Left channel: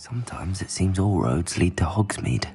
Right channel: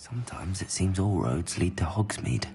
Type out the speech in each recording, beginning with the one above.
Sometimes it seems all roads lead to Hogsmeade.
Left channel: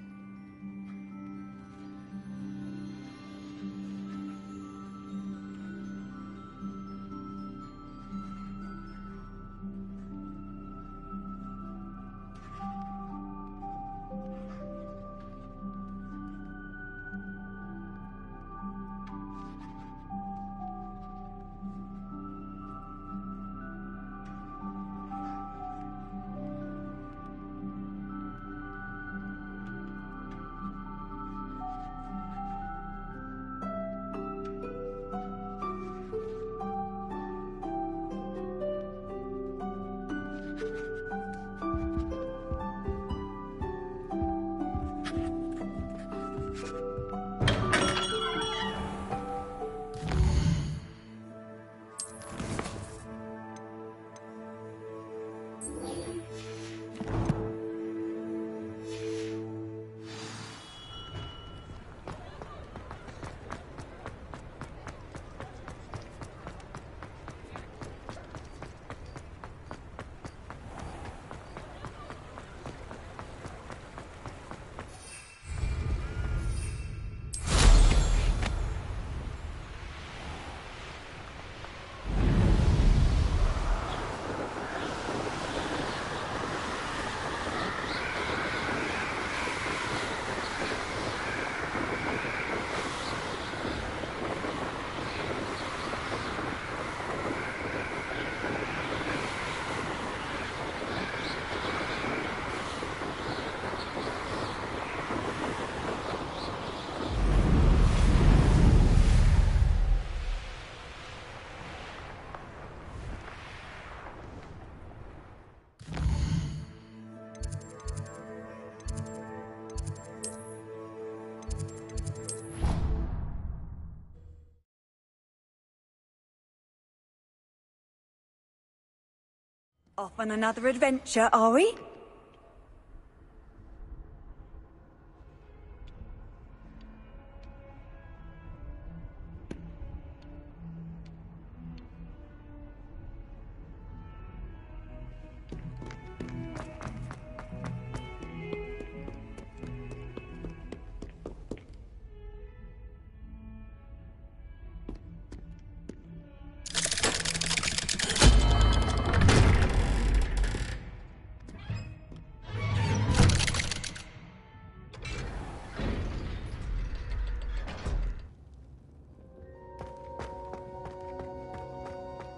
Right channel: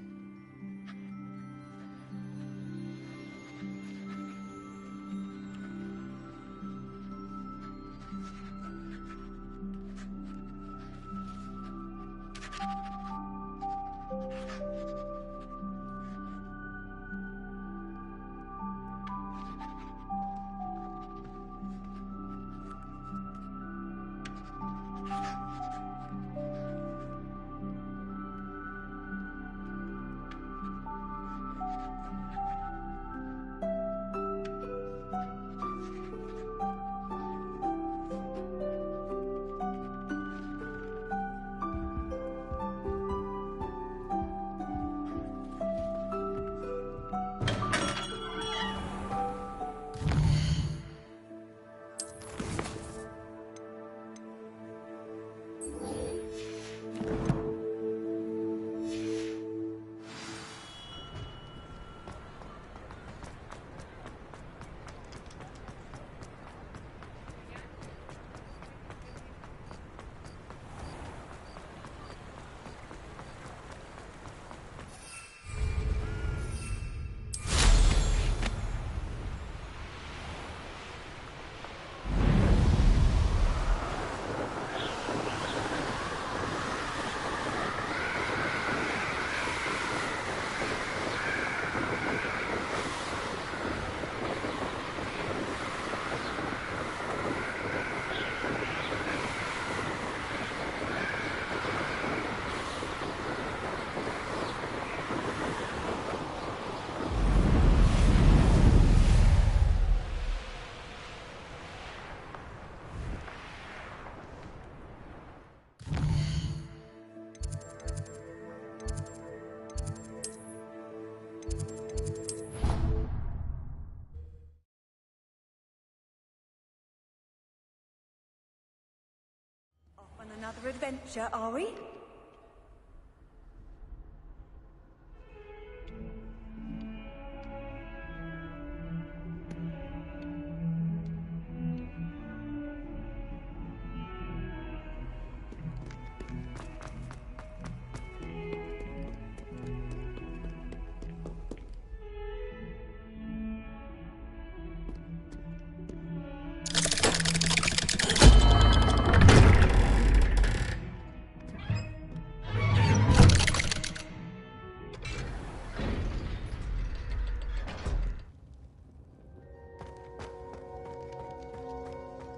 Off on another adventure, are we?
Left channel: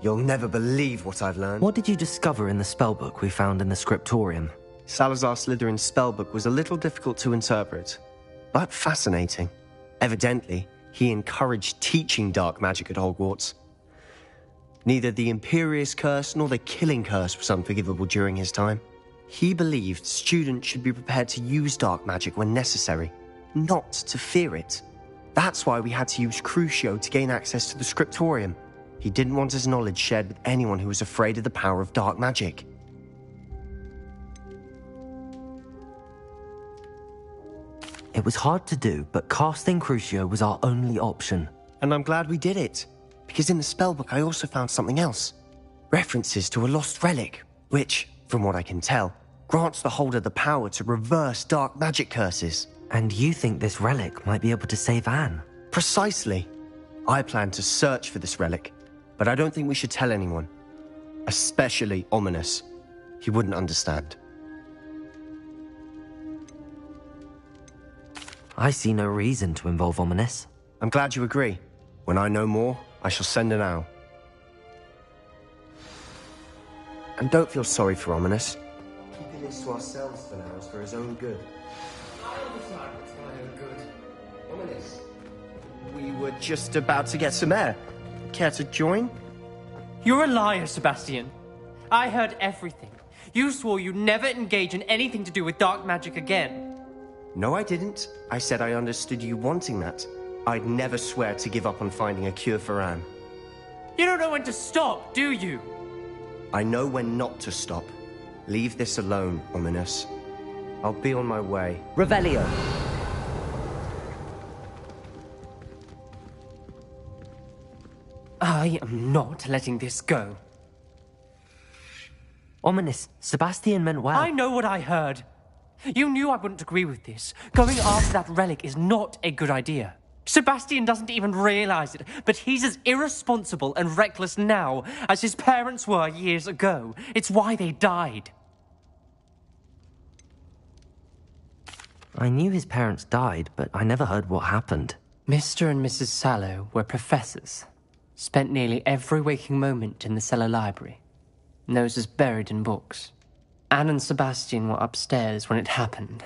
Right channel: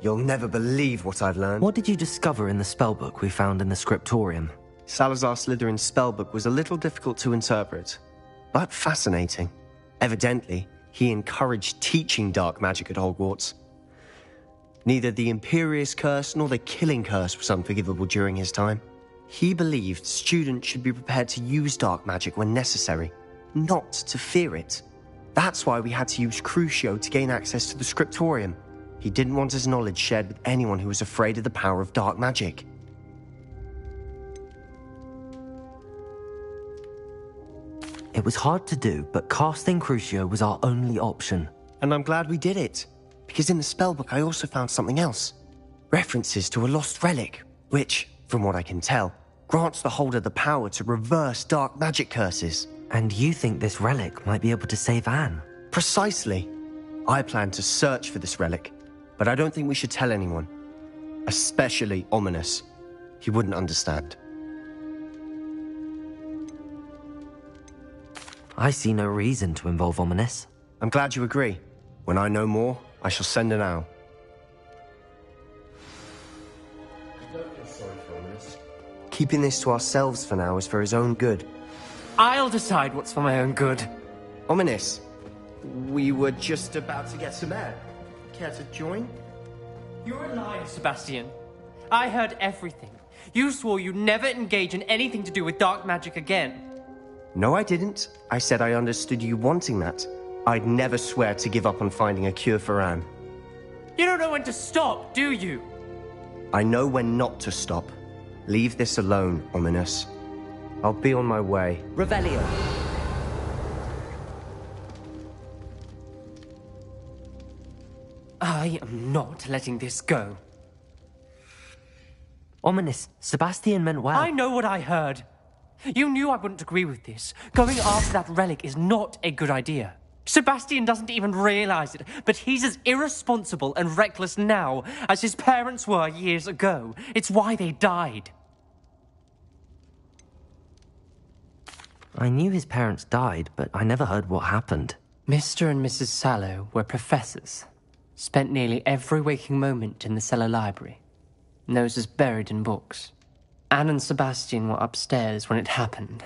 You'll never believe what I've learned. What did you discover in the spellbook we found in the scriptorium? Salazar Slytherin's spellbook was a little difficult to interpret, but fascinating. Evidently, he encouraged teaching dark magic at Hogwarts. Neither the Imperious Curse nor the Killing Curse was unforgivable during his time. He believed students should be prepared to use dark magic when necessary, not to fear it. That's why we had to use Crucio to gain access to the scriptorium. He didn't want his knowledge shared with anyone who was afraid of the power of dark magic. It was hard to do, but casting Crucio was our only option. And I'm glad we did it, because in the spellbook I also found something else. References to a lost relic, which, from what I can tell, grants the holder the power to reverse dark magic curses. And you think this relic might be able to save Anne? Precisely. I plan to search for this relic, but I don't think we should tell anyone. Especially Ominous. He wouldn't understand. I see no reason to involve Ominous. I'm glad you agree. When I know more, I shall send an owl. And don't feel sorry for Ominous. Keeping this to ourselves for now is for his own good. I'll decide what's for my own good. Ominous, we were just about to get some air. Care to join? You're a liar, Sebastian. I heard everything. You swore you'd never engage in anything to do with dark magic again. No, I didn't. I said I understood you wanting that. I'd never swear to give up on finding a cure for Anne. You don't know when to stop, do you? I know when not to stop. Leave this alone, Ominous. I'll be on my way. Revelio! I am not letting this go. Ominous. Sebastian meant well. I know what I heard. You knew I wouldn't agree with this. Going after that relic is not a good idea. Sebastian doesn't even realize it, but he's as irresponsible and reckless now as his parents were years ago. It's why they died. I knew his parents died, but I never heard what happened. Mr. and Mrs. Sallow were professors. Spent nearly every waking moment in the cellar library. Noses buried in books. Anne and Sebastian were upstairs when it happened.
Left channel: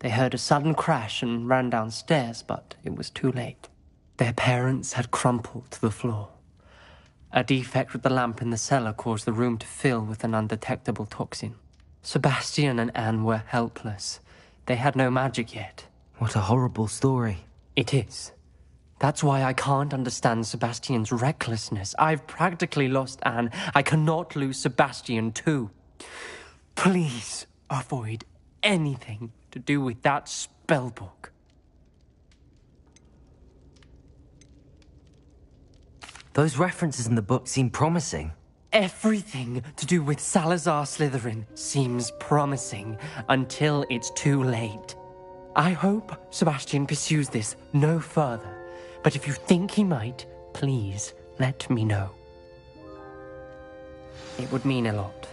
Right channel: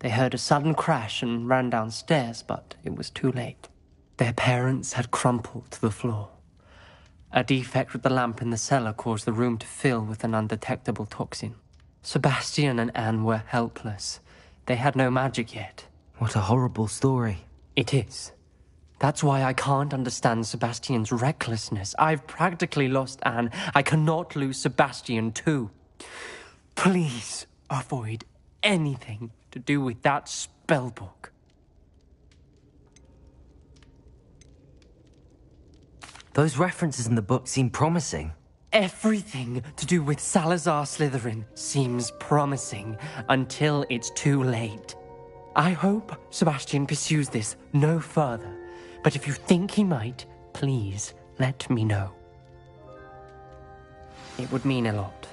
They heard a sudden crash and ran downstairs, but it was too late. Their parents had crumpled to the floor. A defect with the lamp in the cellar caused the room to fill with an undetectable toxin. Sebastian and Anne were helpless. They had no magic yet. What a horrible story. It is. That's why I can't understand Sebastian's recklessness. I've practically lost Anne. I cannot lose Sebastian too. Please avoid anything to do with that spellbook. Those references in the book seem promising. Everything to do with Salazar Slytherin seems promising until it's too late. I hope Sebastian pursues this no further, but if you think he might, please let me know. It would mean a lot.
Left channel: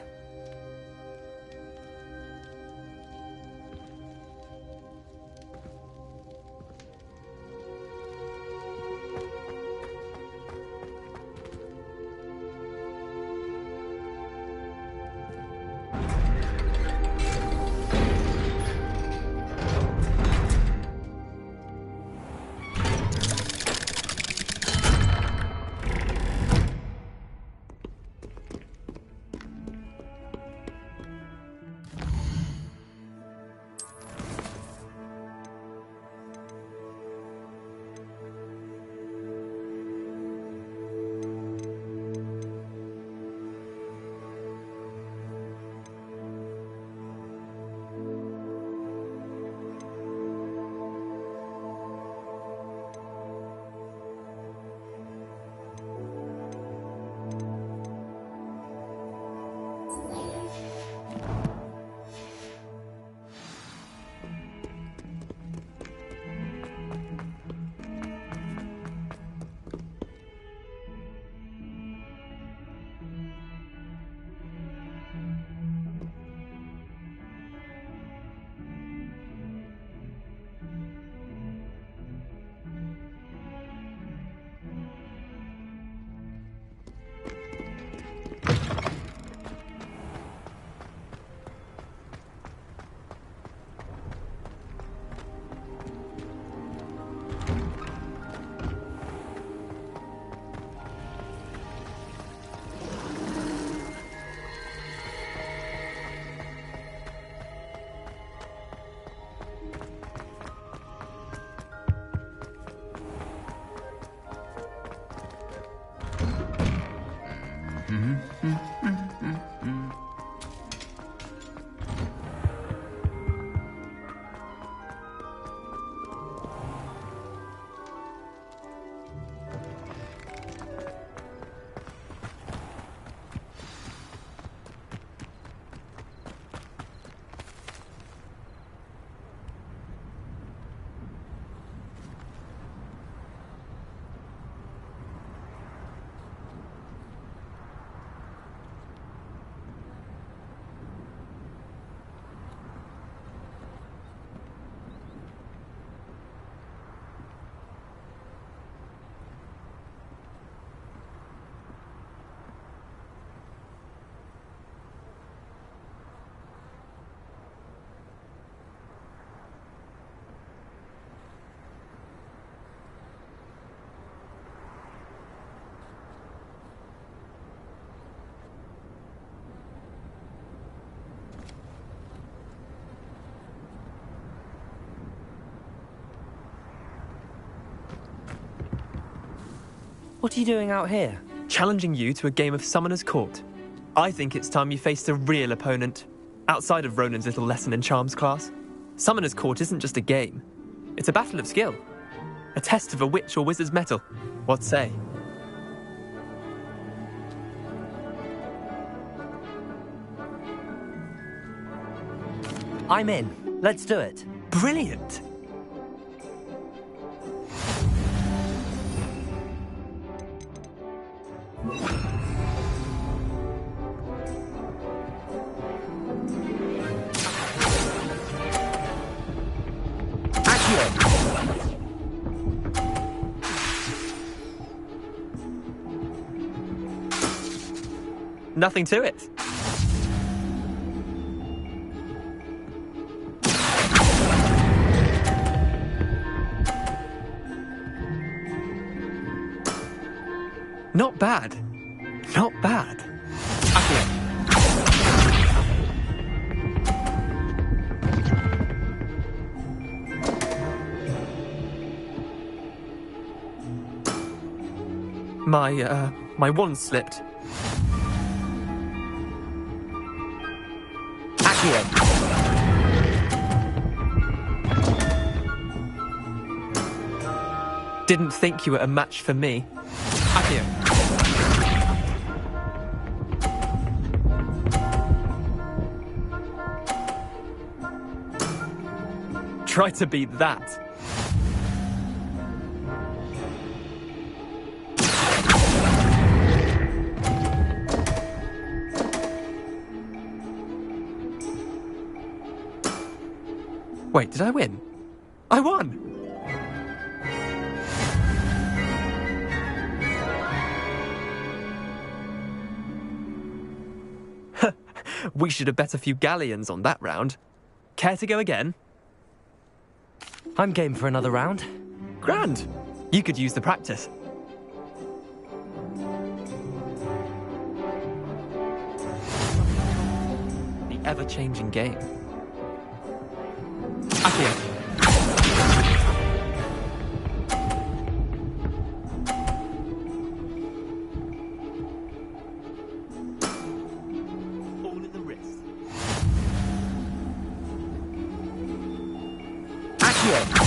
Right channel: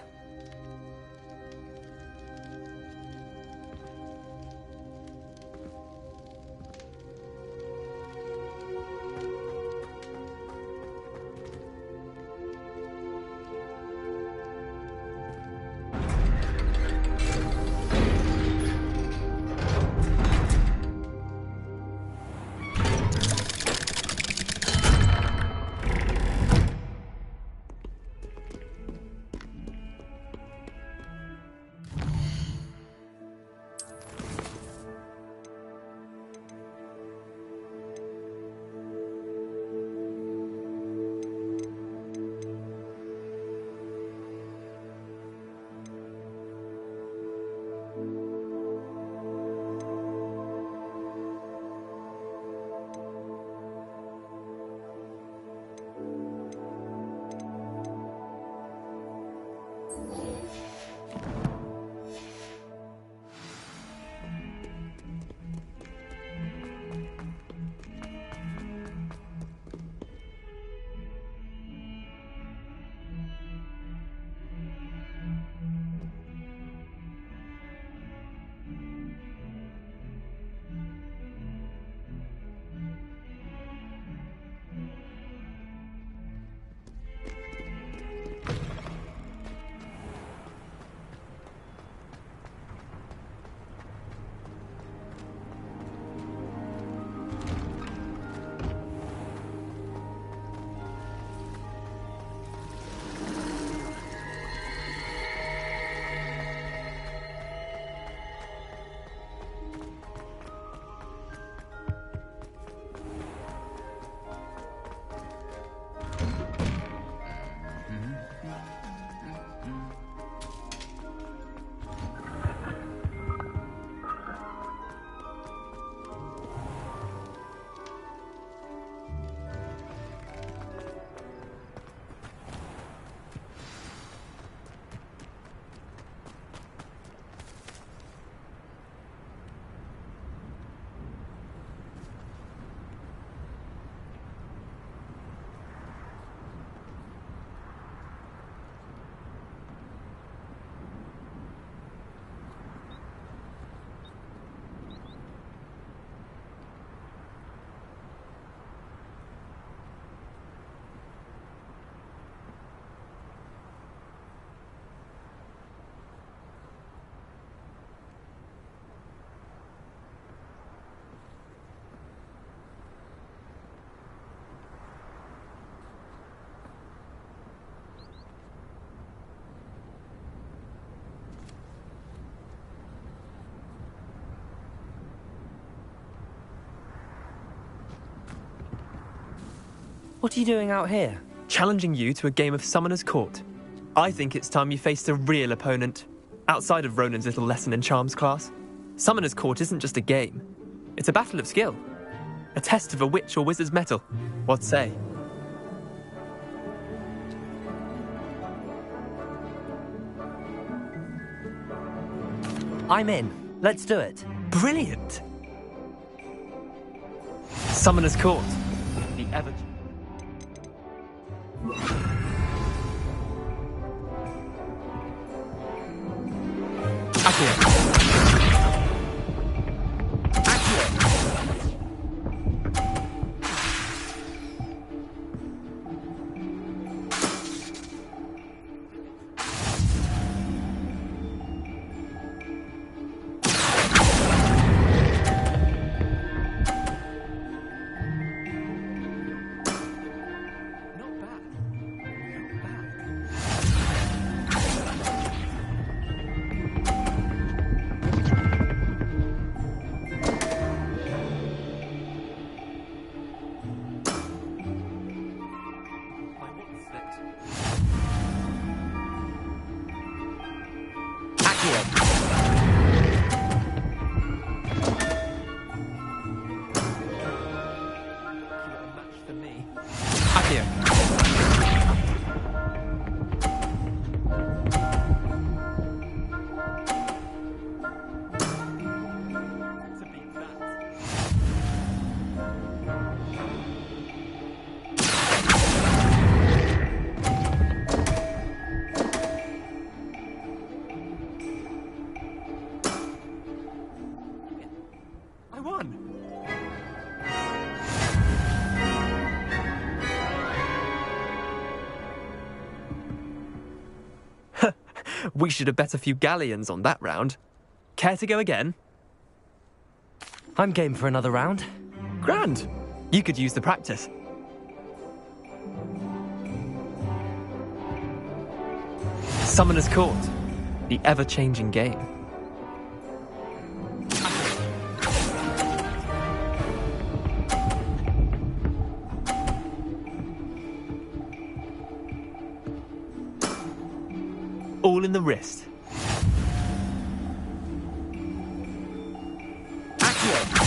What are you doing out here? Challenging you to a game of Summoner's Court. I think it's time you faced a real opponent, outside of Ronan's little lesson in charms class. Summoner's Court isn't just a game. It's a battle of skill. A test of a witch or wizard's mettle. What say? I'm in. Let's do it. Brilliant! Summoner's Court. The ever... Accio. Nothing to it. Not bad. Not bad. Accio. My wand slipped. Accio. Didn't think you were a match for me. Accio. Try to beat that. Wait, did I win? I won! We should have bet a few galleons on that round. Care to go again? I'm game for another round. Grand! You could use the practice. Summoner's Court. The ever-changing game. Accio. All in the wrist. Accio.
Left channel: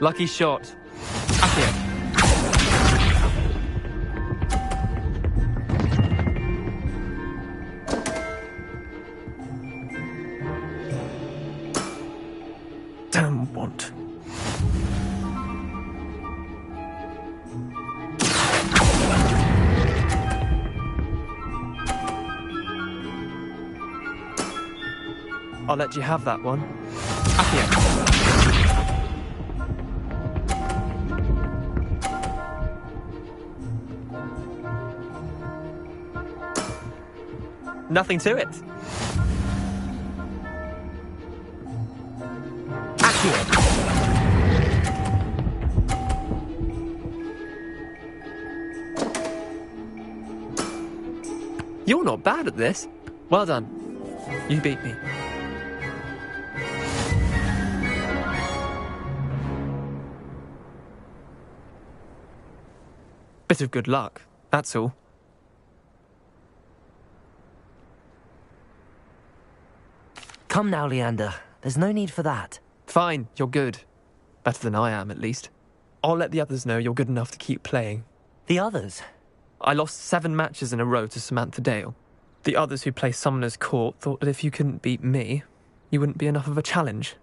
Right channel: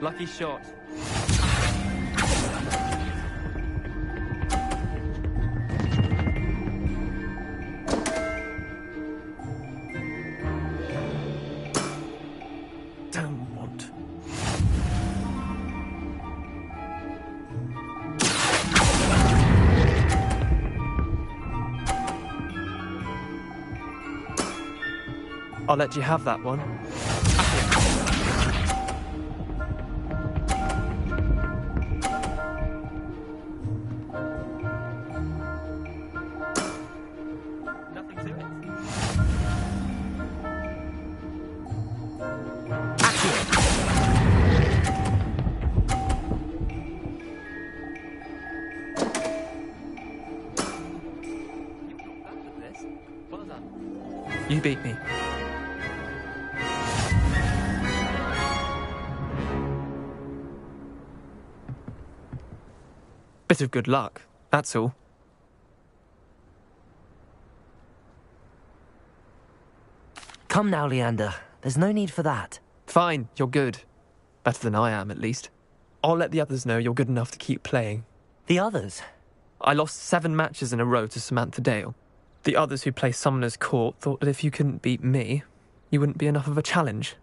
Lucky shot. Accio. Damn want. I'll let you have that one. Accio. Nothing to it. Accio. You're not bad at this. Well done. You beat me. Bit of good luck, that's all. Come now, Leander. There's no need for that. Fine, you're good. Better than I am, at least. I'll let the others know you're good enough to keep playing. The others? I lost 7 matches in a row to Samantha Dale. The others who play Summoner's Court thought that if you couldn't beat me, you wouldn't be enough of a challenge.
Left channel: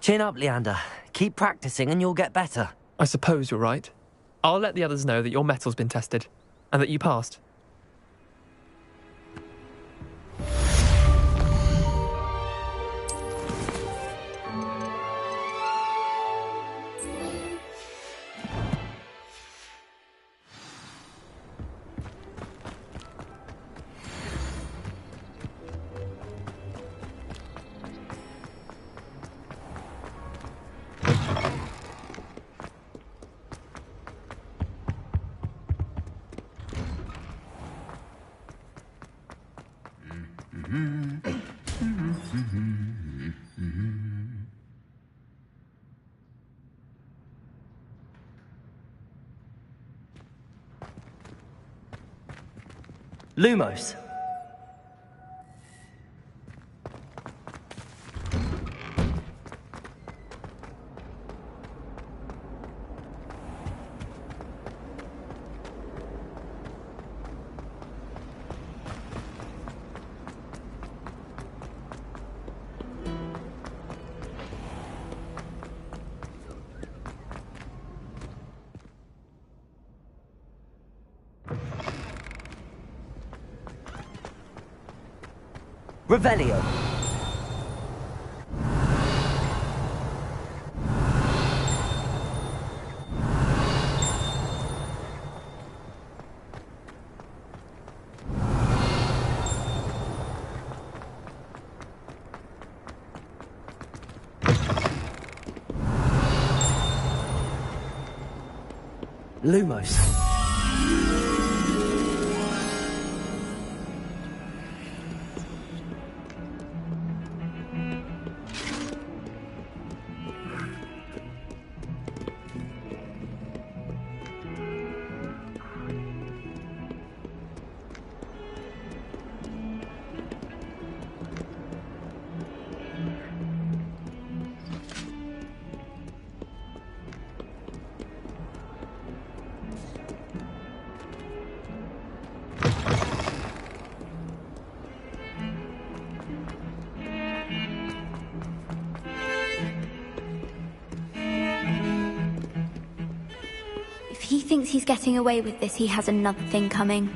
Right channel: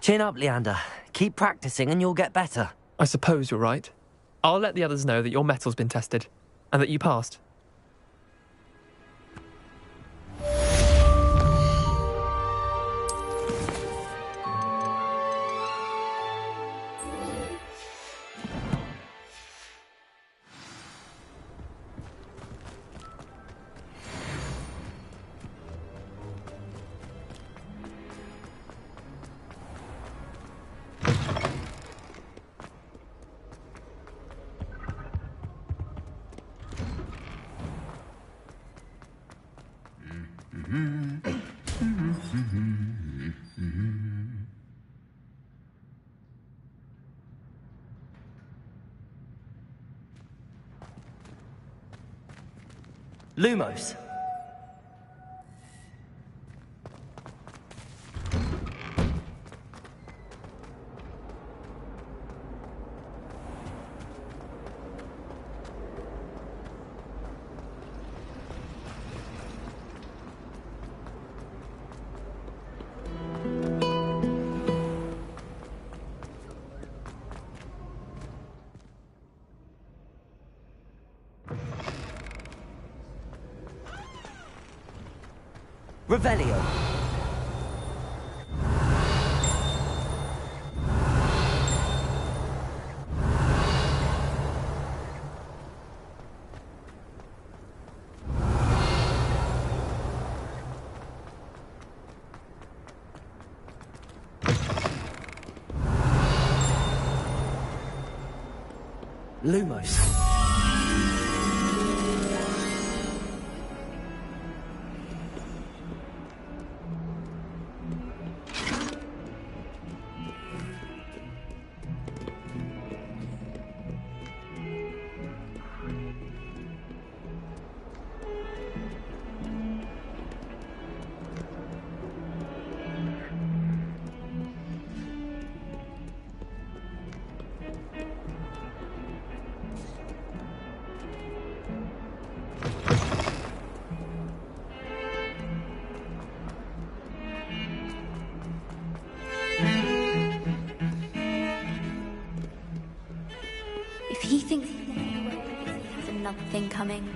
Chin up, Leander. Keep practicing and you'll get better. I suppose you're right. I'll let the others know that your metal's been tested, and that you passed. Lumos. Revelio. Lumos. If he thinks he's getting away with this, he has another thing coming.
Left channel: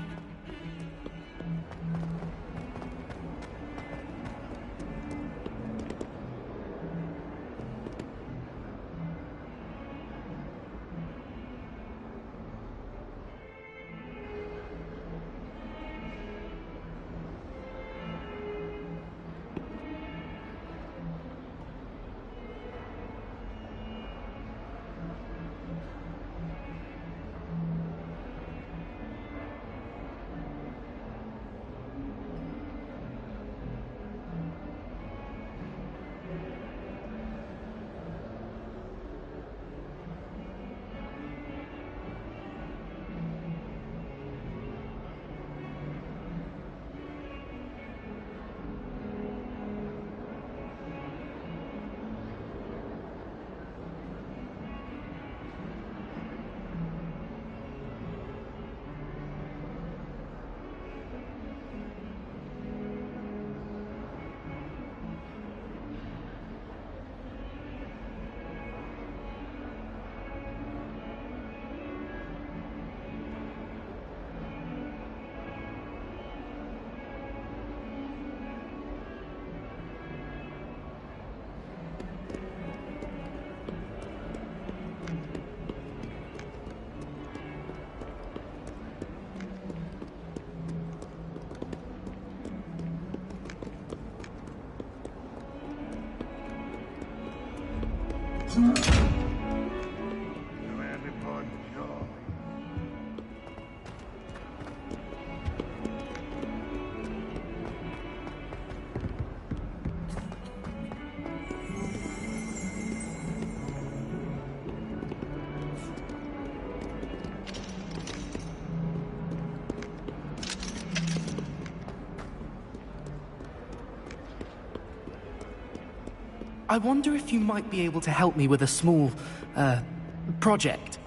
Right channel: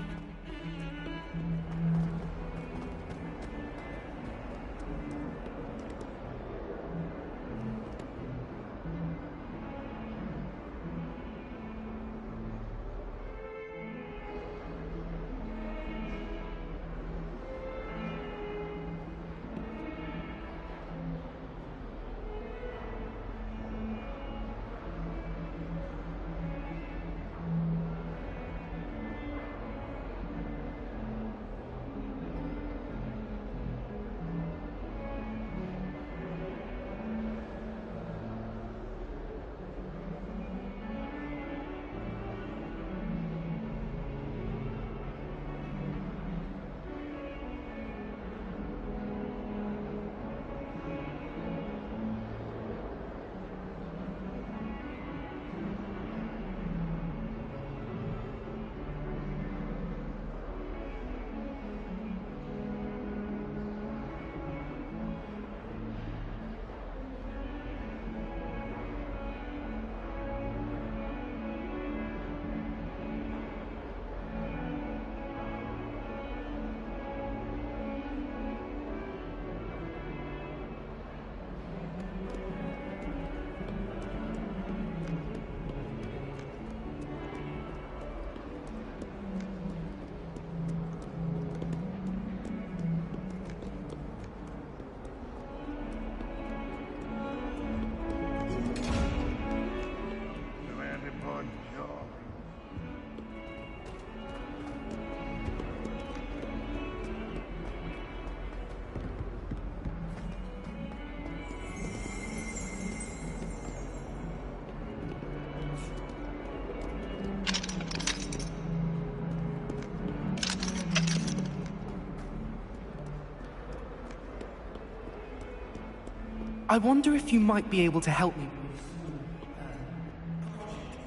I wonder if you might be able to help me with a small, project.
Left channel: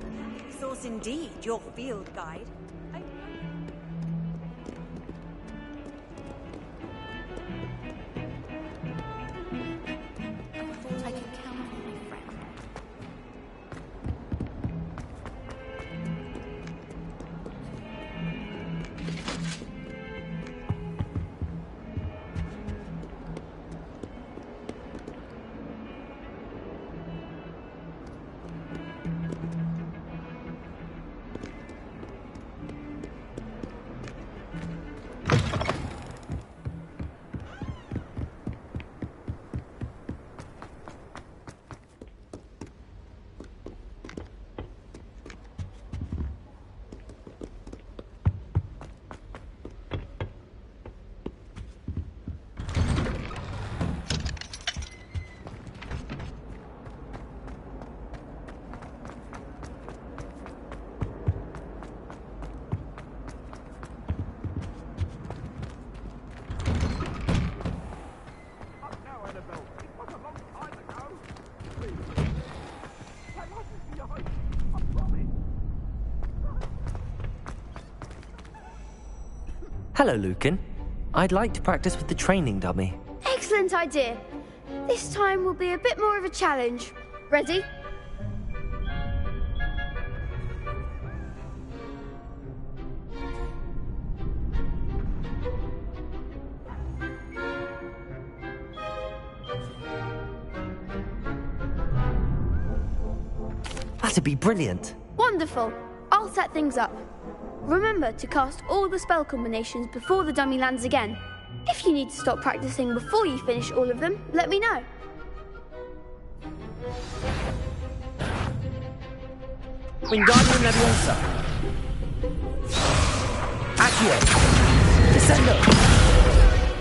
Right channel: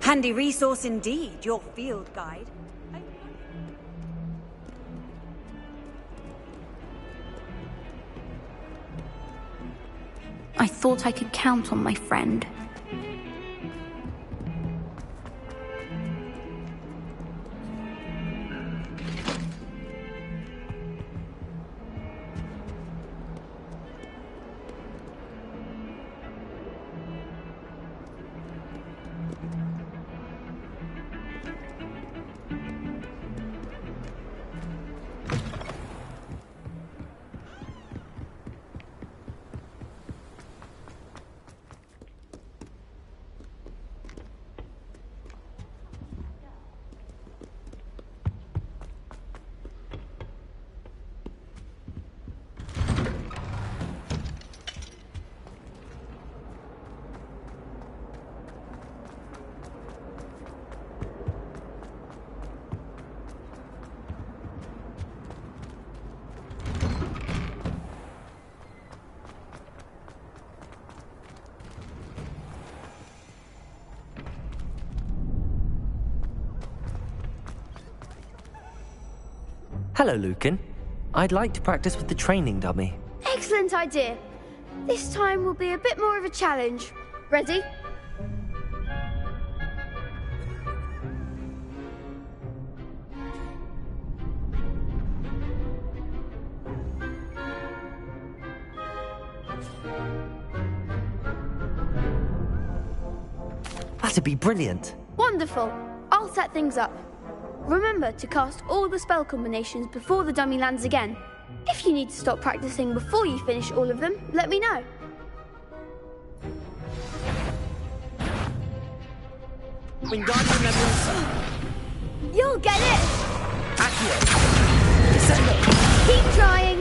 Handy resource indeed, your field guide. I thought I could count on my friend. Hello, Lucan. I'd like to practice with the training dummy. Excellent idea. This time will be a bit more of a challenge. Ready? That'd be brilliant. Wonderful. I'll set things up. Remember to cast all the spell combinations before the dummy lands again. If you need to stop practicing before you finish all of them, let me know. Wingardium Leviosa. You'll get it! Accio. Descendo. Keep trying!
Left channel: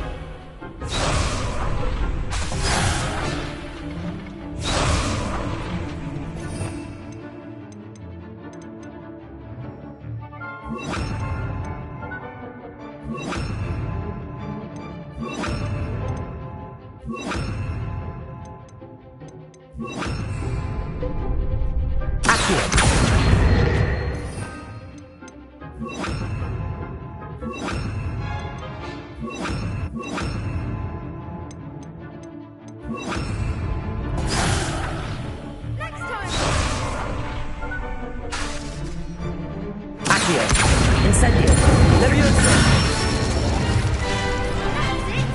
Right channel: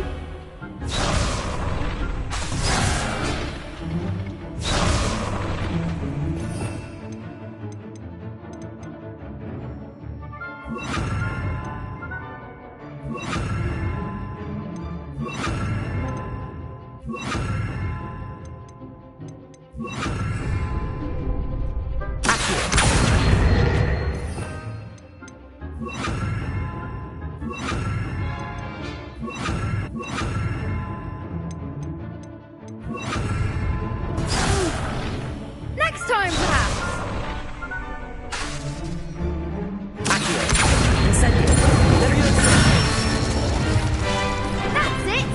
Next time, perhaps! Accio. Incendio. Leviosa. That's it!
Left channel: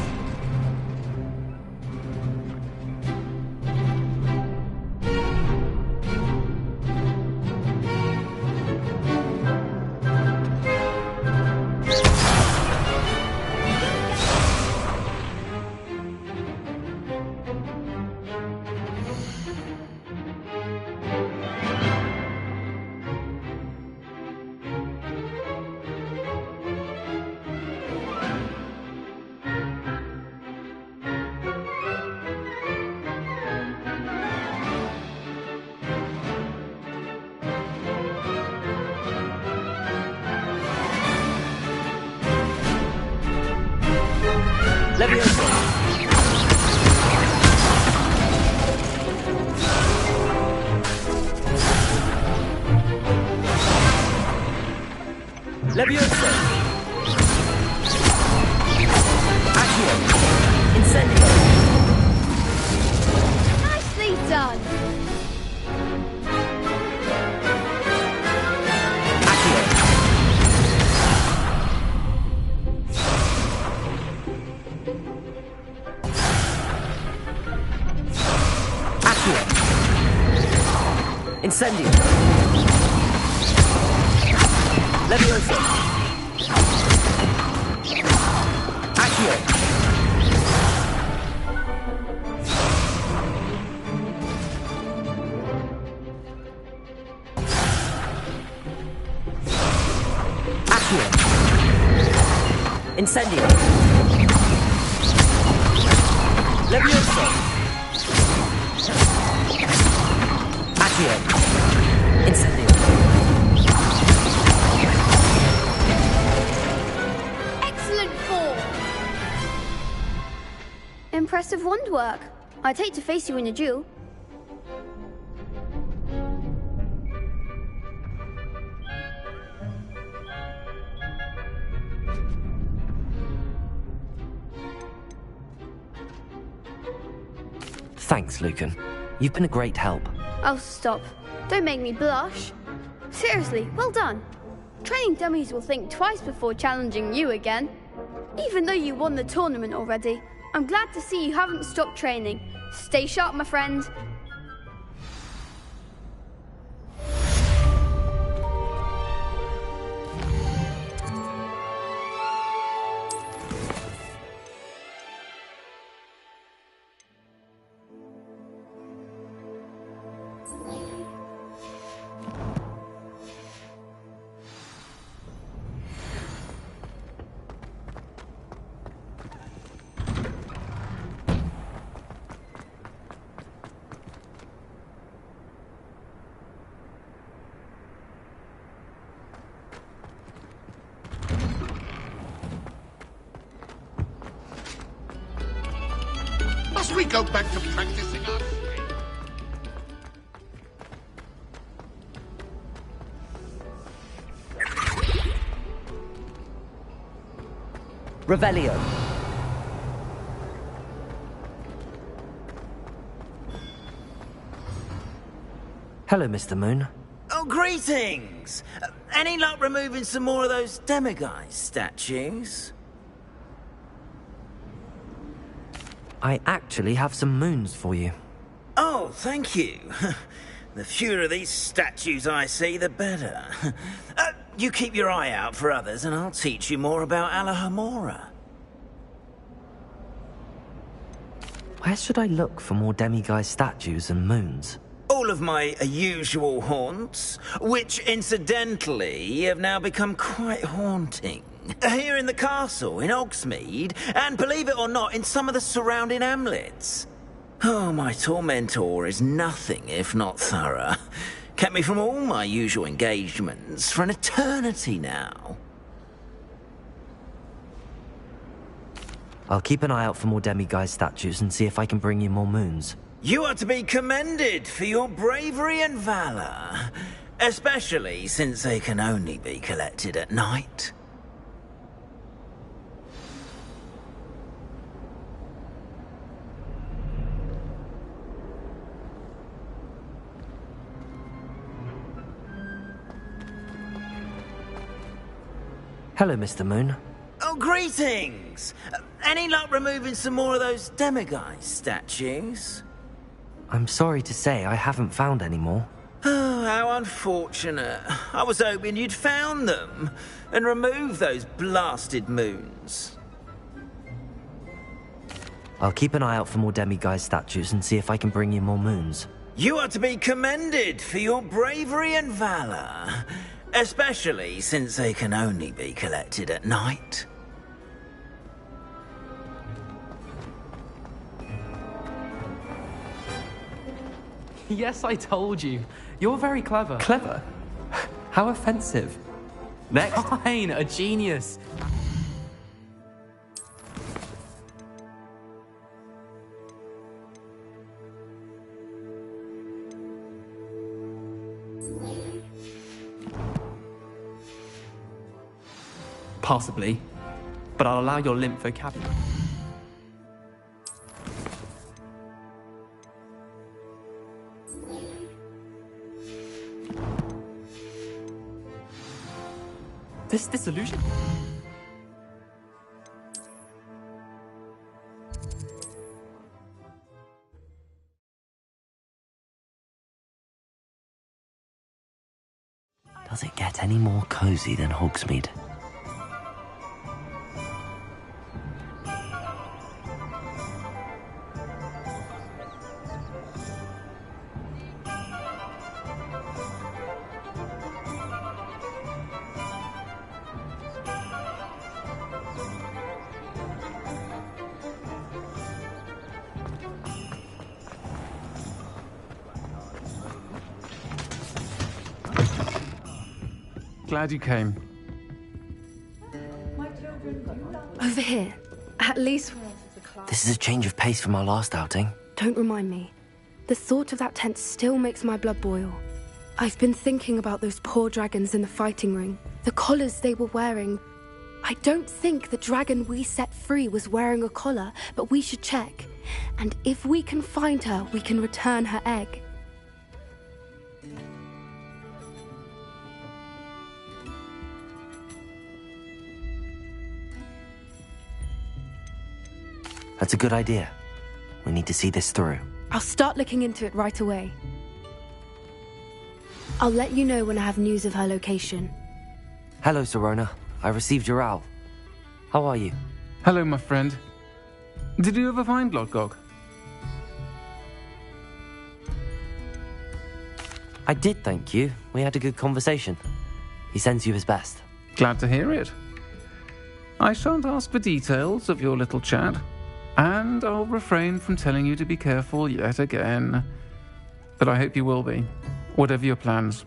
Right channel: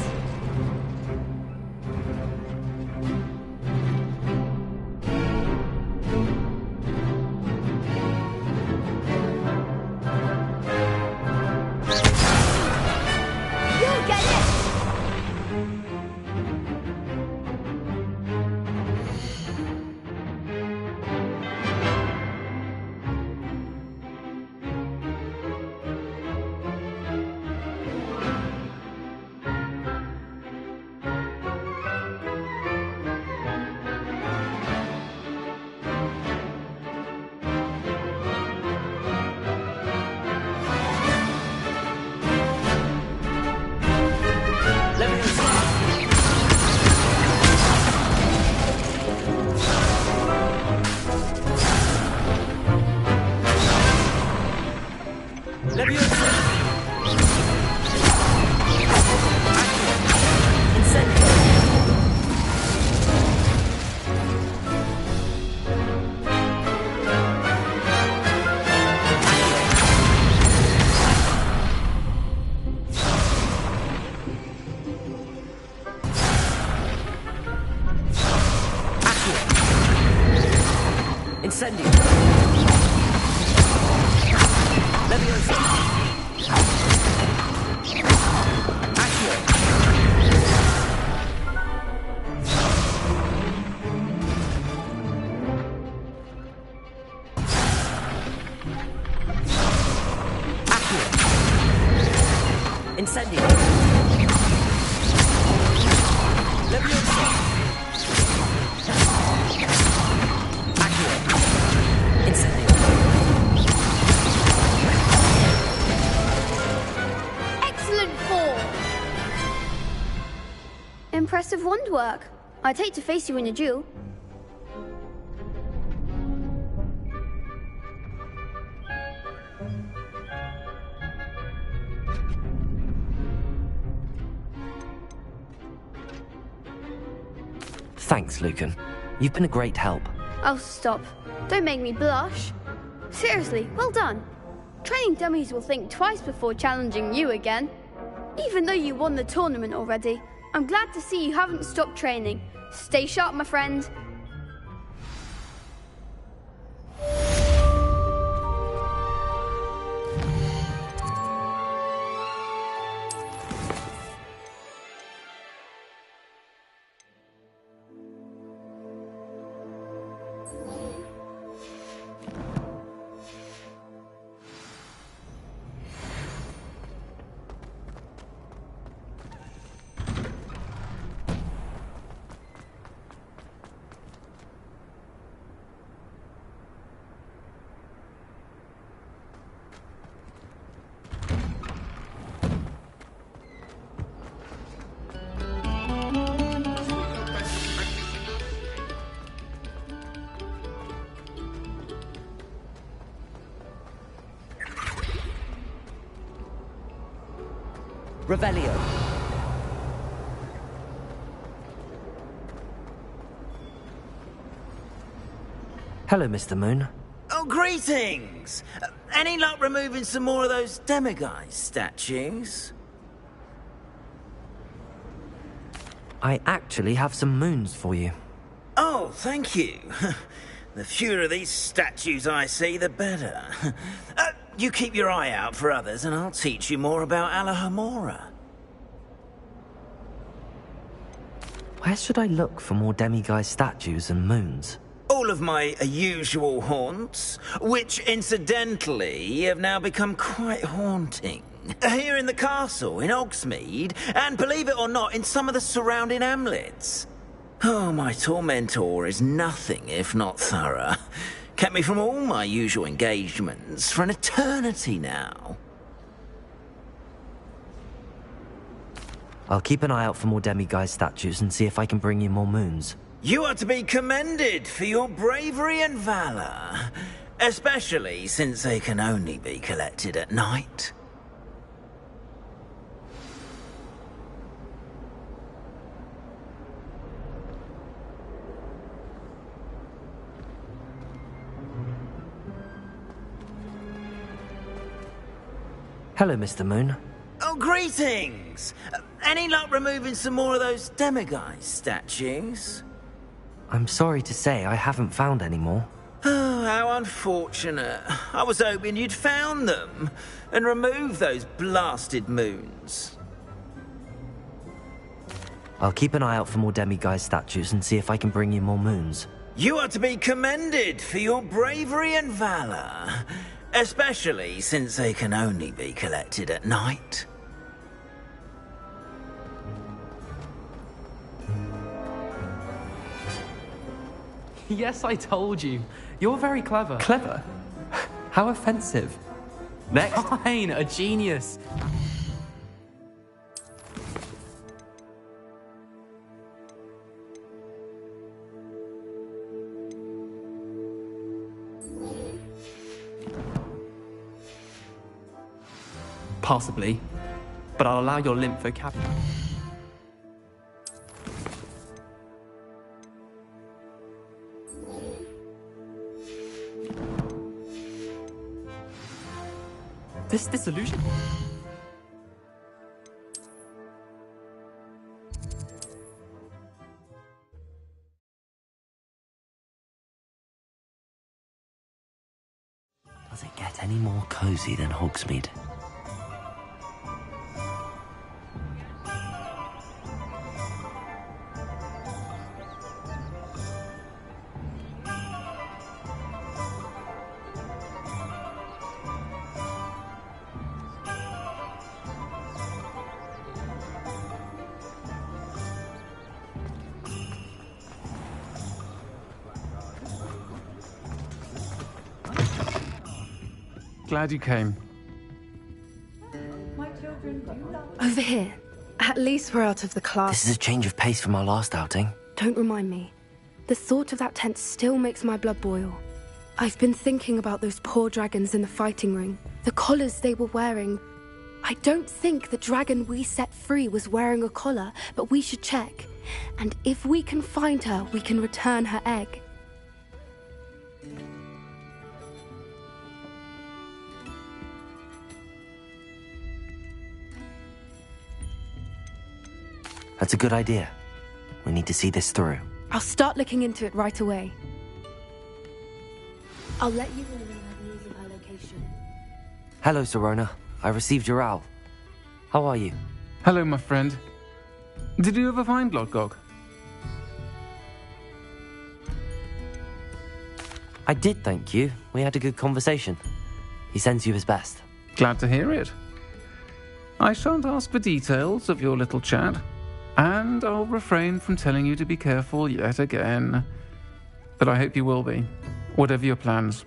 You'll get it! Leviosa. Leviosa. Accio. Incendio. Nicely done! Accio. Accio. Incendio. Leviosa. Accio. Accio. Incendio. Leviosa. Accio. Incendio. Excellent form! Impressive wand work. I'd hate to face you in a duel. Thanks, Lucan. You've been a great help. Oh, stop. Don't make me blush. Seriously, well done. Training dummies will think twice before challenging you again. Even though you won the tournament already, I'm glad to see you haven't stopped training. Stay sharp, my friend. Must we go back to practicing our swing? Revelio. Hello, Mr. Moon. Oh, greetings! Any luck removing some more of those demiguise statues? I actually have some moons for you. Oh, thank you. The fewer of these statues I see, the better. You keep your eye out for others, and I'll teach you more about Alahamora. Where should I look for more demiguise statues and moons? All of my usual haunts, which incidentally have now become quite haunting. Here in the castle, in Hogsmeade, and believe it or not, in some of the surrounding hamlets. Oh, my tormentor is nothing if not thorough. Kept me from all my usual engagements for an eternity now. I'll keep an eye out for more demiguise statues and see if I can bring you more moons. You are to be commended for your bravery and valor, especially since they can only be collected at night. Hello, Mr. Moon. Oh, greetings! Any luck removing some more of those demiguise statues? I'm sorry to say I haven't found any more. Oh, how unfortunate. I was hoping you'd found them and removed those blasted moons. I'll keep an eye out for more demiguise statues and see if I can bring you more moons. You are to be commended for your bravery and valor, especially since they can only be collected at night. Yes, I told you. You're very clever. Clever? How offensive. Next. Fine, a genius. Possibly. But I'll allow your limp vocabulary. This disillusion? Does it get any more cozy than Hogsmeade? Glad you came. Over here. At least we're out of the class. This is a change of pace from our last outing. Don't remind me. The thought of that tent still makes my blood boil. I've been thinking about those poor dragons in the fighting ring. The collars they were wearing. I don't think the dragon we set free was wearing a collar, but we should check. And if we can find her, we can return her egg. That's a good idea. We need to see this through. I'll start looking into it right away. I'll let you know when I have news of her location. Hello, Serona. I received your owl. How are you? Hello, my friend. Did you ever find Lodgok? I did, thank you. We had a good conversation. He sends you his best. Glad to hear it. I shan't ask for details of your little chat, and I'll refrain from telling you to be careful yet again. But I hope you will be, whatever your plans.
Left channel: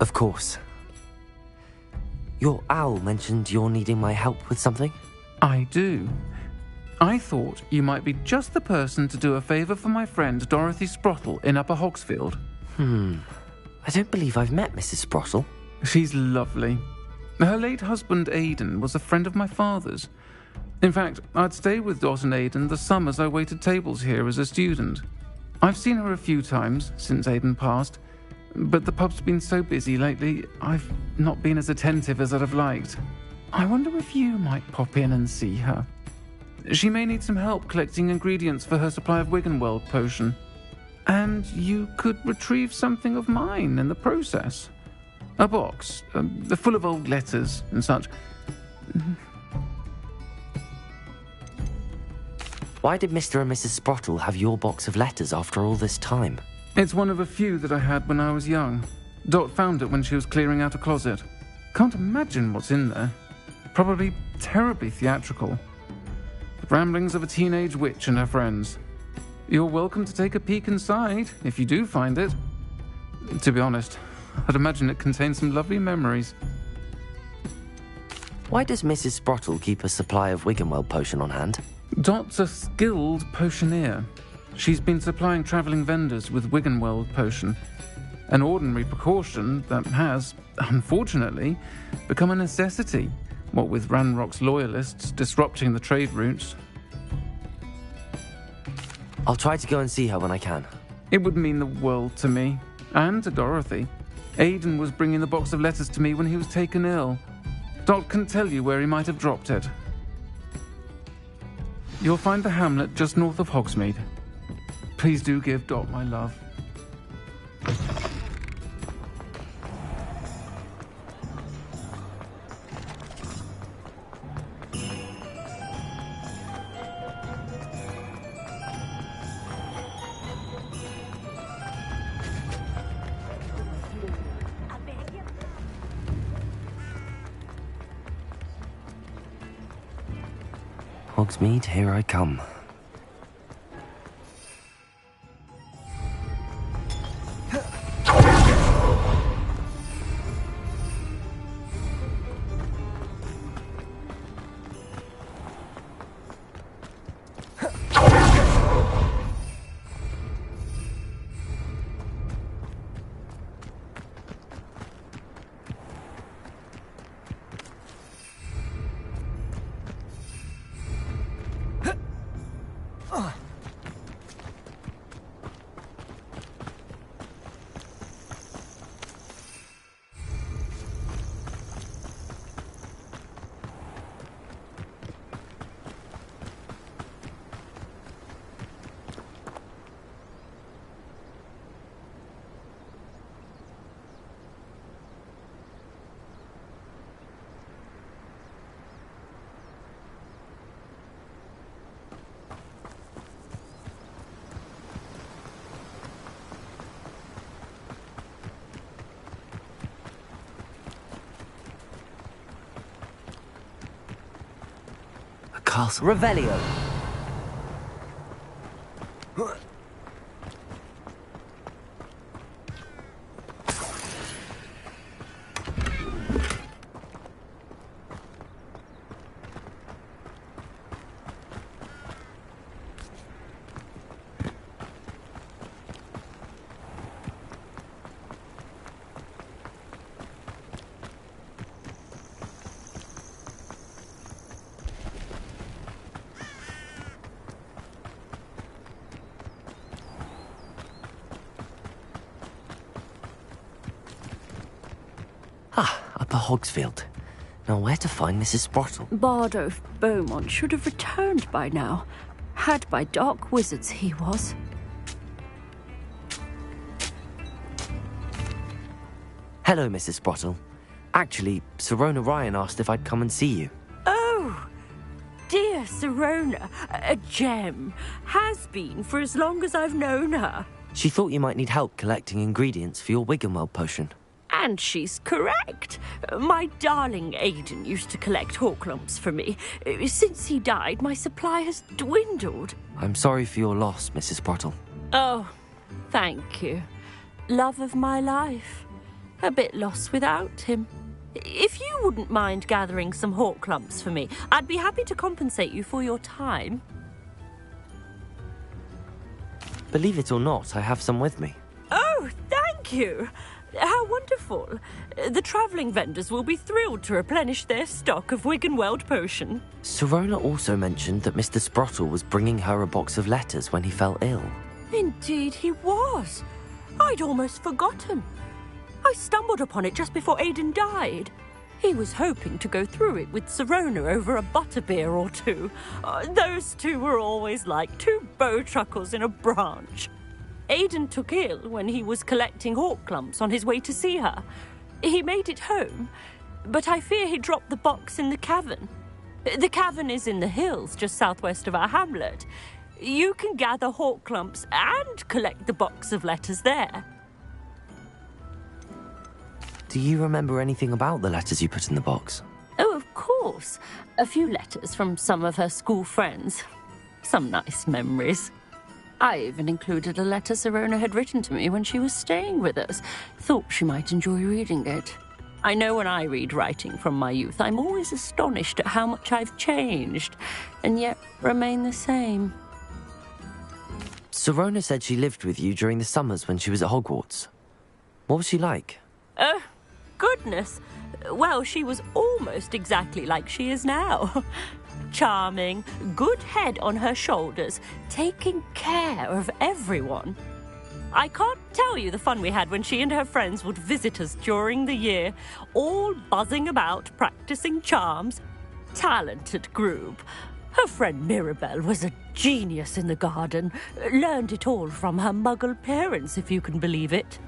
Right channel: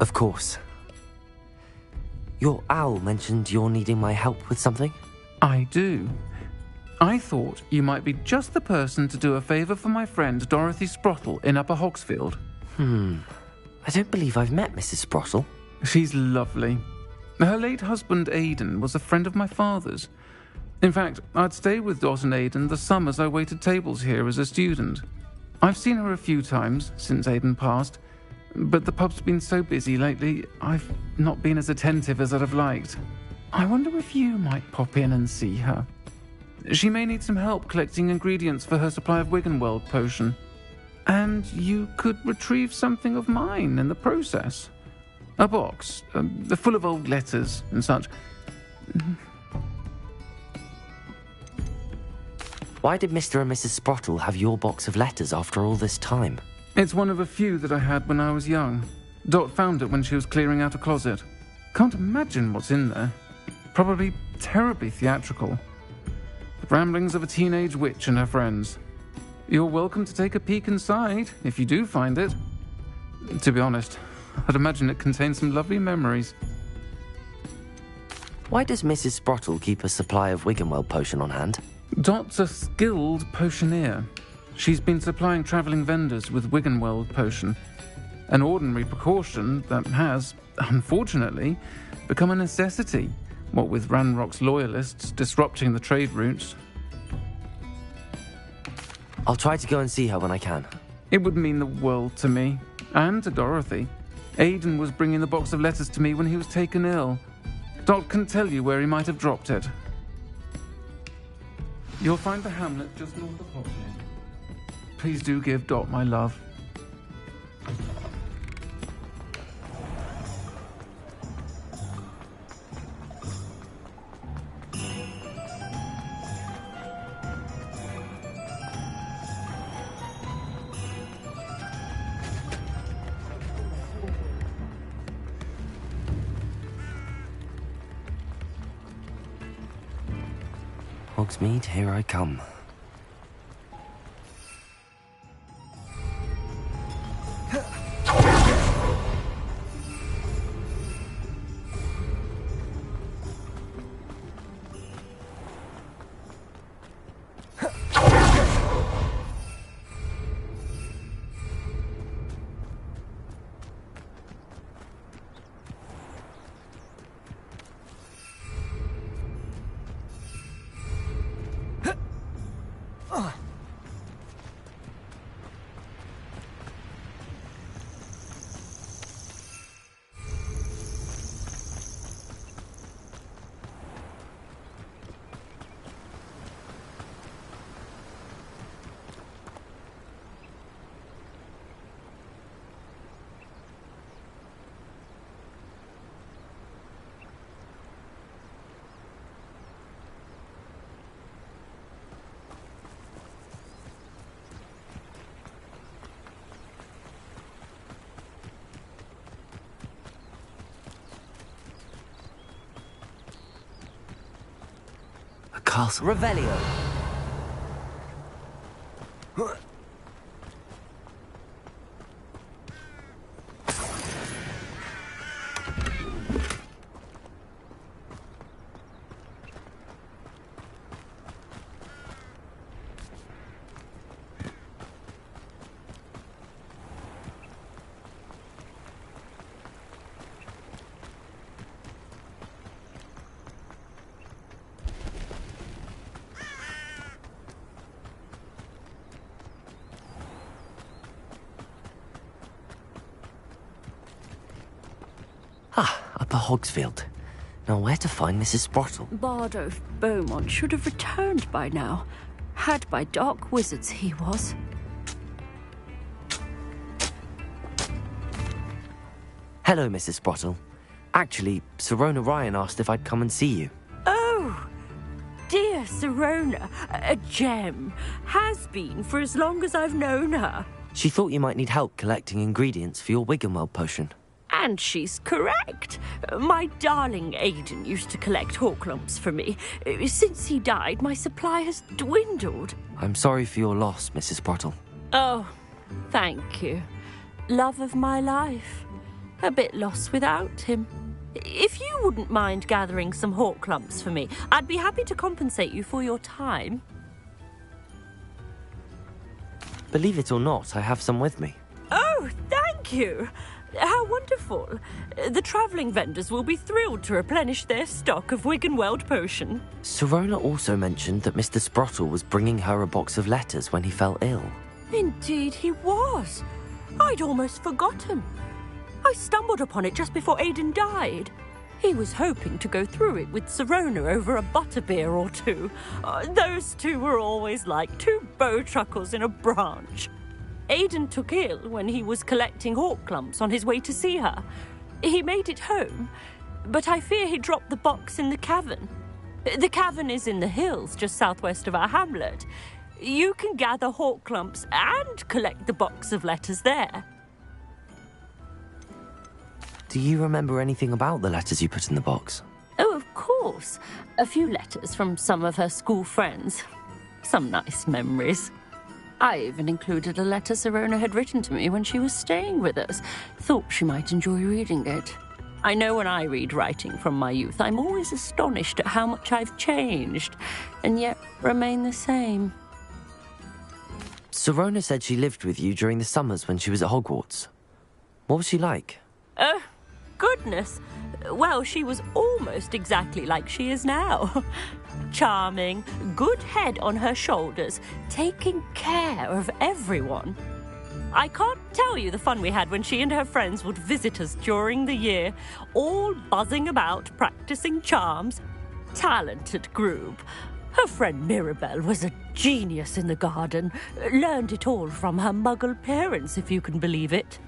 Of course. Your owl mentioned you're needing my help with something? I do. I thought you might be just the person to do a favour for my friend Dorothy Sprottle in Upper Hogsfield. I don't believe I've met Mrs. Sprottle. She's lovely. Her late husband Aidan was a friend of my father's. In fact, I'd stay with Dot and Aidan the summers I waited tables here as a student. I've seen her a few times since Aidan passed, but the pub's been so busy lately, I've not been as attentive as I'd have liked. I wonder if you might pop in and see her. She may need some help collecting ingredients for her supply of Wiggenweld potion. And you could retrieve something of mine in the process. A box, full of old letters and such. Why did Mr. and Mrs. Sprottle have your box of letters after all this time? It's one of a few that I had when I was young. Dot found it when she was clearing out a closet. Can't imagine what's in there. Probably terribly theatrical. The ramblings of a teenage witch and her friends. You're welcome to take a peek inside, if you do find it. To be honest, I'd imagine it contains some lovely memories. Why does Mrs. Sprottle keep a supply of Wiggenweld potion on hand? Dot's a skilled potioneer. She's been supplying travelling vendors with Wiggenweld potion. An ordinary precaution that has, unfortunately, become a necessity, what with Ranrock's loyalists disrupting the trade routes. I'll try to go and see her when I can. It would mean the world to me, and to Dorothy. Aidan was bringing the box of letters to me when he was taken ill. Dot can tell you where he might have dropped it. You'll find the hamlet just north of Hogsmeade. Please do give Dot my love. Hogsmeade, here I come. Castle. Revelio. Upper Hogsfield. Now where to find Mrs. Sprottle? Bardolph Beaumont should have returned by now. Had by dark wizards he was. Hello, Mrs. Sprottle. Actually, Sirona Ryan asked if I'd come and see you. Oh, dear Sirona, a gem. Has been for as long as I've known her. She thought you might need help collecting ingredients for your Wiggenweld potion. And she's correct. My darling Aidan used to collect Horklumps for me. Since he died, my supply has dwindled. I'm sorry for your loss, Mrs. Sprottle. Oh, thank you. Love of my life. A bit lost without him. If you wouldn't mind gathering some Horklumps for me, I'd be happy to compensate you for your time. Believe it or not, I have some with me. Oh, thank Thank you. How wonderful. The travelling vendors will be thrilled to replenish their stock of Wiggenweld potion. Sirona also mentioned that Mr. Sprottle was bringing her a box of letters when he fell ill. Indeed he was. I'd almost forgotten. I stumbled upon it just before Aidan died. He was hoping to go through it with Sirona over a butterbeer or two. Those two were always like two bowtruckles in a branch. Aidan took ill when he was collecting hawk clumps on his way to see her. He made it home, but I fear he dropped the box in the cavern. The cavern is in the hills just southwest of our hamlet. You can gather hawk clumps and collect the box of letters there. Do you remember anything about the letters you put in the box? Oh, of course. A few letters from some of her school friends. Some nice memories. I even included a letter Sirona had written to me when she was staying with us. Thought she might enjoy reading it. I know when I read writing from my youth, I'm always astonished at how much I've changed, and yet remain the same. Sirona said she lived with you during the summers when she was at Hogwarts. What was she like? Oh, goodness. Well, she was almost exactly like she is now. Charming, good head on her shoulders, taking care of everyone. I can't tell you the fun we had when she and her friends would visit us during the year, all buzzing about, practicing charms. Talented group. Her friend Mirabelle was a genius in the garden. Learned it all from her muggle parents, if you can believe it.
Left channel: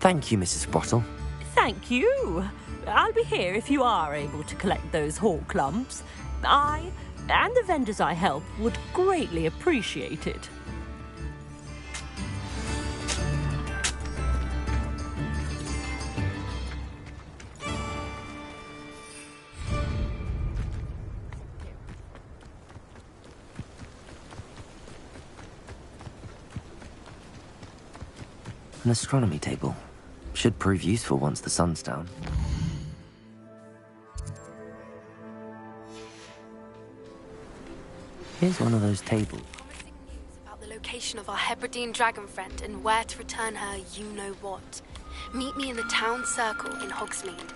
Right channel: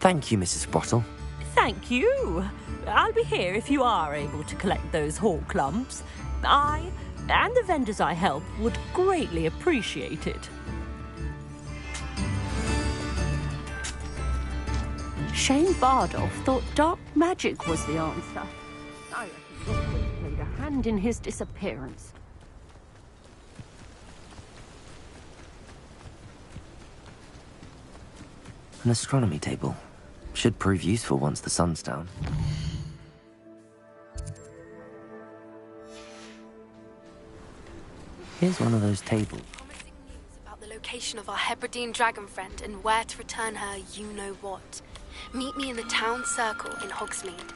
Thank you, Mrs. Sprottle. Thank you. I'll be here if you are able to collect those hawk clumps. I and the vendors I help would greatly appreciate it. Shane Bardolph thought dark magic was the answer. I played a hand in his disappearance. An astronomy table. Should prove useful once the sun's down. Here's one of those tables. Promising news about the location of our Hebridean dragon friend and where to return her you-know-what. Meet me in the town circle in Hogsmeade.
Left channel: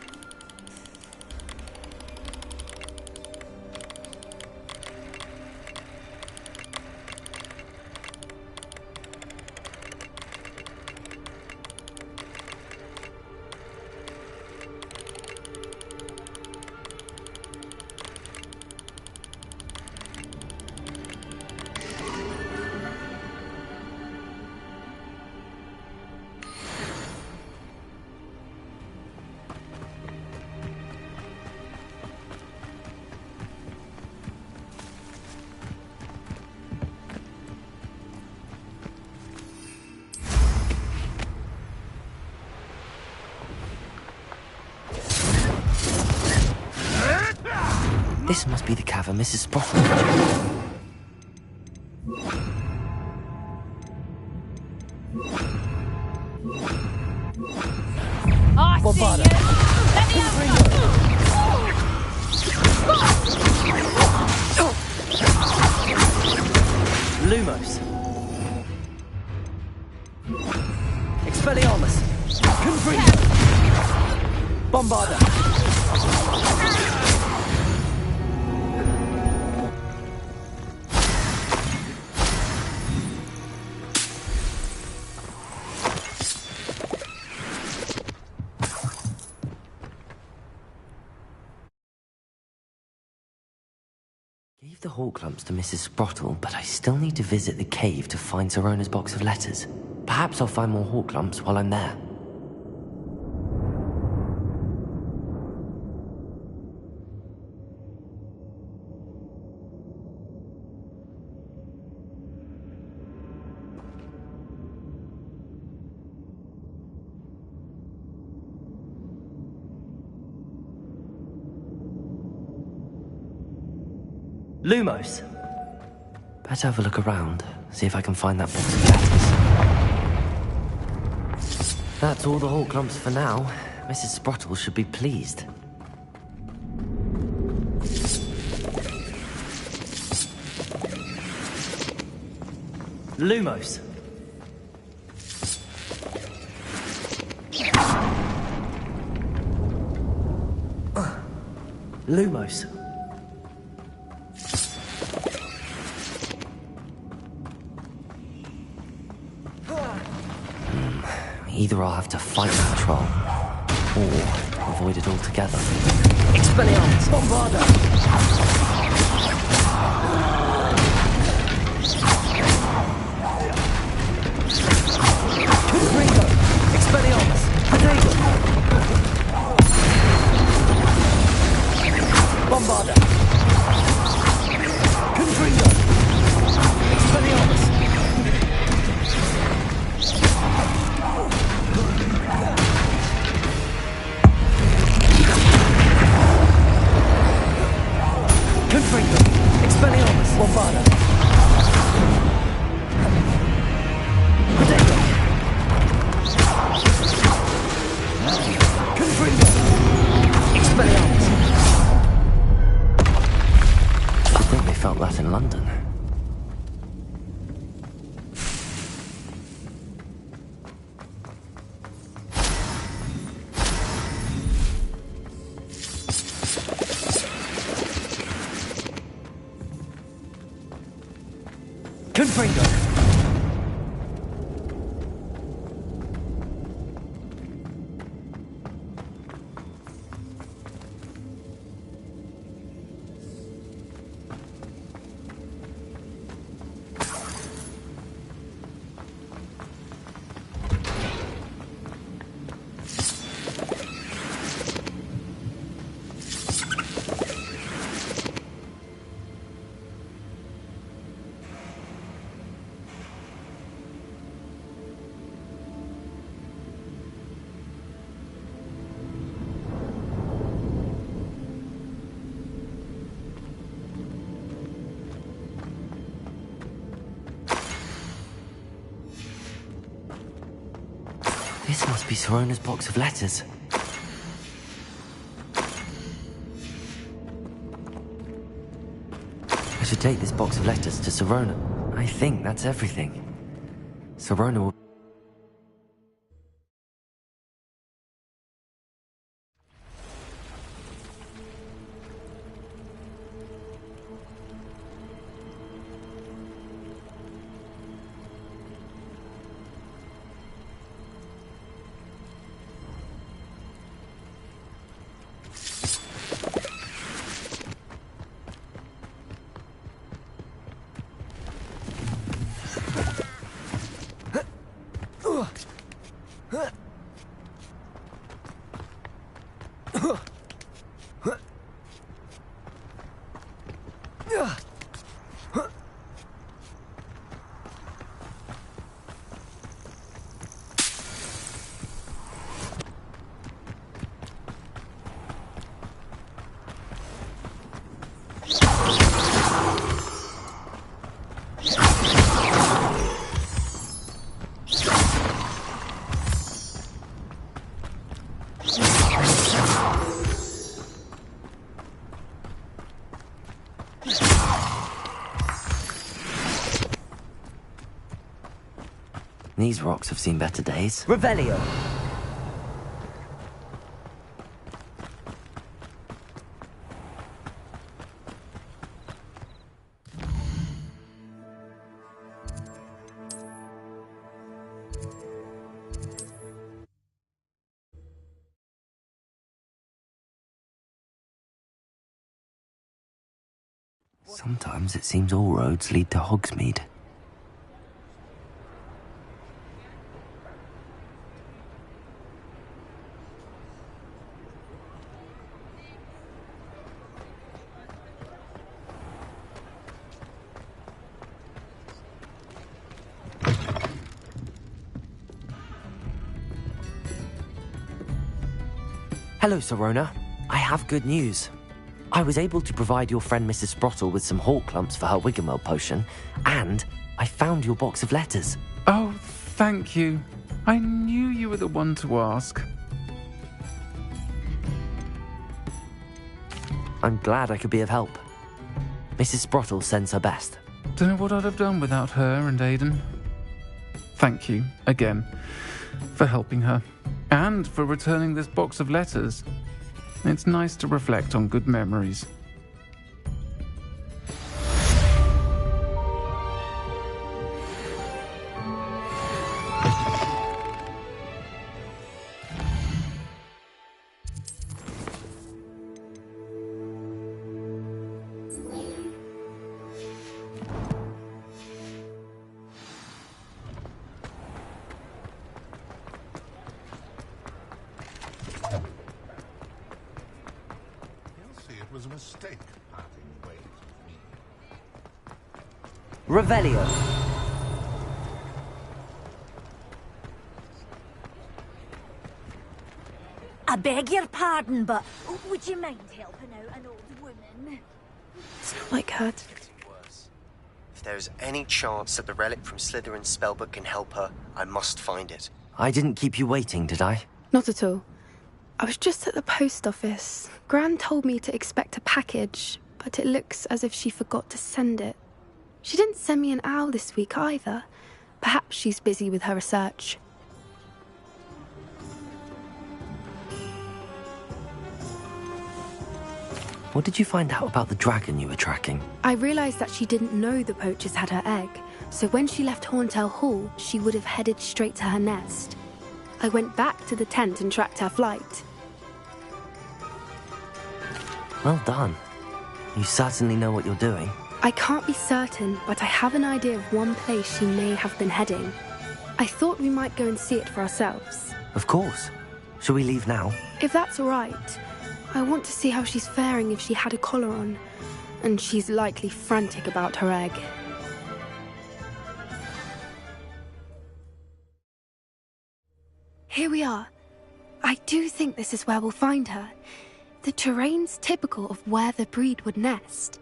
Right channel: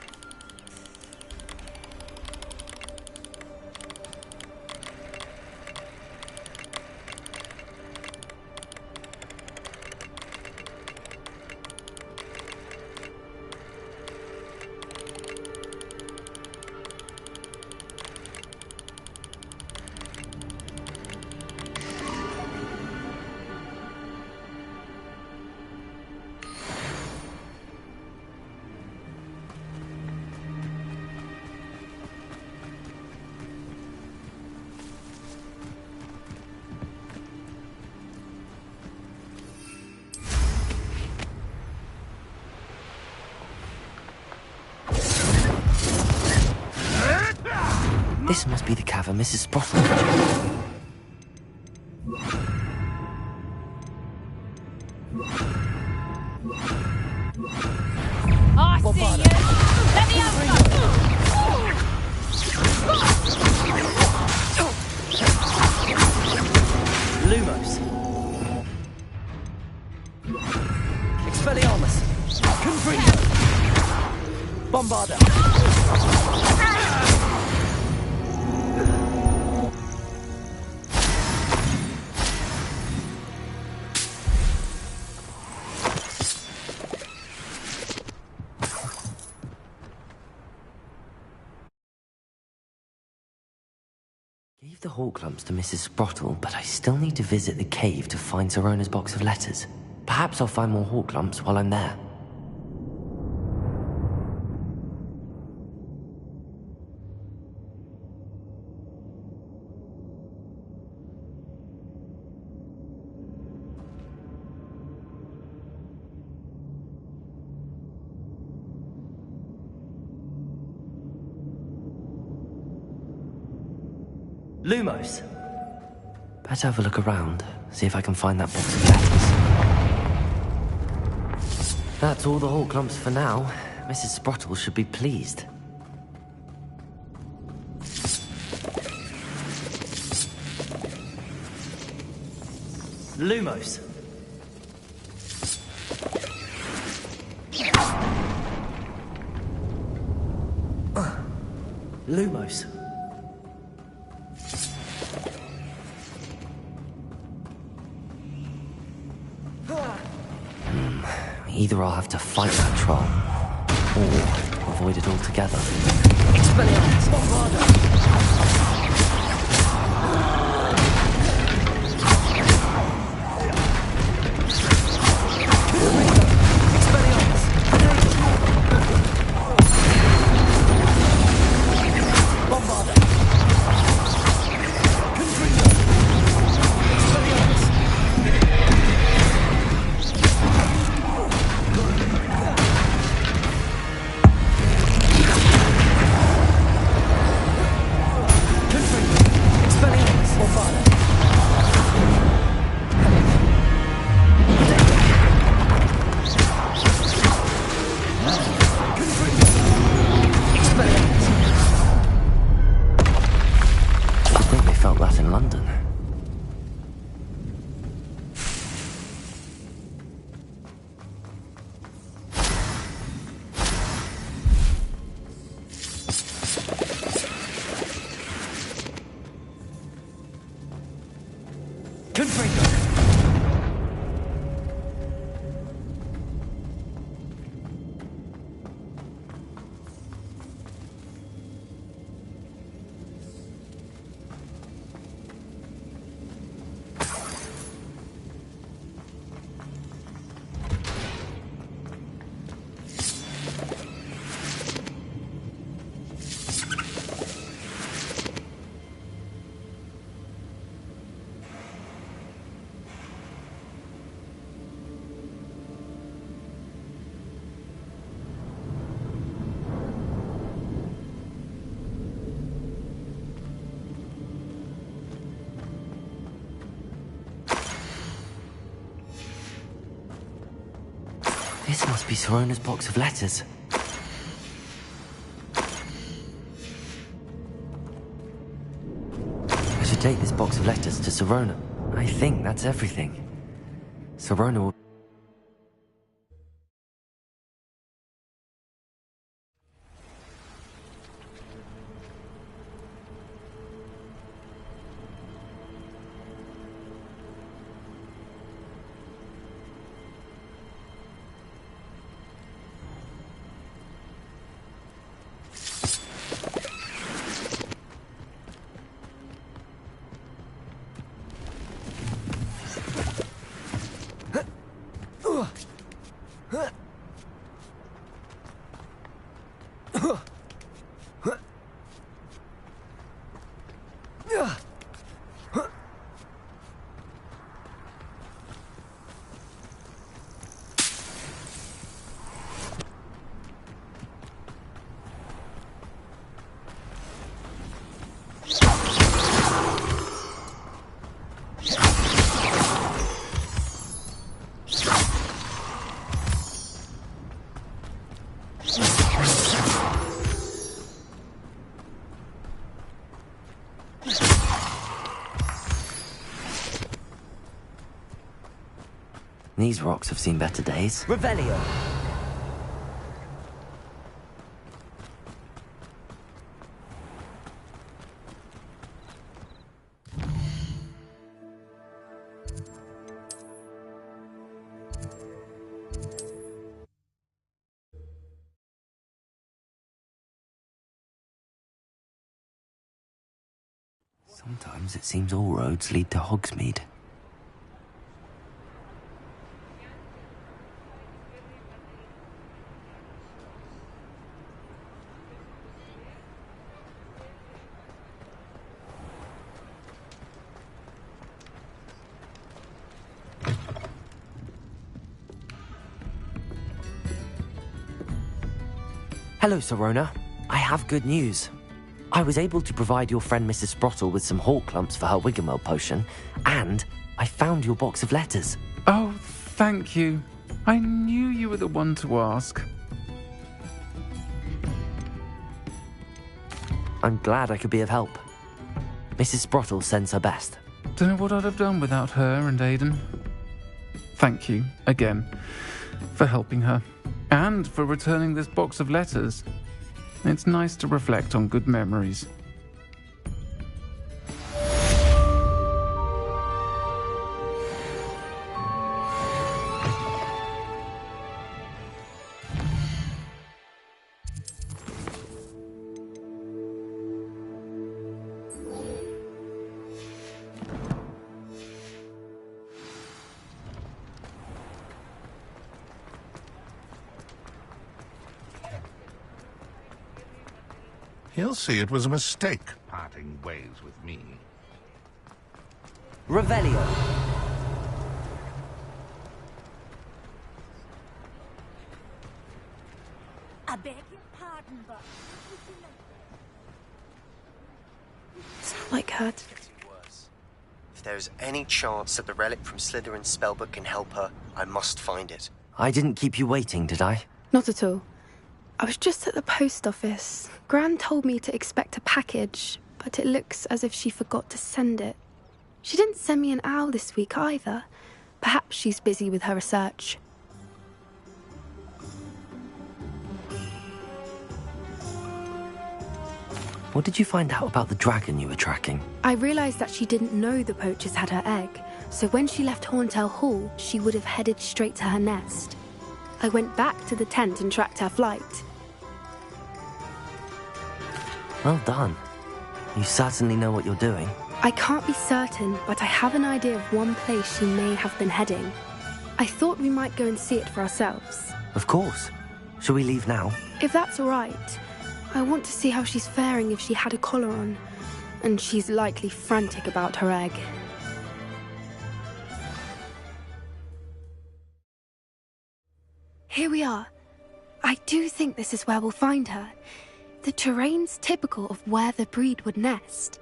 This must be the cavern Mrs. Sprottle mentioned. I see you! Let me Lumos. Expelliarmus. Confringo. Bombarda. Gave the hawk clumps to Mrs. Sprottle, but I still need to visit the cave to find Sirona's box of letters. Perhaps I'll find more hawk clumps while I'm there. Lumos. Better have a look around, see if I can find that box of letters. That's all the hawk clumps for now. Mrs. Sprottle should be pleased. Lumos. Lumos. Either I'll have to fight that troll, or avoid it altogether. Expelliarmus! Bombarda! This must be Sirona's box of letters. I should take this box of letters to Sirona. I think that's everything. Sirona will... These rocks have seen better days. Revelio! Sometimes it seems all roads lead to Hogsmeade. Hello, Sirona. I have good news. I was able to provide your friend Mrs. Sprottle with some hawk clumps for her Wiggenweld potion, and I found your box of letters. Oh, thank you. I knew you were the one to ask. I'm glad I could be of help. Mrs. Sprottle sends her best. Don't know what I'd have done without her and Aidan. Thank you, again, for helping her, and for returning this box of letters. It's nice to reflect on good memories. He'll see it was a mistake, parting ways with me. Revelio. I beg your pardon, but would you mind helping out an old woman? It's not like her. Worse. If there's any chance that the relic from Slytherin's spellbook can help her, I must find it. I didn't keep you waiting, did I? Not at all. I was just at the post office. Gran told me to expect a package, but it looks as if she forgot to send it. She didn't send me an owl this week either. Perhaps she's busy with her research. What did you find out about the dragon you were tracking? I realised that she didn't know the poachers had her egg, so when she left Horntail Hall, she would have headed straight to her nest. I went back to the tent and tracked her flight. Well done. You certainly know what you're doing. I can't be certain, but I have an idea of one place she may have been heading. I thought we might go and see it for ourselves. Of course. Shall we leave now? If that's all right. I want to see how she's faring if she had a collar on. And she's likely frantic about her egg. Here we are. I do think this is where we'll find her. The terrain's typical of where the breed would nest.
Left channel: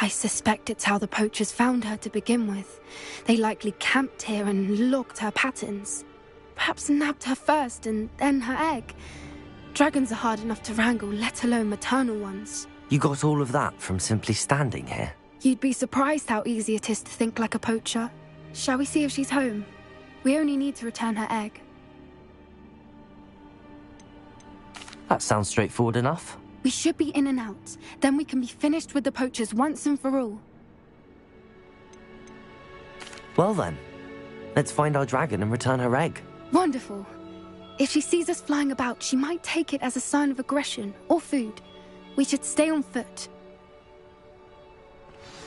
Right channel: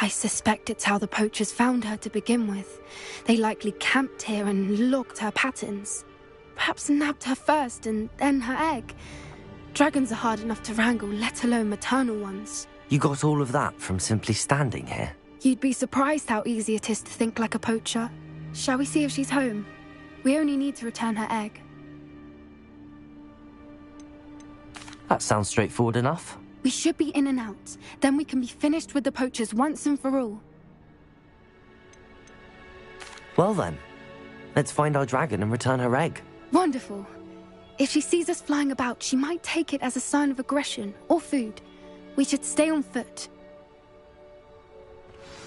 I suspect it's how the poachers found her to begin with. They likely camped here and logged her patterns. Perhaps nabbed her first and then her egg. Dragons are hard enough to wrangle, let alone maternal ones. You got all of that from simply standing here? You'd be surprised how easy it is to think like a poacher. Shall we see if she's home? We only need to return her egg. That sounds straightforward enough. We should be in and out. Then we can be finished with the poachers once and for all. Well then, let's find our dragon and return her egg. Wonderful. If she sees us flying about, she might take it as a sign of aggression or food. We should stay on foot.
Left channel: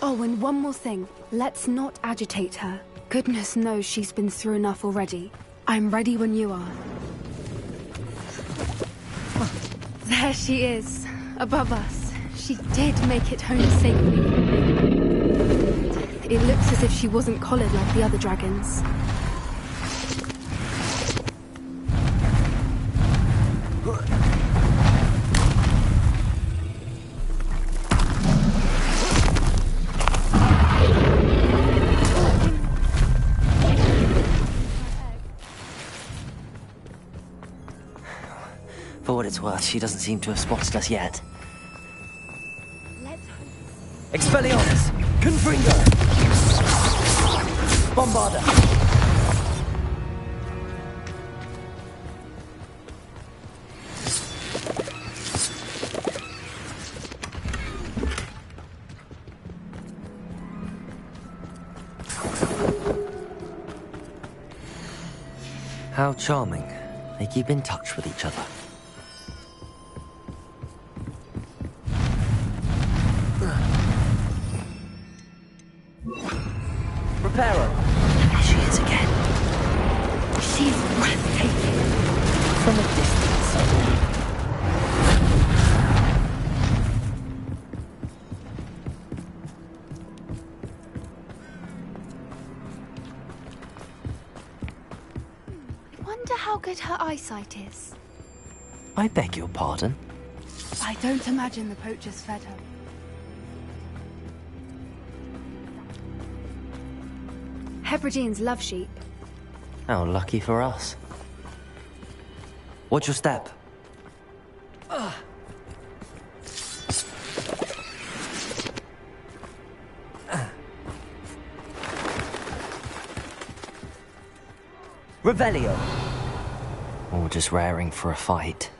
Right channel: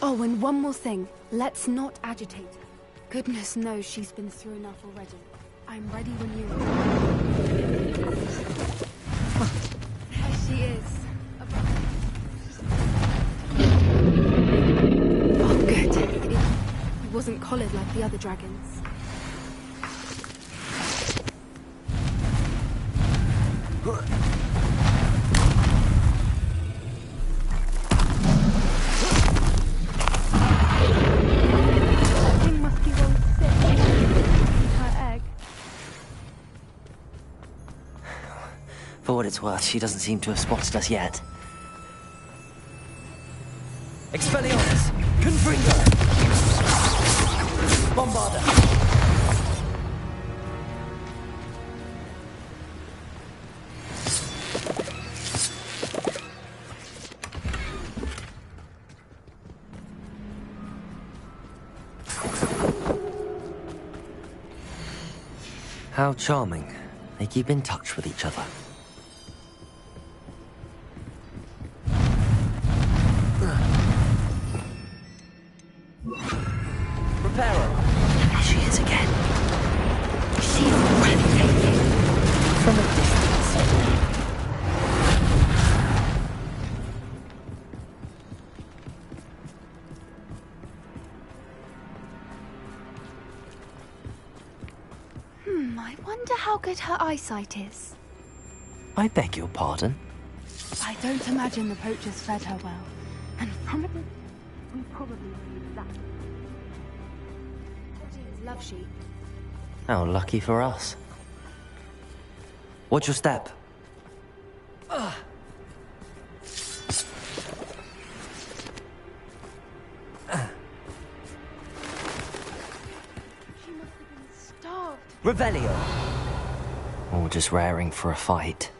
Oh, and one more thing. Let's not agitate her. Goodness knows she's been through enough already. I'm ready when you are. There she is, above us. She did make it home safely. Good. It looks as if she wasn't collared like the other dragons. For what it's worth, she doesn't seem to have spotted us yet. Expelliarmus! Confringo! Bombarda! How charming. They keep in touch with each other. Reparo. There she is again. She's breathtaking. From a distance. I wonder how good her eyesight is. I beg your pardon? I don't imagine the poachers fed her well. And probably Hebrideans love sheep. How lucky for us. Watch your step. Revelio. Or just raring for a fight.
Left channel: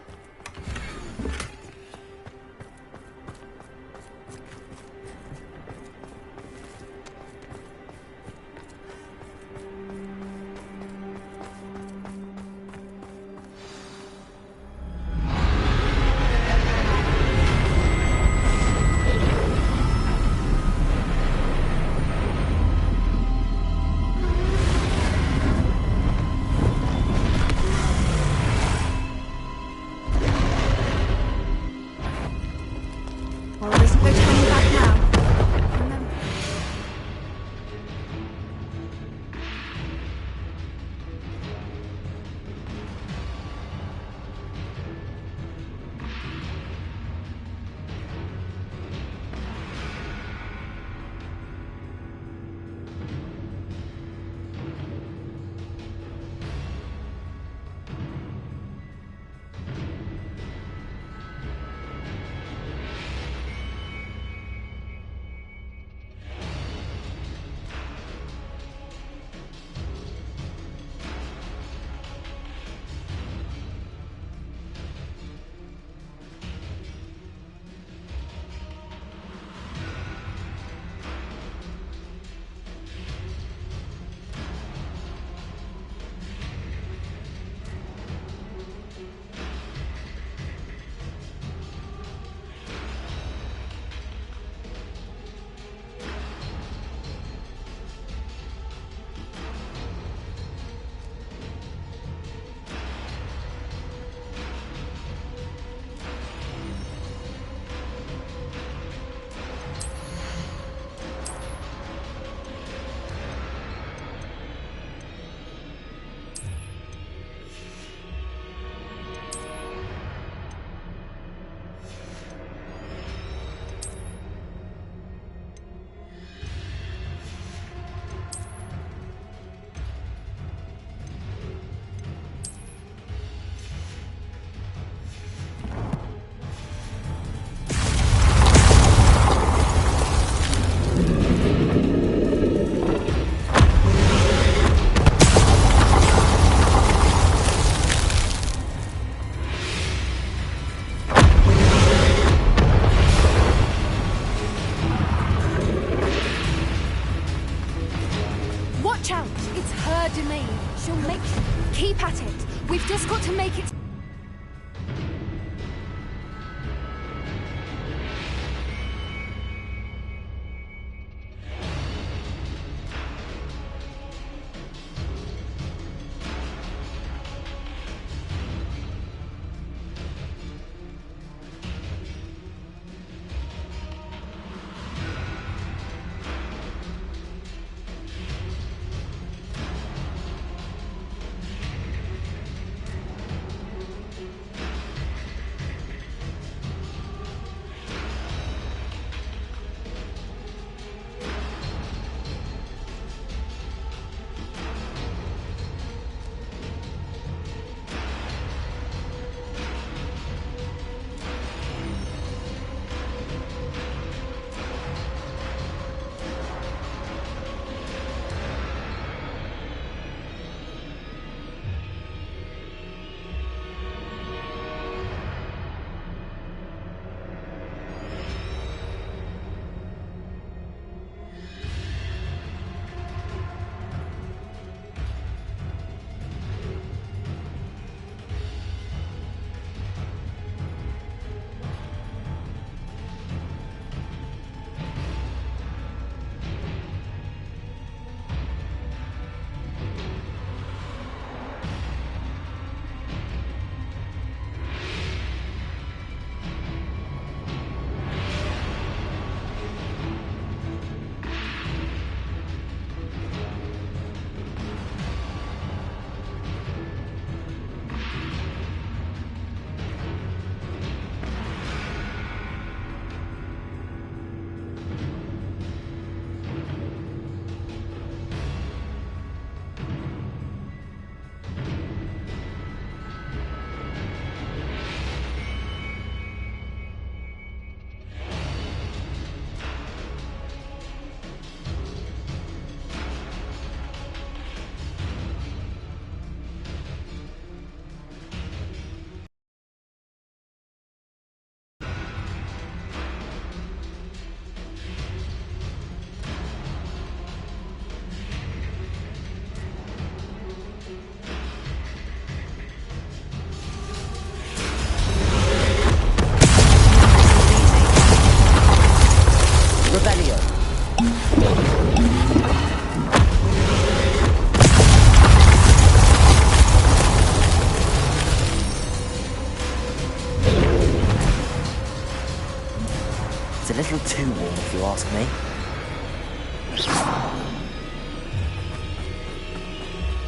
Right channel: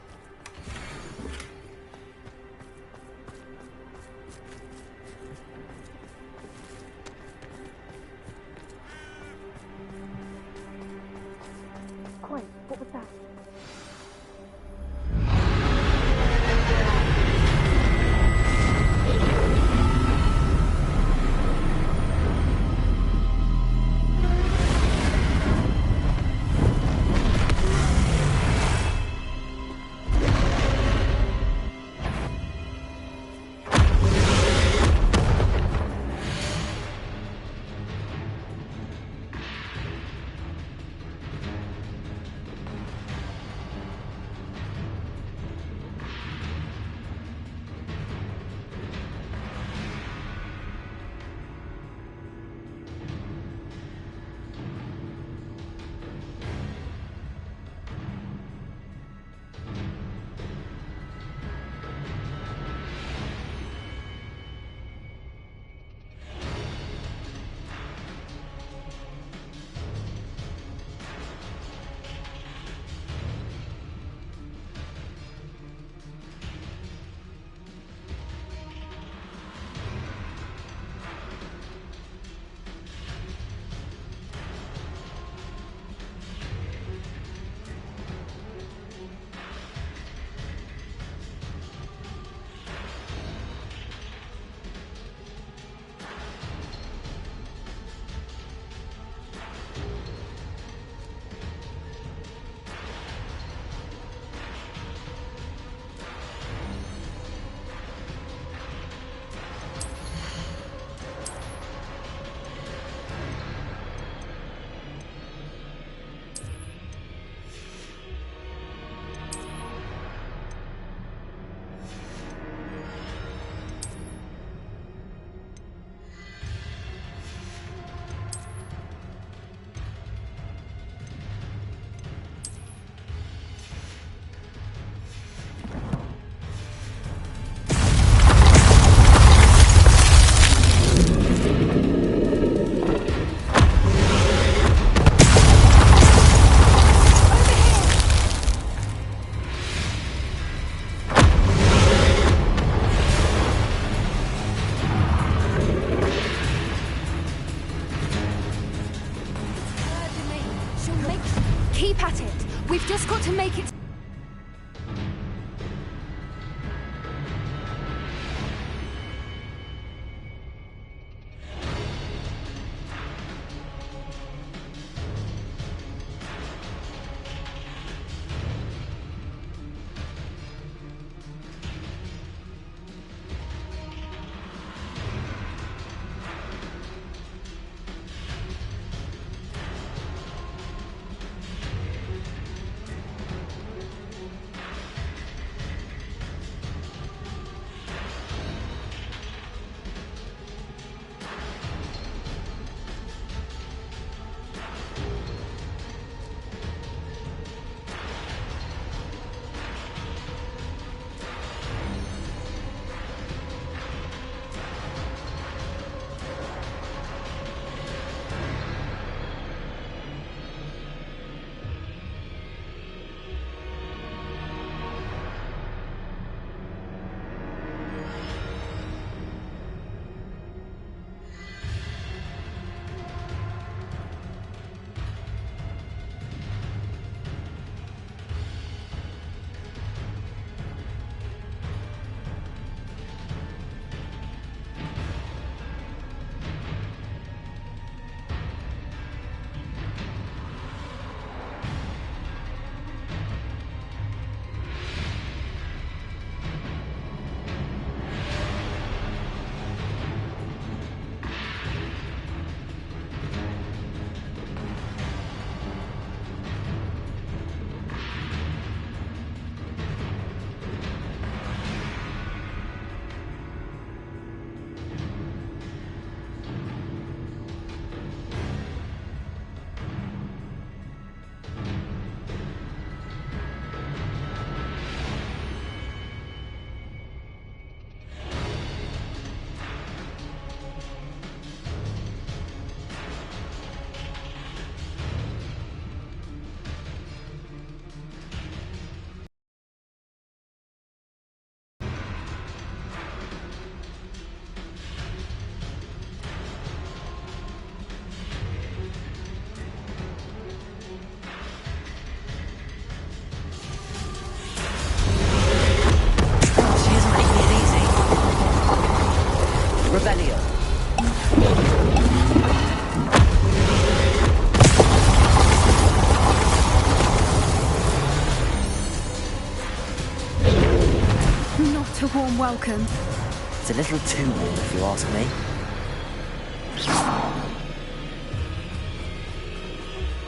She'll make... Keep at it. We've just got to make it... It's a little too warm, if you ask me.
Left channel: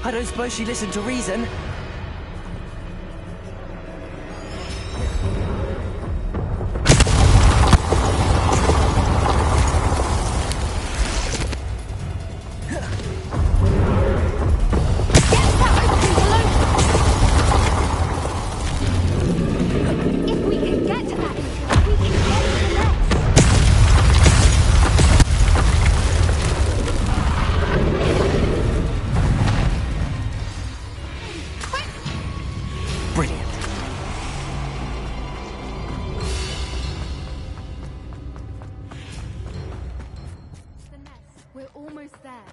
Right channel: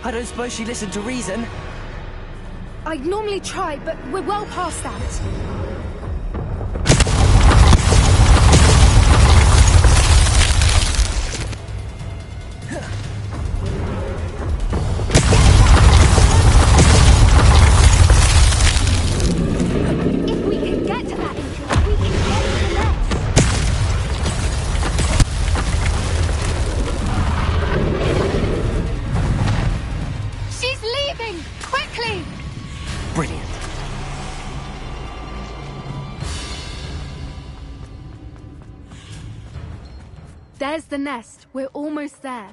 I don't suppose she listened to reason. I'd normally try, but we're well past that. Brilliant. There's the nest. We're almost there.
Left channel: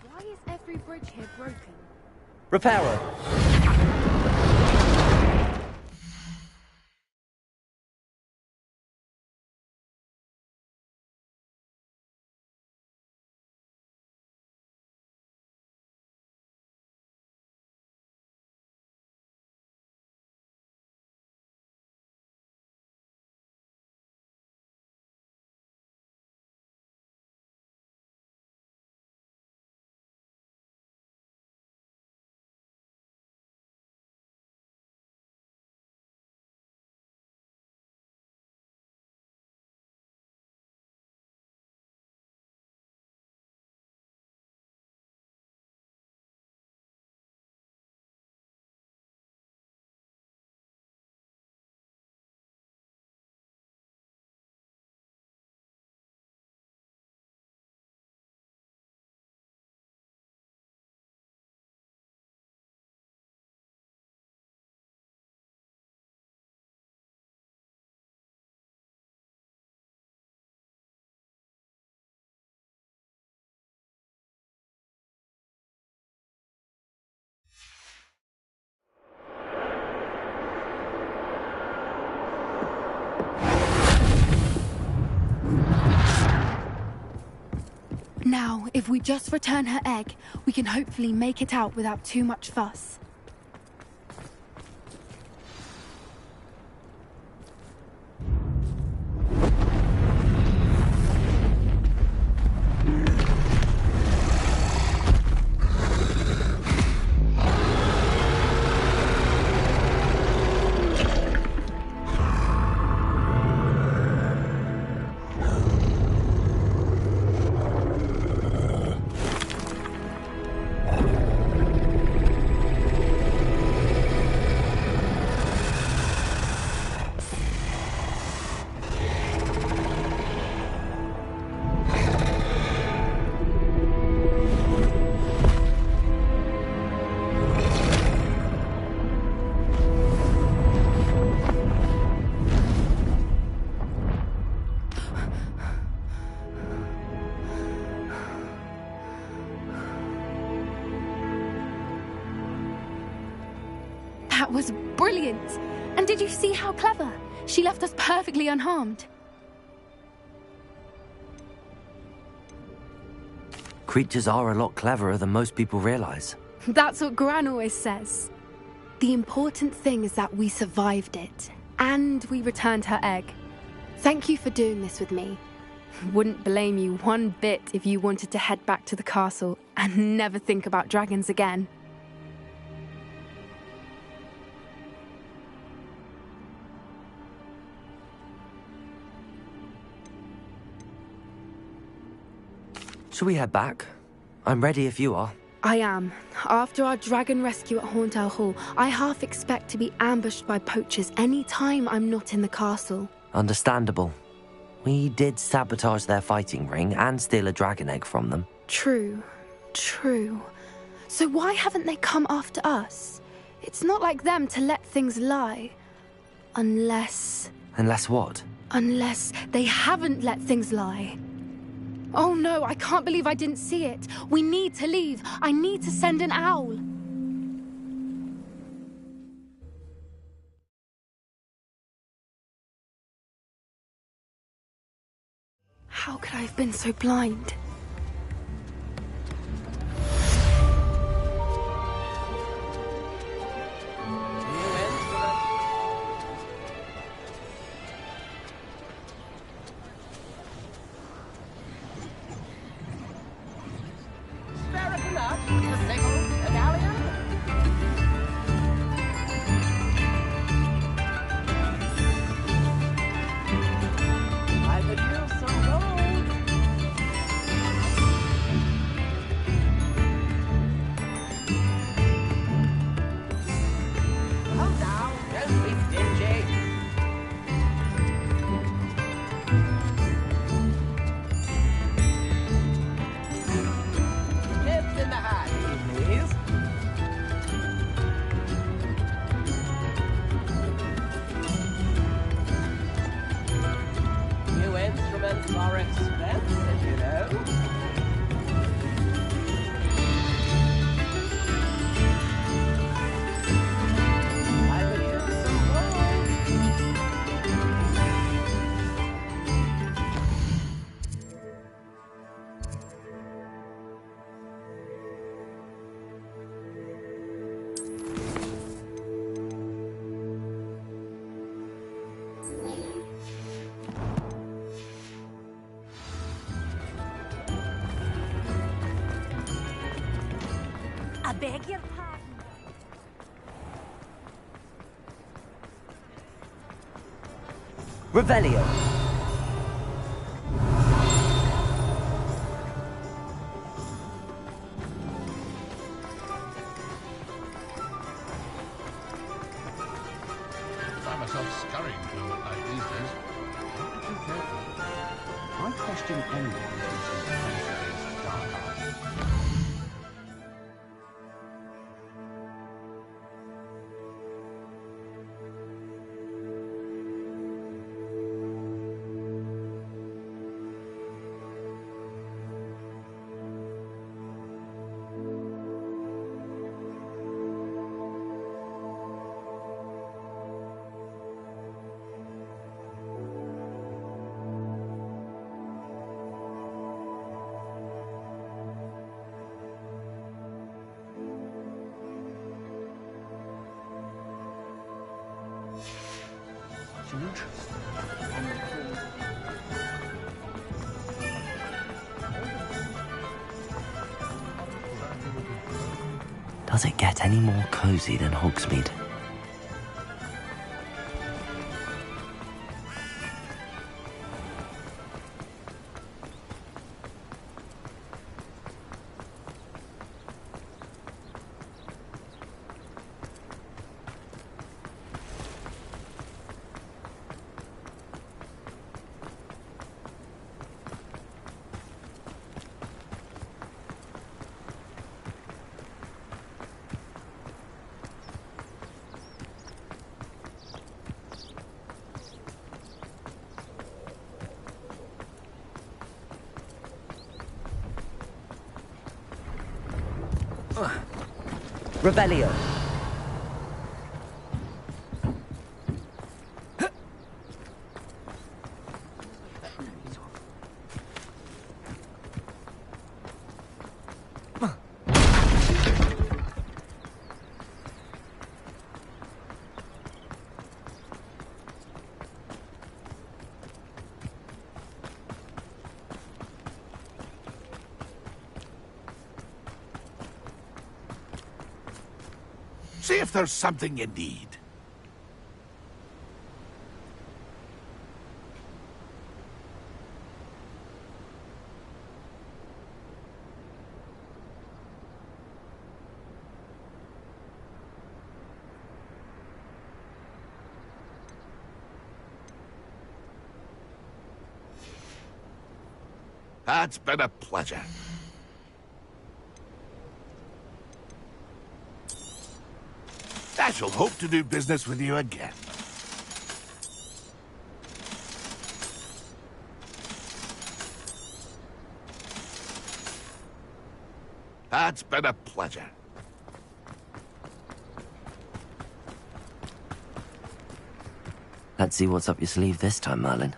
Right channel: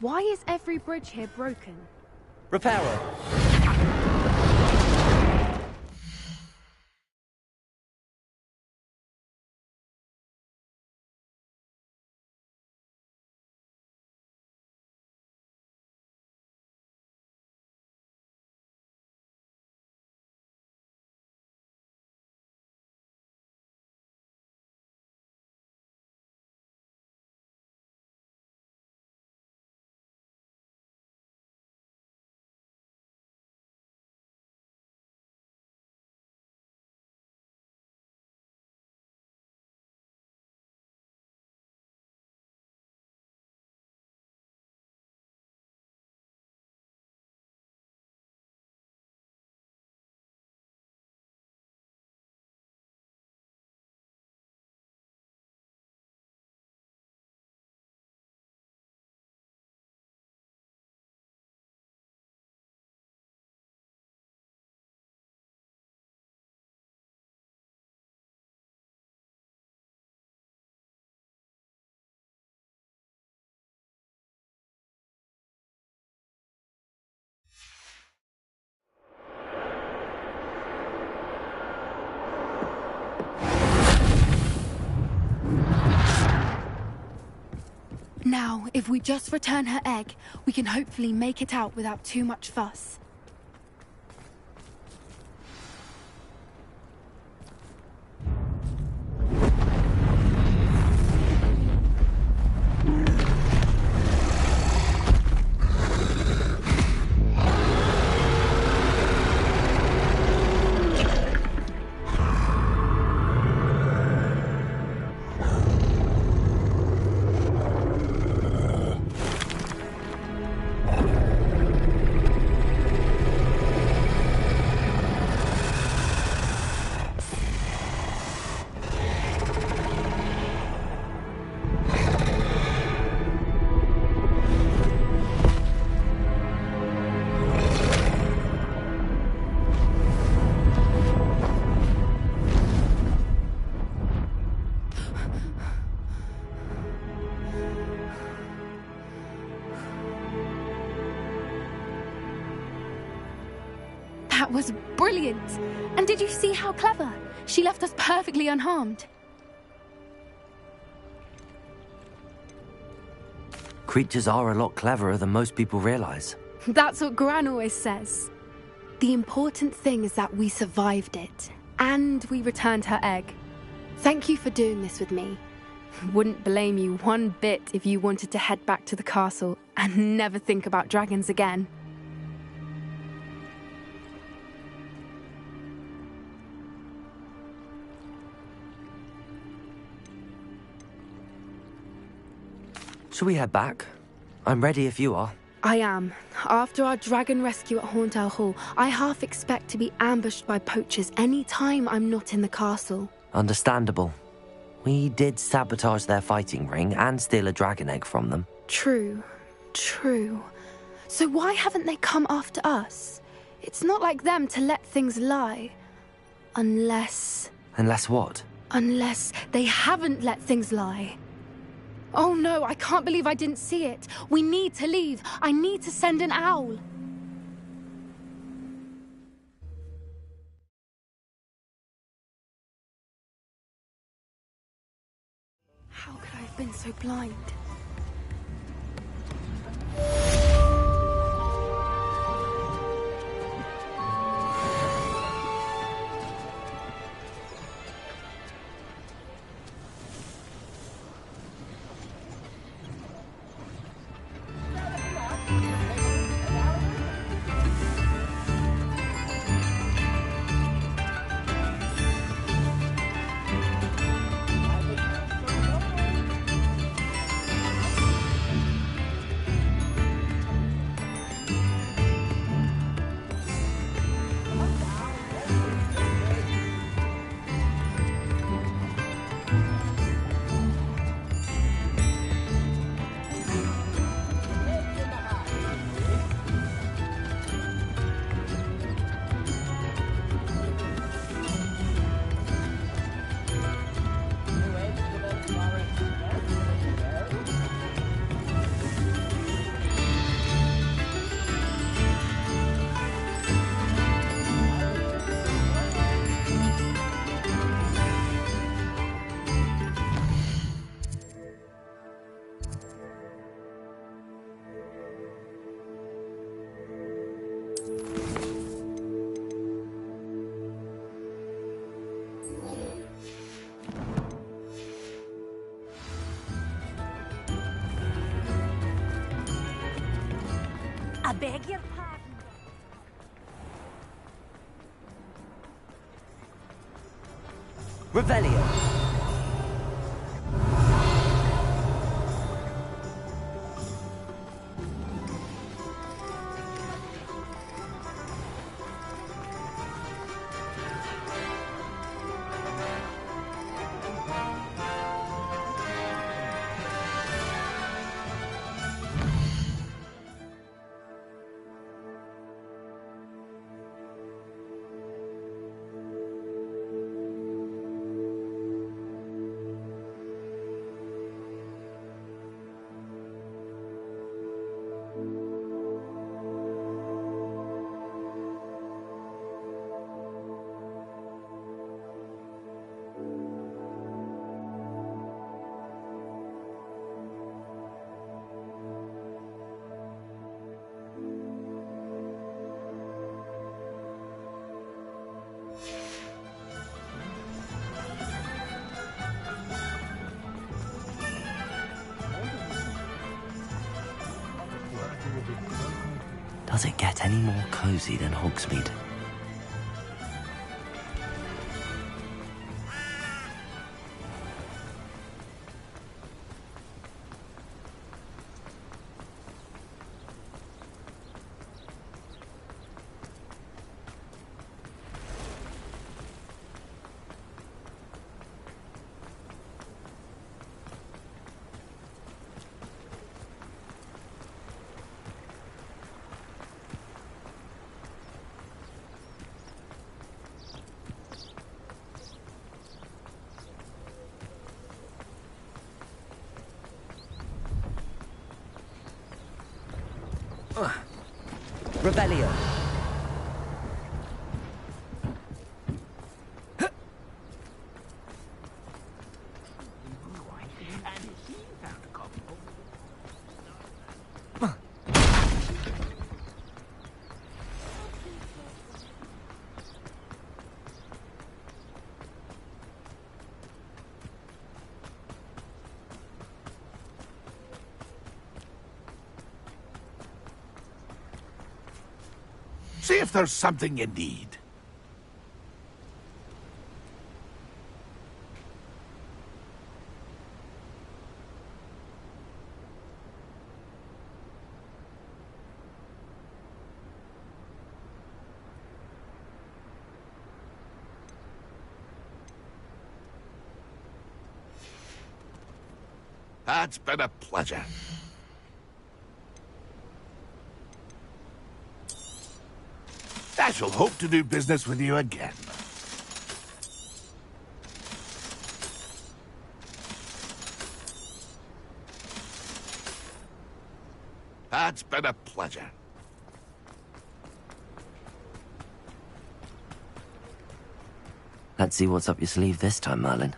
Why is every bridge here broken? Reparo. Now, if we just return her egg, we can hopefully make it out without too much fuss. That was brilliant! And did you see how clever? She left us perfectly unharmed. Creatures are a lot cleverer than most people realize. That's what Gran always says. The important thing is that we survived it, and we returned her egg. Thank you for doing this with me. Wouldn't blame you one bit if you wanted to head back to the castle and never think about dragons again. Shall we head back? I'm ready if you are. I am. After our dragon rescue at Hauntel Hall, I half expect to be ambushed by poachers any time I'm not in the castle. Understandable. We did sabotage their fighting ring and steal a dragon egg from them. True. So why haven't they come after us? It's not like them to let things lie. Unless what? Unless they haven't let things lie. Oh no, I can't believe I didn't see it. We need to leave. I need to send an owl. How could I have been so blind? I beg your pardon. Revelio. Does it get any more cozy than Hogsmeade? Revelio. See if there's something you need. It's been a pleasure. I shall hope to do business with you again. It's been a pleasure. Let's see what's up your sleeve this time, Merlin.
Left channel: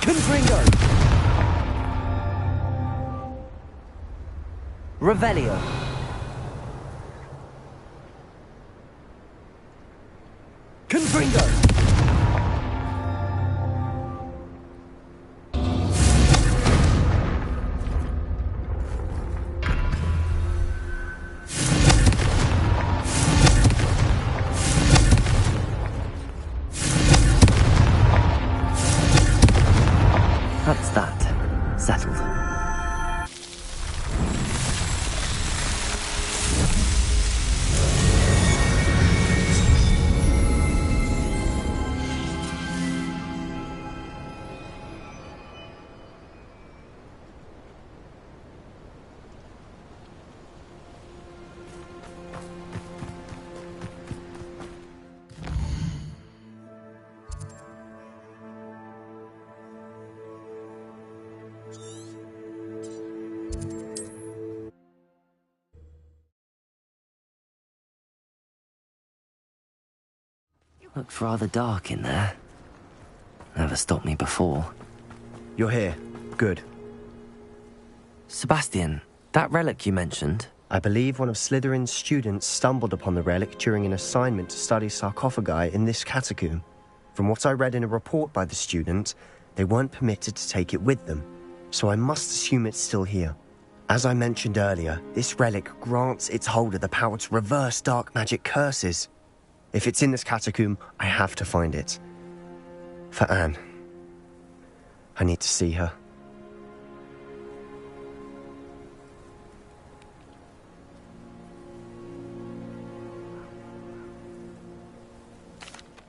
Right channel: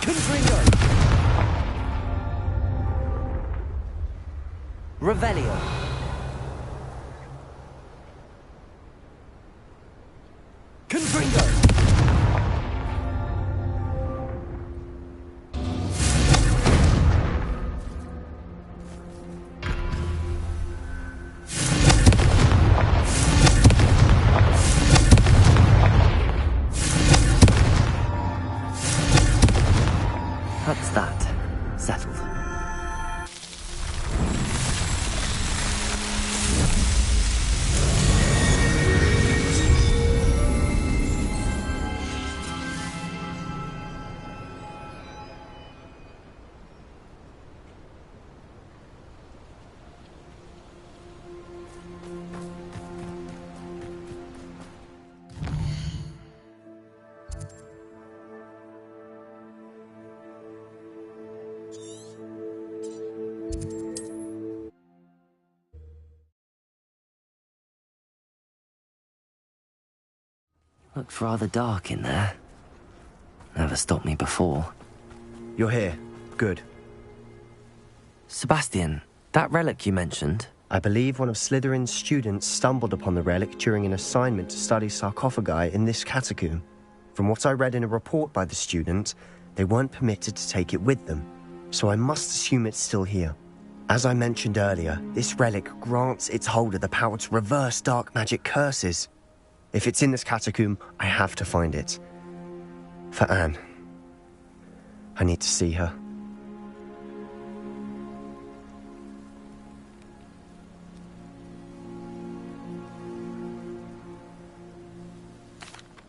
Confringo! Revelio. Confringo. That's that. Settled. Looks rather dark in there. Never stopped me before. You're here. Good. Sebastian, that relic you mentioned... I believe one of Slytherin's students stumbled upon the relic during an assignment to study sarcophagi in this catacomb. From what I read in a report by the student, they weren't permitted to take it with them, so I must assume it's still here. As I mentioned earlier, this relic grants its holder the power to reverse dark magic curses. If it's in this catacomb, I have to find it. For Anne. I need to see her.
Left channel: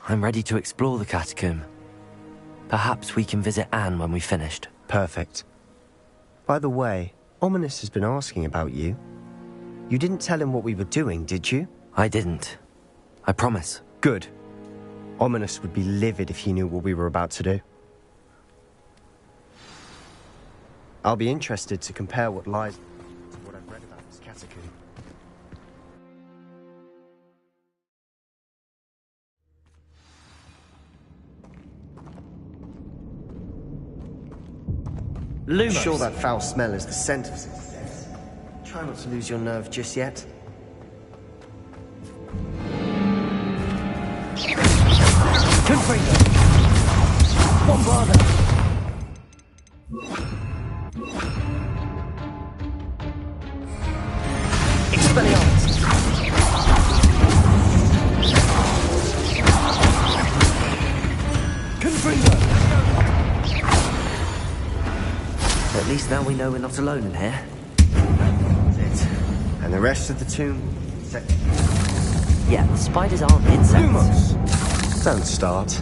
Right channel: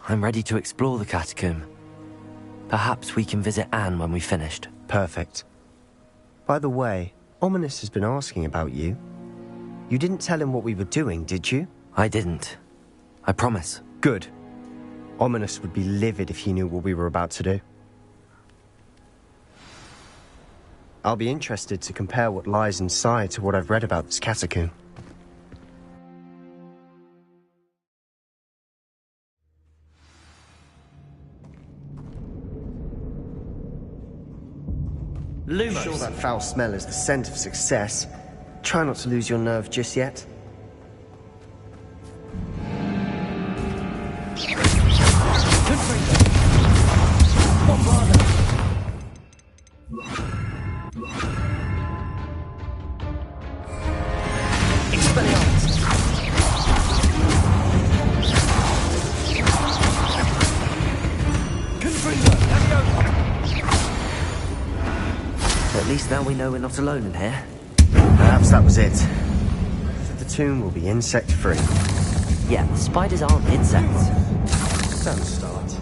I'm ready to explore the catacomb. Perhaps we can visit Anne when we've finished. Perfect. By the way, Ominous has been asking about you. You didn't tell him what we were doing, did you? I didn't. I promise. Good. Ominous would be livid if he knew what we were about to do. I'll be interested to compare what lies inside to what I've read about this catacomb. Lumos. Sure that foul smell is the scent of success. Try not to lose your nerve just yet. Confringo. Bombarda. At least now we know we're not alone in here. Perhaps that was it. And the rest of the tomb will be insect-free. Yeah, the spiders aren't insects. Don't start.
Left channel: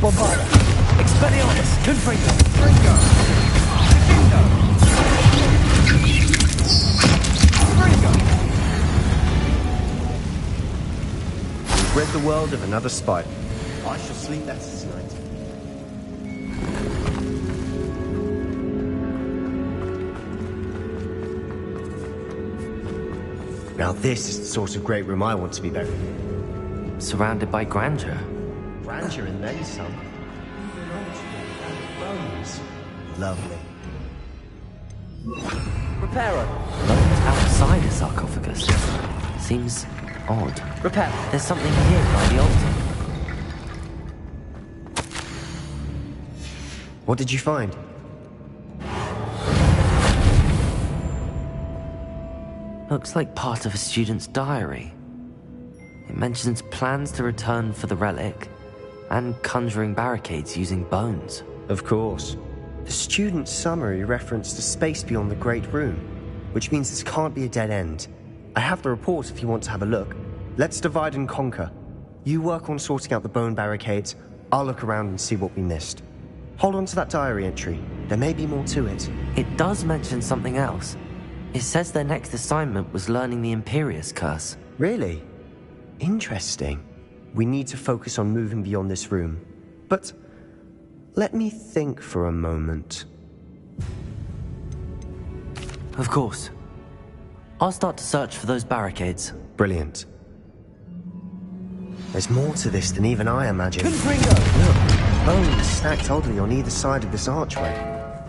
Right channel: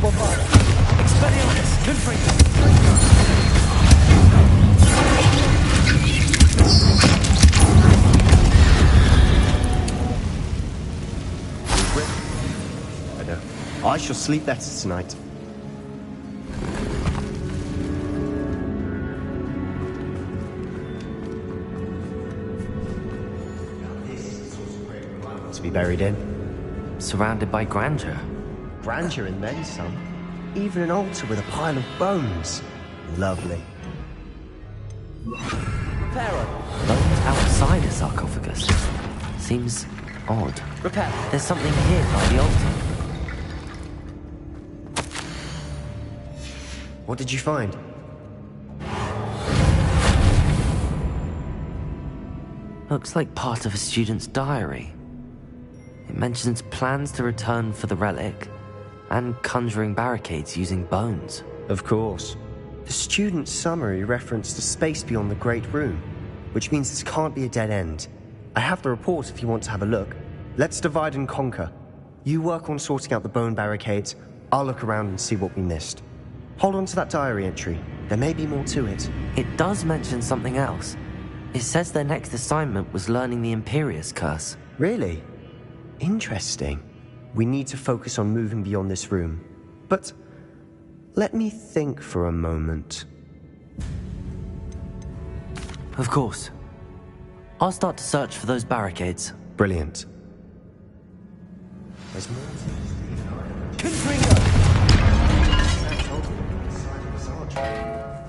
Bombarda. Expelliarmus. Confringo. We've rid the world of another spider. I shall sleep better tonight. Now this is the sort of great room I want to be buried in. Surrounded by grandeur. Grandeur and then some. Even an altar with a pile of bones. Lovely. Reparo. Bones outside a sarcophagus. Seems odd. Repair. There's something here by the altar. What did you find? Looks like part of a student's diary. It mentions plans to return for the relic and conjuring barricades using bones. Of course. The student's summary referenced a space beyond the Great Room, which means this can't be a dead end. I have the report if you want to have a look. Let's divide and conquer. You work on sorting out the bone barricades. I'll look around and see what we missed. Hold on to that diary entry. There may be more to it. It does mention something else. It says their next assignment was learning the Imperius Curse. Really? Interesting. We need to focus on moving beyond this room. But let me think for a moment. Of course. I'll start to search for those barricades. Brilliant. There's more to this than even I imagined. Confringo. Bones stacked oddly on either side of this archway.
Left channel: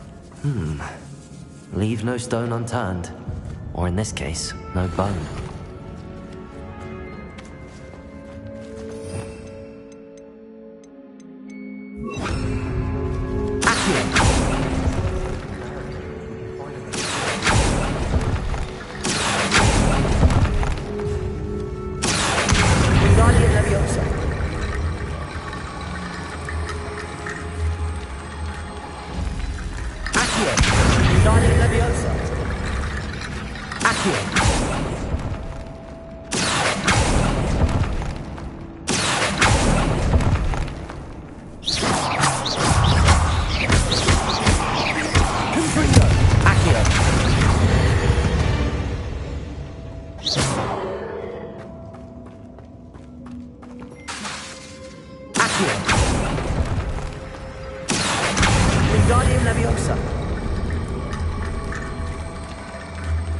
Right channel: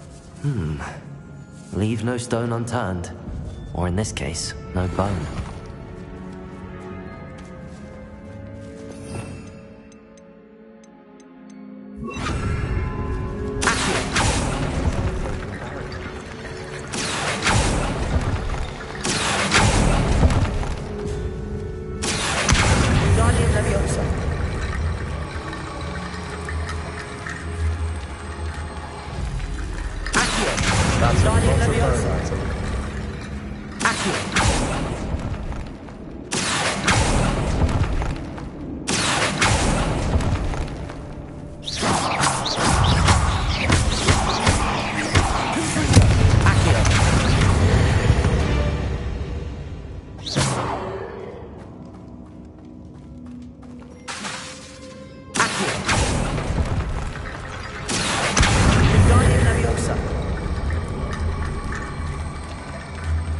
Leave no stone unturned. Or in this case, no bone. Wingardium Leviosa. Accio. Wingardium Leviosa. Accio. Confringo. Accio. Accio. Wingardium Leviosa.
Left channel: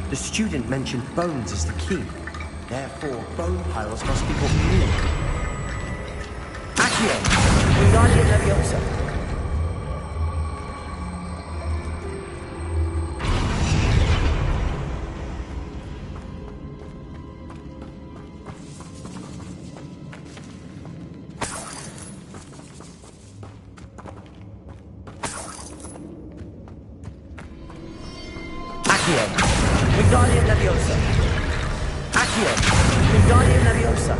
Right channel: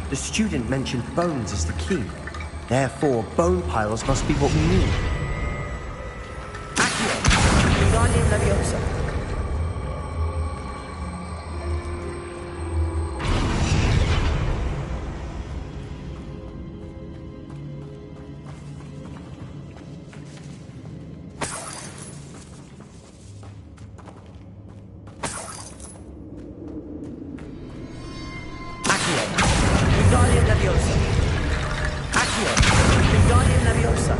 The student mentioned bones as the key. Therefore, bone piles must be what we need. Accio. Wingardium Leviosa. Accio. Wingardium Leviosa. Accio. Wingardium Leviosa.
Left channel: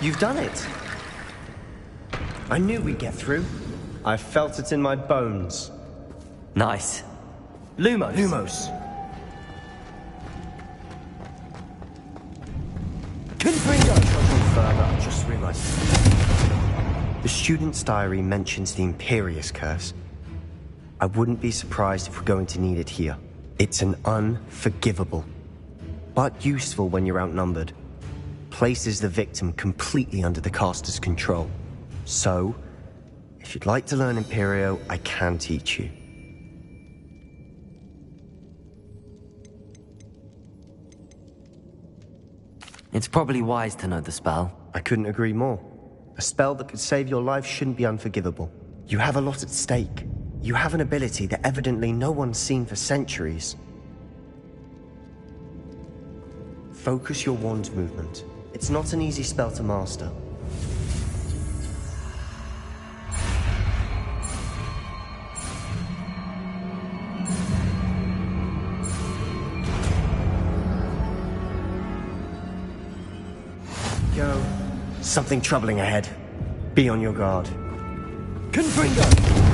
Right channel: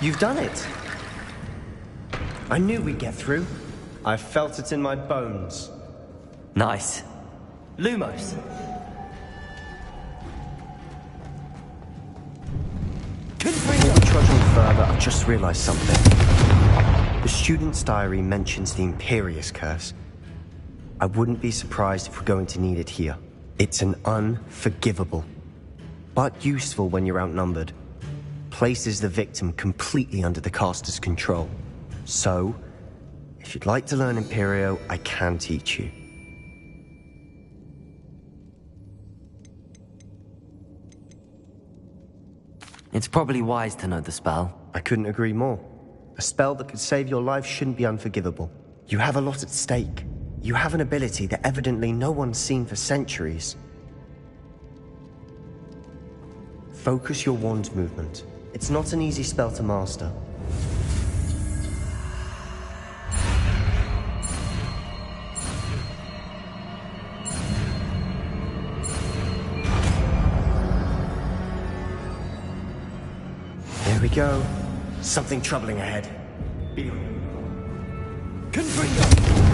You've done it. I knew we'd get through. I felt it in my bones. Nice. Lumos. Lumos. Confringo. Trudging further, I've just realized something. The student's diary mentions the Imperius Curse. I wouldn't be surprised if we're going to need it here. It's an unforgivable, but useful when you're outnumbered. Places the victim completely under the caster's control. So, if you'd like to learn Imperio, I can teach you. It's probably wise to know the spell. I couldn't agree more. A spell that could save your life shouldn't be unforgivable. You have a lot at stake. You have an ability that evidently no one's seen for centuries. Focus your wand movement. It's not an easy spell to master. go. Something troubling ahead. Be on your guard. Confringo!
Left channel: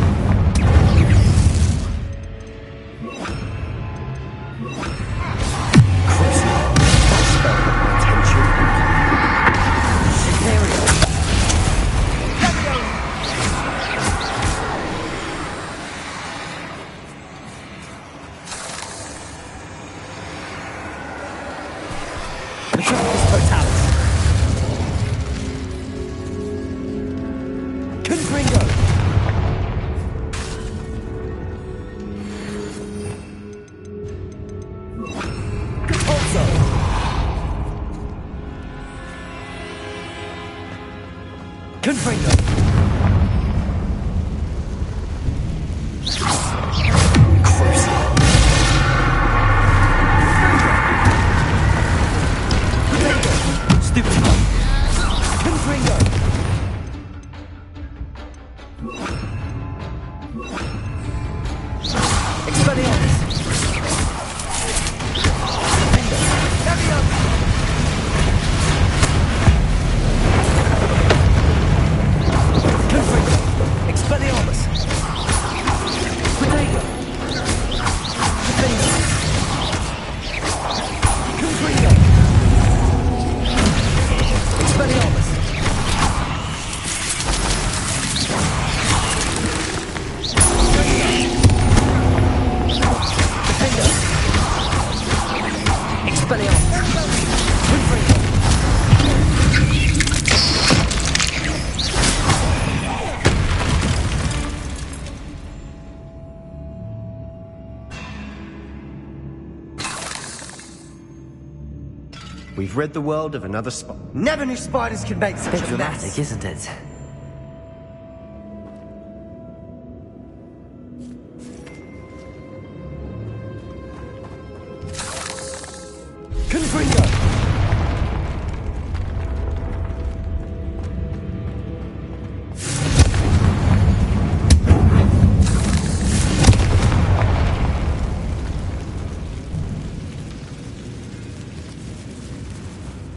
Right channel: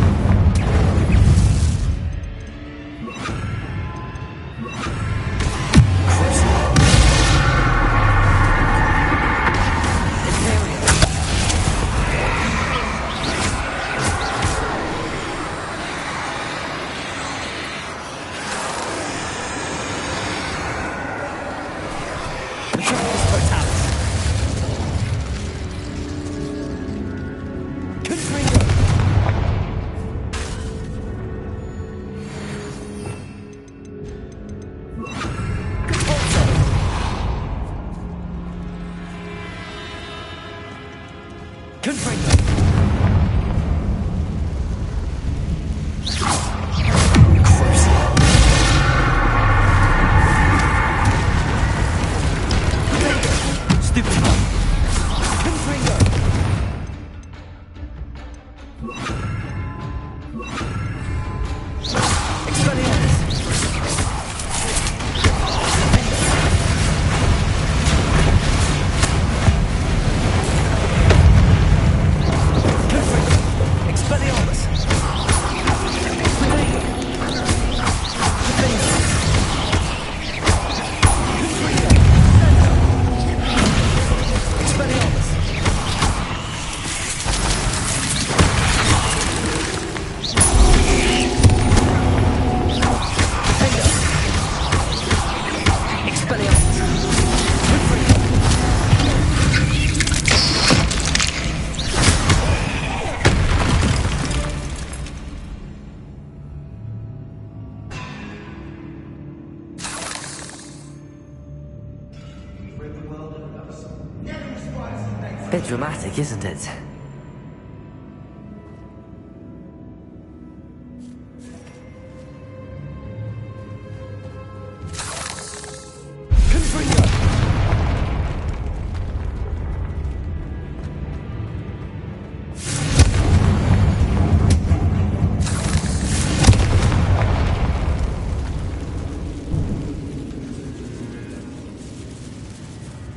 We've rid the world of another spot. Never knew spiders could make such Bit a dramatic, mess. isn't it?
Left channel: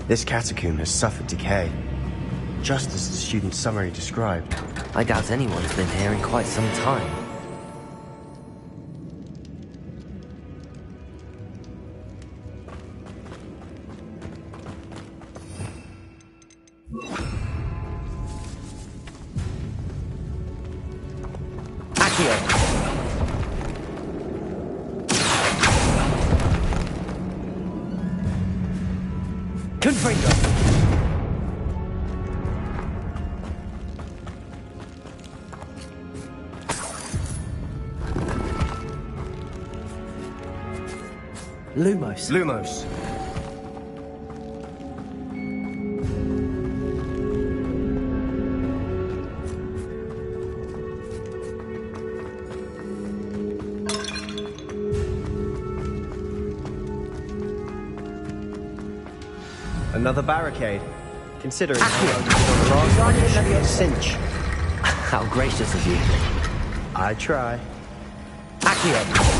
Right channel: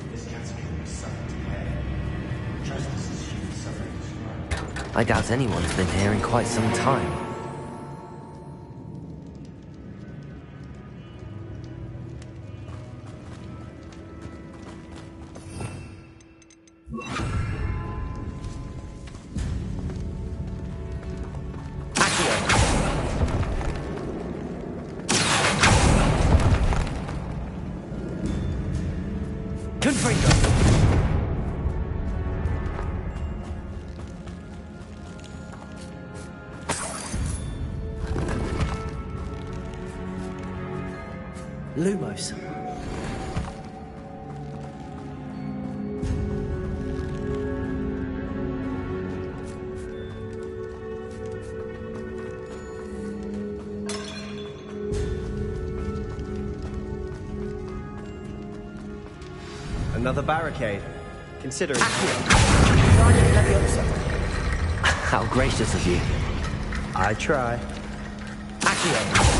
This catacomb has suffered decay, just as the student's summary described. I doubt anyone's been here in quite some time. Lumos. Lumos. Another barricade. Consider it. Cinch. How gracious of you. I try. Accio.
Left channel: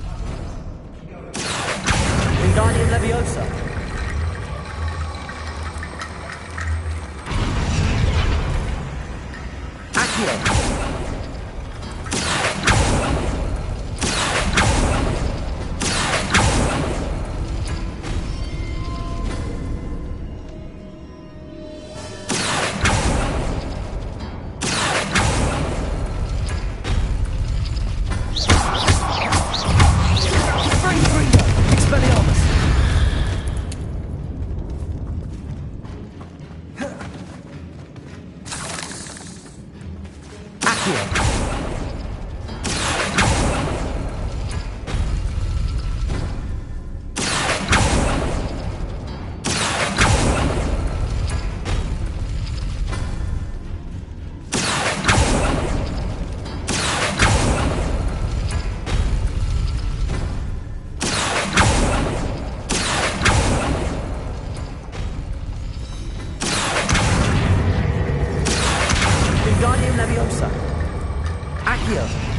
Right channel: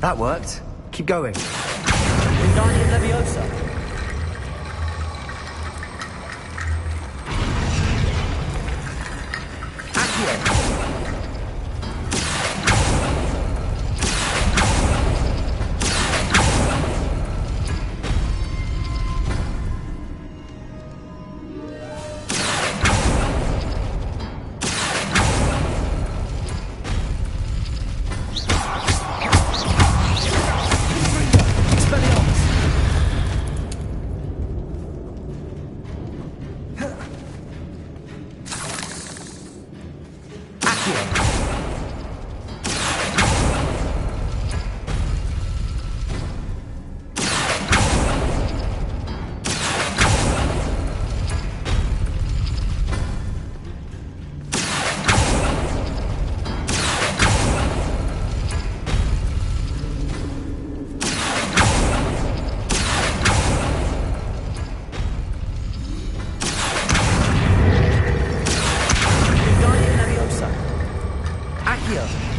That worked. Keep going. Wingardium Leviosa. Accio. Accio!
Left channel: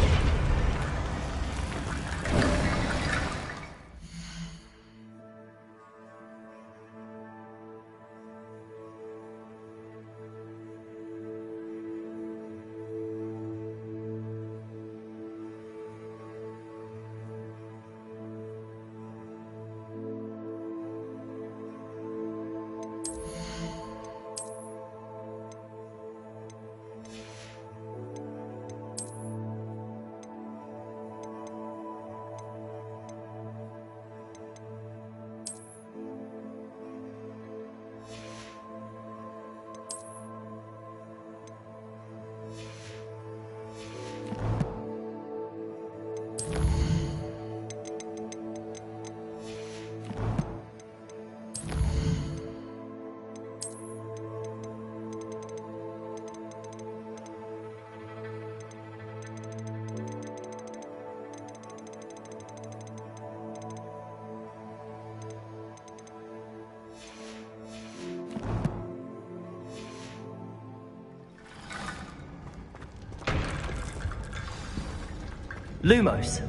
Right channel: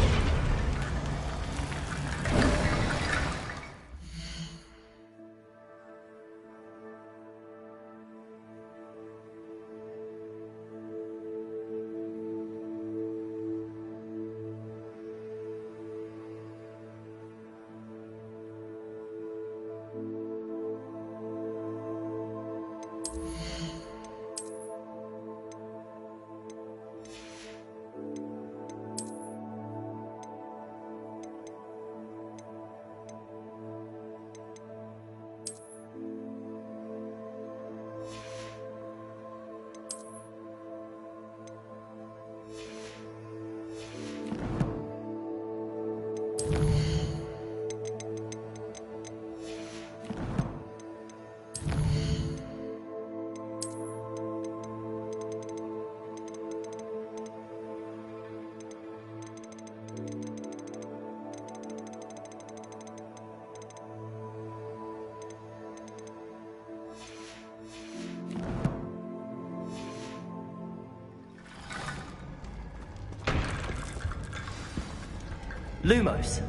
Lumos!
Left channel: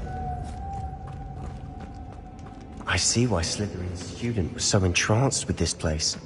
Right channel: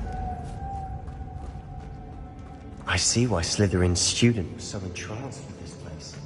I see why Slytherin's student was so entranced with this place.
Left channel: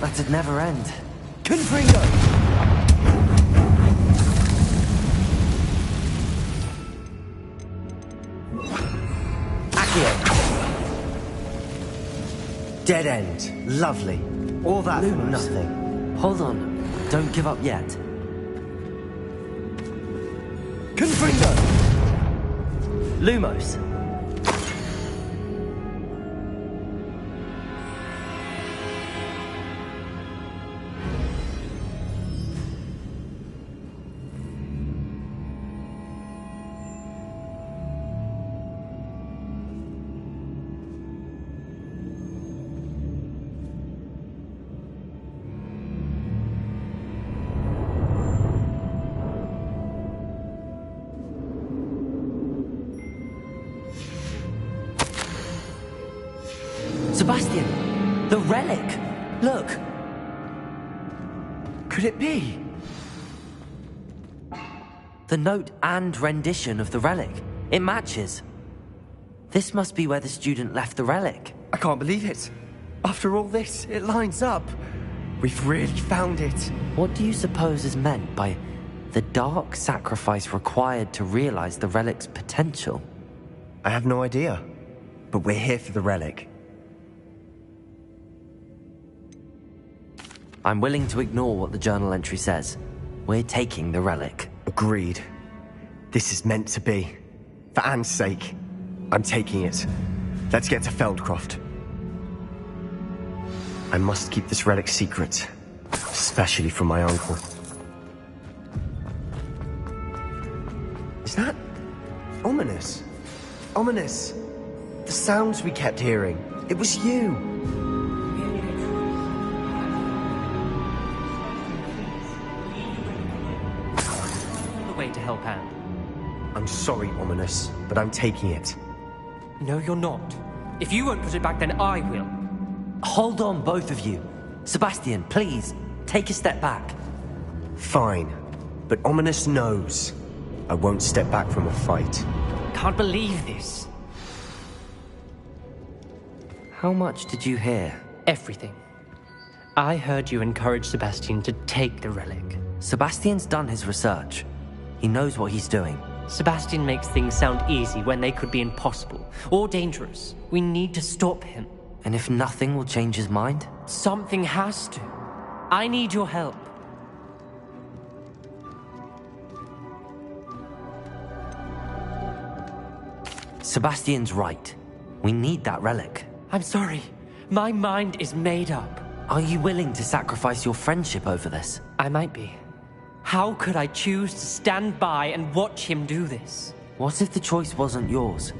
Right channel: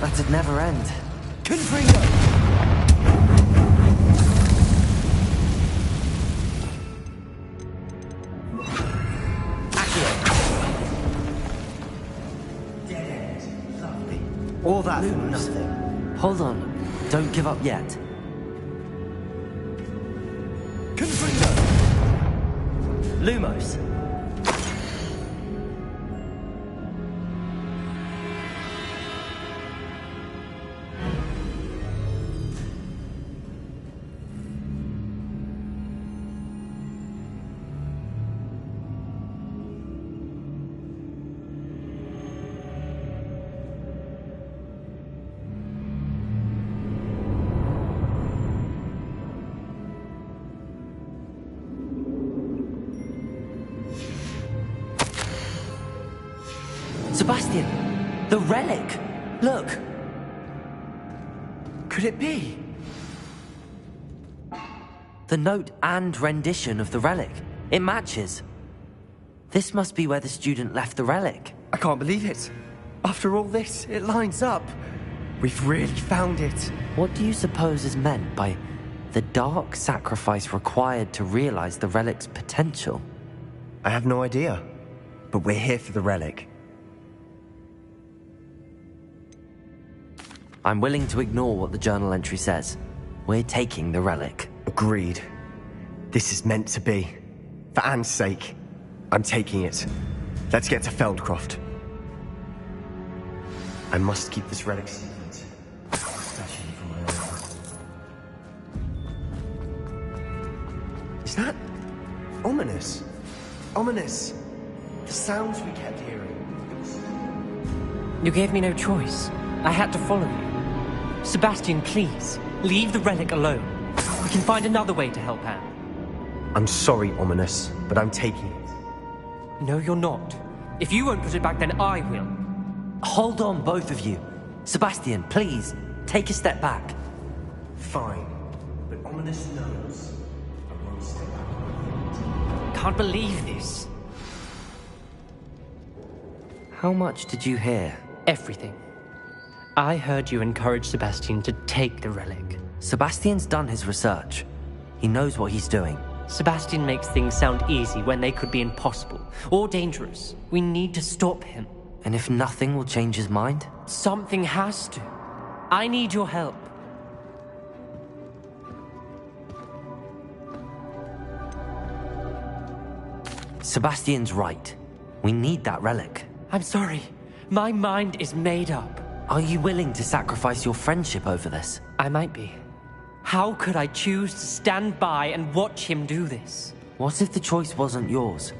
That'd never end. Confringo! Accio! Dead end. Lovely. All that for nothing. Hold on. Don't give up yet. Confringo! Lumos. Sebastian! The relic! Look! Could it be? The note and rendition of the relic. It matches. This must be where the student left the relic. I can't believe it. After all this, it lines up. We've really found it. What do you suppose is meant by the dark sacrifice required to realize the relic's potential? I have no idea, but we're here for the relic. I'm willing to ignore what the journal entry says. We're taking the relic. Agreed. This is meant to be. For Anne's sake, I'm taking it. Let's get to Feldcroft. I must keep this relic secret, especially from my uncle. Is that ominous? Ominous! The sounds we kept hearing. It was you. You gave me no choice. I had to follow you. Sebastian, please, leave the relic alone. We can find another way to help Anne. I'm sorry, Ominous, but I'm taking it. No, you're not. If you won't put it back, then I will. Hold on, both of you. Sebastian, please, take a step back. Fine, but Ominous knows I won't step back from a fight. Can't believe this. How much did you hear? Everything. I heard you encourage Sebastian to take the relic. Sebastian's done his research. He knows what he's doing. Sebastian makes things sound easy when they could be impossible or dangerous. We need to stop him. And if nothing will change his mind? Something has to. I need your help. Sebastian's right. We need that relic. I'm sorry. My mind is made up. Are you willing to sacrifice your friendship over this? I might be. How could I choose to stand by and watch him do this? What if the choice wasn't yours?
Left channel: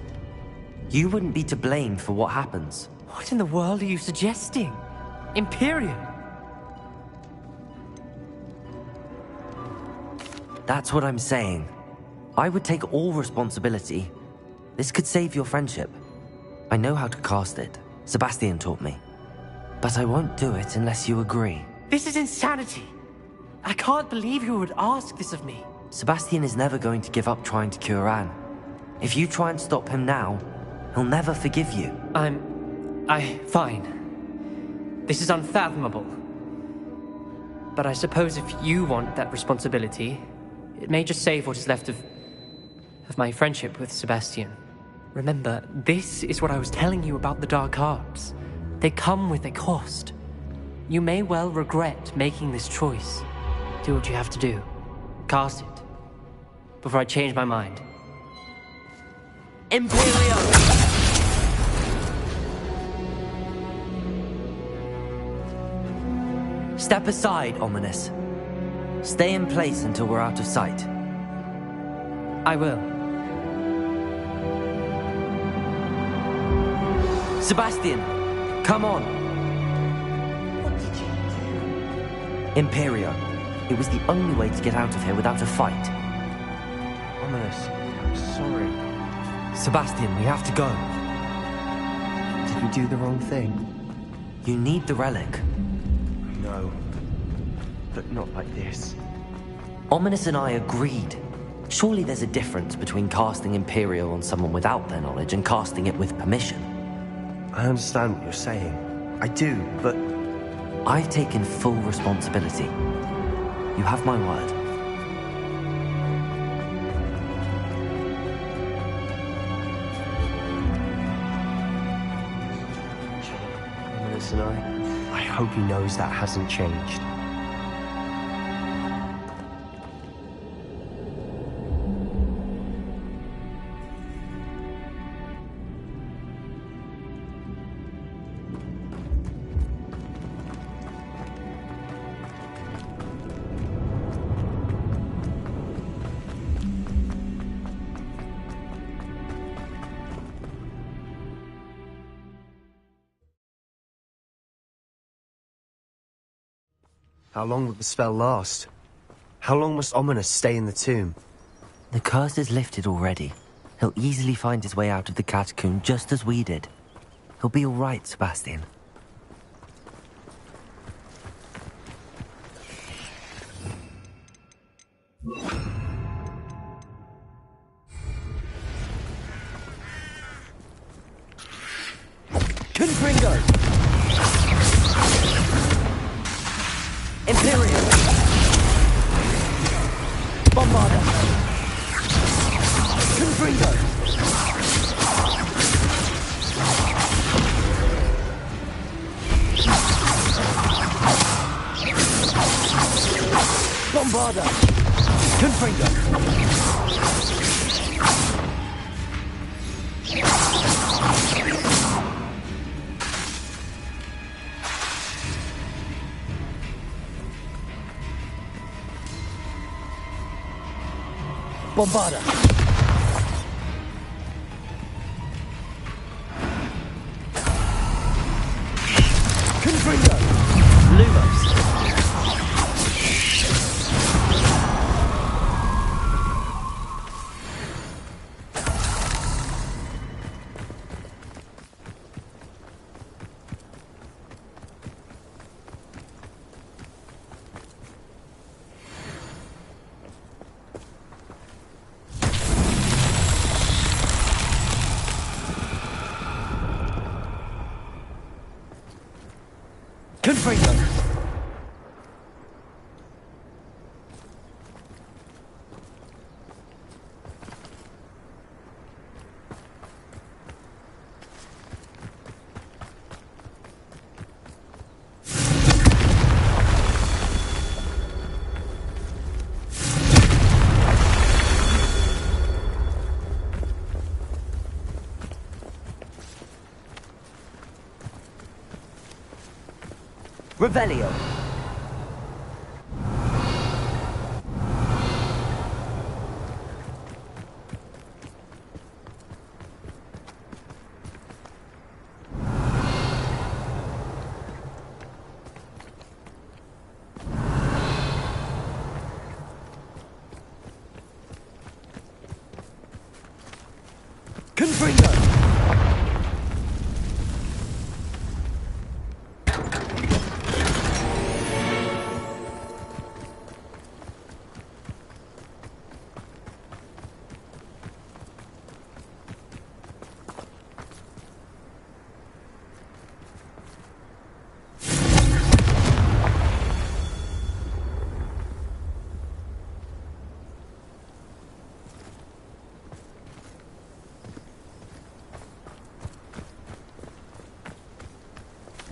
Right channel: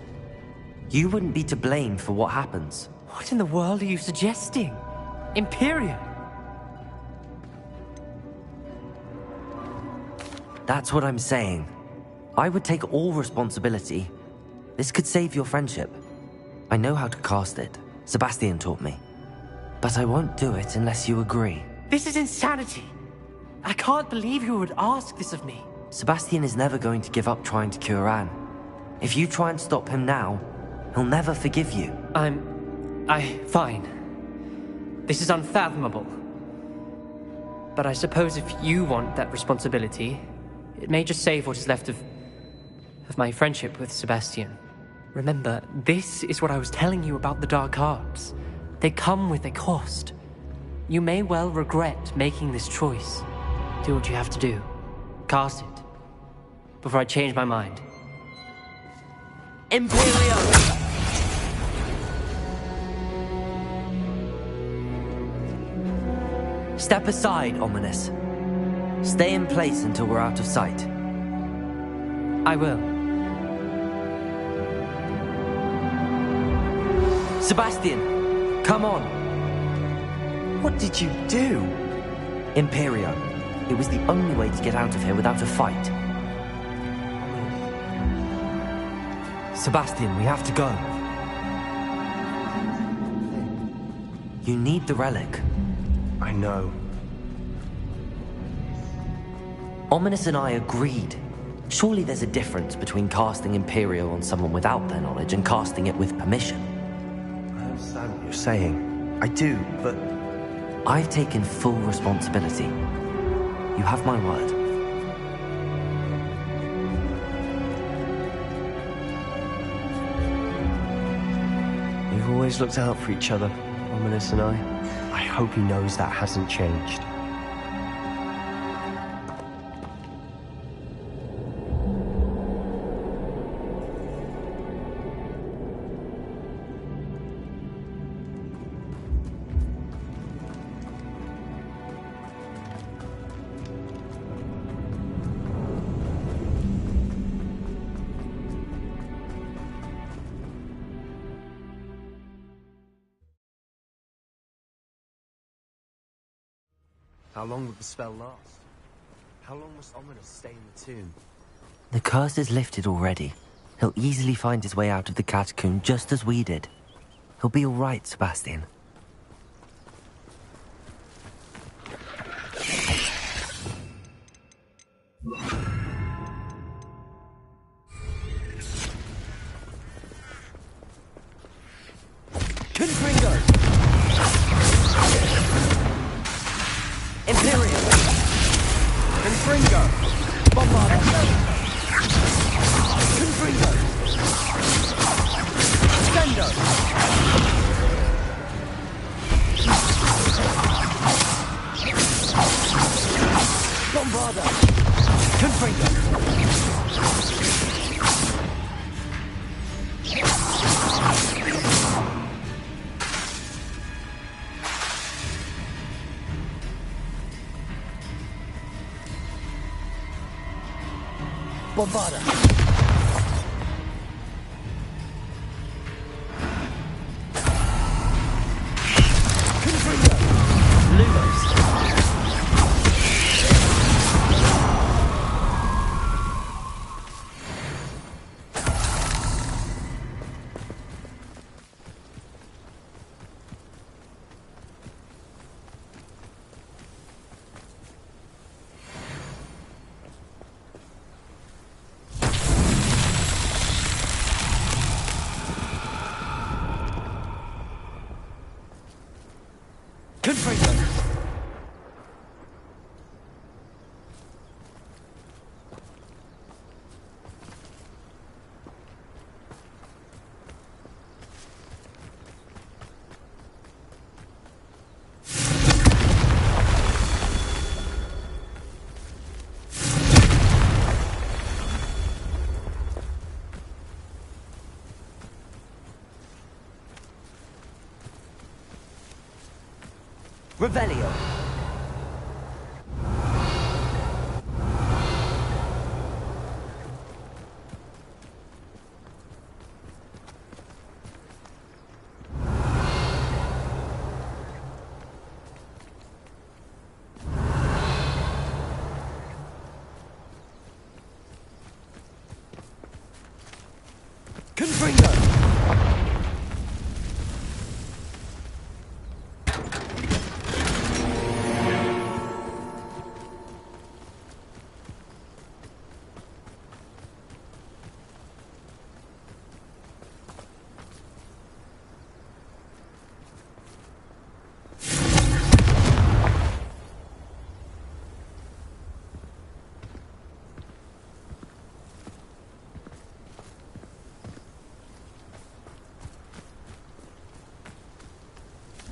You wouldn't be to blame for what happens. What in the world are you suggesting? Imperium? That's what I'm saying. I would take all responsibility. This could save your friendship. I know how to cast it. Sebastian taught me. But I won't do it unless you agree. This is insanity. I can't believe you would ask this of me. Sebastian is never going to give up trying to cure Anne. If you try and stop him now, he'll never forgive you. Fine. This is unfathomable. But I suppose if you want that responsibility, it may just save what is left of my friendship with Sebastian. Remember, this is what I was telling you about the dark arts. They come with a cost. You may well regret making this choice. Do what you have to do. Cast it. Before I change my mind. Imperium! Step aside, Ominous. Stay in place until we're out of sight. I will. Sebastian, come on. What did you do? Imperio. It was the only way to get out of here without a fight. Ominous, I'm sorry. Sebastian, we have to go. Did we do the wrong thing? You need the relic. I know. But not like this. Ominous and I agreed. Surely there's a difference between casting Imperio on someone without their knowledge and casting it with permission. I understand what you're saying. I do, but... I've taken full responsibility. You have my word. We've always looked out for each other, Ominous and I. I hope he knows that hasn't changed. How long would the spell last? How long must Ominous stay in the tomb? The curse is lifted already. He'll easily find his way out of the catacomb just as we did. He'll be all right, Sebastian. Bombarda! Confringo! Bombarda! Confringo! Lumos! Confringo! Revelio. Confringo!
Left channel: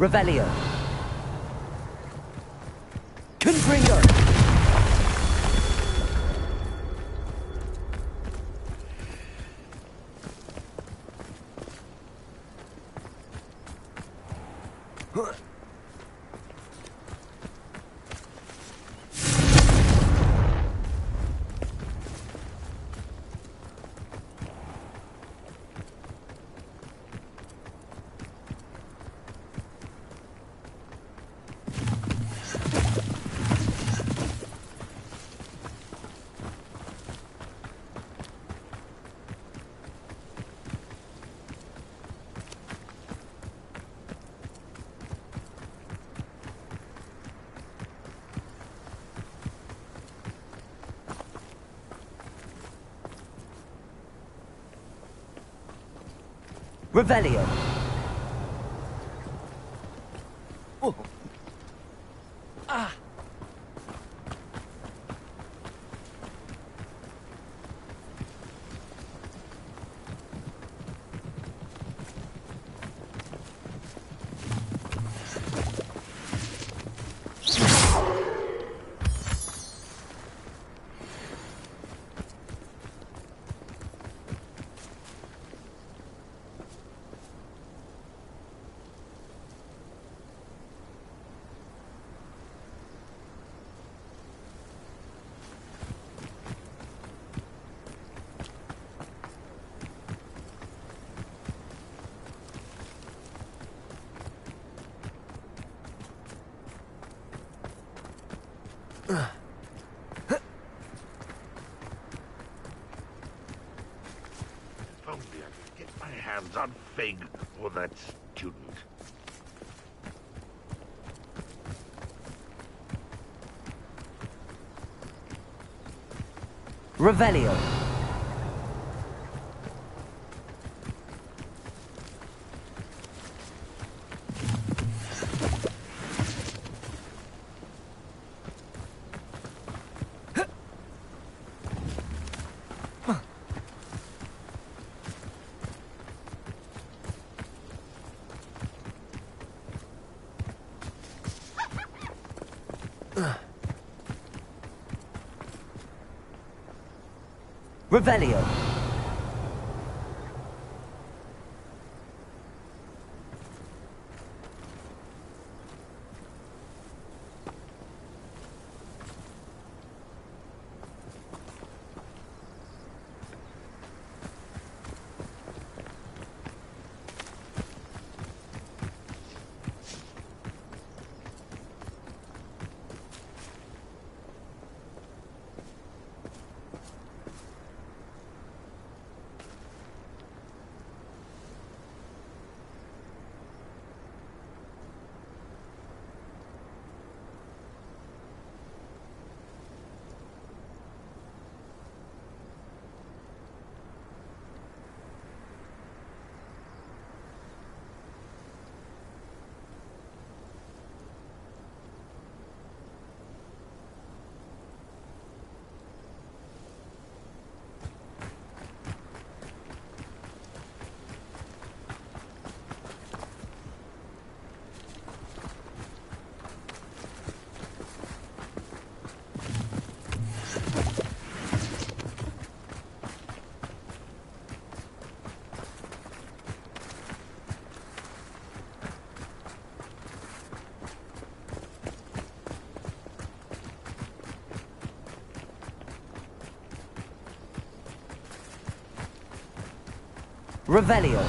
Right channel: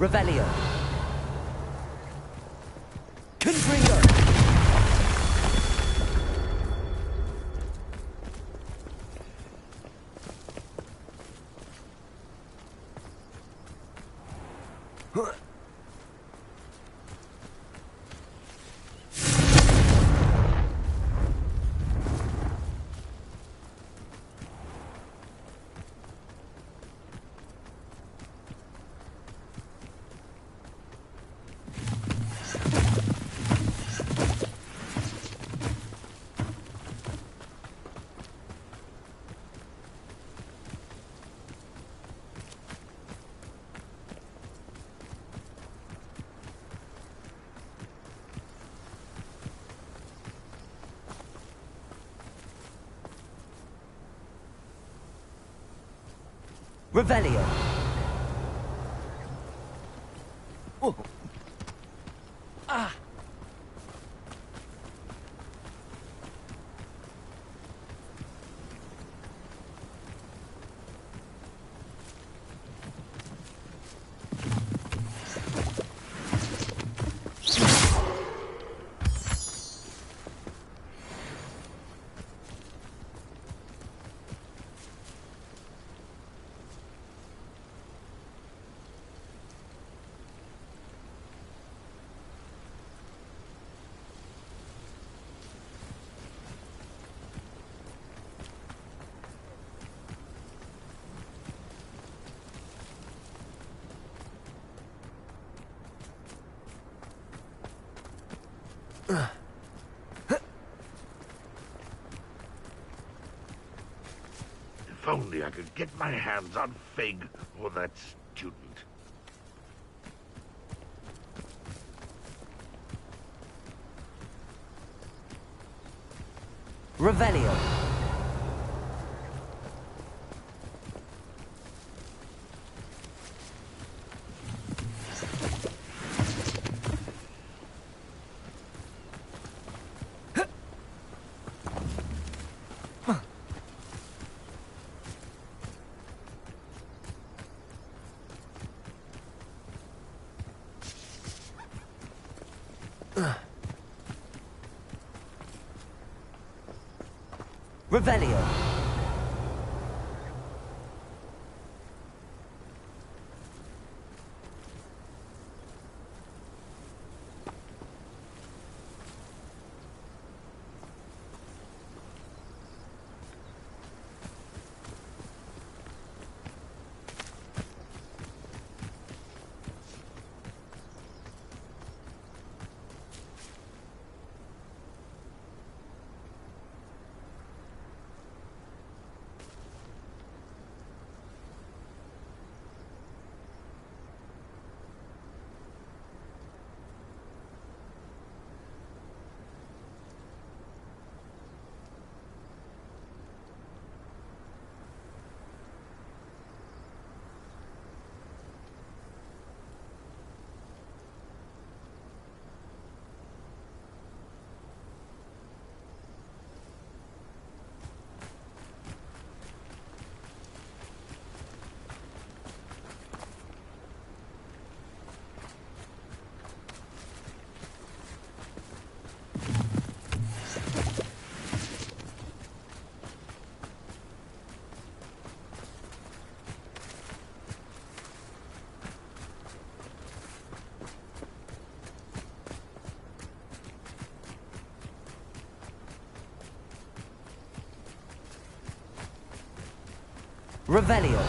Revelio. Confringo! Revelio. Oh. Ah! If only I could get my hands on Fig or that student. Revelio. Revelio. Revelio.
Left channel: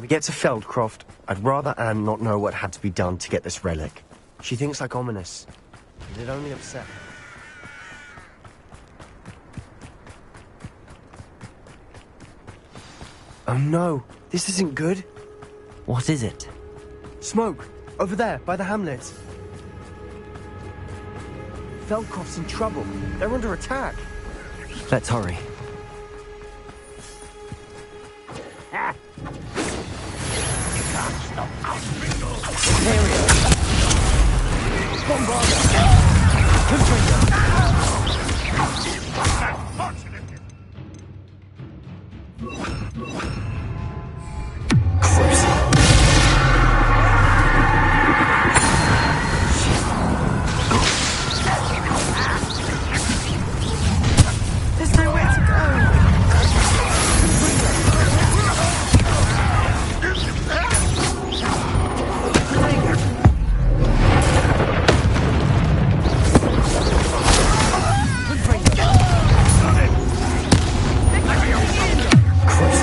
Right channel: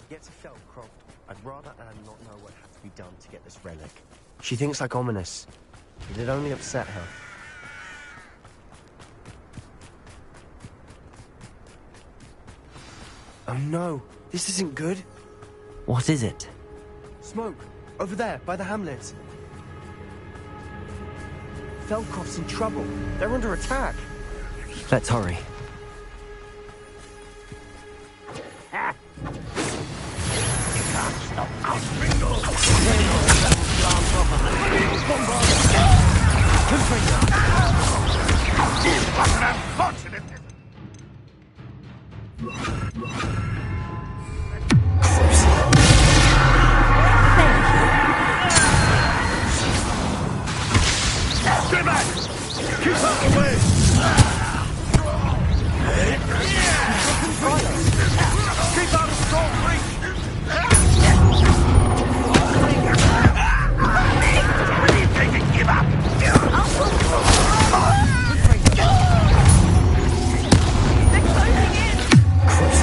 When we get to Feldcroft, I'd rather Anne not know what had to be done to get this relic. She thinks like ominous. It'd only upset her. Oh no, this isn't good. What is it? Smoke, over there, by the hamlet. Feldcroft's in trouble. They're under attack. Let's hurry. Christ.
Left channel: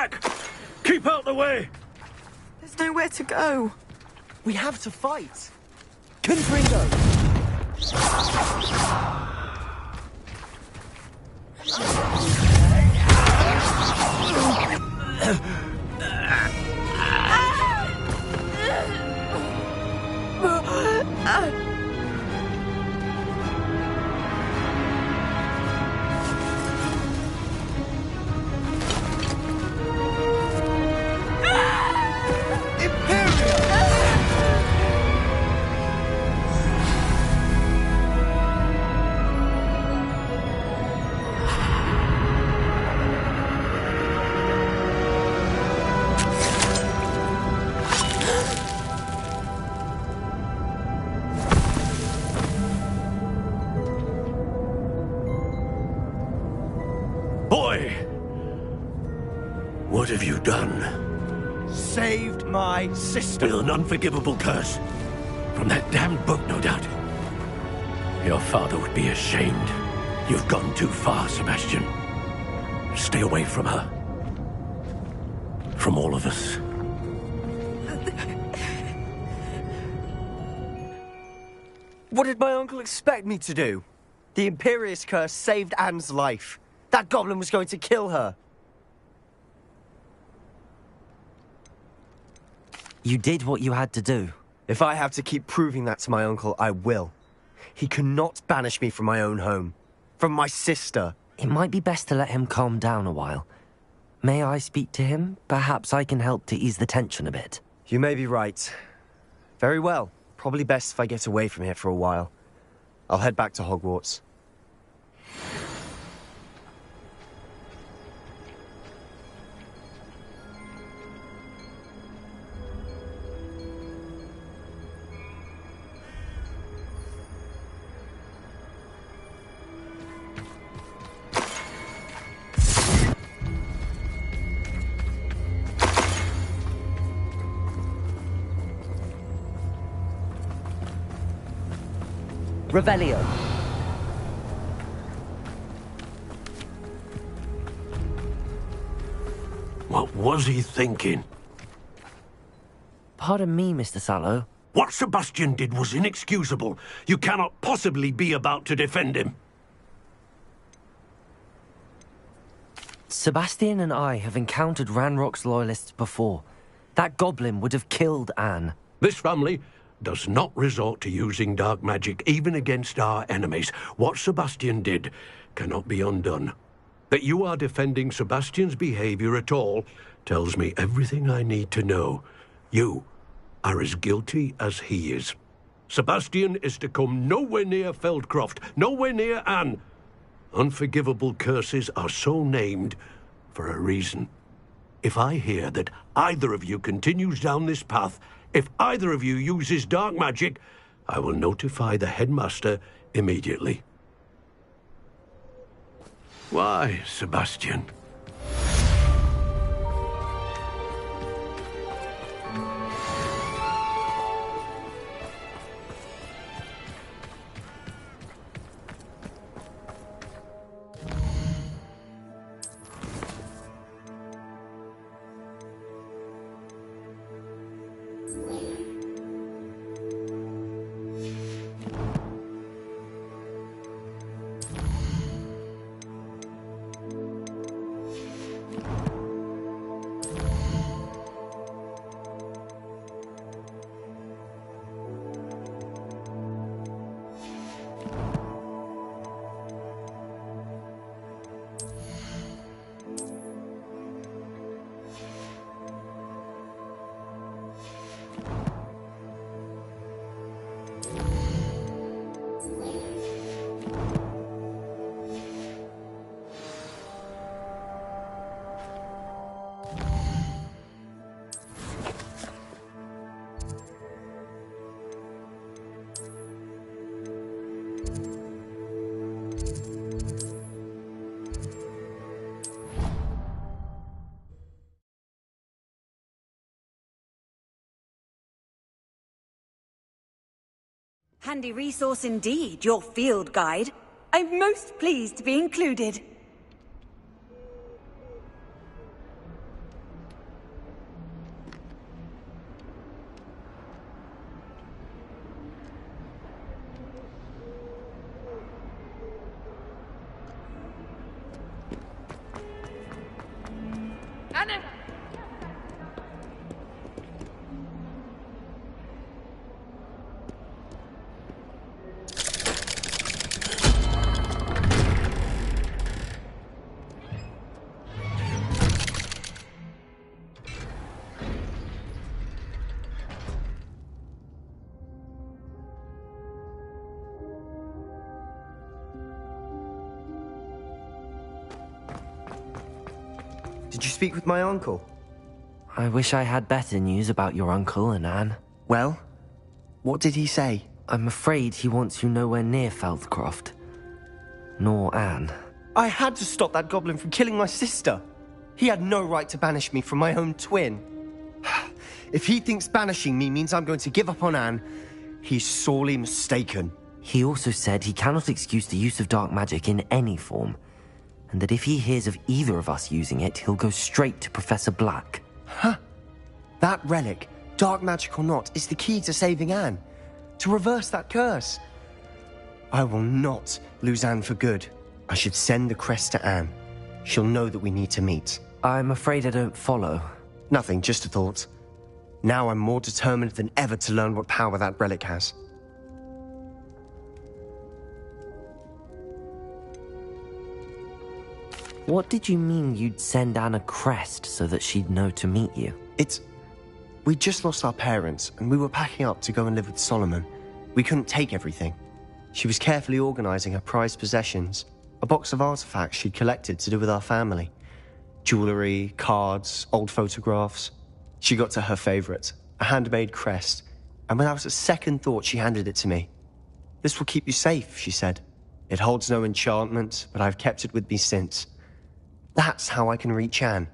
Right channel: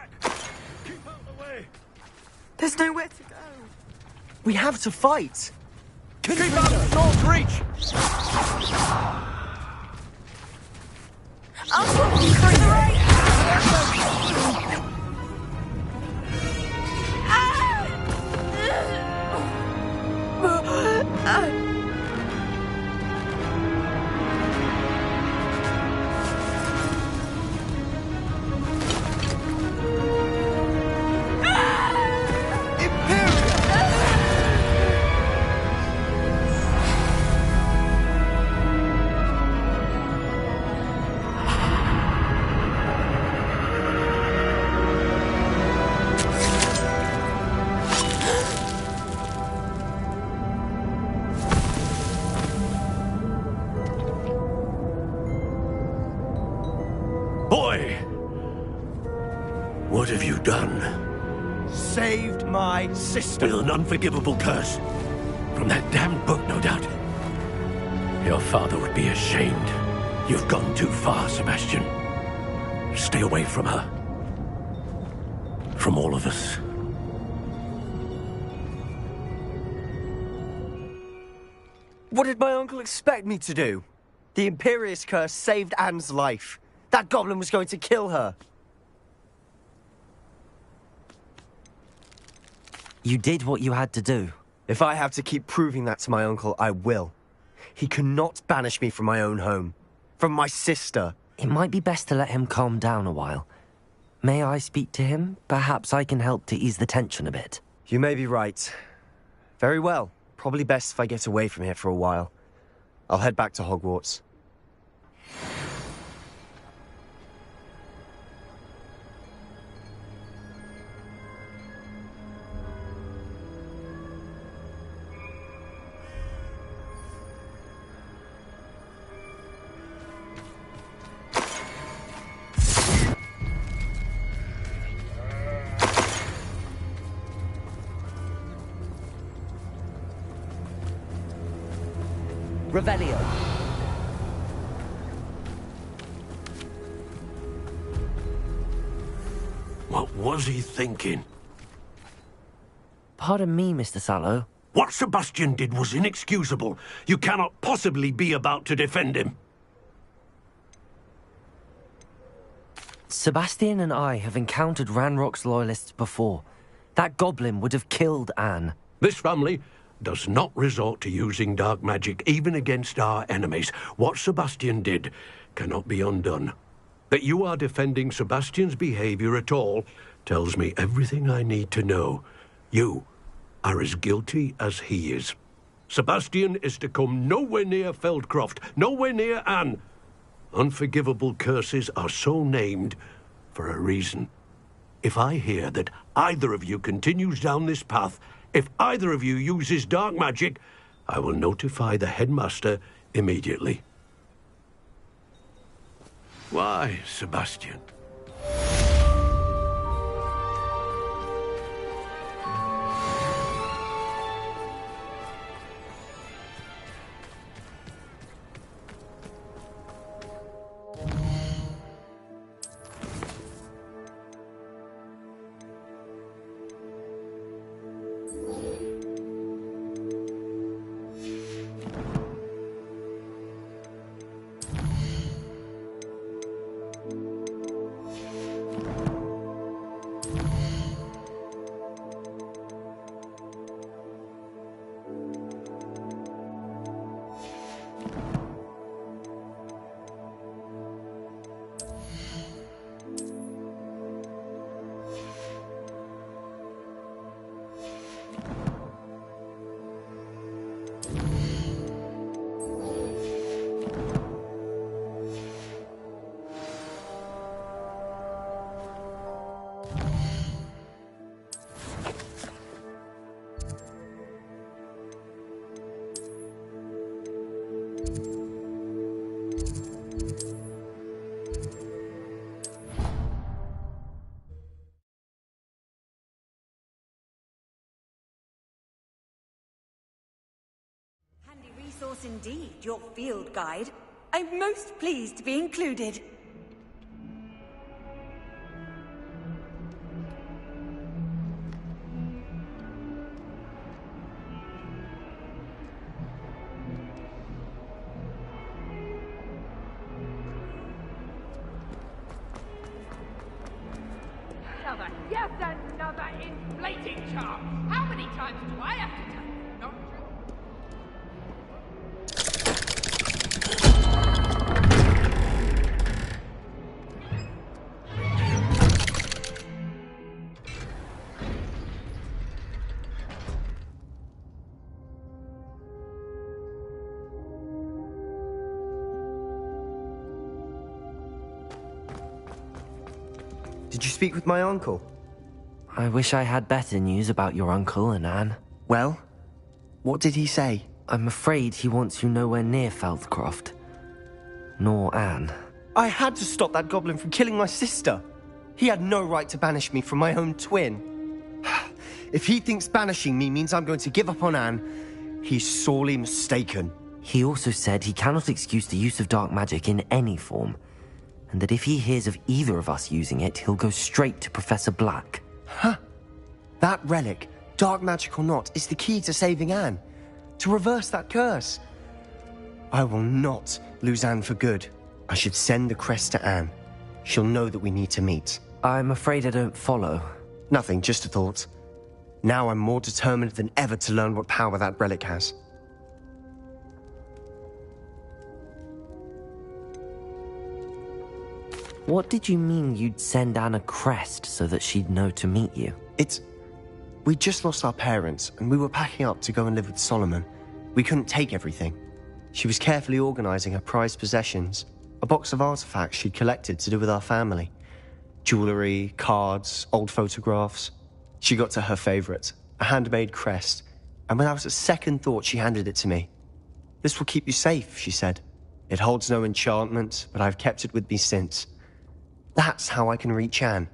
back! Keep out the way! There's nowhere to go. We have to fight. Confringo! Don't reach! Boy! What have you done? Saved my sister. With an unforgivable curse. From that damned book, no doubt. Your father would be ashamed. You've gone too far, Sebastian. Stay away from her. From all of us. What did my uncle expect me to do? The Imperious curse saved Anne's life. That goblin was going to kill her. You did what you had to do. If I have to keep proving that to my uncle, I will. He cannot banish me from my own home. From my sister. It might be best to let him calm down a while. May I speak to him? Perhaps I can help to ease the tension a bit. You may be right. Very well. Probably best if I get away from here for a while. I'll head back to Hogwarts. Revelio. What was he thinking? Pardon me, Mr. Sallow. What Sebastian did was inexcusable. You cannot possibly be about to defend him. Sebastian and I have encountered Ranrock's loyalists before. That goblin would have killed Anne. This family does not resort to using dark magic, even against our enemies. What Sebastian did cannot be undone. That you are defending Sebastian's behavior at all tells me everything I need to know. You are as guilty as he is. Sebastian is to come nowhere near Feldcroft, nowhere near Anne. Unforgivable curses are so named for a reason. If I hear that either of you continues down this path, if either of you uses dark magic, I will notify the headmaster immediately. Why, Sebastian? Handy resource indeed, your field guide. I'm most pleased to be included. Yes, and another inflating charm. How many times do I have to tell you? No. Did you speak with my uncle? I wish I had better news about your uncle and Anne. Well, what did he say? I'm afraid he wants you nowhere near Feldcroft. Nor Anne. I had to stop that goblin from killing my sister. He had no right to banish me from my own twin. If he thinks banishing me means I'm going to give up on Anne, he's sorely mistaken. He also said he cannot excuse the use of dark magic in any form, and that if he hears of either of us using it, he'll go straight to Professor Black. Huh? That relic, dark magic or not, is the key to saving Anne. To reverse that curse. I will not lose Anne for good. I should send the crest to Anne. She'll know that we need to meet. I'm afraid I don't follow. Nothing, just a thought. Now I'm more determined than ever to learn what power that relic has. What did you mean you'd send Anne a crest so that she'd know to meet you? We just lost our parents, and we were packing up to go and live with Solomon. We couldn't take everything. She was carefully organizing her prized possessions, a box of artifacts she'd collected to do with our family. Jewelry, cards, old photographs. She got to her favorite, a handmade crest, and without a second thought she handed it to me. This will keep you safe, she said. It holds no enchantment, but I've kept it with me since. That's how I can reach Anne.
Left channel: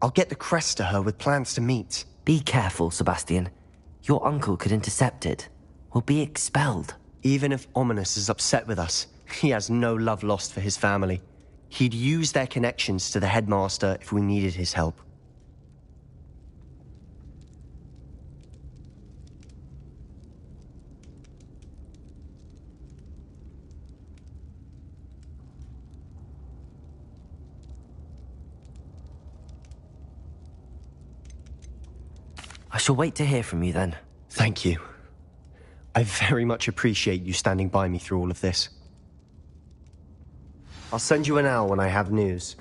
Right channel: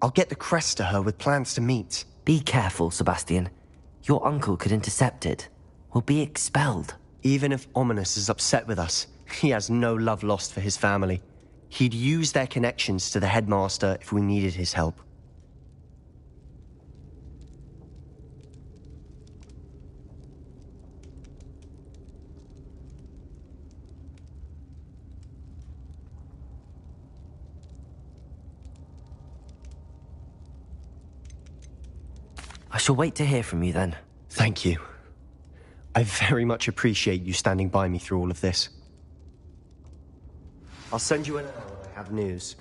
I'll get the crest to her with plans to meet. Be careful, Sebastian. Your uncle could intercept it. We'll be expelled. Even if Ominous is upset with us, he has no love lost for his family. He'd use their connections to the headmaster if we needed his help. I shall wait to hear from you then. Thank you. I very much appreciate you standing by me through all of this. I'll send you an owl when I have news.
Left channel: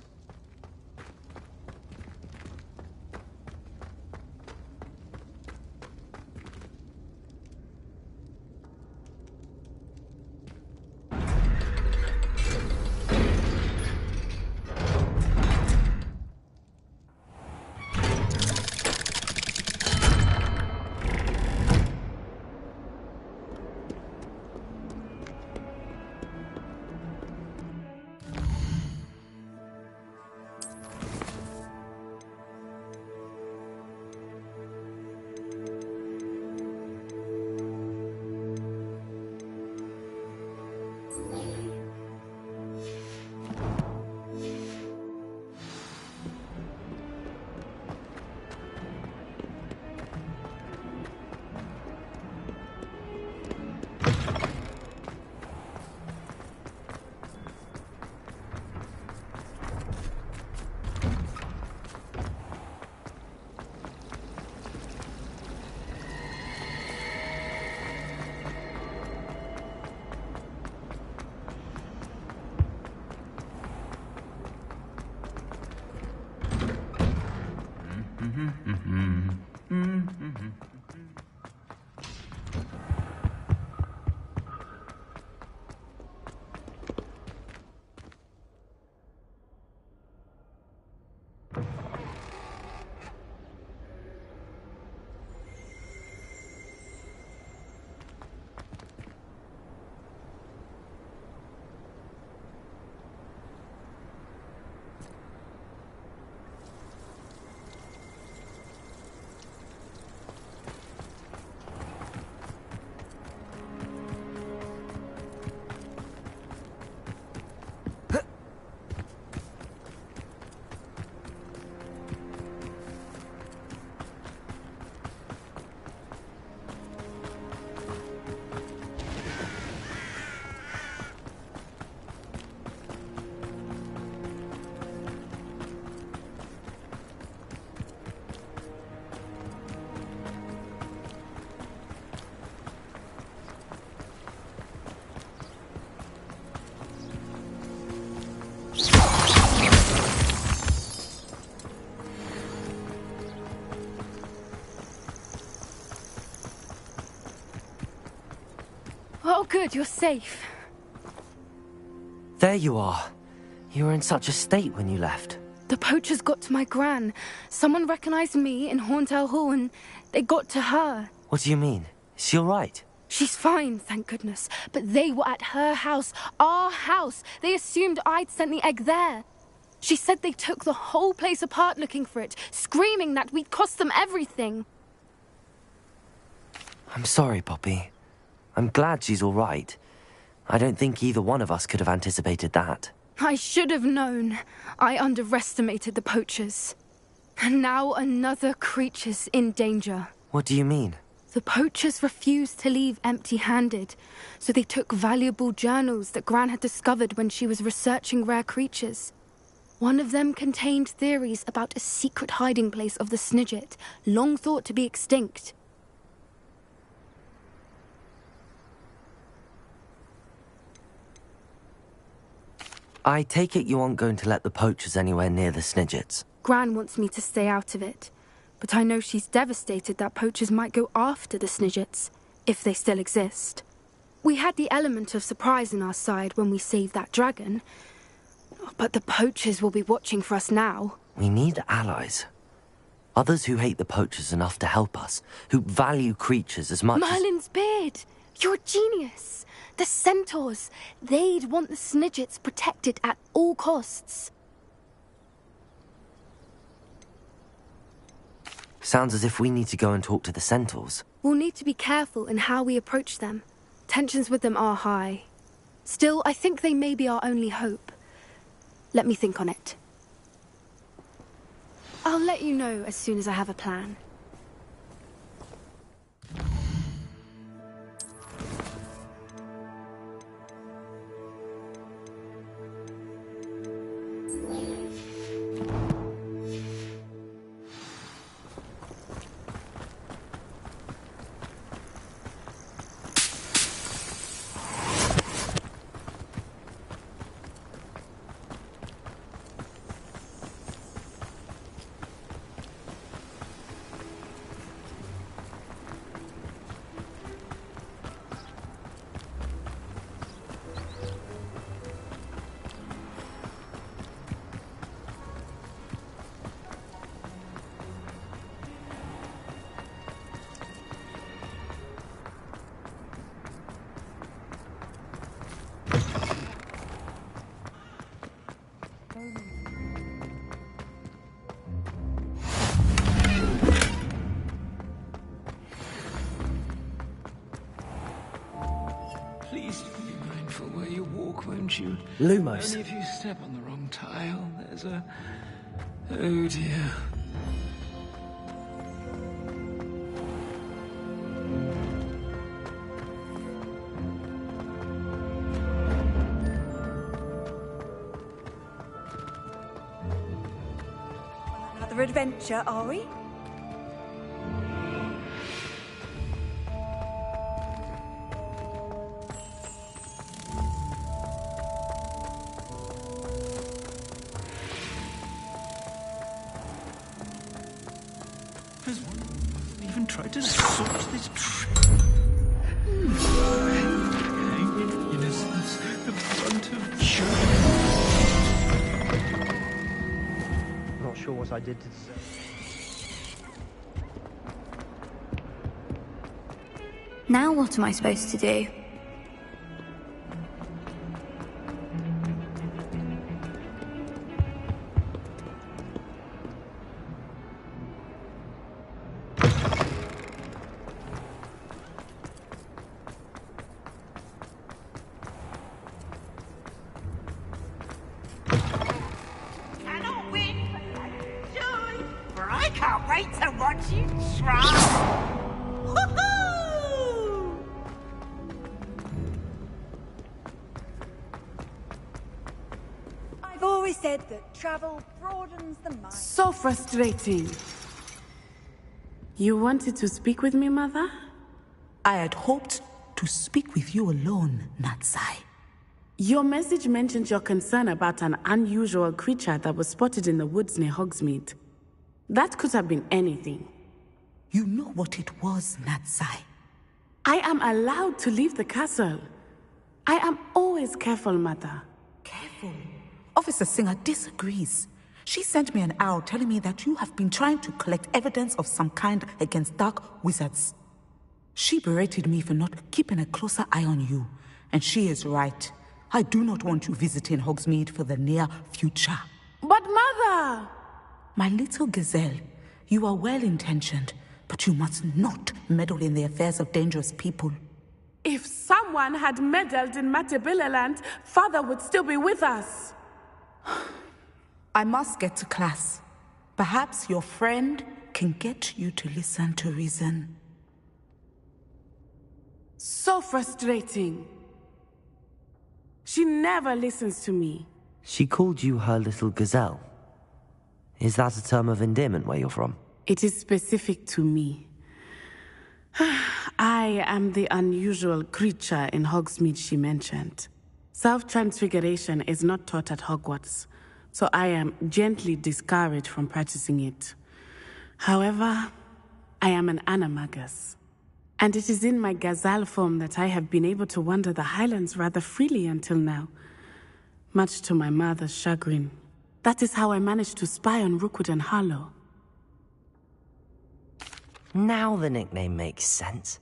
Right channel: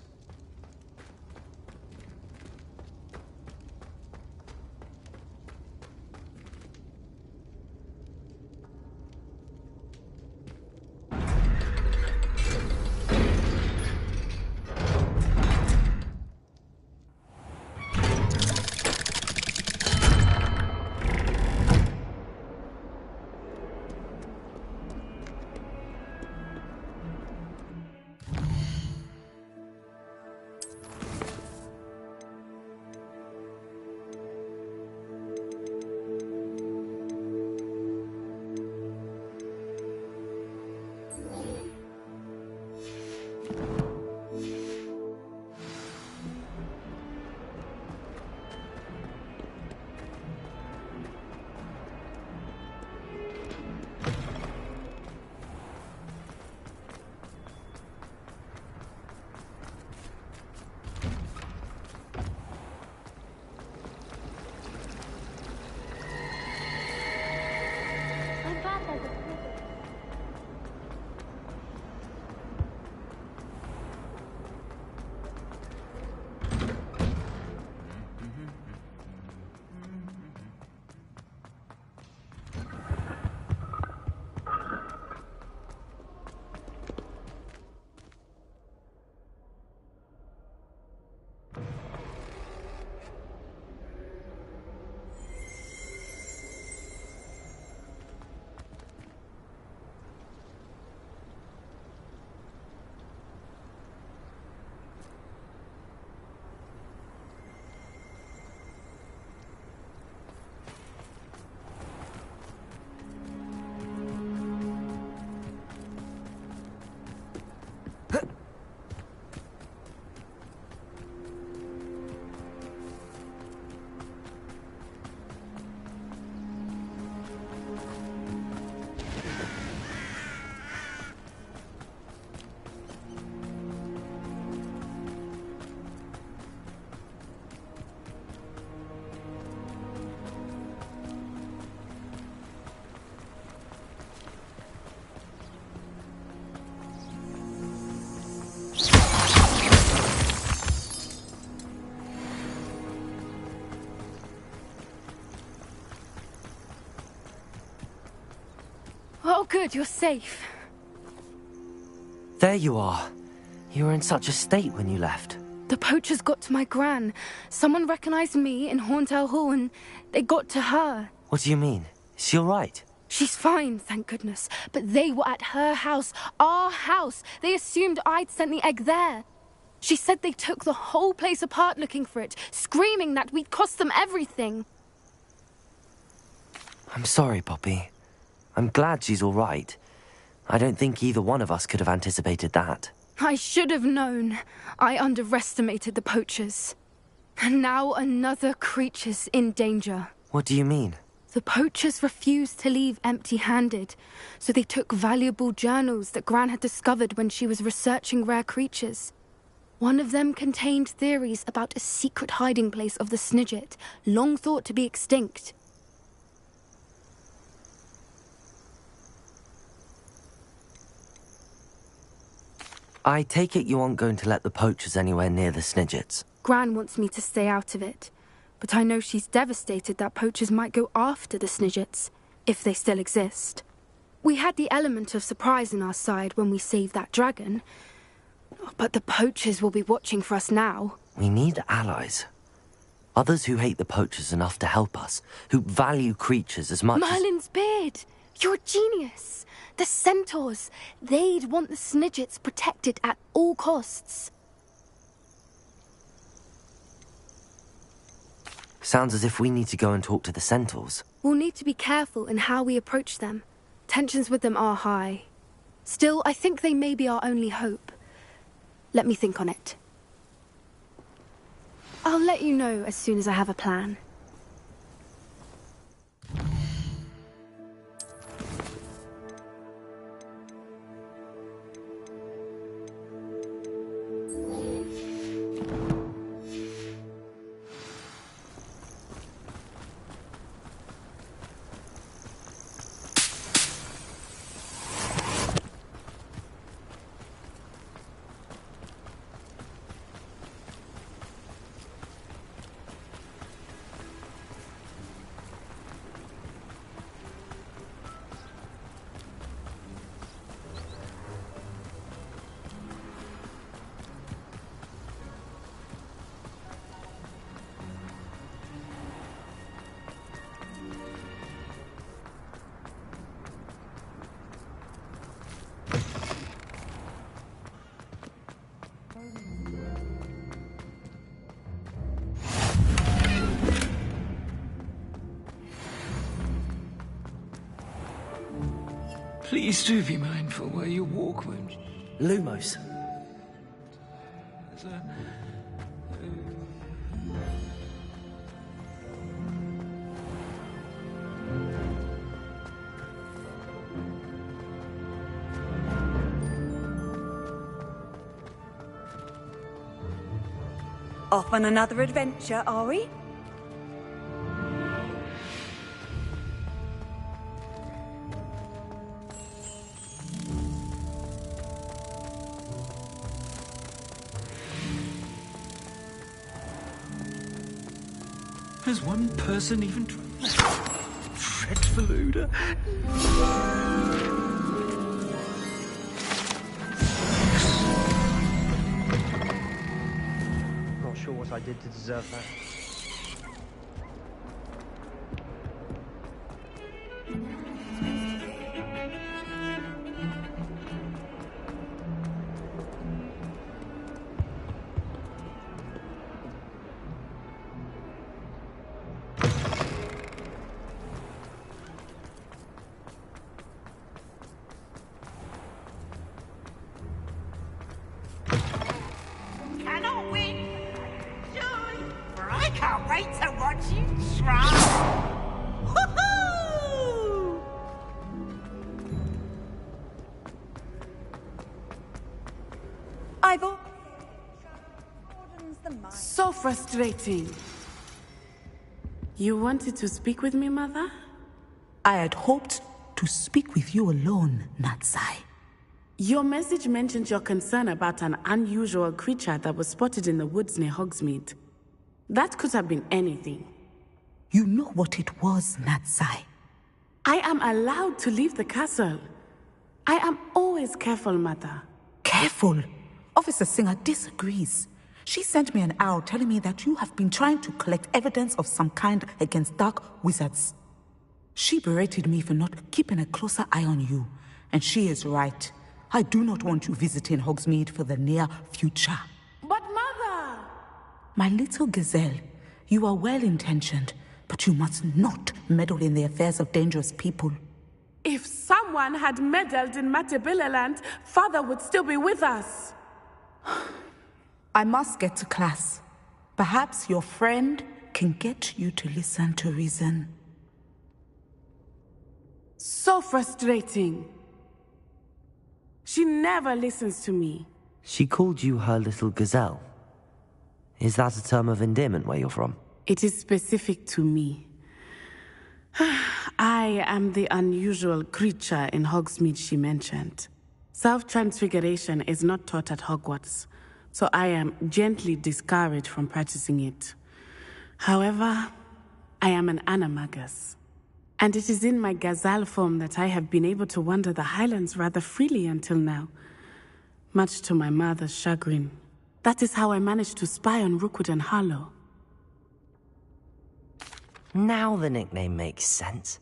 Oh, good, you're safe. There you are. You were in such a state when you left. The poachers got to my gran. Someone recognized me in Horntail Hall and they got to her. What do you mean? Is she all right? She's fine, thank goodness. But they were at her house, our house. They assumed I'd sent the egg there. She said they took the whole place apart looking for it, screaming that we'd cost them everything. I'm sorry, Poppy. I'm glad she's all right. I don't think either one of us could have anticipated that. I should have known. I underestimated the poachers. And now another creature's in danger. What do you mean? The poachers refused to leave empty-handed, so they took valuable journals that Gran had discovered when she was researching rare creatures. One of them contained theories about a secret hiding place of the Snidget, long thought to be extinct. I take it you aren't going to let the poachers anywhere near the Snidgets. Gran wants me to stay out of it, but I know she's devastated that poachers might go after the Snidgets, if they still exist. We had the element of surprise on our side when we saved that dragon, but the poachers will be watching for us now. We need allies. Others who hate the poachers enough to help us, who value creatures as much Merlin's beard! You're a genius! The centaurs! They'd want the Snidgets protected at all costs. Sounds as if we need to go and talk to the centaurs. We'll need to be careful in how we approach them. Tensions with them are high. Still, I think they may be our only hope. Let me think on it. I'll let you know as soon as I have a plan. Please do be mindful where you walk, won't you? Lumos. If you step on the wrong tile, there's a... Oh dear. Off on another adventure, are we? Has one person even tried to sort this dreadful odor? Not sure what I did to deserve that. Now what am I supposed to do? Cannot wait for joy, for I can't wait to watch you try. Woohoo! I've always said that travel broadens the mind. So frustrating. You wanted to speak with me, Mother? I had hoped to speak with you alone, Natsai. Your message mentioned your concern about an unusual creature that was spotted in the woods near Hogsmeade. That could have been anything. You know what it was, Natsai. I am allowed to leave the castle. I am always careful, Mother. Careful? Officer Singer disagrees. She sent me an owl telling me that you have been trying to collect evidence of some kind against dark wizards. She berated me for not keeping a closer eye on you, and she is right. I do not want you visiting Hogsmeade for the near future. But Mother! My little gazelle, you are well-intentioned, but you must not meddle in the affairs of dangerous people. If someone had meddled in Matabeleland, Father would still be with us. I must get to class. Perhaps your friend can get you to listen to reason. So frustrating. She never listens to me. She called you her little gazelle. Is that a term of endearment where you're from? It is specific to me. I am the unusual creature in Hogsmeade she mentioned. Self-transfiguration is not taught at Hogwarts, so I am gently discouraged from practicing it. However, I am an animagus, and it is in my gazelle form that I have been able to wander the Highlands rather freely until now, much to my mother's chagrin. That is how I managed to spy on Rookwood and Harlow. Now the nickname makes sense.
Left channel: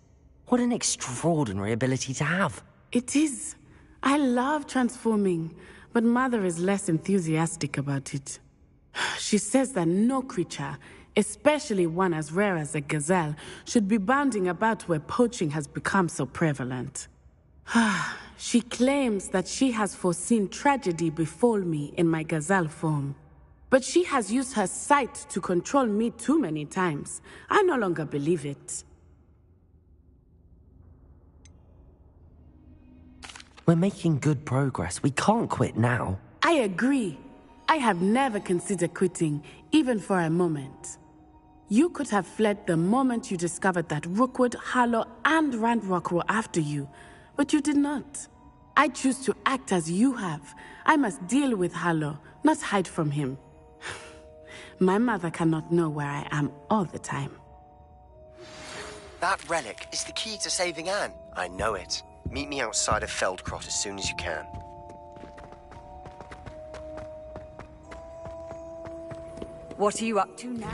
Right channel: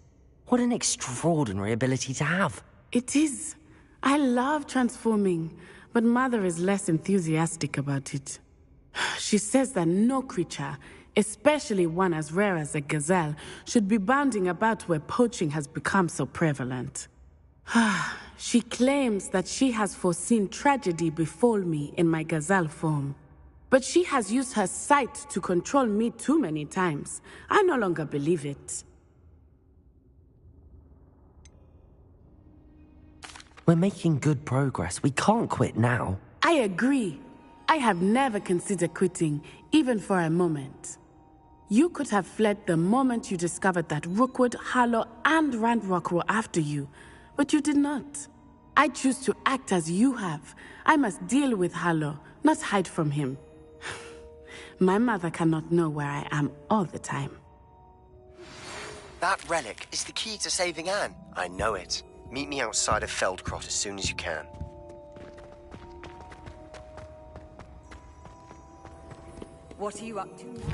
What an extraordinary ability to have. It is. I love transforming, but Mother is less enthusiastic about it. She says that no creature, especially one as rare as a gazelle, should be bounding about where poaching has become so prevalent. She claims that she has foreseen tragedy befall me in my gazelle form. But she has used her sight to control me too many times. I no longer believe it. We're making good progress. We can't quit now. I agree. I have never considered quitting, even for a moment. You could have fled the moment you discovered that Rookwood, Harlow, and Randrock were after you, but you did not. I choose to act as you have. I must deal with Harlow, not hide from him. My mother cannot know where I am all the time. That relic is the key to saving Anne. I know it. Meet me outside of Feldcrot as soon as you can. What are you up to now?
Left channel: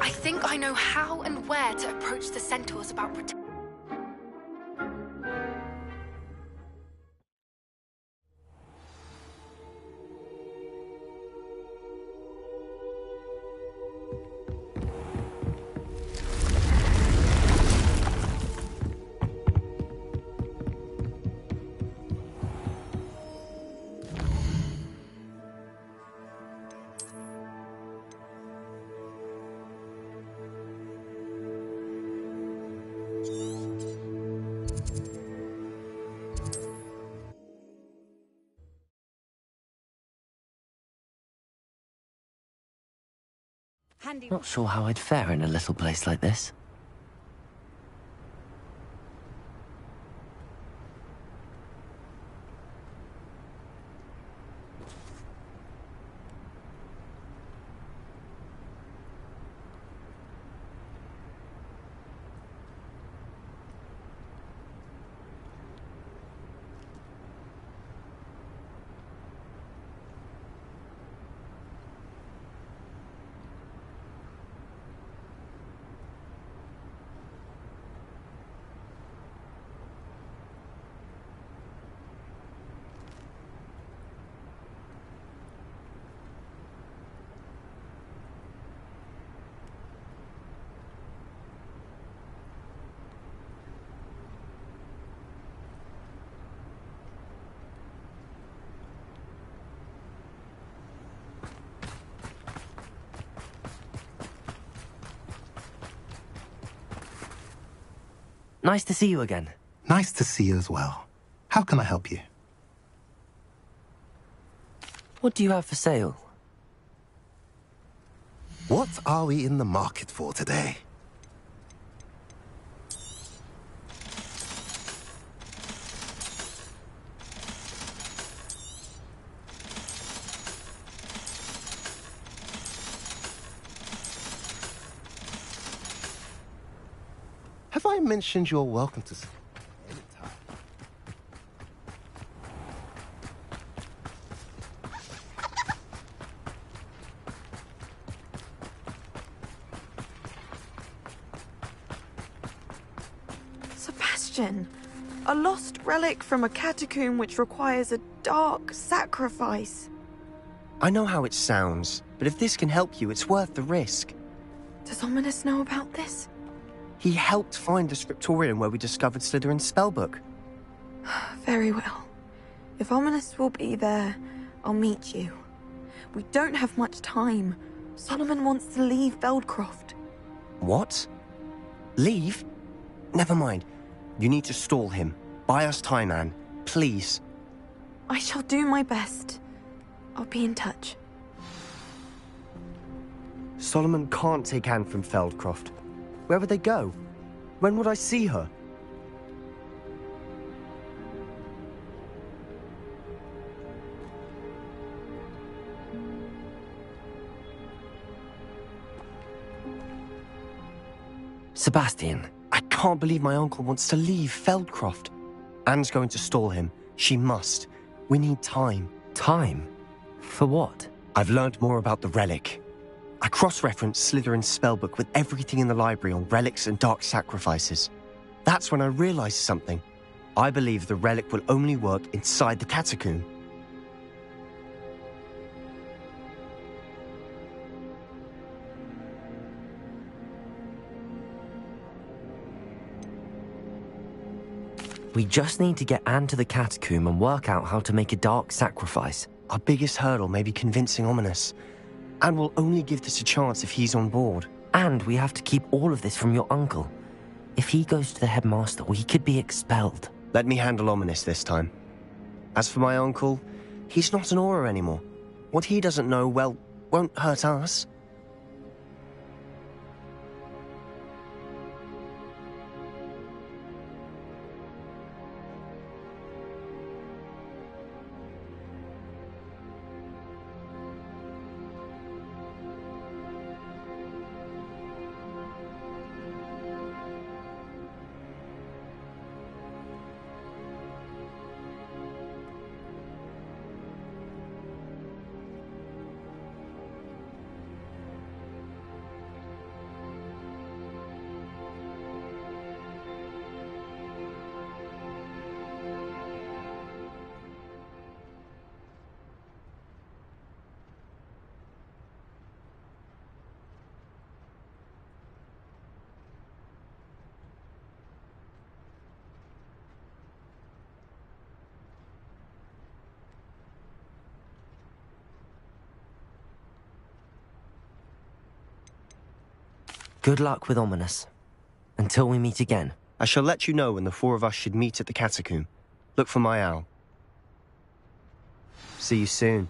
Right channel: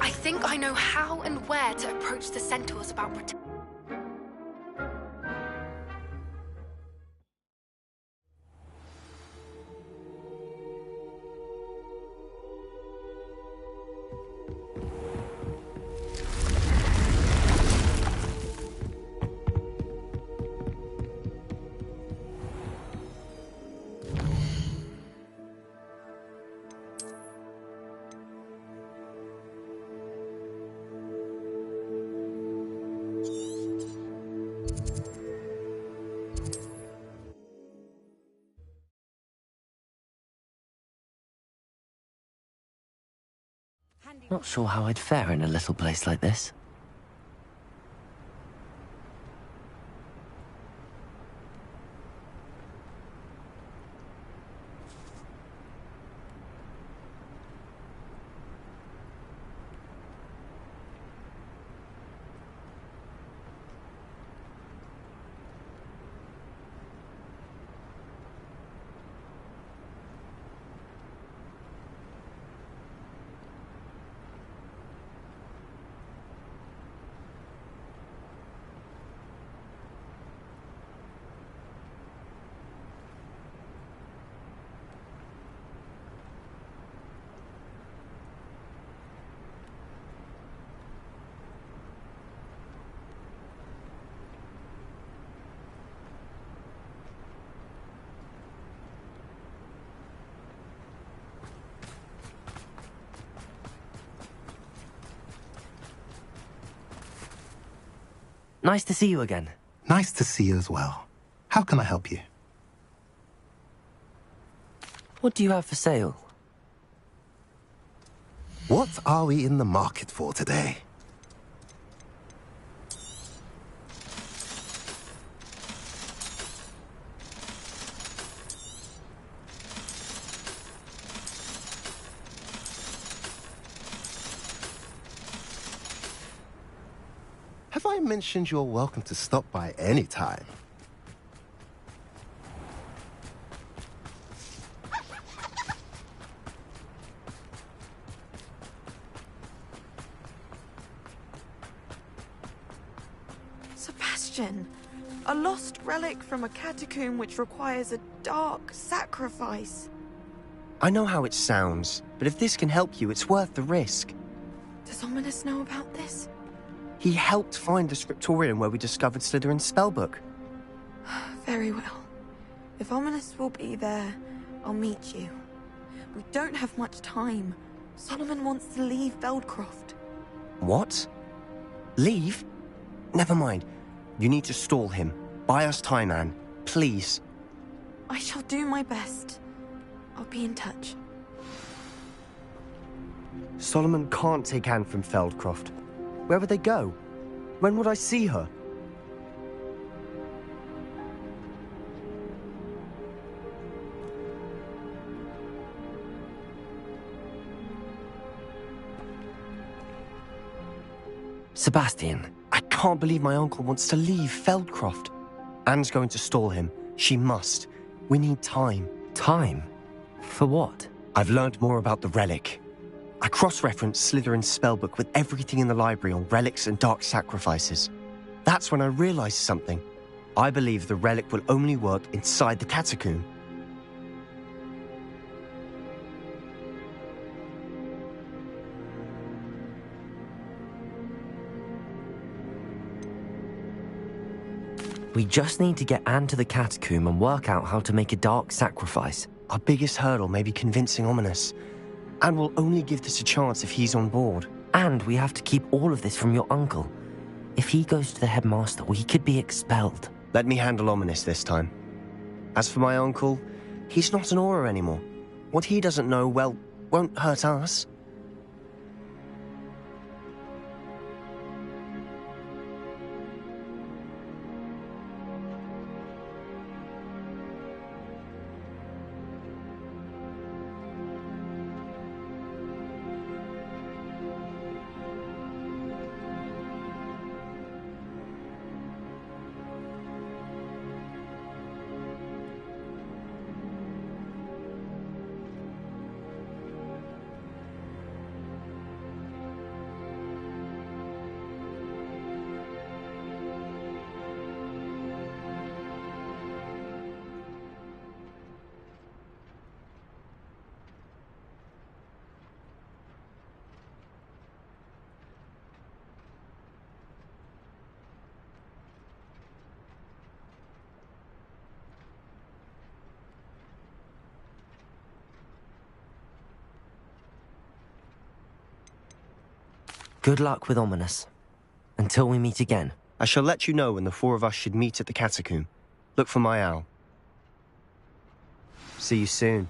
I think I know how and where to approach the centaurs about protecting. Not sure how I'd fare in a little place like this. Nice to see you again. Nice to see you as well. How can I help you? What do you have for sale? What are we in the market for today? Have I mentioned you're welcome to stop by any time? Sebastian, a lost relic from a catacomb which requires a dark sacrifice. I know how it sounds, but if this can help you, it's worth the risk. Does Ominous know about this? He helped find the scriptorium where we discovered Slytherin's spellbook. Very well. If Ominous will be there, I'll meet you. We don't have much time. Solomon wants to leave Feldcroft. What? Leave? Never mind. You need to stall him. Buy us time, Anne. Please. I shall do my best. I'll be in touch. Solomon can't take Anne from Feldcroft. Where would they go? When would I see her? Sebastian. I can't believe my uncle wants to leave Feldcroft. Anne's going to stall him. She must. We need time. Time? For what? I've learned more about the relic. I cross-referenced Slytherin's spellbook with everything in the library on relics and dark sacrifices. That's when I realized something. I believe the relic will only work inside the catacomb. We just need to get Anne to the catacomb and work out how to make a dark sacrifice. Our biggest hurdle may be convincing Ominous. And we'll only give this a chance if he's on board. And we have to keep all of this from your uncle. If he goes to the headmaster, we could be expelled. Let me handle Ominous this time. As for my uncle, he's not an Auror anymore. What he doesn't know, well, won't hurt us. Good luck with Ominous. Until we meet again. I shall let you know when the four of us should meet at the catacomb. Look for my owl. See you soon.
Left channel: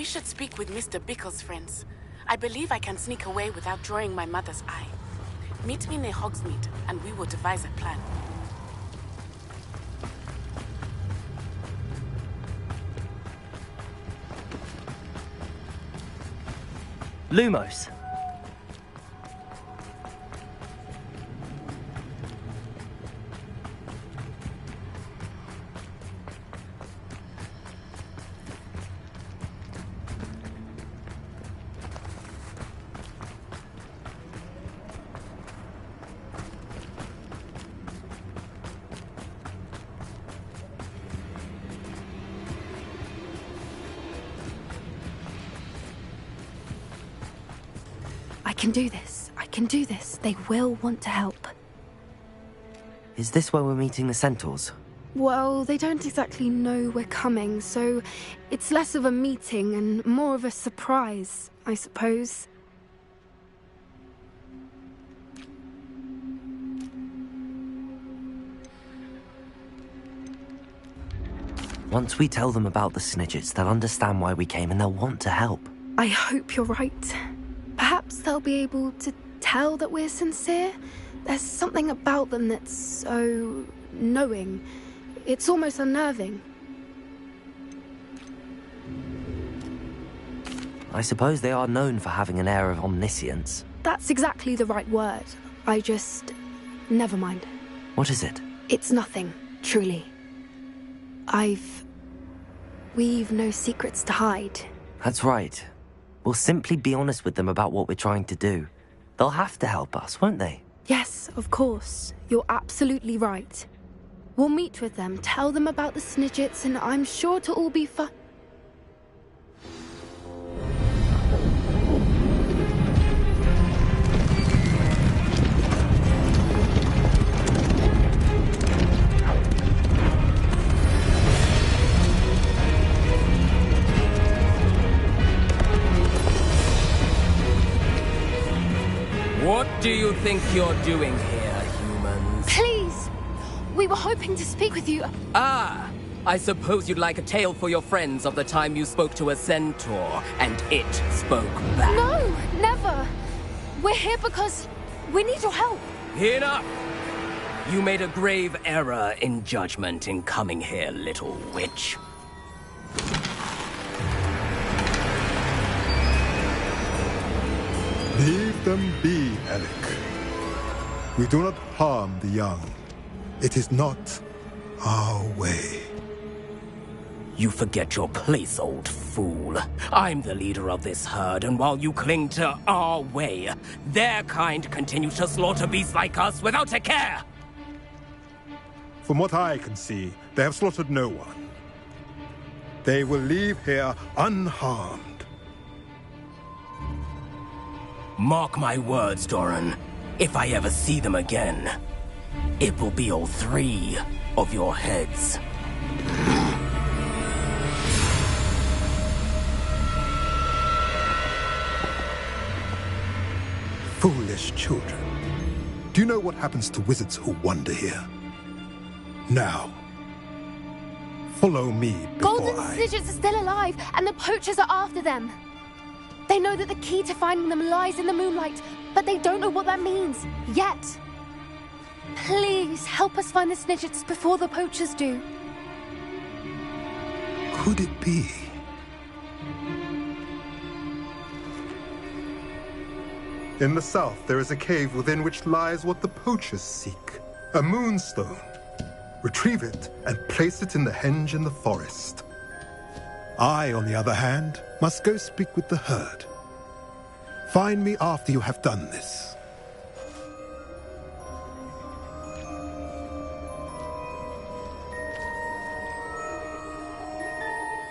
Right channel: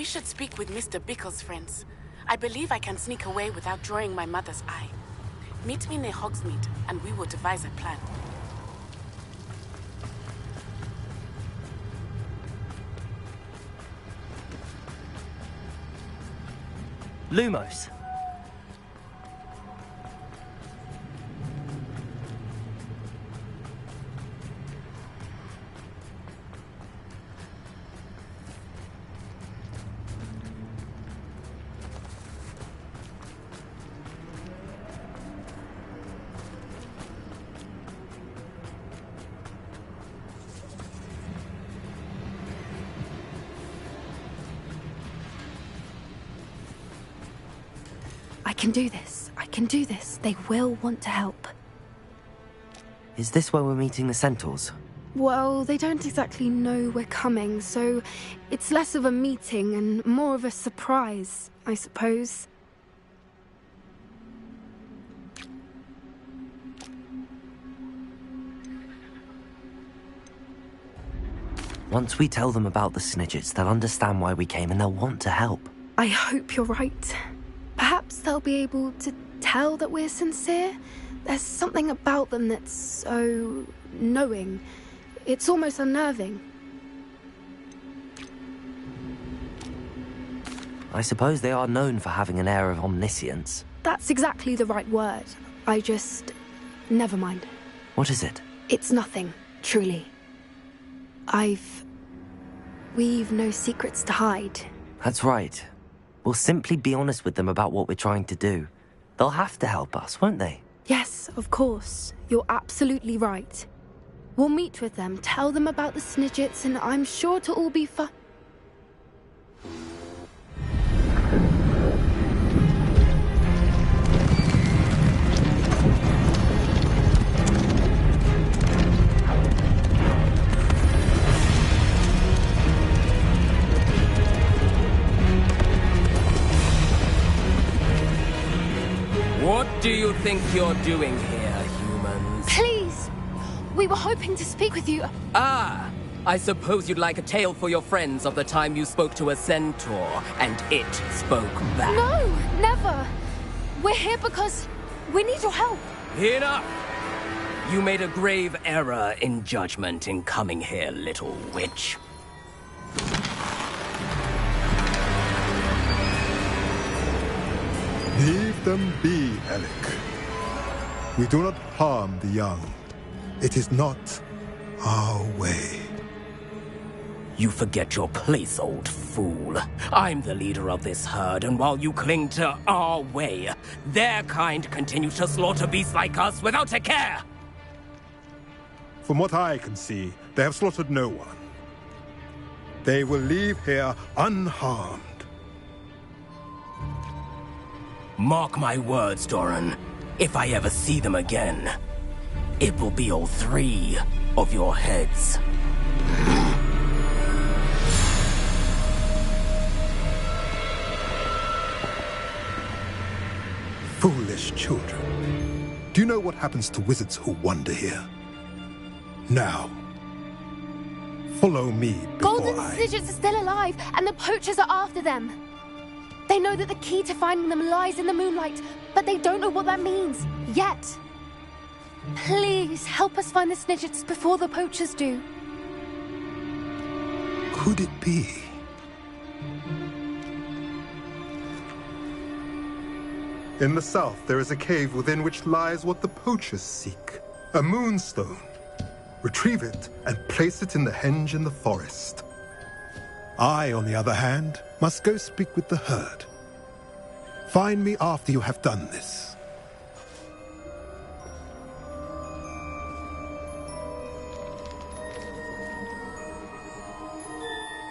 We should speak with Mr. Bickle's friends. I believe I can sneak away without drawing my mother's eye. Meet me near Hogsmeade, and we will devise a plan. Lumos. I can do this. I can do this. They will want to help. Is this where we're meeting the centaurs? Well, they don't exactly know we're coming, so it's less of a meeting and more of a surprise, I suppose. Once we tell them about the Snidgets, they'll understand why we came and they'll want to help. I hope you're right. Perhaps they'll be able to tell that we're sincere. There's something about them that's so knowing. It's almost unnerving. I suppose they are known for having an air of omniscience. That's exactly the right word. I just... never mind. What is it? It's nothing, truly. We've no secrets to hide. That's right. We'll simply be honest with them about what we're trying to do. They'll have to help us, won't they? Yes, of course. You're absolutely right. We'll meet with them, tell them about the Snidgets, and I'm sure it'll all be fun. What do you think you're doing here, humans? Please! We were hoping to speak with you. Ah! I suppose you'd like a tale for your friends of the time you spoke to a centaur, and it spoke back. No! Never! We're here because we need your help. Enough! You made a grave error in judgment in coming here, little witch. Leave them be, Alec. We do not harm the young. It is not our way. You forget your place, old fool. I'm the leader of this herd, and while you cling to our way, their kind continue to slaughter beasts like us without a care! From what I can see, they have slaughtered no one. They will leave here unharmed. Mark my words, Doran. If I ever see them again, it will be all 3 of your heads. Foolish children. Do you know what happens to wizards who wander here? Now, follow me before Golden Snidgets are still alive, and the poachers are after them. They know that the key to finding them lies in the moonlight, but they don't know what that means, yet. Please, help us find the Snidgets before the poachers do. Could it be? In the south, there is a cave within which lies what the poachers seek. A moonstone. Retrieve it and place it in the henge in the forest. I, on the other hand, must go speak with the herd. Find me after you have done this.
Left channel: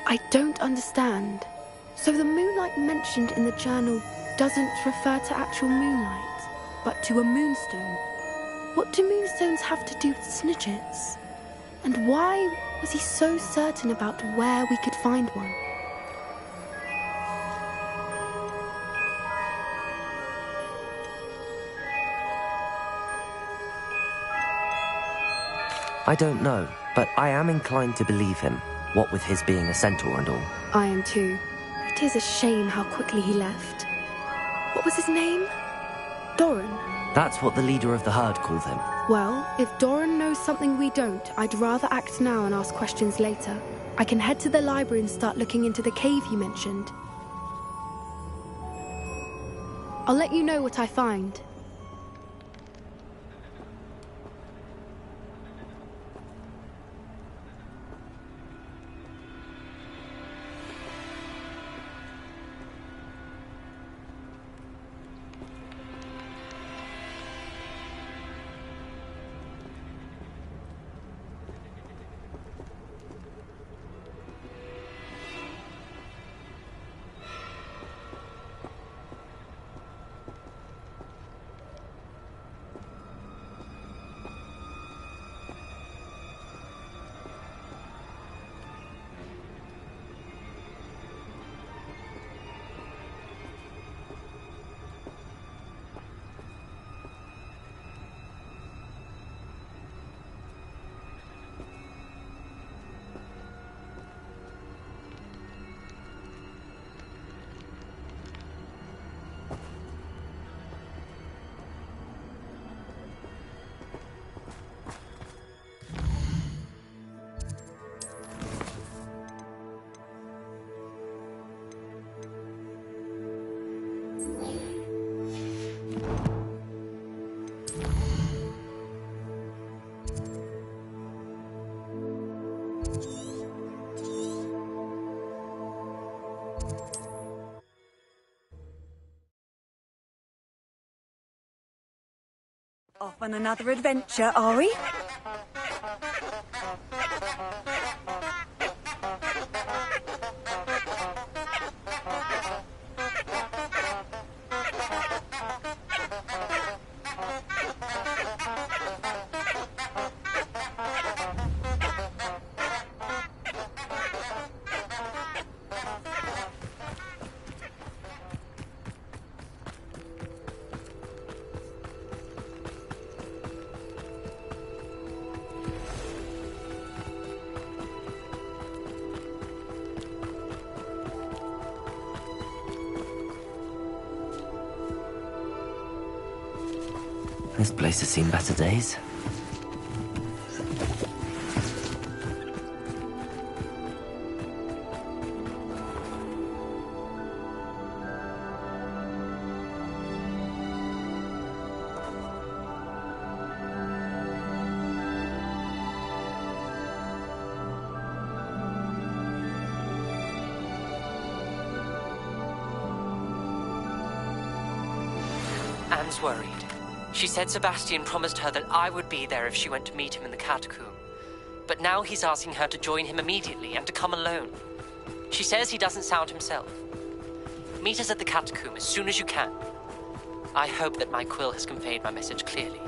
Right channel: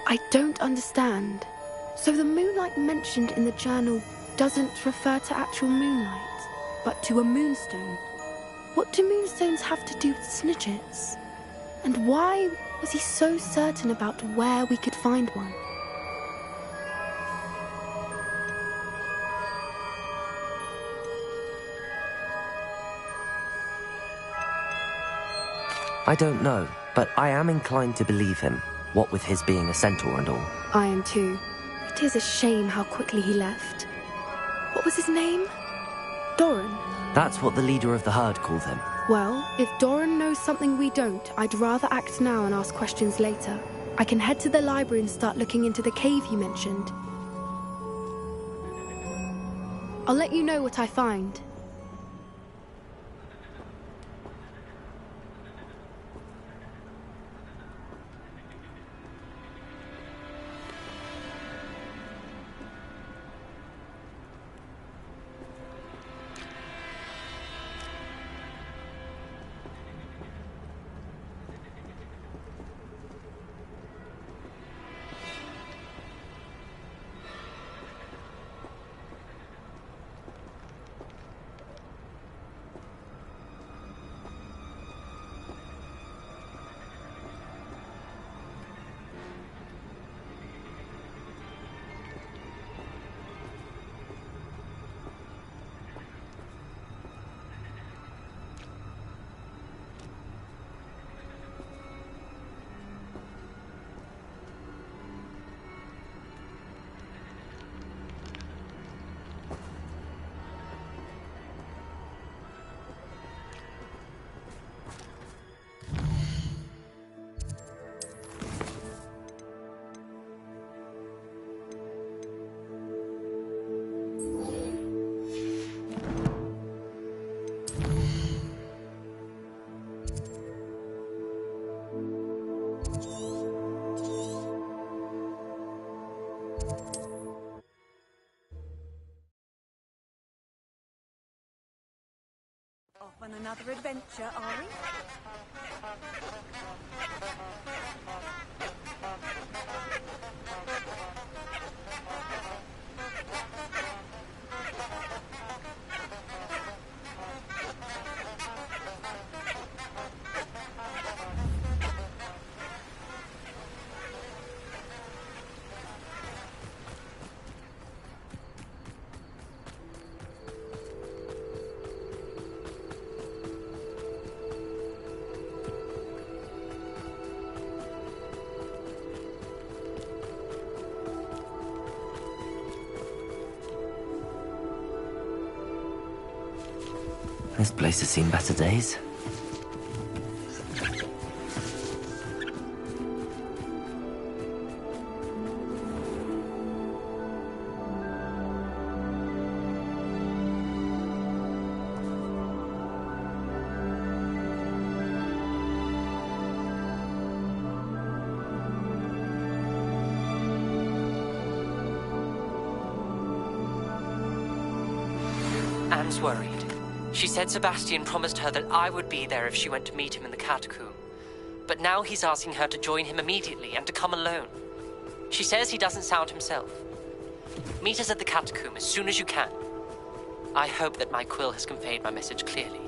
I don't understand. So the moonlight mentioned in the journal doesn't refer to actual moonlight, but to a moonstone. What do moonstones have to do with Snidgets? And why was he so certain about where we could find one? I don't know, but I am inclined to believe him, what with his being a centaur and all. I am too. He It is a shame how quickly he left. What was his name? Doran. That's what the leader of the herd called him. Well, if Doran knows something we don't, I'd rather act now and ask questions later. I can head to the library and start looking into the cave you mentioned. I'll let you know what I find. Off on another adventure, are we? This place has seen better days. Anne's worried. She said Sebastian promised her that I would be there if she went to meet him in the catacomb. But now he's asking her to join him immediately and to come alone. She says he doesn't sound himself. Meet us at the catacomb as soon as you can. I hope that my quill has conveyed my message clearly.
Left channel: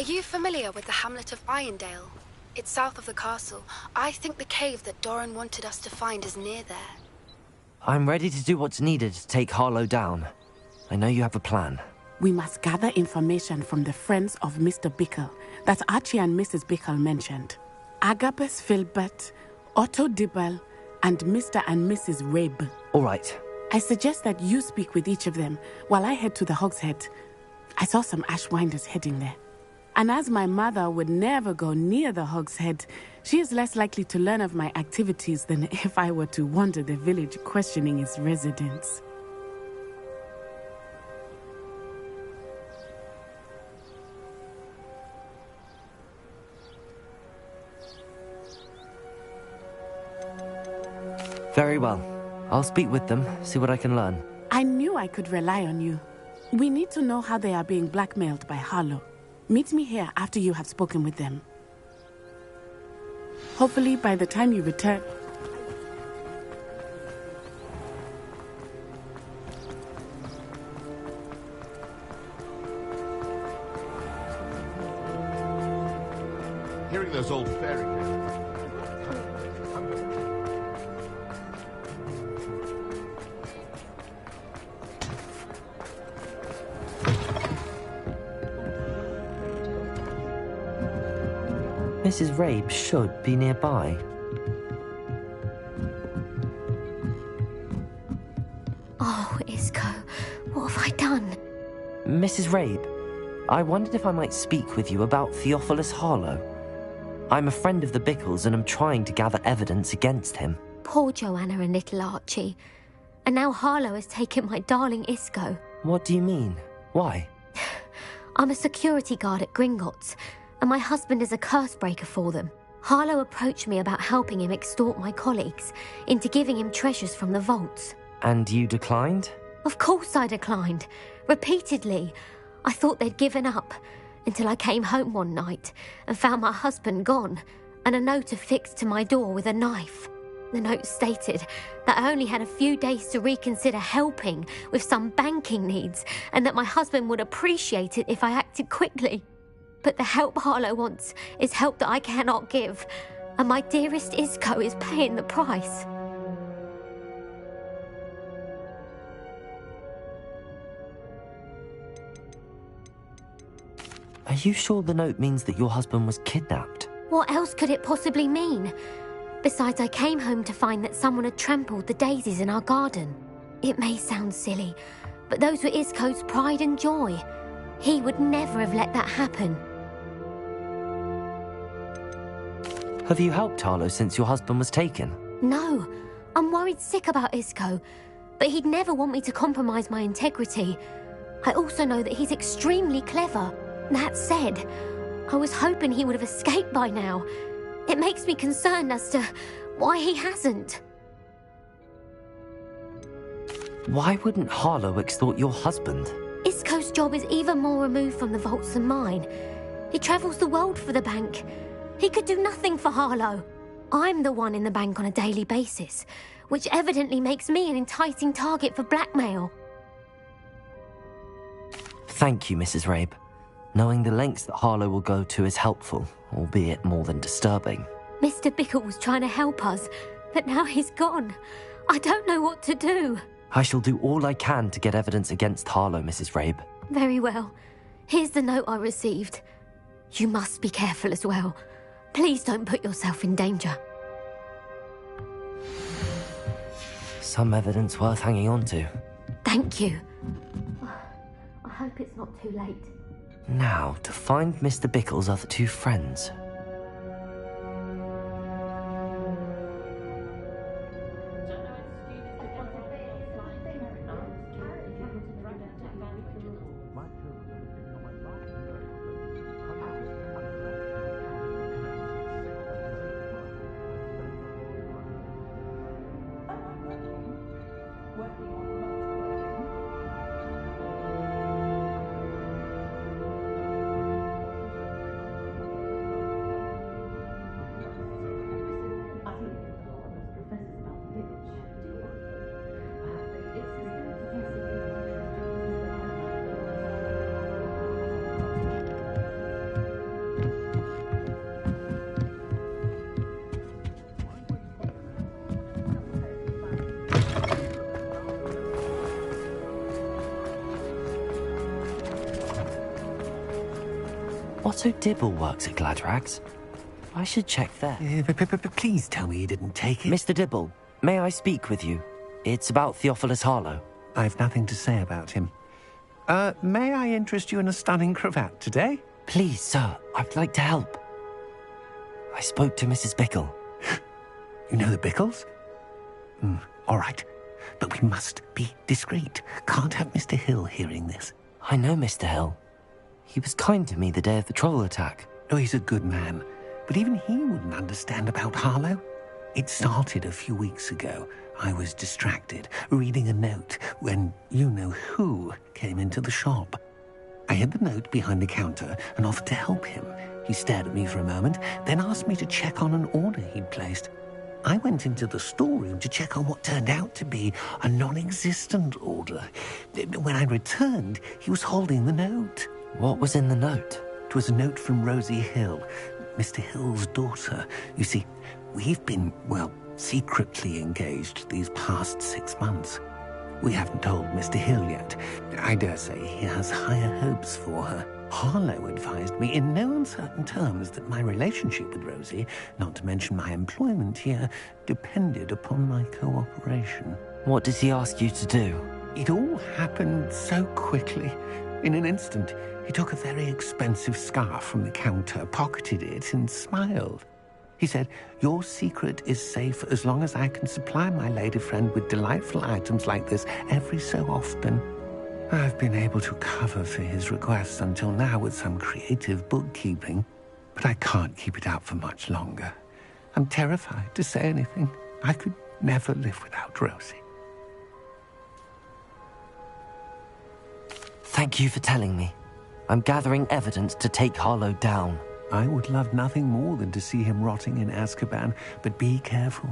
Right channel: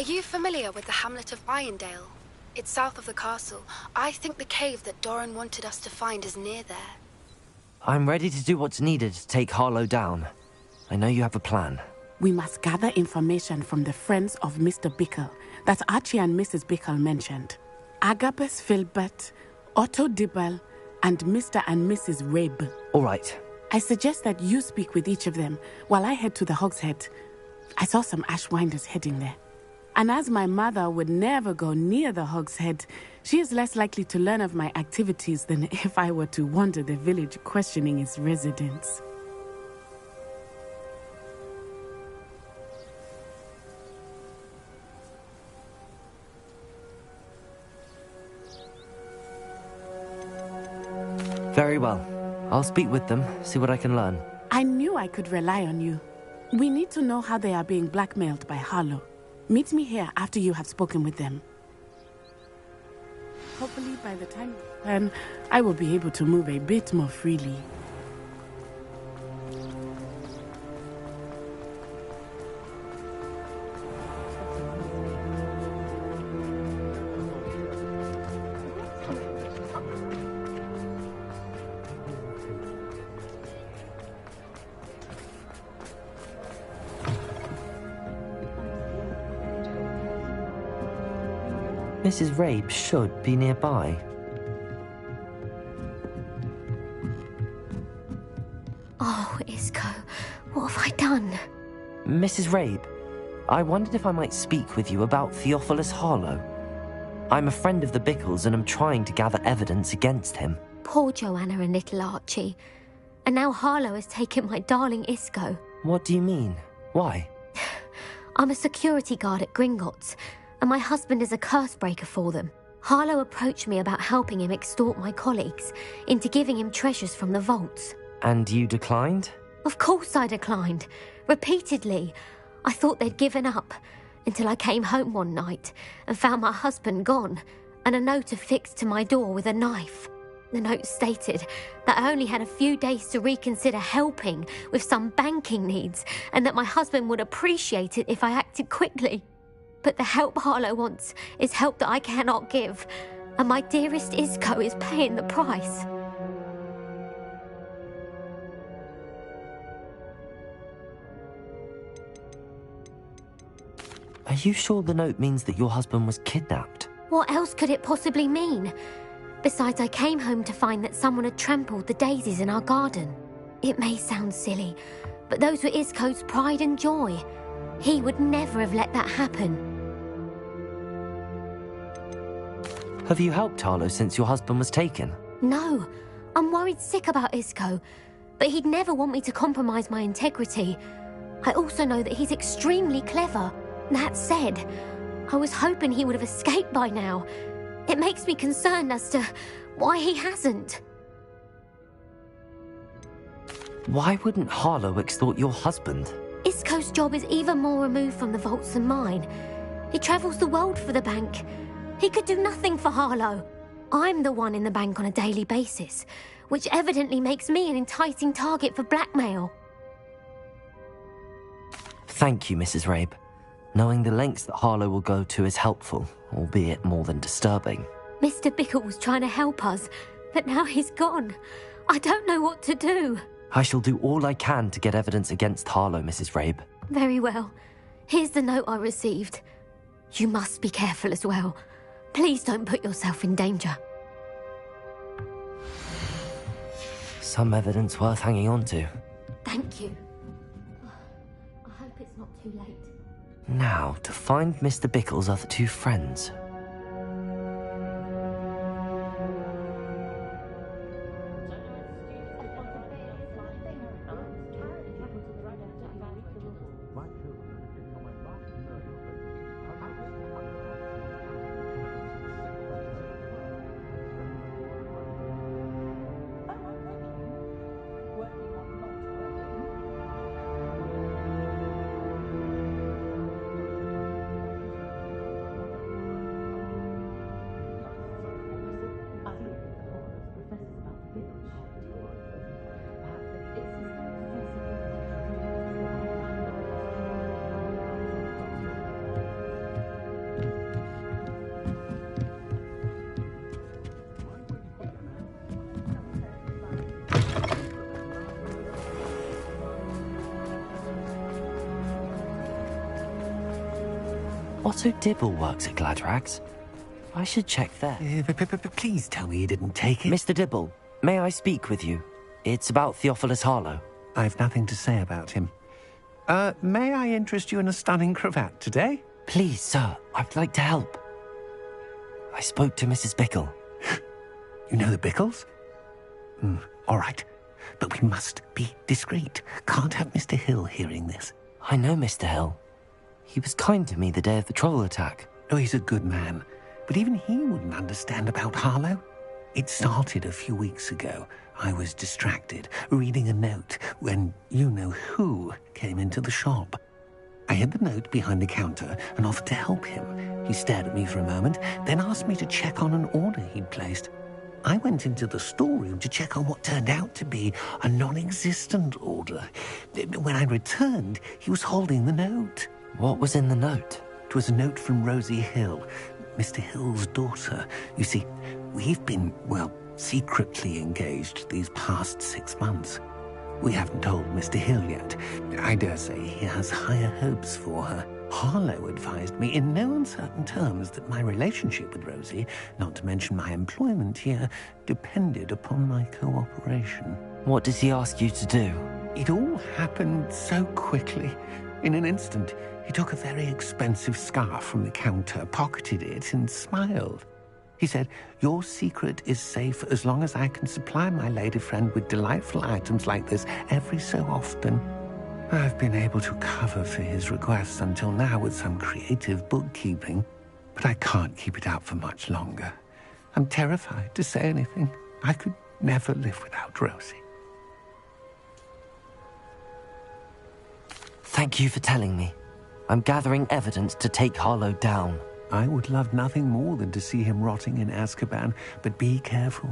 Are you familiar with the hamlet of Irondale? It's south of the castle. I think the cave that Doran wanted us to find is near there. I'm ready to do what's needed to take Harlow down. I know you have a plan. We must gather information from the friends of Mr. Bickle that Archie and Mrs. Bickle mentioned. Agabus Filbert, Otto Dibble, and Mr. and Mrs. Rabe. All right. I suggest that you speak with each of them while I head to the Hogshead. I saw some Ashwinders heading there. And as my mother would never go near the Hog's Head, she is less likely to learn of my activities than if I were to wander the village questioning its residents. Very well. I'll speak with them, see what I can learn. I knew I could rely on you. We need to know how they are being blackmailed by Harlow. Meet me here after you have spoken with them. Hopefully, by the time you return, I will be able to move a bit more freely. Hearing those old fairy Mrs. Rabe should be nearby. Oh, Isco, what have I done? Mrs. Rabe, I wondered if I might speak with you about Theophilus Harlow. I'm a friend of the Bickles and am trying to gather evidence against him. Poor Joanna and little Archie. And now Harlow has taken my darling Isco. What do you mean? Why? I'm a security guard at Gringotts, and my husband is a curse breaker for them. Harlow approached me about helping him extort my colleagues into giving him treasures from the vaults. And you declined? Of course I declined. Repeatedly. I thought they'd given up, until I came home one night and found my husband gone, and a note affixed to my door with a knife. The note stated that I only had a few days to reconsider helping with some banking needs, and that my husband would appreciate it if I acted quickly. But the help Harlow wants is help that I cannot give, and my dearest Isco is paying the price. Are you sure the note means that your husband was kidnapped? What else could it possibly mean? Besides, I came home to find that someone had trampled the daisies in our garden. It may sound silly, but those were Isco's pride and joy. He would never have let that happen. Have you helped Harlow since your husband was taken? No, I'm worried sick about Isco, but he'd never want me to compromise my integrity. I also know that he's extremely clever. That said, I was hoping he would have escaped by now. It makes me concerned as to why he hasn't. Why wouldn't Harlow extort your husband? Isco's job is even more removed from the vaults than mine. He travels the world for the bank. He could do nothing for Harlow. I'm the one in the bank on a daily basis, which evidently makes me an enticing target for blackmail. Thank you, Mrs. Rabe. Knowing the lengths that Harlow will go to is helpful, albeit more than disturbing. Mr. Bickle was trying to help us, but now he's gone. I don't know what to do. I shall do all I can to get evidence against Harlow, Mrs. Rabe. Very well. Here's the note I received. You must be careful as well. Please don't put yourself in danger. Some evidence worth hanging on to. Thank you. I hope it's not too late. Now, to find Mr. Bickle's other two friends. Otto Dibble works at Gladrags. I should check there. Please tell me you didn't take it. Mr. Dibble, may I speak with you? It's about Theophilus Harlow. I've nothing to say about him. May I interest you in a stunning cravat today? Please, sir, I'd like to help. I spoke to Mrs. Bickle. You know the Bickles? All right. But we must be discreet. Can't have Mr. Hill hearing this. I know Mr. Hill. He was kind to me the day of the troll attack. Oh, he's a good man. But even he wouldn't understand about Harlow. It started a few weeks ago. I was distracted, reading a note, when you-know-who came into the shop. I hid the note behind the counter and offered to help him. He stared at me for a moment, then asked me to check on an order he'd placed. I went into the storeroom to check on what turned out to be a non-existent order. When I returned, he was holding the note. What was in the note? It was a note from Rosie Hill, Mr. Hill's daughter. You see, we've been, secretly engaged these past 6 months. We haven't told Mr. Hill yet. I dare say he has higher hopes for her. Harlow advised me in no uncertain terms that my relationship with Rosie, not to mention my employment here, depended upon my cooperation. What did he ask you to do? It all happened so quickly. In an instant, he took a very expensive scarf from the counter, pocketed it, and smiled. He said, "Your secret is safe as long as I can supply my lady friend with delightful items like this every so often." I've been able to cover for his requests until now with some creative bookkeeping, but I can't keep it out for much longer. I'm terrified to say anything. I could never live without Rosie. Thank you for telling me. I'm gathering evidence to take Harlow down. I would love nothing more than to see him rotting in Azkaban, but be careful.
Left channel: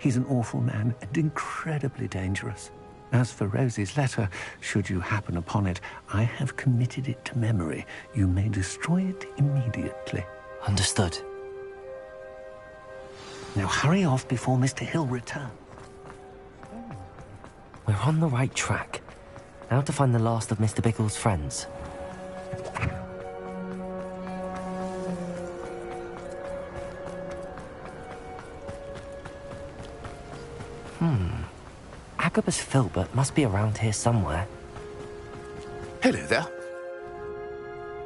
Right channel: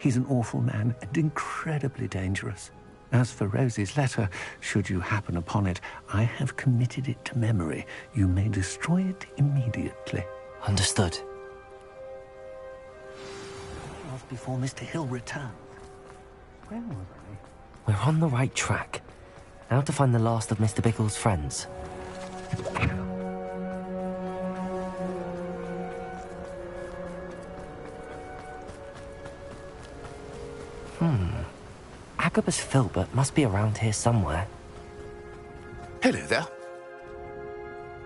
He's an awful man and incredibly dangerous. As for Rosie's letter, should you happen upon it, I have committed it to memory. You may destroy it immediately. Understood. Now hurry off before Mr. Hill returns. Where was I? We're on the right track. Now to find the last of Mr. Bickle's friends. Agabus Filbert must be around here somewhere. Hello there.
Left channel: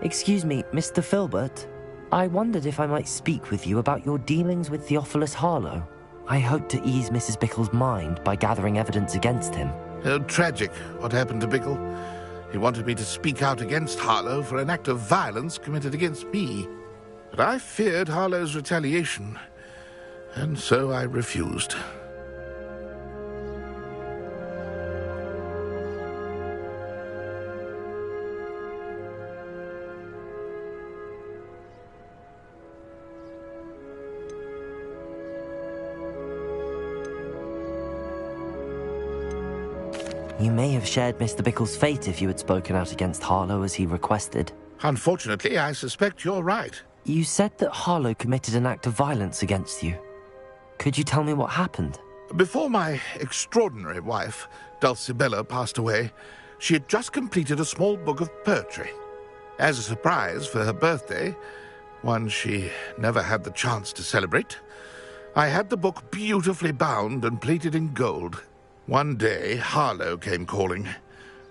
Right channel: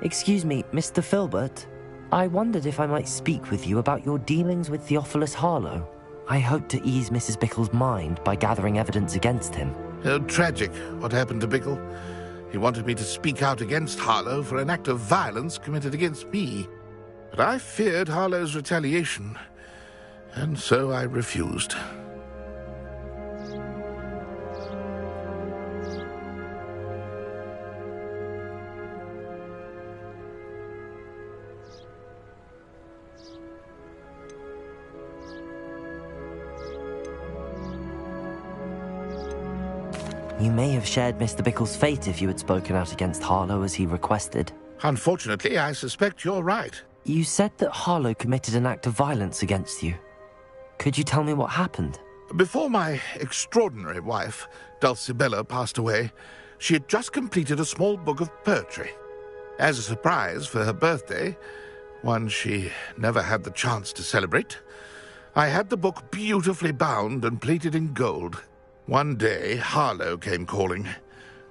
Excuse me, Mr. Filbert. I wondered if I might speak with you about your dealings with Theophilus Harlow. I hope to ease Mrs. Bickle's mind by gathering evidence against him. Oh, tragic what happened to Bickle. He wanted me to speak out against Harlow for an act of violence committed against me. But I feared Harlow's retaliation, and so I refused. You may have shared Mr. Bickle's fate if you had spoken out against Harlow as he requested. Unfortunately, I suspect you're right. You said that Harlow committed an act of violence against you. Could you tell me what happened? Before my extraordinary wife, Dulcibella, passed away, she had just completed a small book of poetry. As a surprise for her birthday, one she never had the chance to celebrate, I had the book beautifully bound and plated in gold. One day, Harlow came calling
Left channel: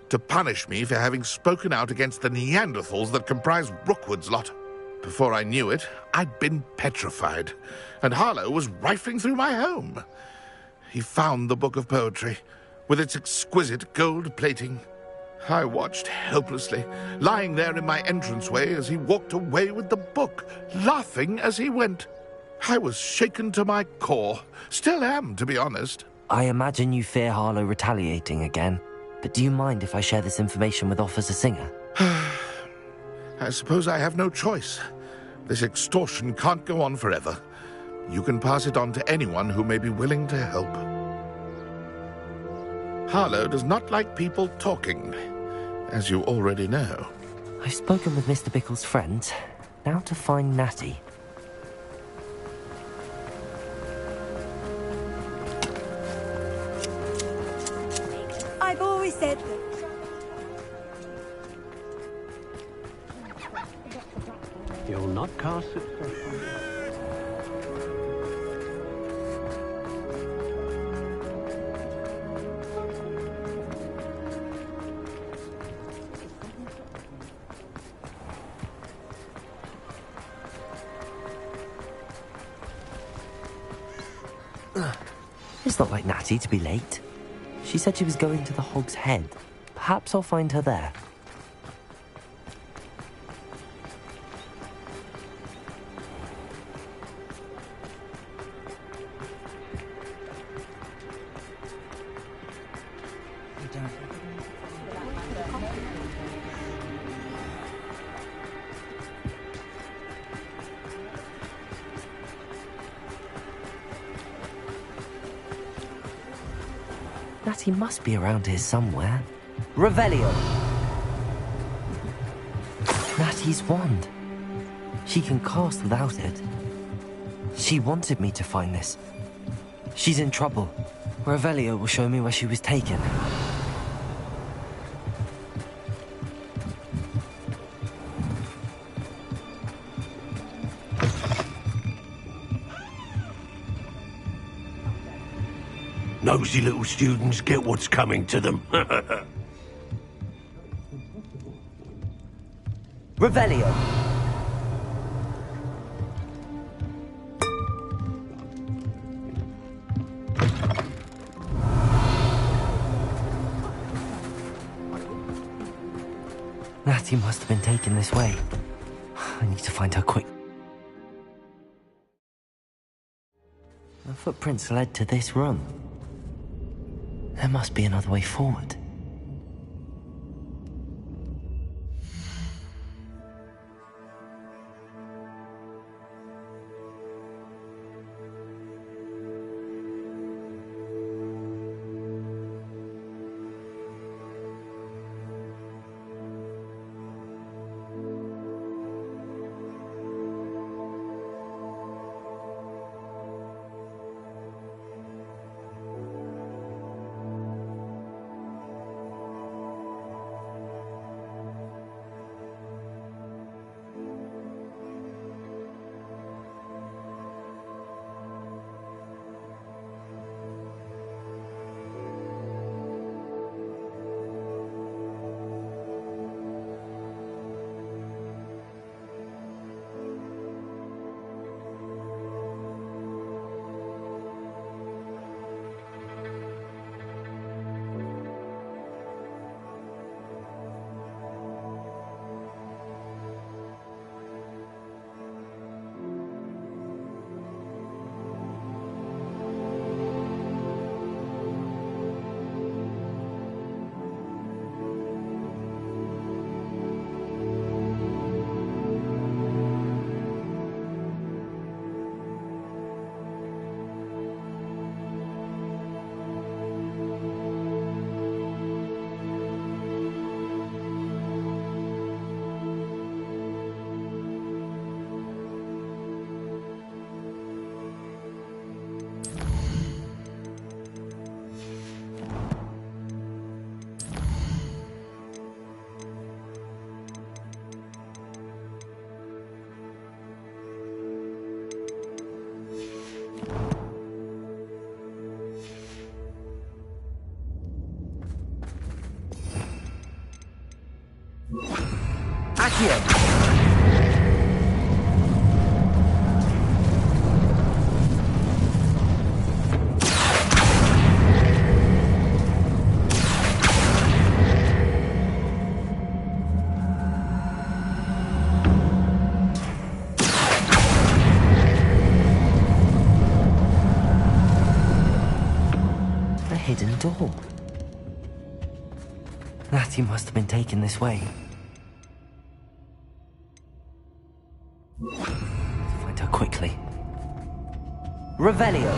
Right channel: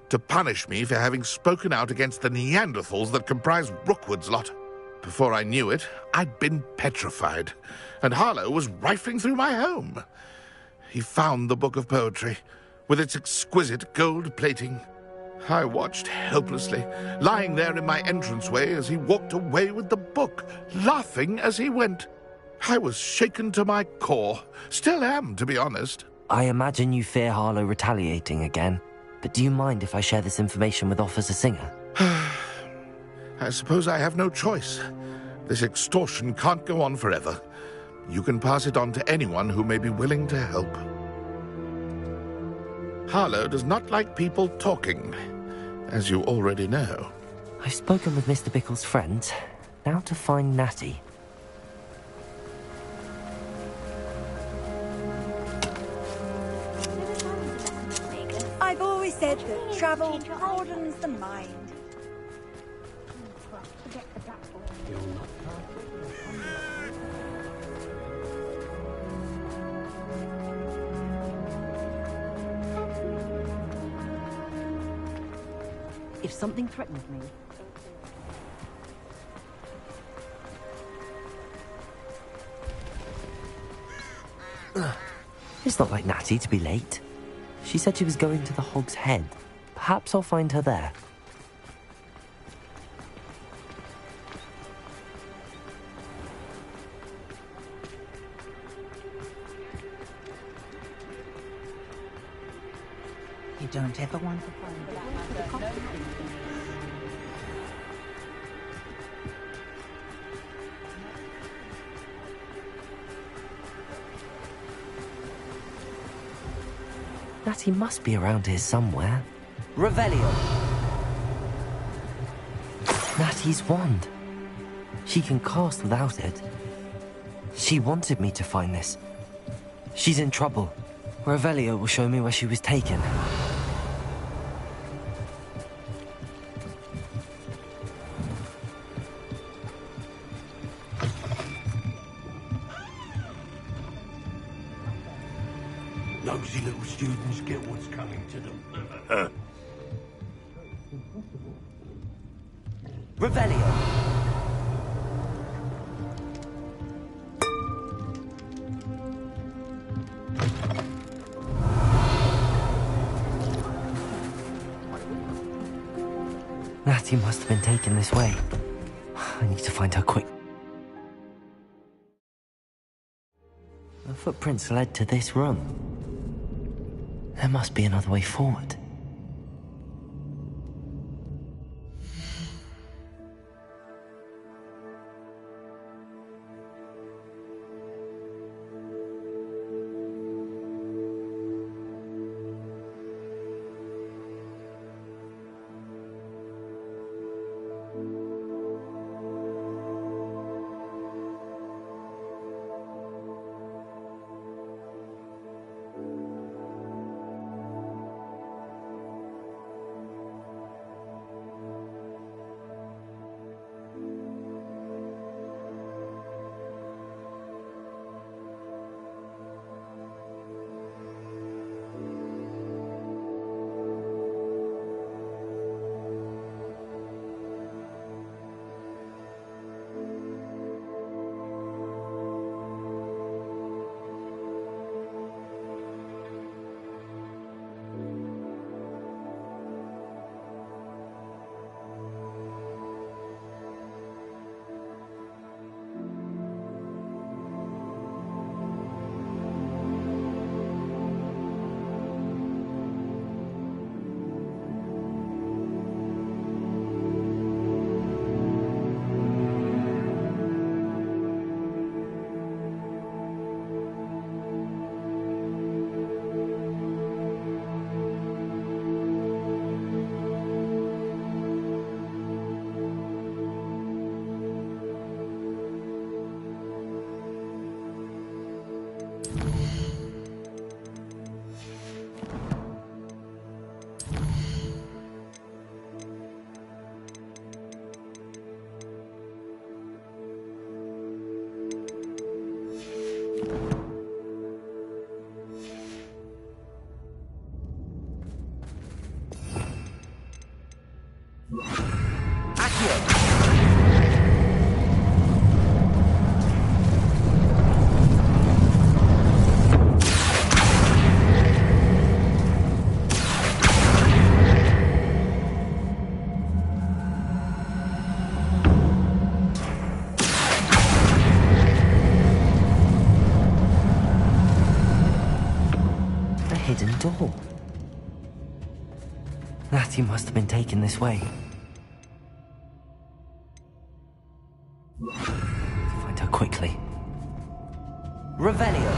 to punish me for having spoken out against the Neanderthals that comprise Rookwood's lot. Before I knew it, I'd been petrified, and Harlow was rifling through my home. He found the book of poetry, with its exquisite gold plating. I watched helplessly, lying there in my entranceway as he walked away with the book, laughing as he went. I was shaken to my core. Still am, to be honest. I imagine you fear Harlow retaliating again, but do you mind if I share this information with Officer Singer? I suppose I have no choice. This extortion can't go on forever. You can pass it on to anyone who may be willing to help. Harlow does not like people talking, as you already know. I've spoken with Mr. Bickle's friends. Now to find Natty. I've always said that travel broadens the mind. You'll not cast it. If something threatens me... It's not like Natty to be late. She said she was going to the Hog's Head. Perhaps I'll find her there. You don't ever want to find out. Natty must be around here somewhere. Revelio! Natty's wand. She can cast without it. She wanted me to find this. She's in trouble. Revelio will show me where she was taken. Nosy little students get what's coming to them. Revelio! Natty must have been taken this way. I need to find her quick. The footprints led to this room. There must be another way forward. A hidden door. Natty must have been taken this way. To find her quickly. Revelio!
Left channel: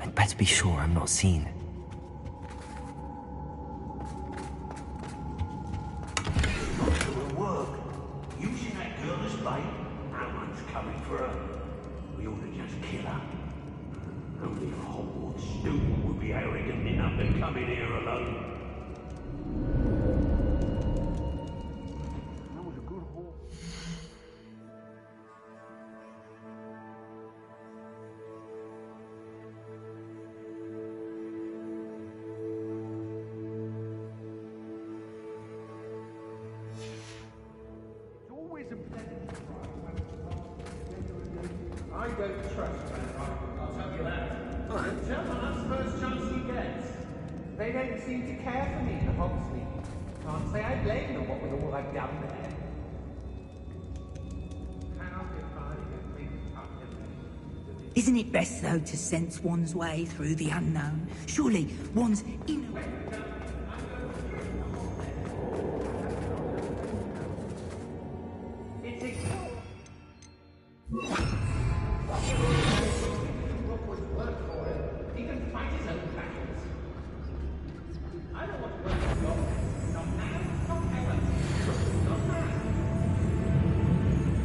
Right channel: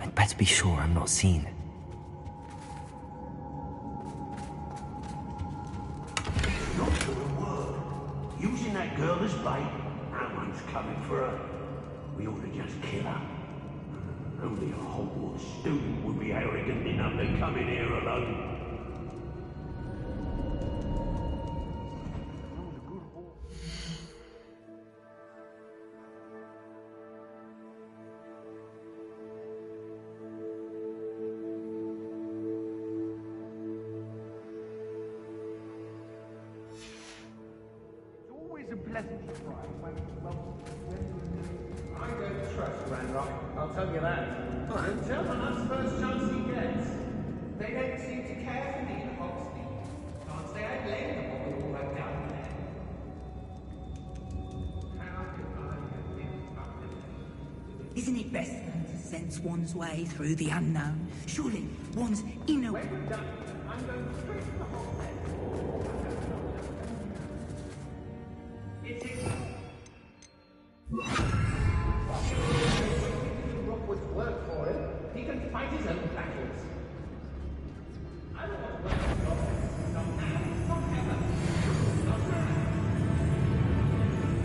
I'd better be sure I'm not seen. Using that girl as bait, no one's coming for her. We ought to just kill her. Only a Hogwarts student would be arrogant enough to come in here alone. It's always a pleasant surprise when right down there. Isn't it best, though, to sense one's way through the unknown? Surely one's inner...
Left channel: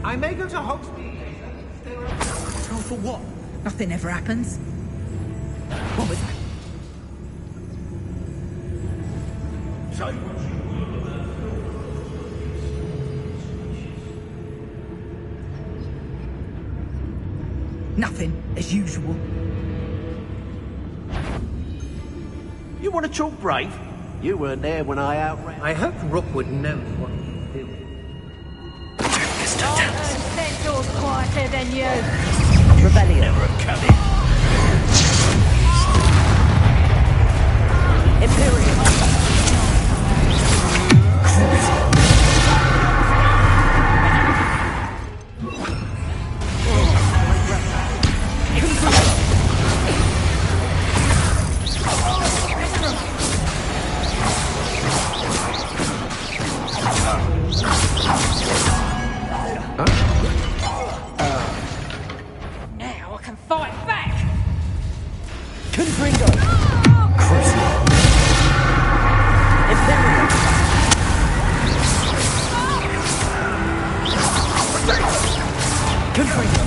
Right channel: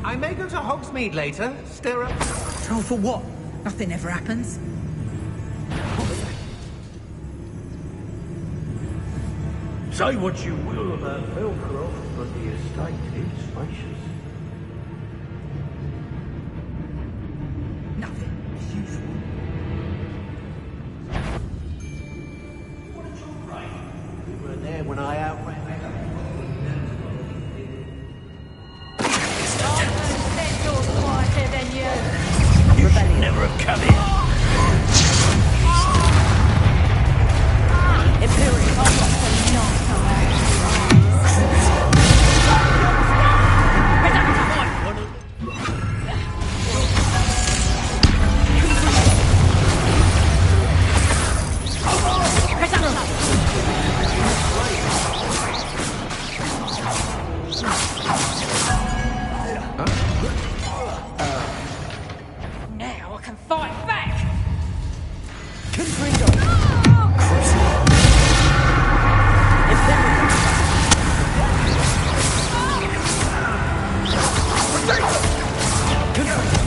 I may go to Hogsmeade later. Stir up. Oh, for what? Nothing ever happens. What was that? Say what you will about Velveroth, but the estate is spacious. Nothing, as usual. You want to talk brave? You weren't there when I outran. I hope Rookwood knows what he did. Yours quieter than you. Rebellion. Never have come in. Imperial. Now I can fight back. Confringo. Crucible. Imperial. Confringo.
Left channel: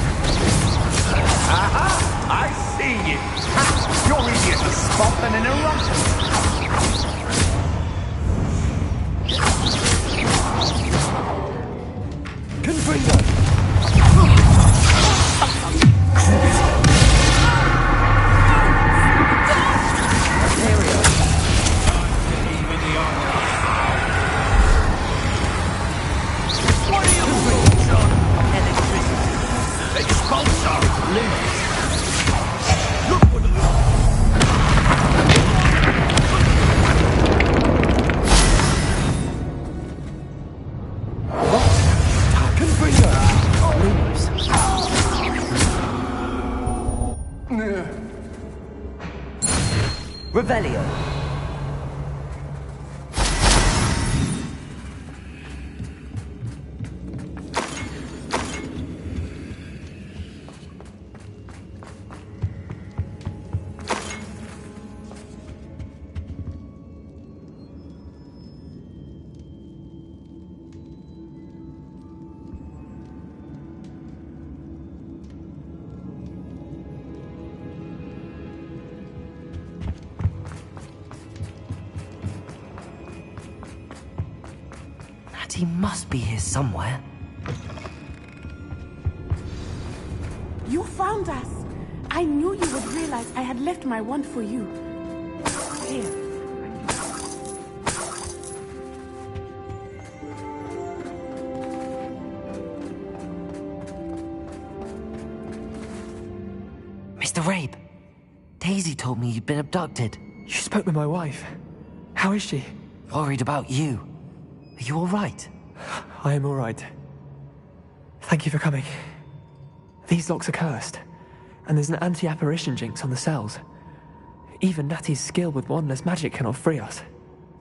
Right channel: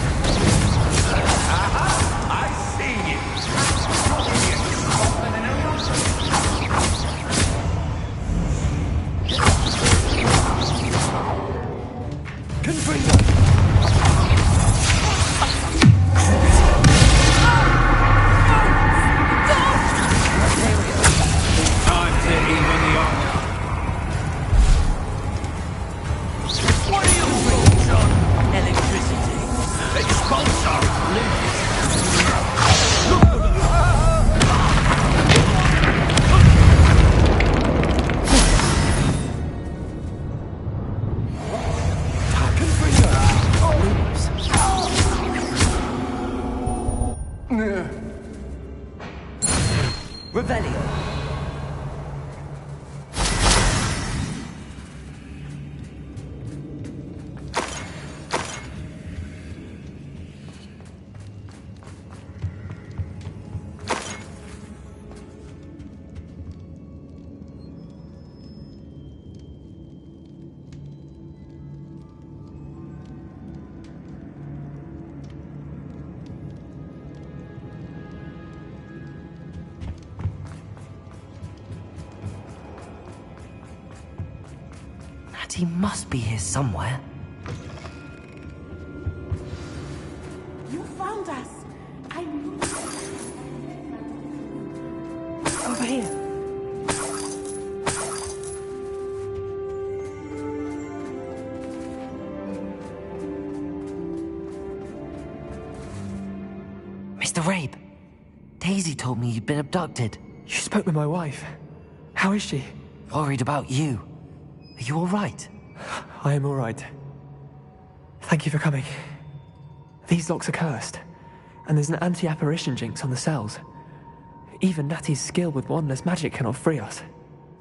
Aha! I see you. You're idiot to spot them in a rush. Confringo. Time to even the odds. What are you doing, John? Electricity. Expulsor. Limits. Revelio. He must be here somewhere. You found us! I knew you would realize I had left my wand for you. Over here. Mr. Rabe, Daisy told me you'd been abducted. You spoke with my wife. How is she? Worried about you. Are you all right? I am all right. Thank you for coming. These locks are cursed, and there's an anti-apparition jinx on the cells. Even Natty's skill with wandless magic cannot free us.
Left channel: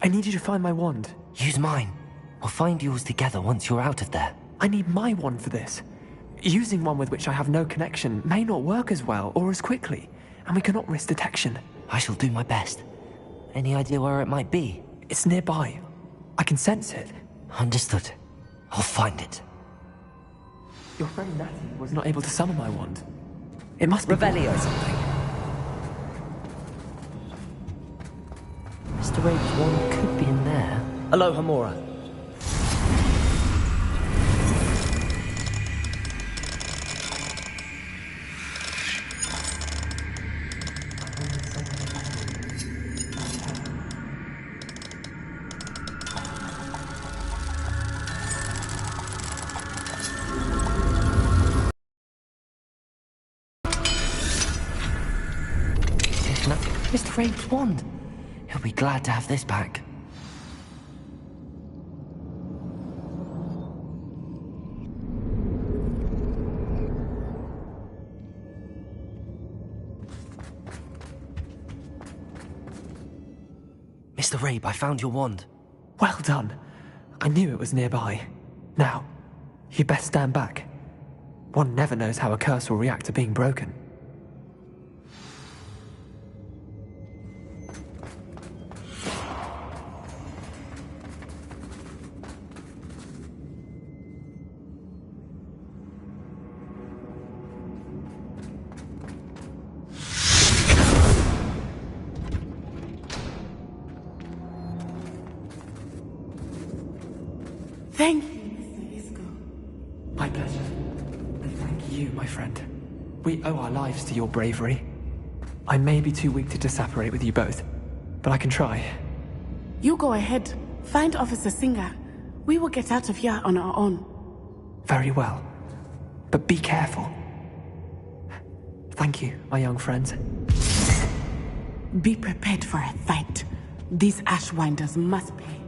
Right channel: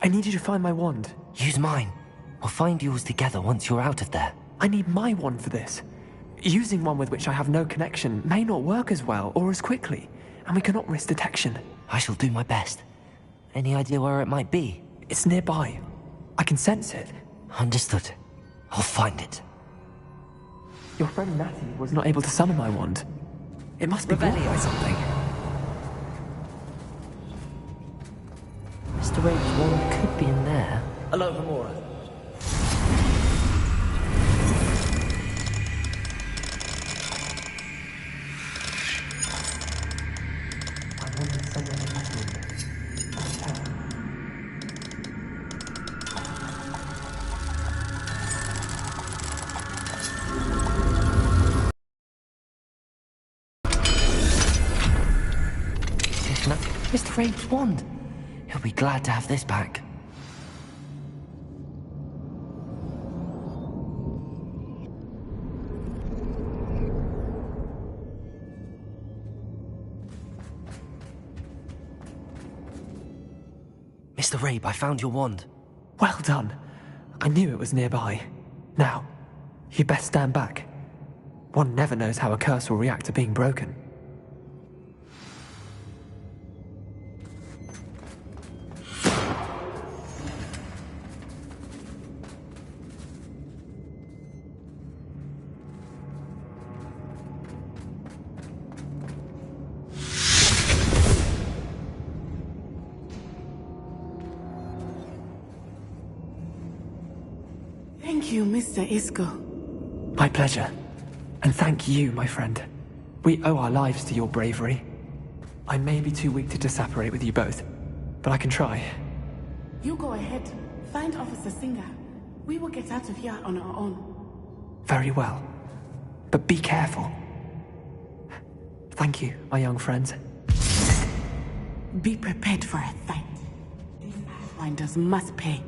I need you to find my wand. Use mine. We'll find yours together once you're out of there. I need my wand for this. Using one with which I have no connection may not work as well or as quickly, and we cannot risk detection. I shall do my best. Any idea where it might be? It's nearby. I can sense it. Understood. I'll find it. Your friend Natty was not able to summon my wand. It must be blocked by something. Mr. Rabe's wand could be in there. Aloha, Mora. Mr. Rabe's wand. He'll be glad to have this back. Mr. Rabe, I found your wand. Well done. I knew it was nearby. Now, you best stand back. One never knows how a curse will react to being broken. Thank you, Mr. Isco. My pleasure. And thank you, my friend. We owe our lives to your bravery. I may be too weak to disapparate with you both, but I can try. You go ahead. Find Officer Singer. We will get out of here on our own. Very well. But be careful. Thank you, my young friends. Be prepared for a fight. These Ashwinders must pay.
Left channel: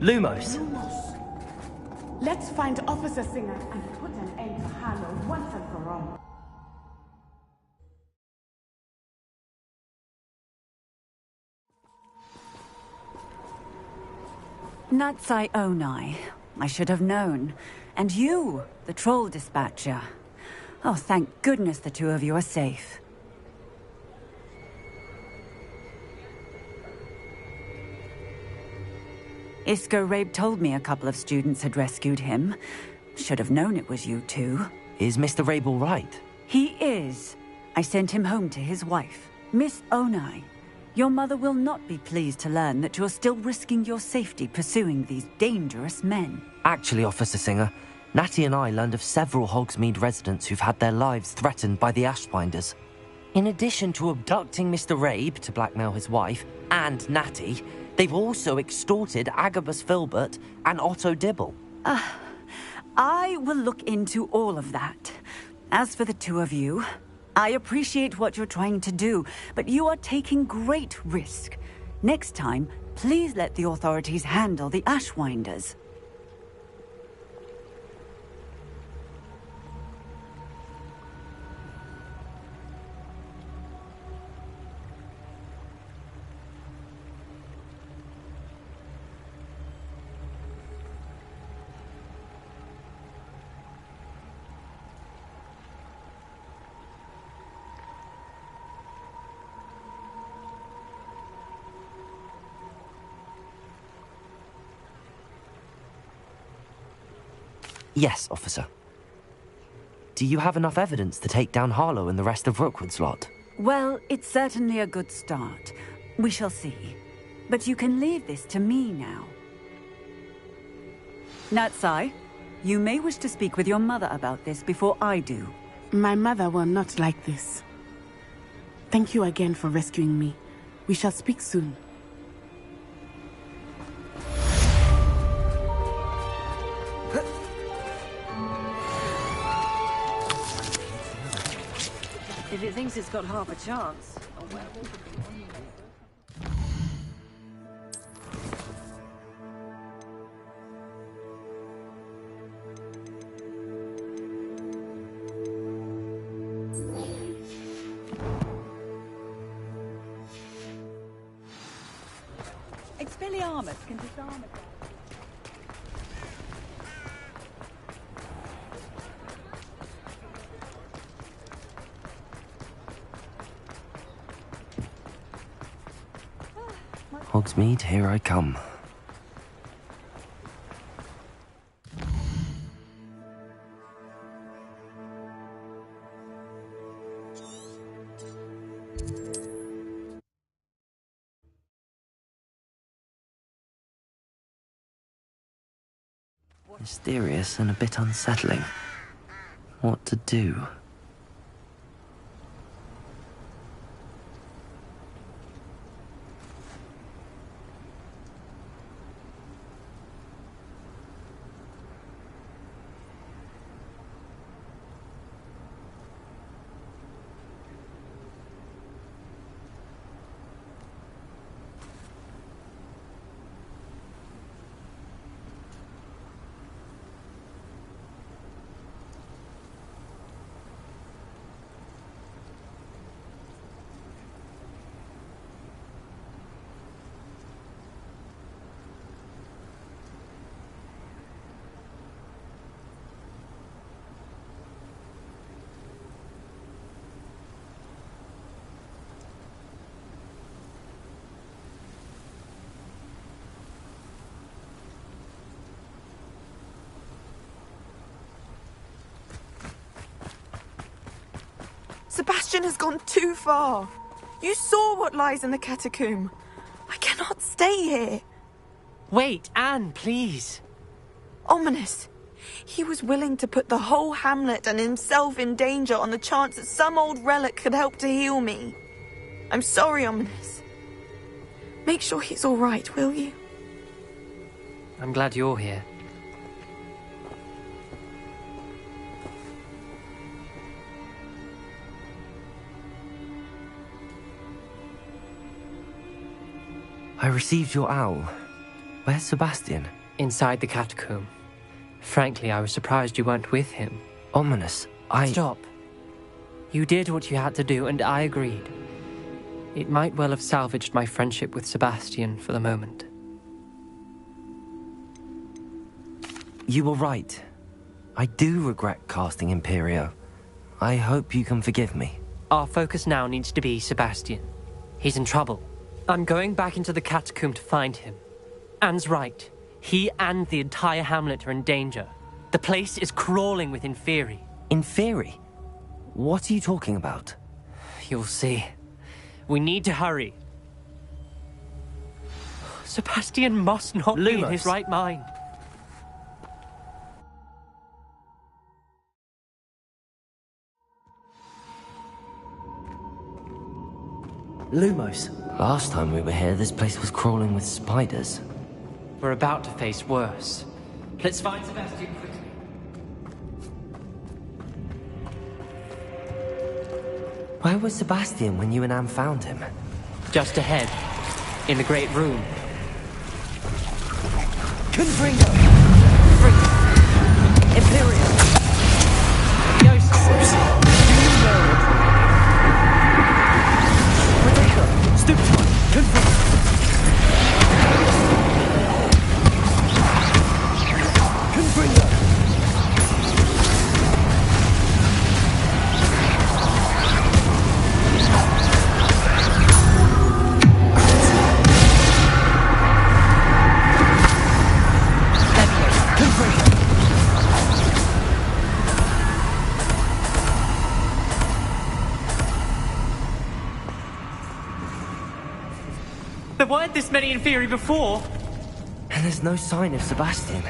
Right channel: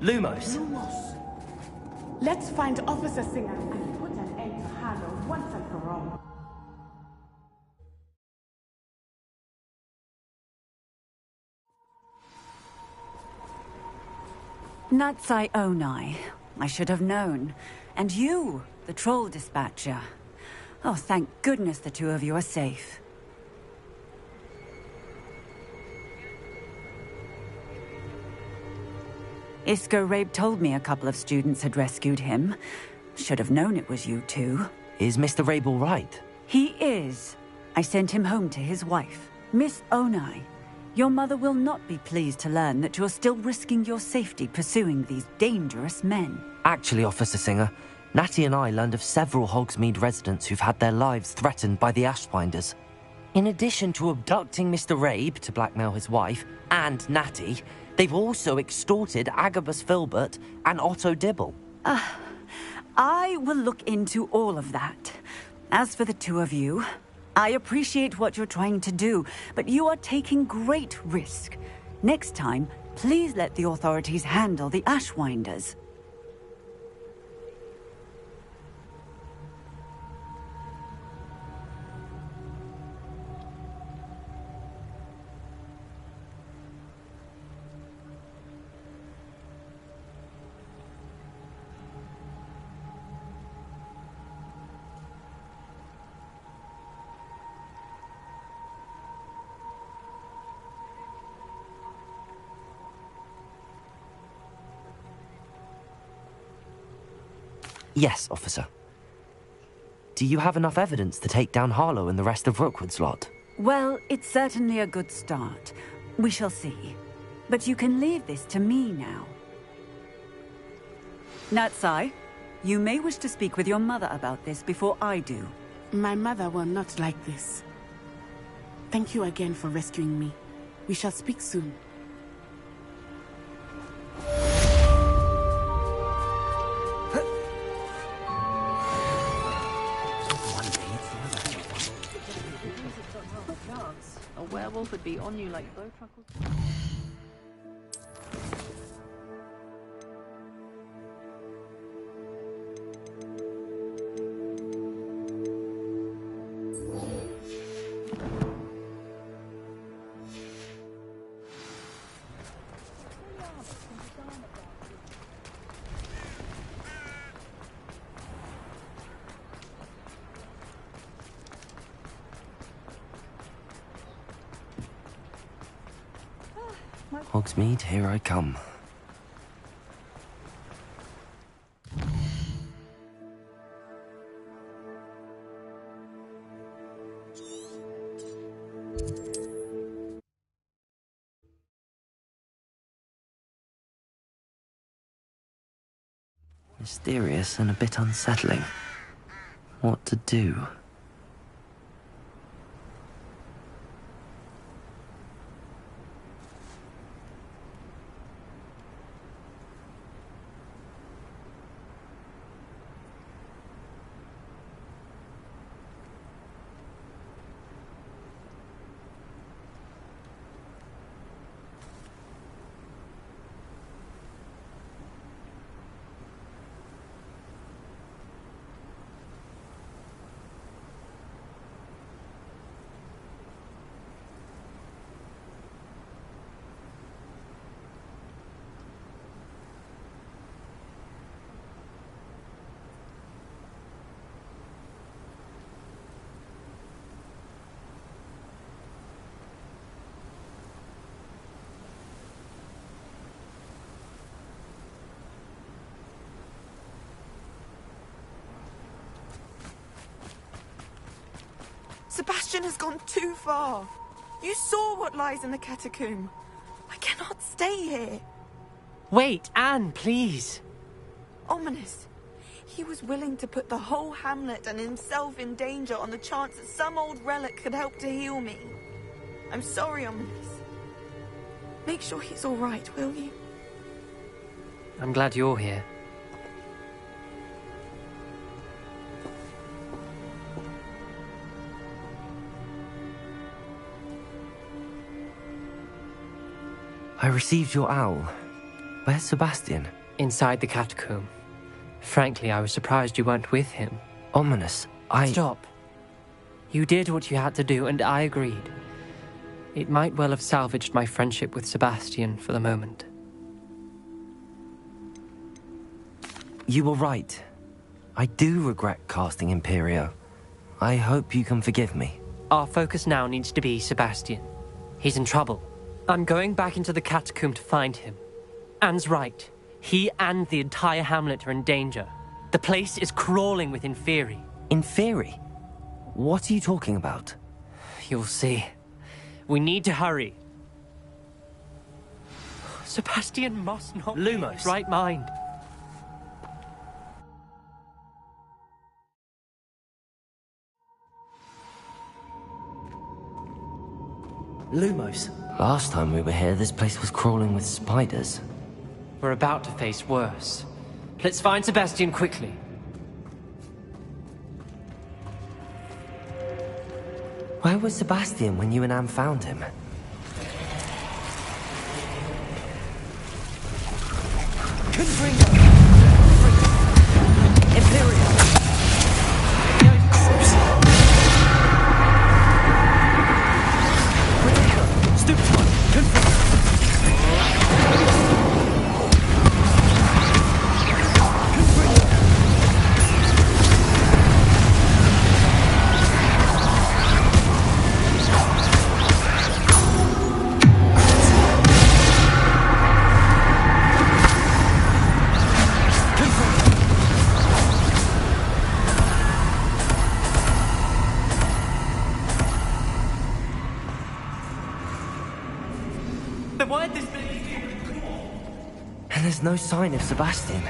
Lumos. Let's find Officer Singer and put an end to Harlow once and for all. Natsai Onai. I should have known. And you, the troll dispatcher. Oh, thank goodness the two of you are safe. Isco Rabe told me a couple of students had rescued him. Should have known it was you two. Is Mr. Rabe all right? He is. I sent him home to his wife. Miss Onai, your mother will not be pleased to learn that you're still risking your safety pursuing these dangerous men. Actually, Officer Singer, Natty and I learned of several Hogsmeade residents who've had their lives threatened by the Ashbinders. In addition to abducting Mr. Rabe to blackmail his wife and Natty, they've also extorted Agabus Filbert and Otto Dibble. I will look into all of that. As for the two of you, I appreciate what you're trying to do, but you are taking great risk. Next time, please let the authorities handle the Ashwinders. Yes, officer. Do you have enough evidence to take down Harlow and the rest of Rookwood's lot? Well, it's certainly a good start. We shall see. But you can leave this to me now. Natsai, you may wish to speak with your mother about this before I do. My mother will not like this. Thank you again for rescuing me. We shall speak soon. If it thinks it's got half a chance, a werewolf would be on you like Bowtruckle. Expelliarmus can disarm a dark. Hogsmeade, here I come. Mysterious and a bit unsettling. What to do? Sebastian has gone too far. You saw what lies in the catacomb. I cannot stay here. Wait, Anne, please. Ominous. He was willing to put the whole hamlet and himself in danger on the chance that some old relic could help to heal me. I'm sorry, Ominous. Make sure he's all right, will you? I'm glad you're here. I received your owl. Where's Sebastian? Inside the catacomb. Frankly, I was surprised you weren't with him. Ominous, Stop. You did what you had to do, and I agreed. It might well have salvaged my friendship with Sebastian for the moment. You were right. I do regret casting Imperio. I hope you can forgive me. Our focus now needs to be Sebastian. He's in trouble. I'm going back into the catacomb to find him. Anne's right. He and the entire hamlet are in danger. The place is crawling with Inferi. Inferi? What are you talking about? You'll see. We need to hurry. Sebastian must not be in his right mind. Lumos. Last time we were here, this place was crawling with spiders. We're about to face worse. Let's find Sebastian quickly. Where was Sebastian when you and Anne found him? Just ahead, in the Great Room. Confringo! Imperial! Stupid! Confringo! There weren't this many Inferi before. And there's no sign of Sebastian.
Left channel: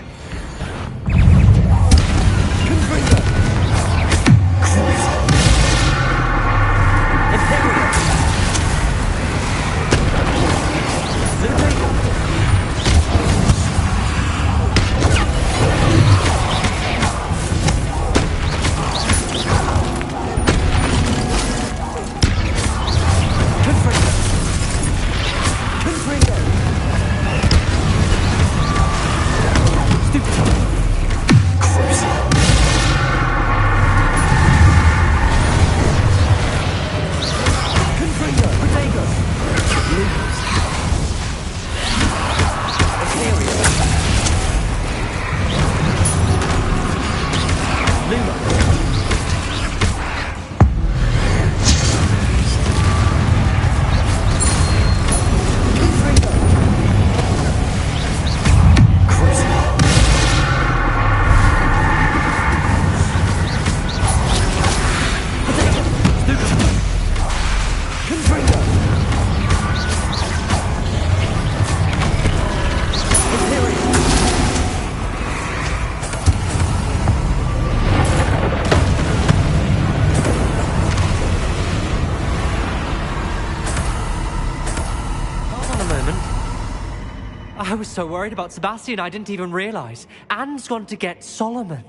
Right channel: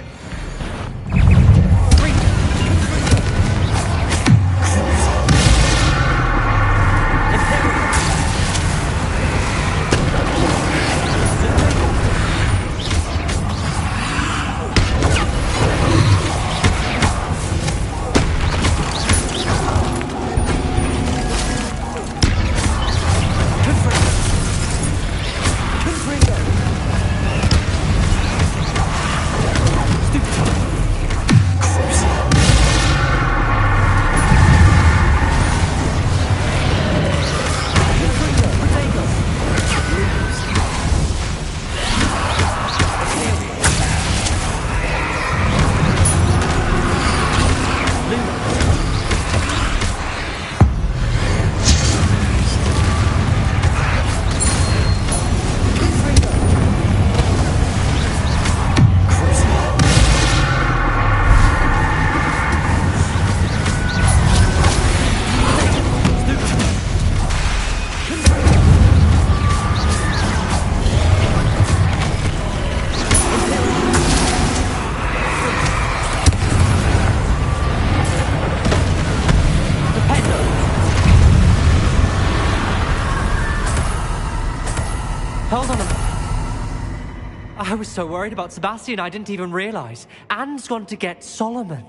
I was so worried about Sebastian I didn't even realize. Anne's gone to get Solomon.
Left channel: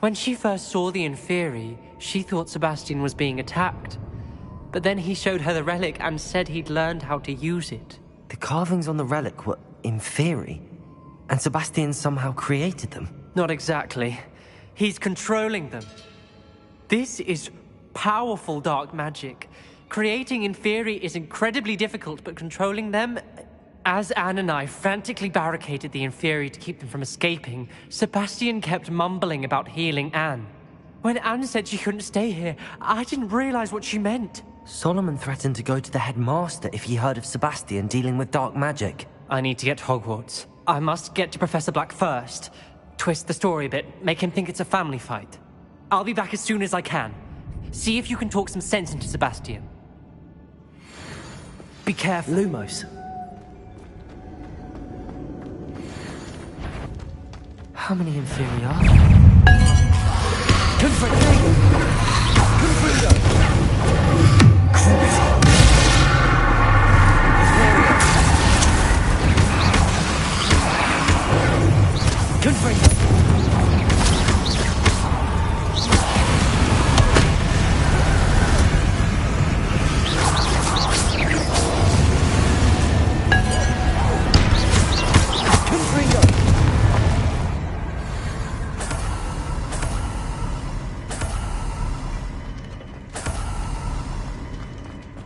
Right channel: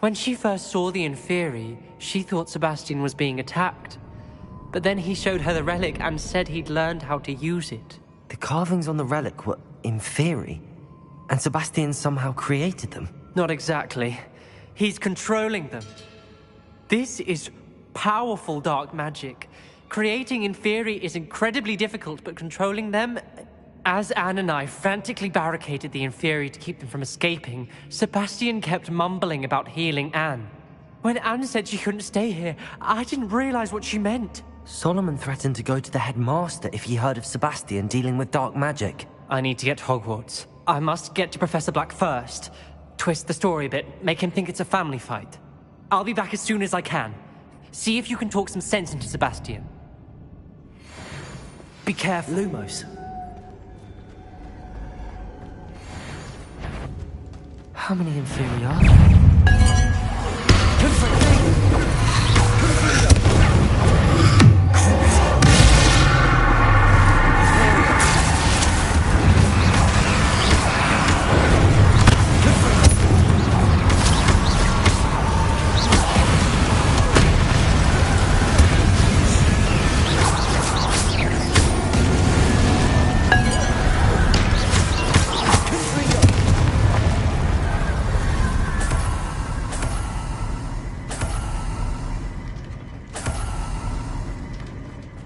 When she first saw the Inferi, she thought Sebastian was being attacked. But then he showed her the relic and said he'd learned how to use it. The carvings on the relic were Inferi, and Sebastian somehow created them. Not exactly. He's controlling them. This is powerful dark magic. Creating Inferi is incredibly difficult, but controlling them... As Anne and I frantically barricaded the Inferi to keep them from escaping, Sebastian kept mumbling about healing Anne. When Anne said she couldn't stay here, I didn't realize what she meant. Solomon threatened to go to the headmaster if he heard of Sebastian dealing with dark magic. I need to get to Hogwarts. I must get to Professor Black first. Twist the story a bit, make him think it's a family fight. I'll be back as soon as I can. See if you can talk some sense into Sebastian. Be careful. Lumos. How many inferior are there?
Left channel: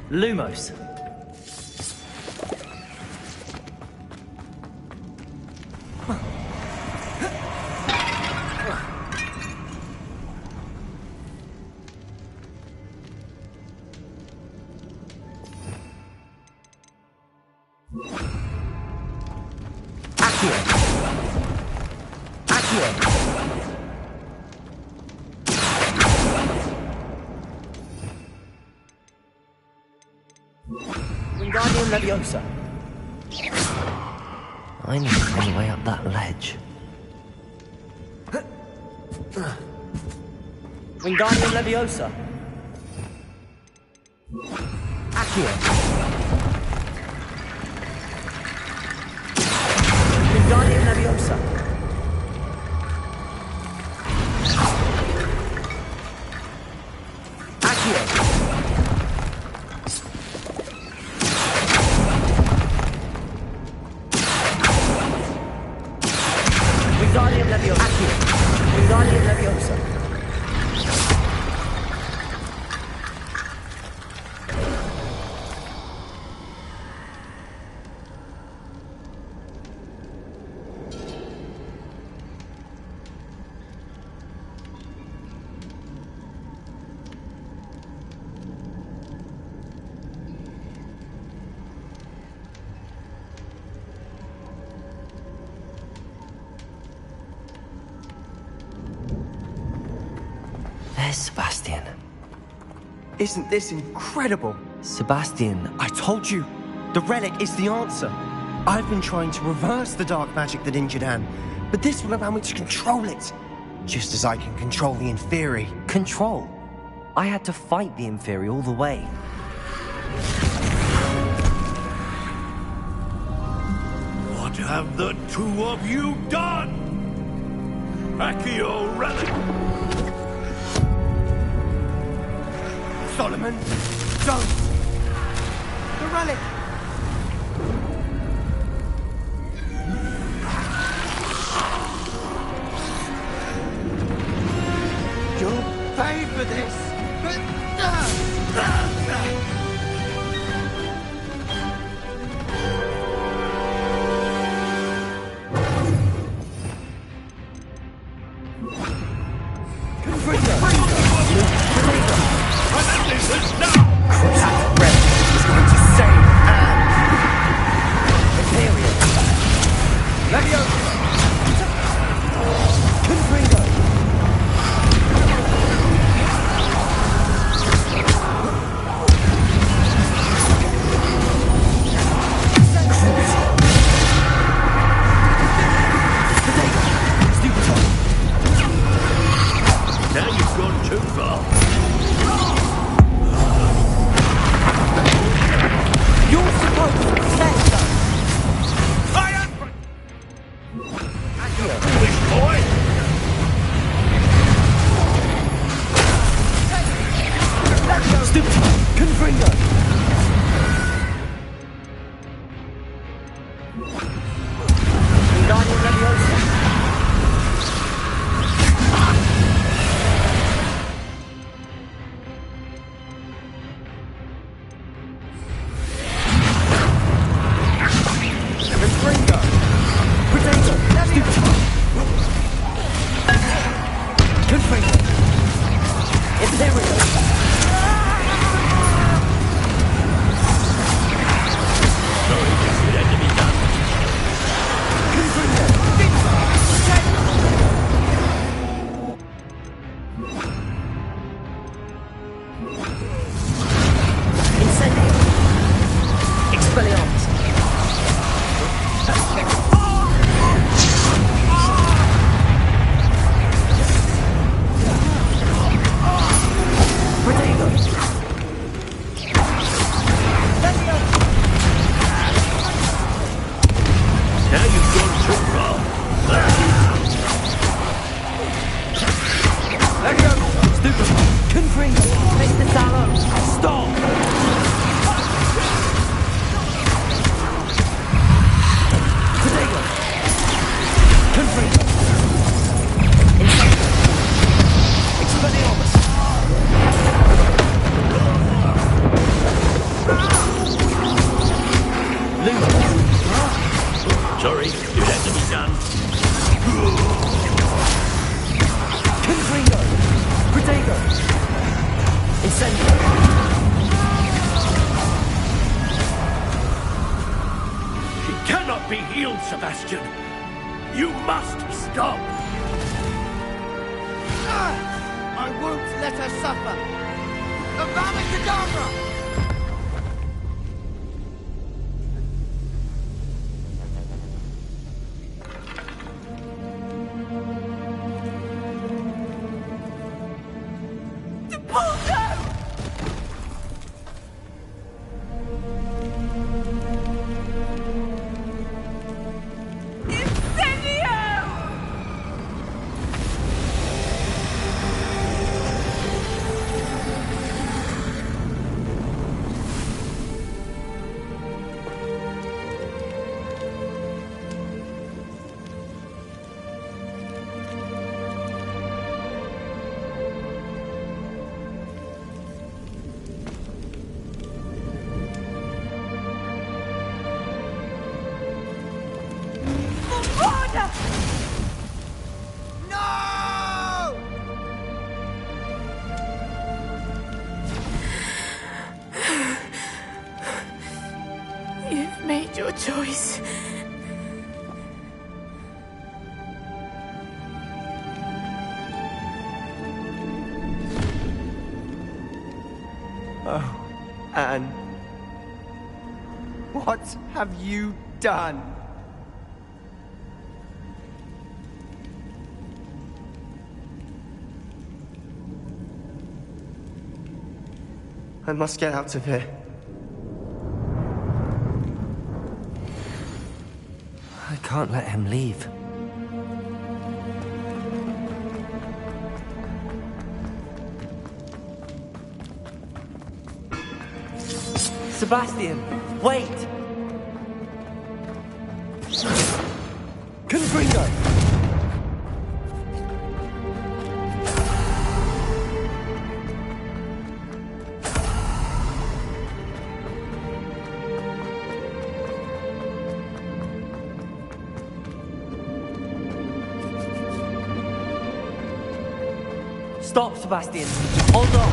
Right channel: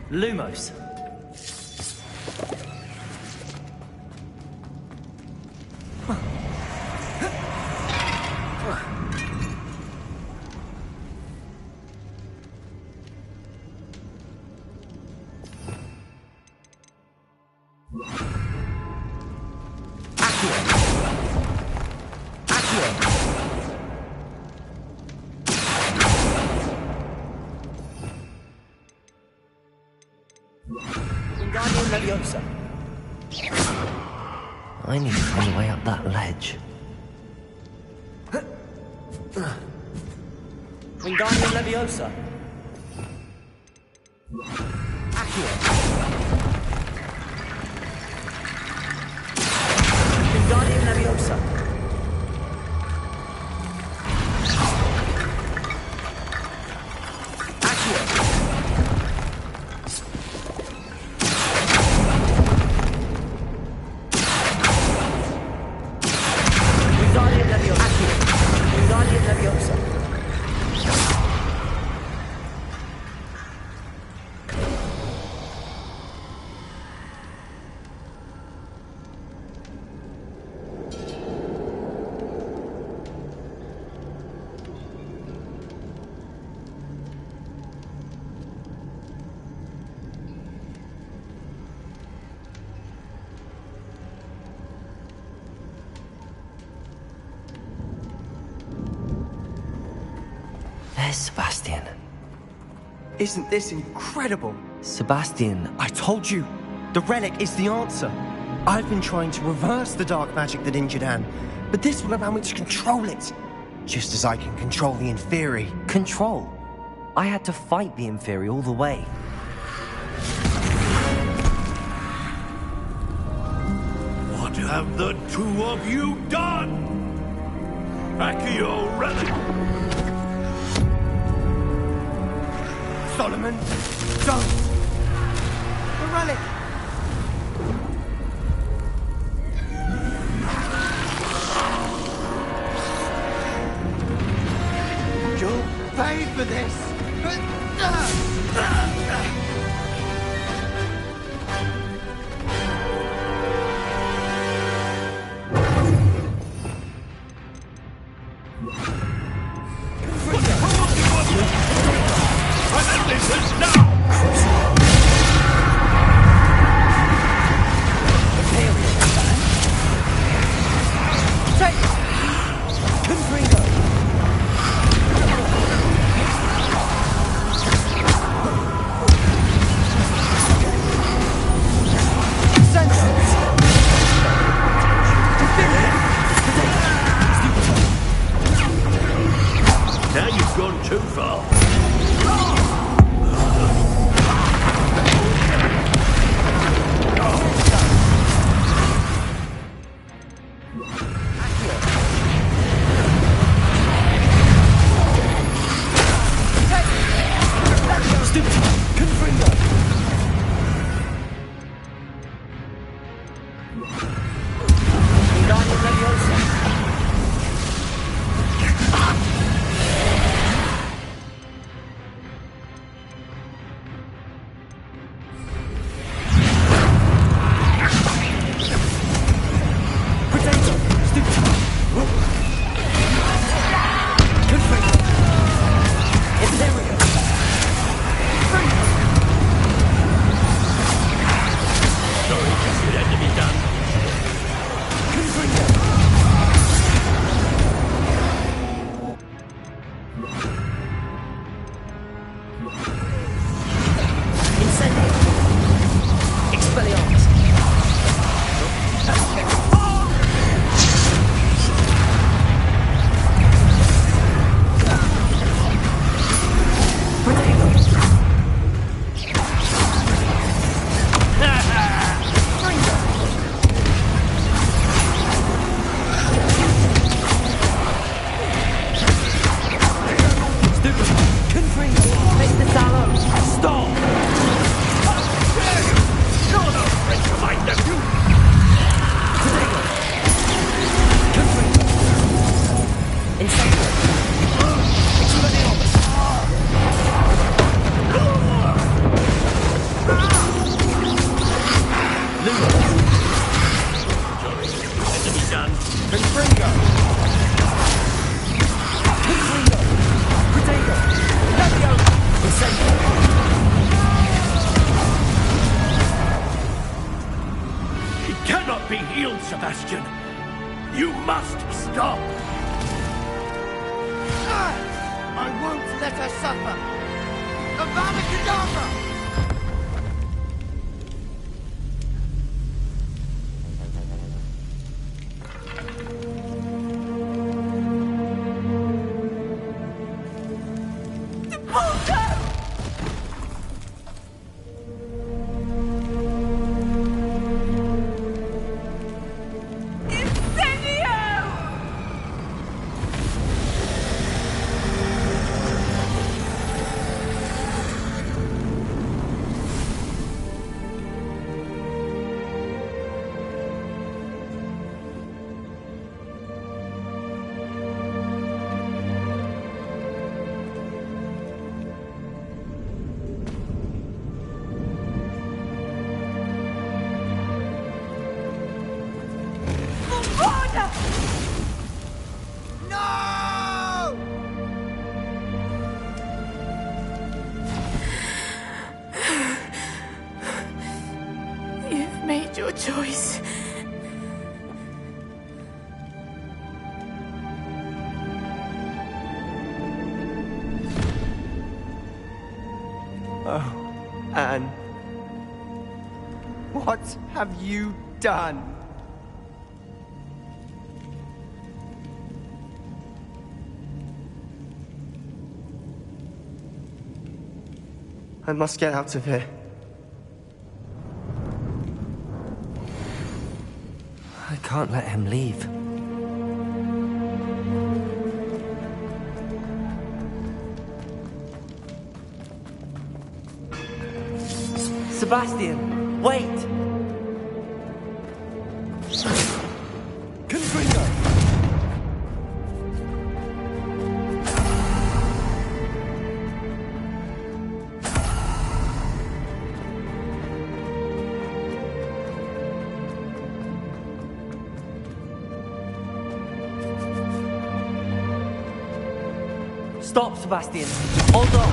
Lumos. Wingardium Leviosa. I need to find a way up that ledge. Wingardium Leviosa. Accio. Wingardium Leviosa. Accio. Wingardium Leviosa. Accio. Wingardium Leviosa. There's Sebastian. Isn't this incredible? Sebastian. I told you, the relic is the answer. I've been trying to reverse the dark magic that injured Anne, but this will allow me to control it. Just as I can control the Inferi. Control? I had to fight the Inferi all the way. What have the two of you done? Accio relic! Solomon, don't! The relic! You'll pay for this! Now you've gone too far. Wingardium Leviosa. sorry. It had to be done. Confringo! Protego! Incendio! She cannot be healed, Sebastian. You must stop. I won't let her suffer. Avada Kedavra! No! You've made your choice. Oh, Anne. What have you done? I must get out of here. I can't let him leave. Sebastian, wait! Confringo! Stop, Sebastian! Hold on!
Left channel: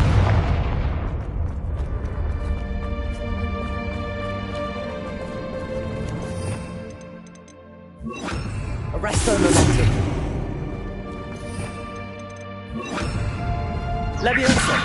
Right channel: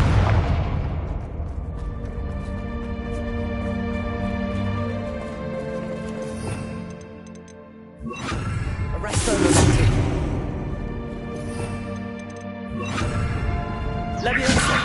Arresto momentum. Leviosa.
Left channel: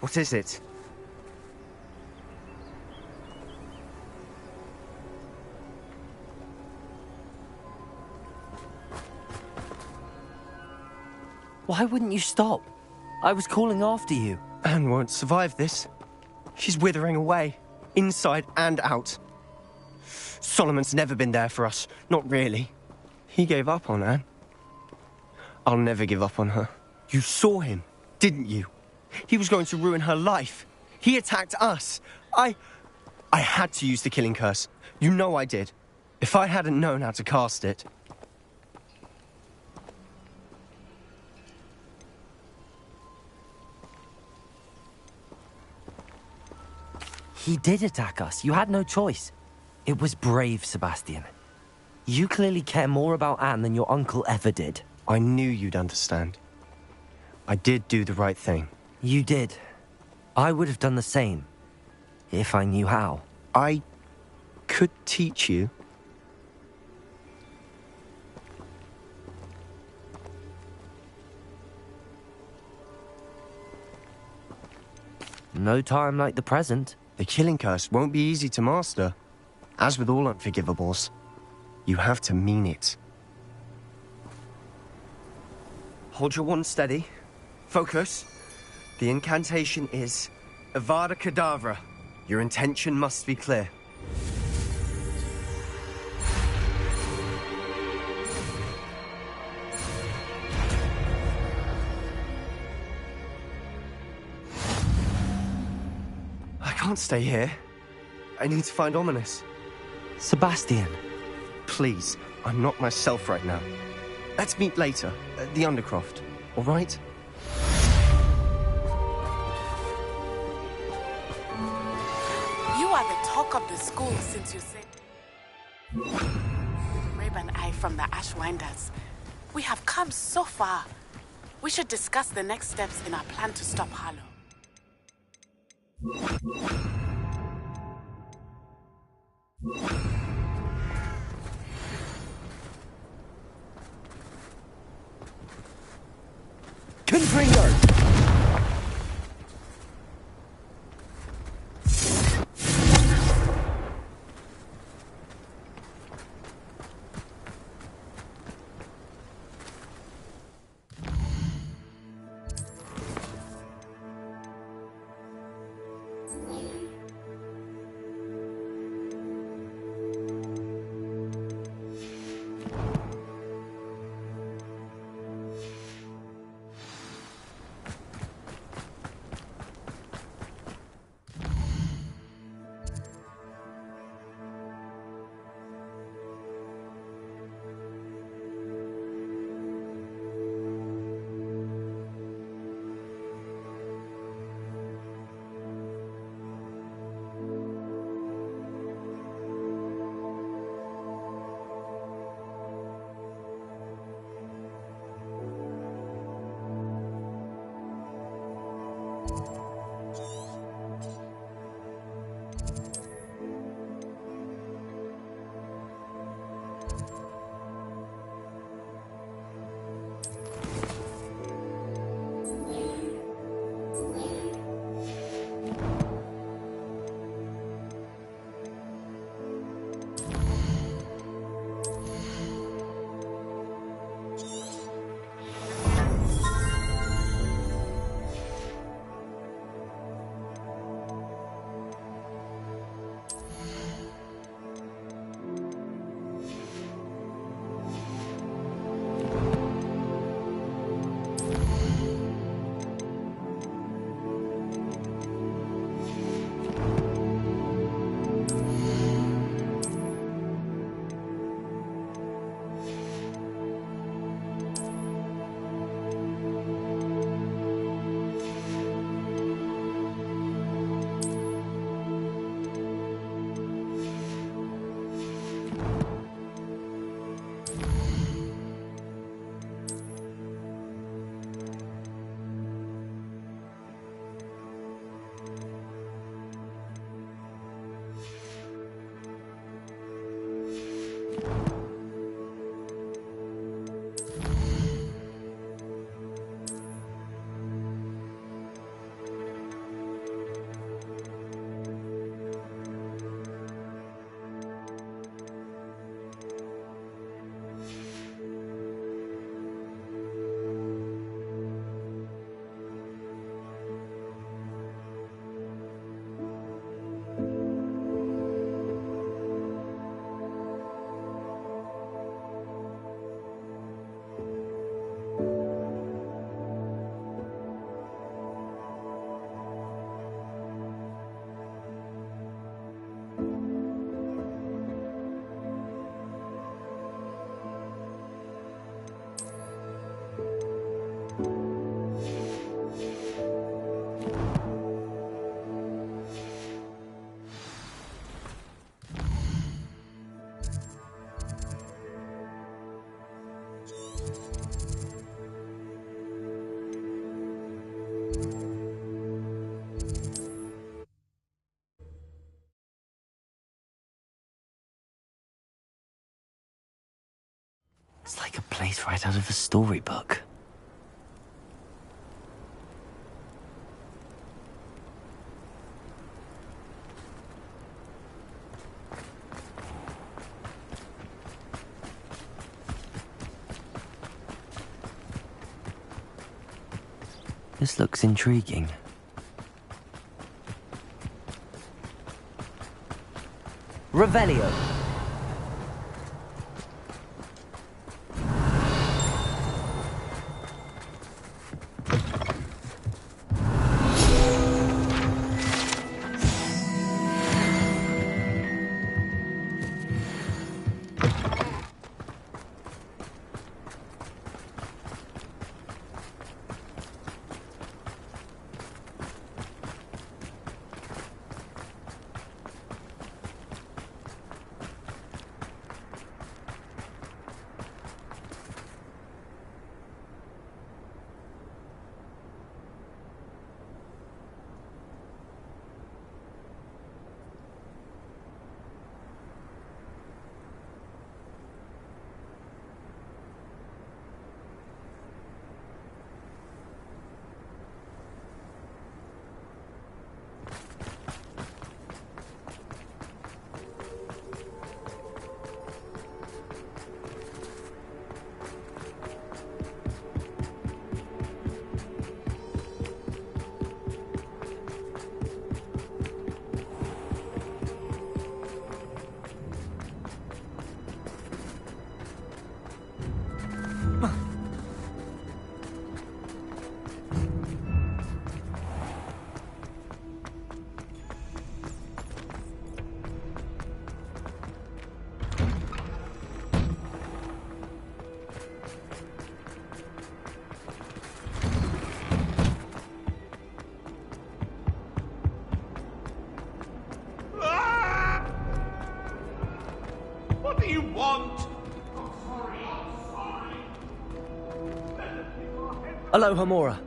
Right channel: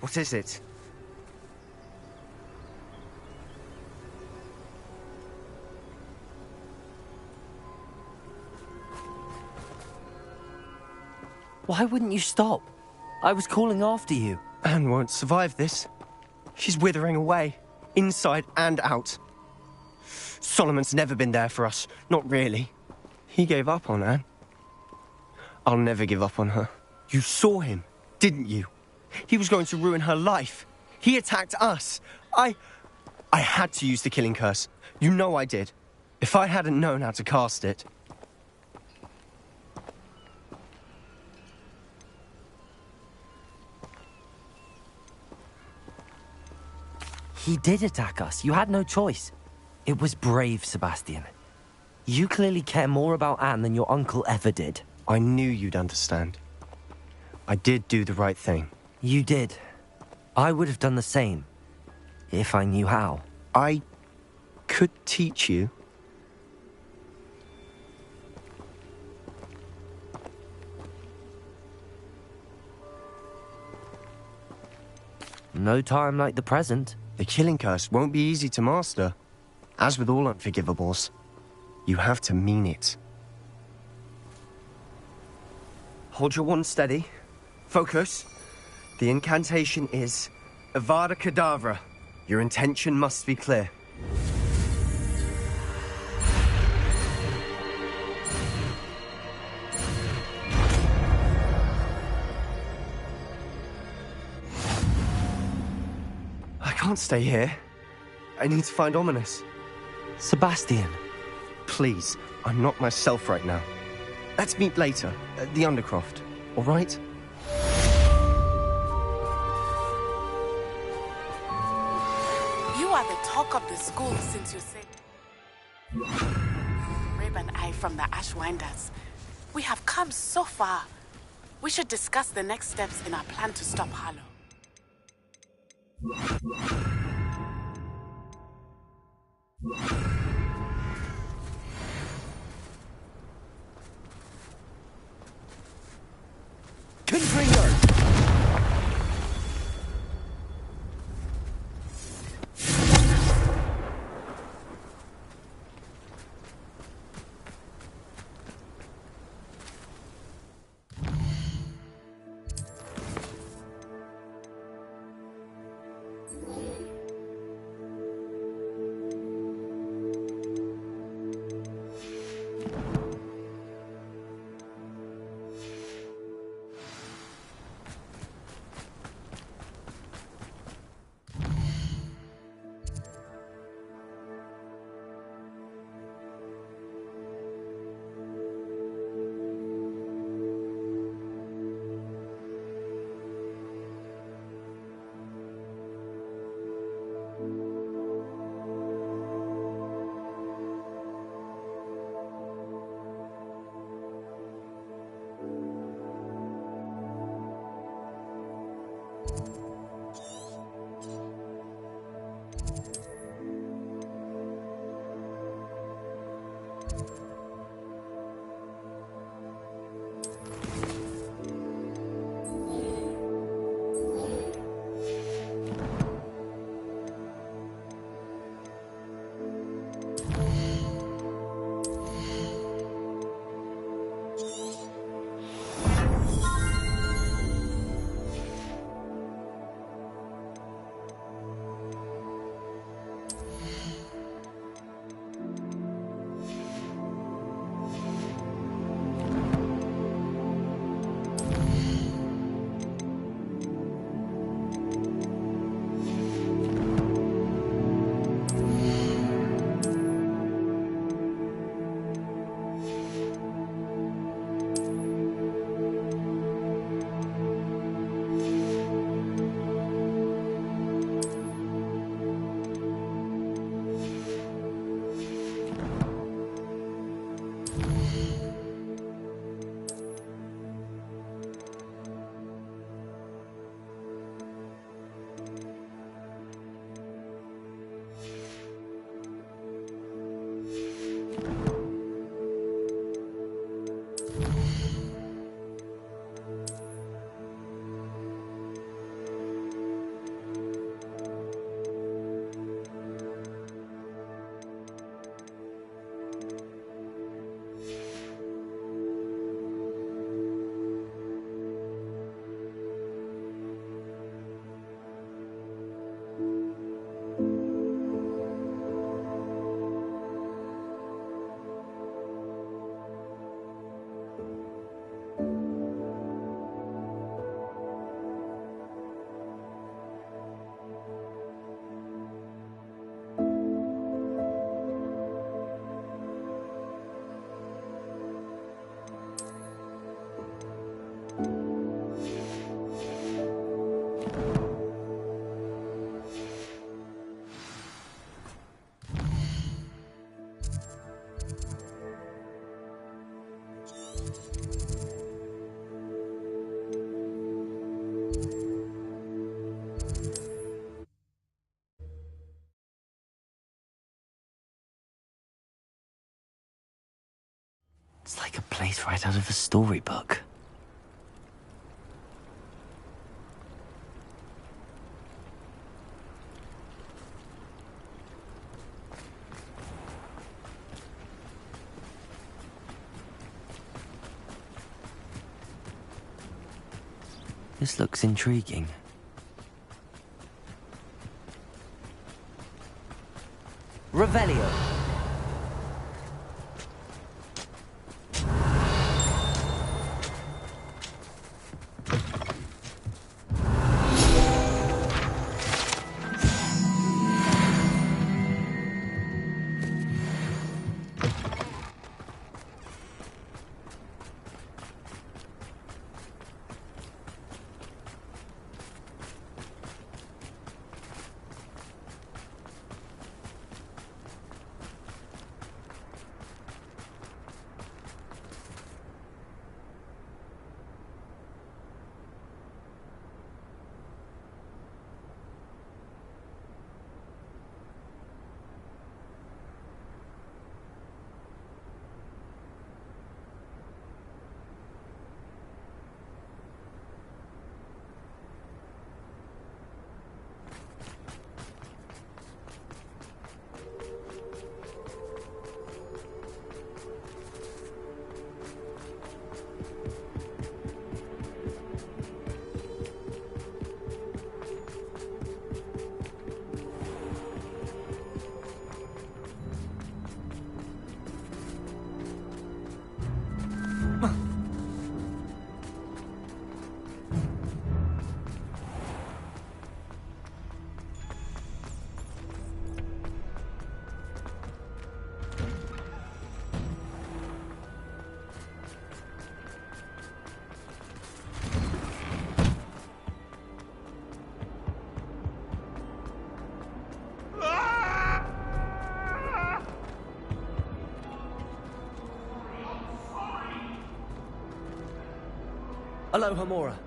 What is it? Why wouldn't you stop? I was calling after you. Anne won't survive this. She's withering away, inside and out. Solomon's never been there for us, not really. He gave up on Anne. I'll never give up on her. You saw him, didn't you? He was going to ruin her life. He attacked us. I had to use the killing curse. You know I did. If I hadn't known how to cast it... He did attack us. You had no choice. It was brave, Sebastian. You clearly care more about Anne than your uncle ever did. I knew you'd understand. I did do the right thing. You did. I would have done the same, if I knew how. I could teach you. No time like the present. The killing curse won't be easy to master. As with all unforgivables, you have to mean it. Hold your wand steady. Focus. The incantation is Avada Kedavra. Your intention must be clear. can't stay here. I need to find Ominous. Sebastian. Please, I'm not myself right now. Let's meet later, at the Undercroft, all right? You are the talk of the school since you said... Rib and I from the Ashwinders. We have come so far. We should discuss the next steps in our plan to stop Harlow. Confringo! It's like a place right out of a storybook. This looks intriguing. Revelio. Aloha, Mora.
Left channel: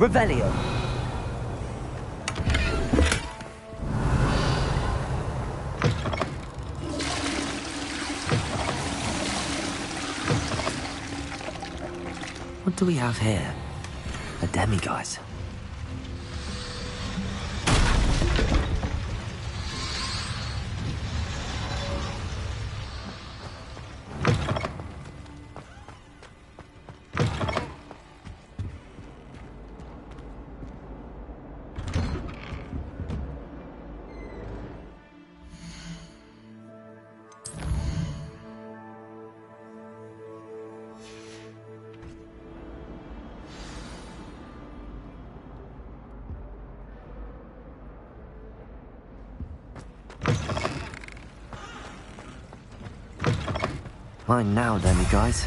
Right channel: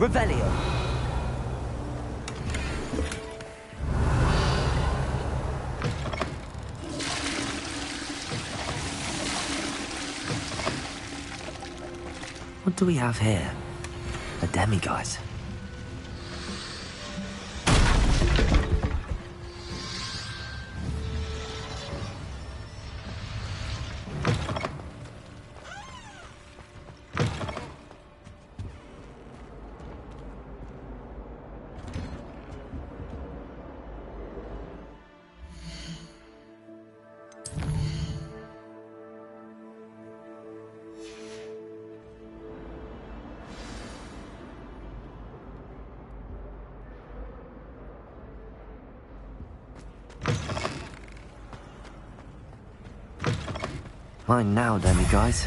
Revelio. What do we have here? A demiguise. Mine now, demiguise.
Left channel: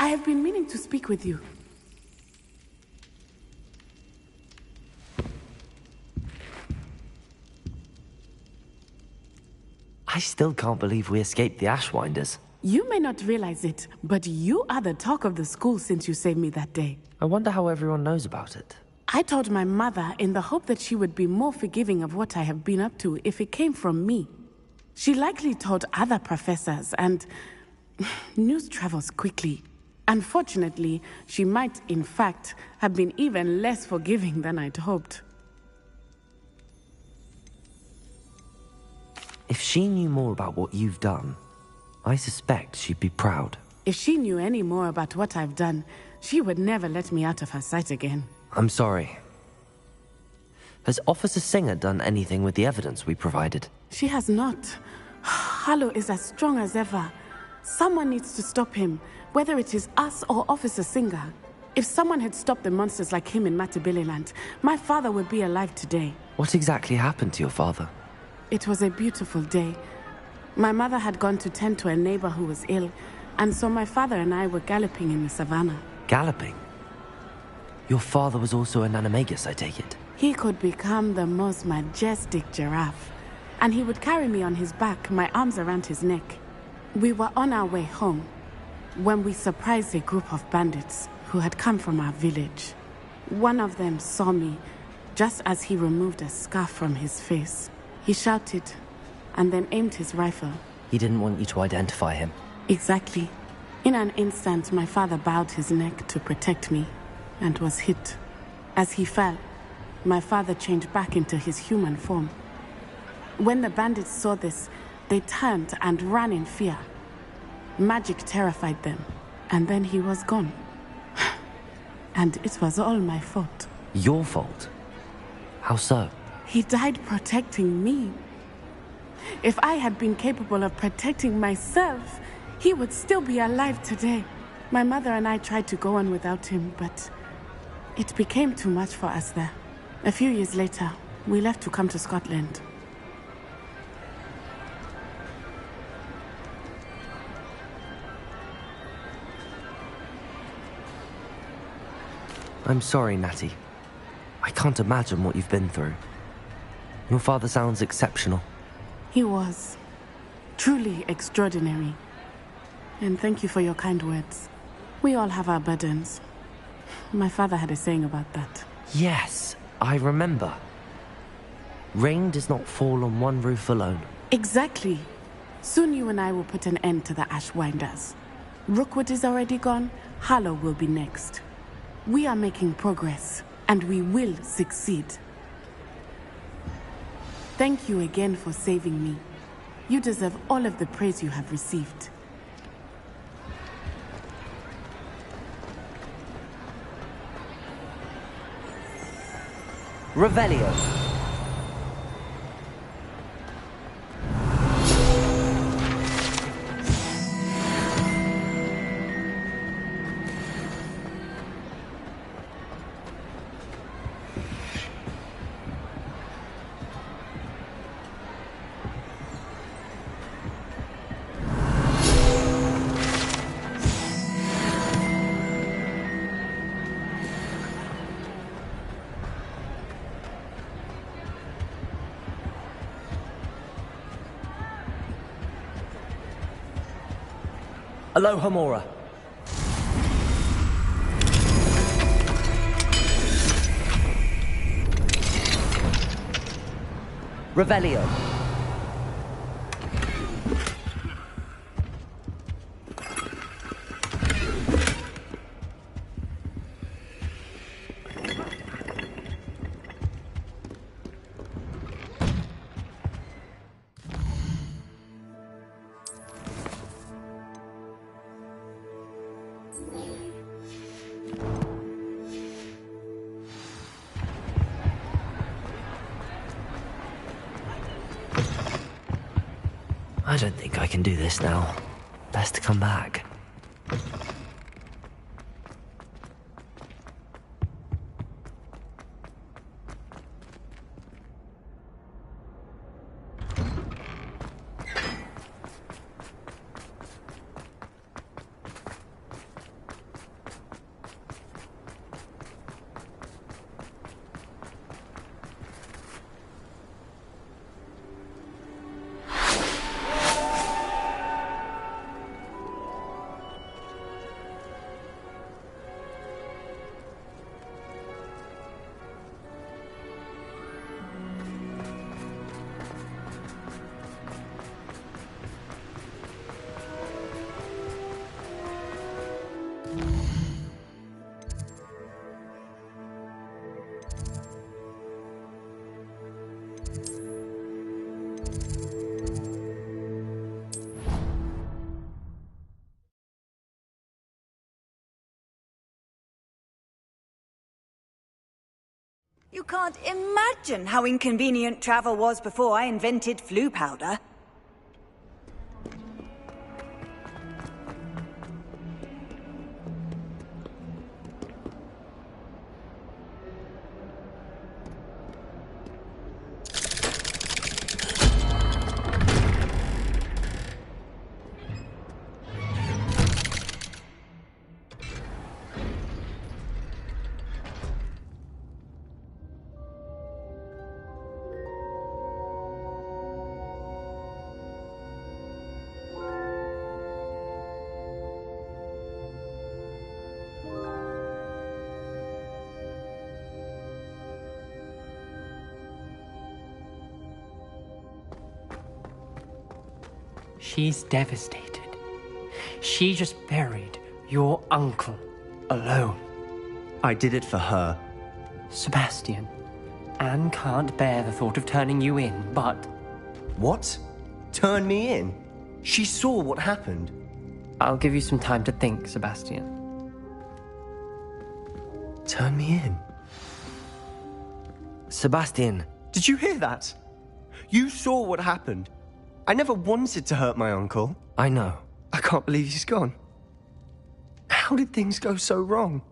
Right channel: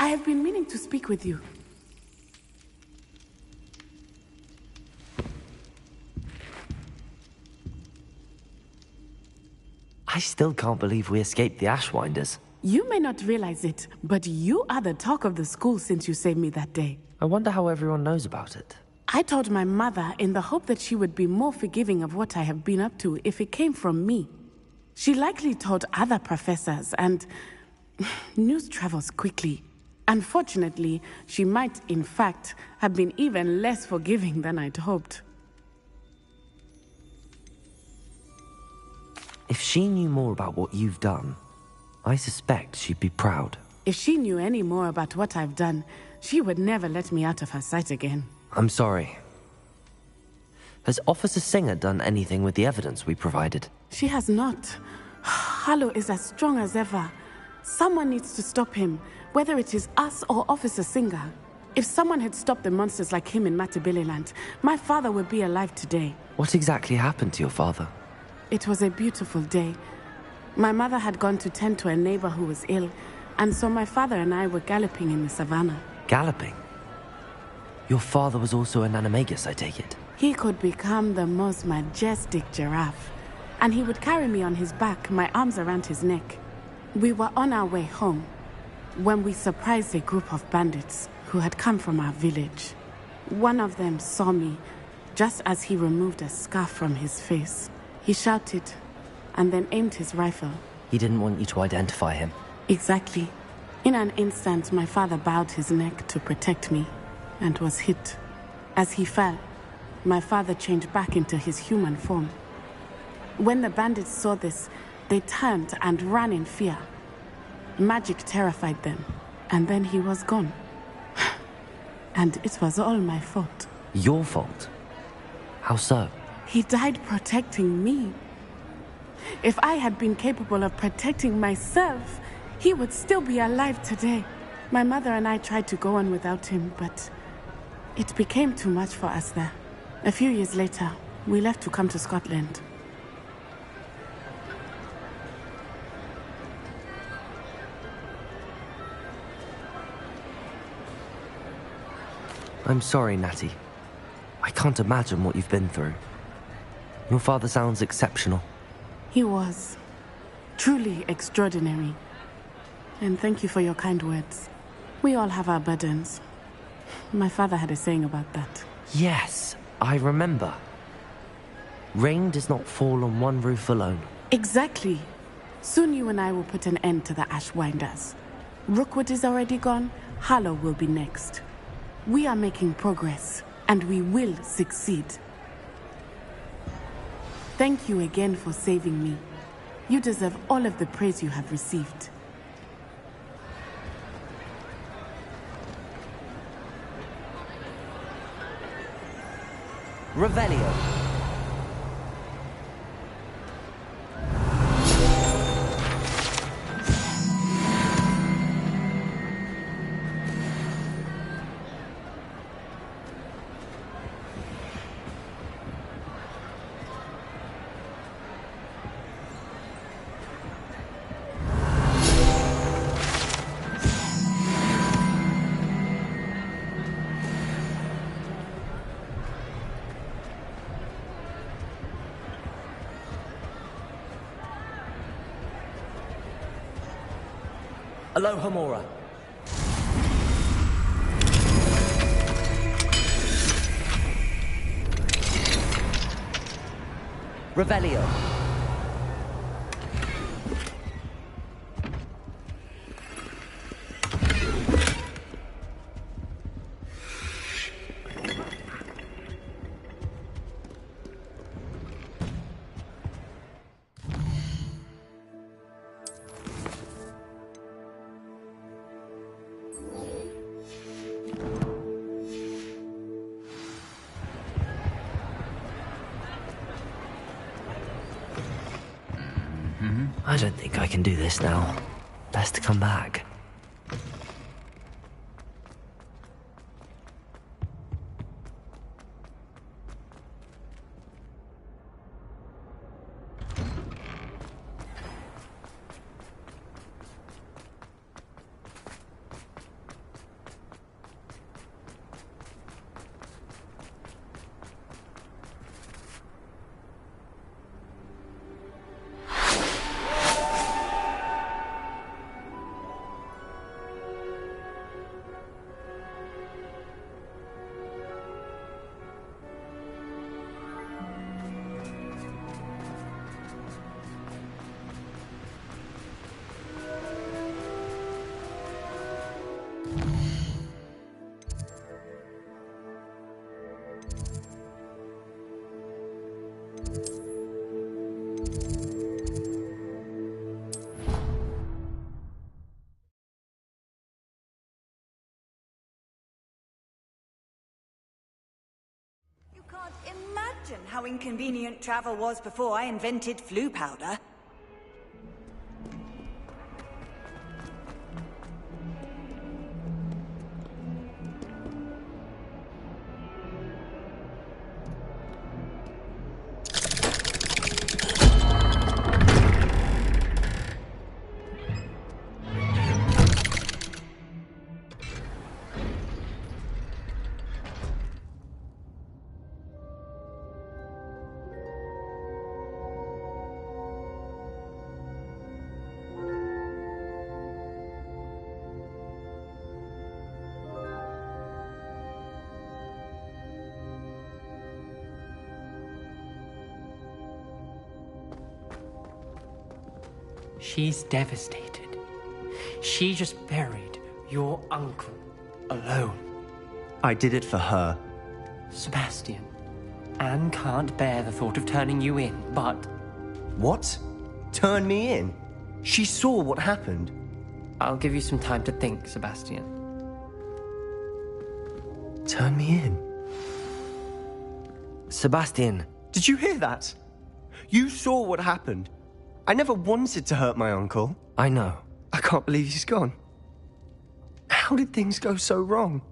I have been meaning to speak with you. I still can't believe we escaped the Ashwinders. You may not realize it, but you are the talk of the school since you saved me that day. I wonder how everyone knows about it. I told my mother in the hope that she would be more forgiving of what I have been up to if it came from me. She likely told other professors, and news travels quickly. Unfortunately, she might, in fact, have been even less forgiving than I'd hoped. If she knew more about what you've done, I suspect she'd be proud. If she knew any more about what I've done, she would never let me out of her sight again. I'm sorry. Has Officer Singer done anything with the evidence we provided? She has not. Harlow is as strong as ever. Someone needs to stop him, whether it is us or Officer Singer. If someone had stopped the monsters like him in Matabeleland, my father would be alive today. What exactly happened to your father? It was a beautiful day. My mother had gone to tend to a neighbor who was ill, and so my father and I were galloping in the savannah. Galloping? Your father was also an animagus, I take it? He could become the most majestic giraffe, and he would carry me on his back, my arms around his neck. We were on our way home when we surprised a group of bandits who had come from our village. One of them saw me just as he removed a scarf from his face. He shouted and then aimed his rifle. He didn't want you to identify him. Exactly. In an instant, my father bowed his neck to protect me and was hit. As he fell, my father changed back into his human form. When the bandits saw this, they turned and ran in fear. Magic terrified them, and then he was gone. And it was all my fault. Your fault? How so? He died protecting me. If I had been capable of protecting myself, he would still be alive today. My mother and I tried to go on without him, but it became too much for us there. A few years later, we left to come to Scotland. I'm sorry, Natty. I can't imagine what you've been through. Your father sounds exceptional. He was. Truly extraordinary. And thank you for your kind words. We all have our burdens. My father had a saying about that. Yes, I remember. Rain does not fall on one roof alone. Exactly. Soon you and I will put an end to the Ashwinders. Rookwood is already gone. Harlow will be next. We are making progress, and we will succeed. Thank you again for saving me. You deserve all of the praise you have received. Revelio. Aloha Mora. Revelio. I don't think I can do this now. Best to come back. You can't imagine how inconvenient travel was before I invented flu powder. She's devastated. She just buried your uncle alone. I did it for her. Sebastian, Anne can't bear the thought of turning you in, but... What? Turn me in? She saw what happened. I'll give you some time to think, Sebastian. Turn me in? Sebastian. Did you hear that? You saw what happened. I never wanted to hurt my uncle. I know. I can't believe he's gone. How did things go so wrong?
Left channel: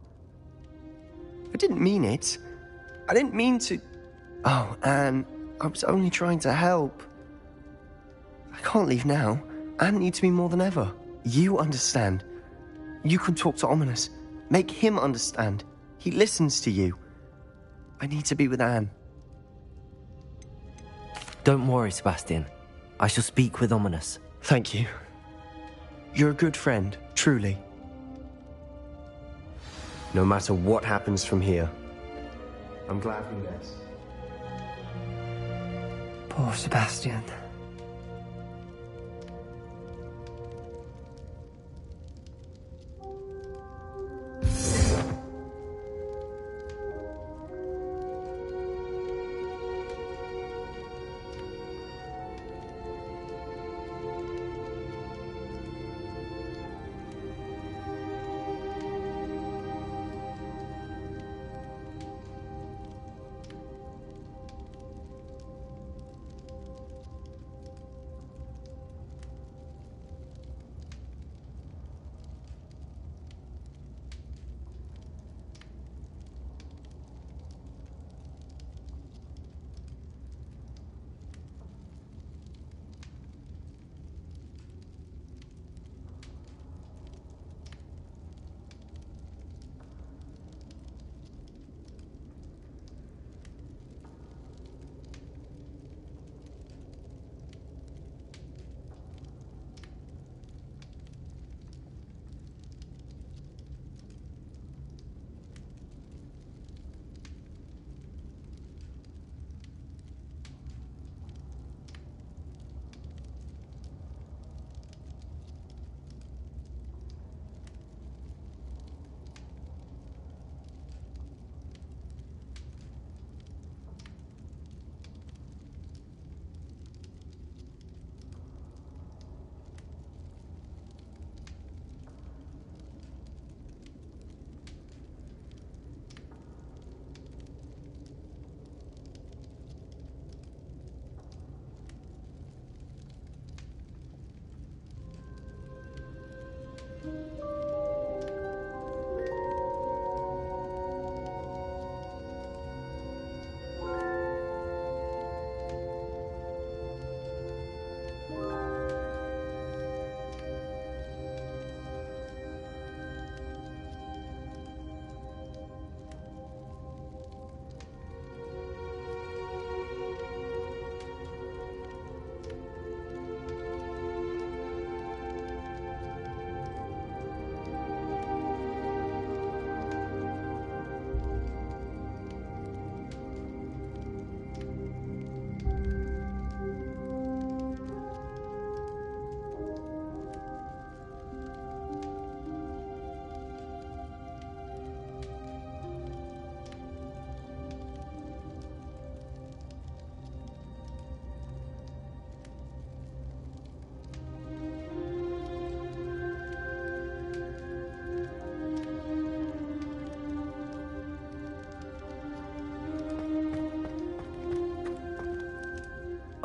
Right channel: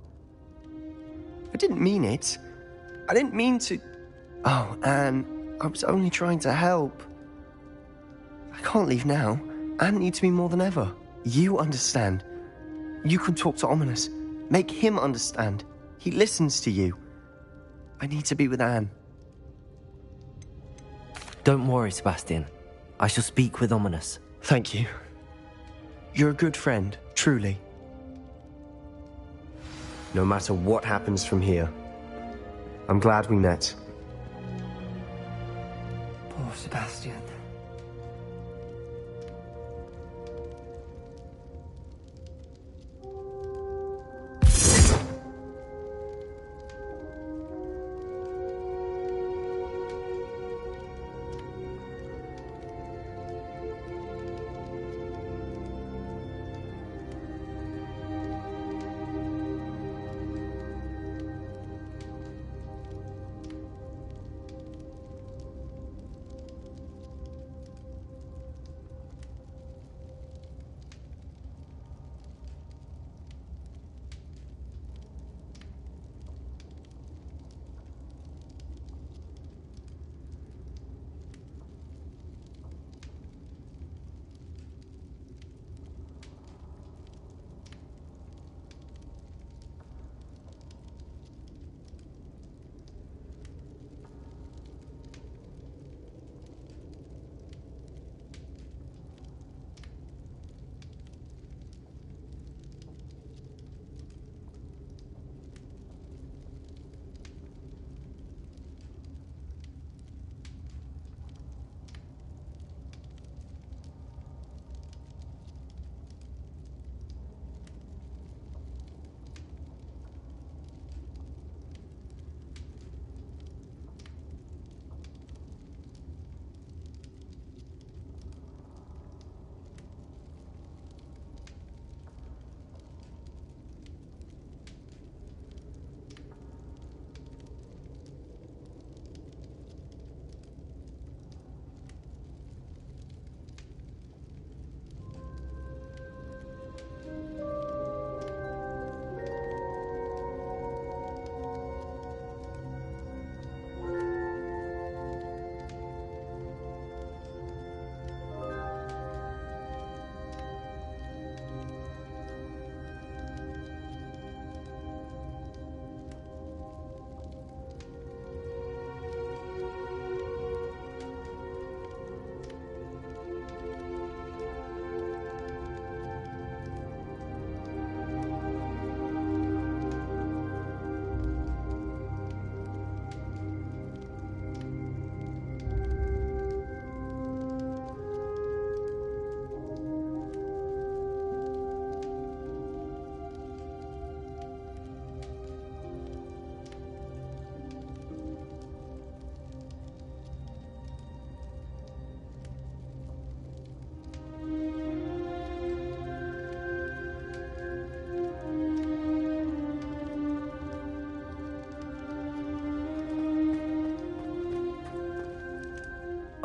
I didn't mean it. I didn't mean to... Oh, Anne, I was only trying to help. I can't leave now. Anne needs me more than ever. You understand. You can talk to Ominous. Make him understand. He listens to you. I need to be with Anne. Don't worry, Sebastian. I shall speak with Ominous. Thank you. You're a good friend, truly. No matter what happens from here, I'm glad we met. Poor Sebastian.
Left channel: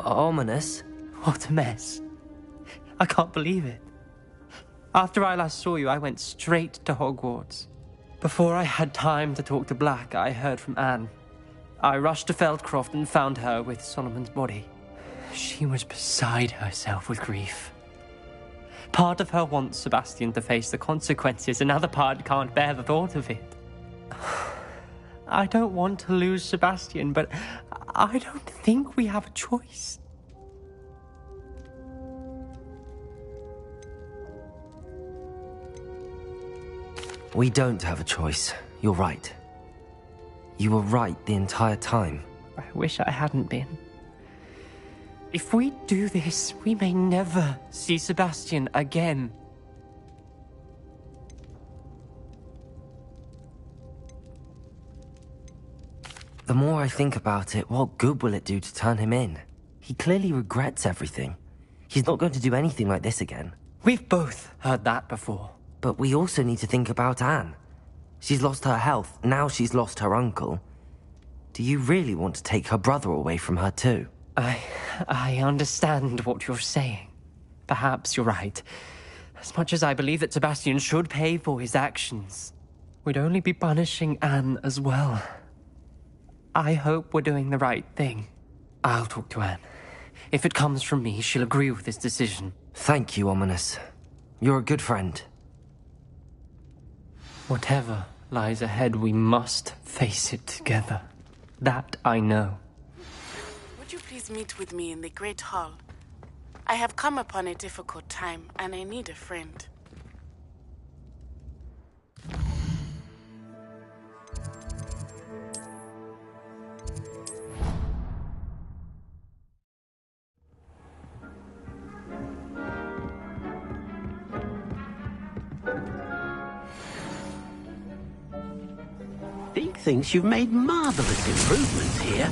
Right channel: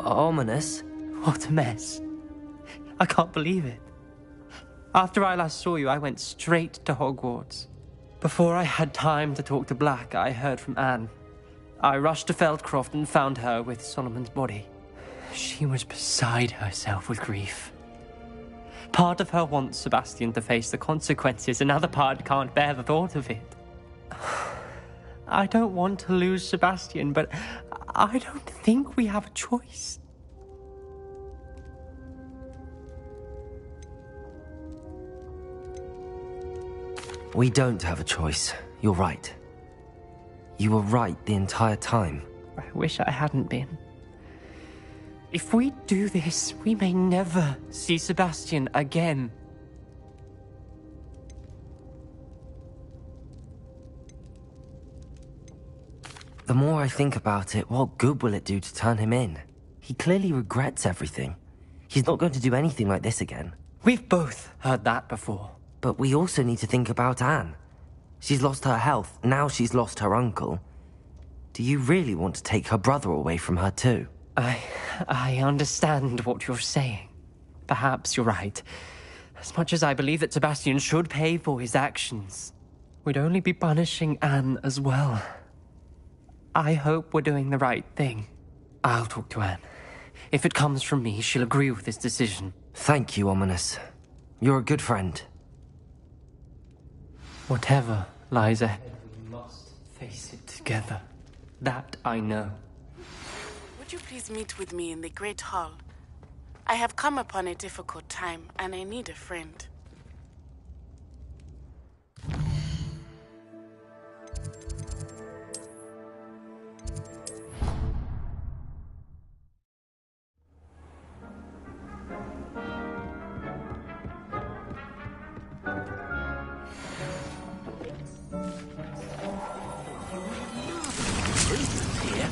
Ominous? What a mess. I can't believe it. After I last saw you, I went straight to Hogwarts. Before I had time to talk to Black, I heard from Anne. I rushed to Feldcroft and found her with Solomon's body. She was beside herself with grief. Part of her wants Sebastian to face the consequences, another part can't bear the thought of it. I don't want to lose Sebastian, but I don't think we have a choice. We don't have a choice. You're right. You were right the entire time. I wish I hadn't been. If we do this, we may never see Sebastian again. The more I think about it, what good will it do to turn him in? He clearly regrets everything. He's not going to do anything like this again. We've both heard that before. But we also need to think about Anne. She's lost her health, now she's lost her uncle. Do you really want to take her brother away from her too? I understand what you're saying. Perhaps you're right. As much as I believe that Sebastian should pay for his actions, we'd only be punishing Anne as well. I hope we're doing the right thing. I'll talk to Anne. If it comes from me, she'll agree with this decision. Thank you, Ominous. You're a good friend. Whatever lies ahead, we must face it together. That I know. Would you please meet with me in the Great Hall? I have come upon a difficult time, and I need a friend. Deke thinks you've made marvelous improvements here.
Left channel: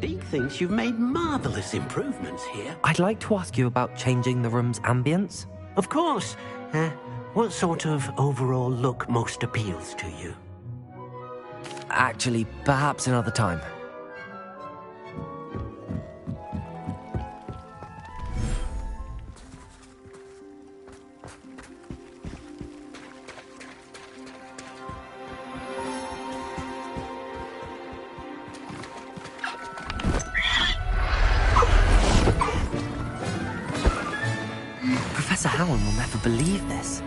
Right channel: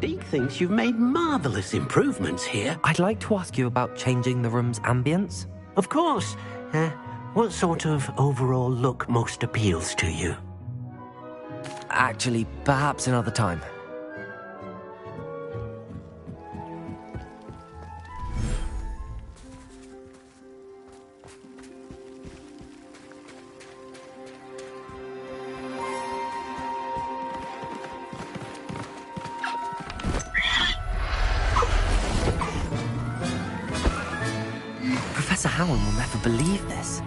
Deke thinks you've made marvelous improvements here. I'd like to ask you about changing the room's ambience. Of course. What sort of overall look most appeals to you? Actually, perhaps another time. Professor Howland will never believe this.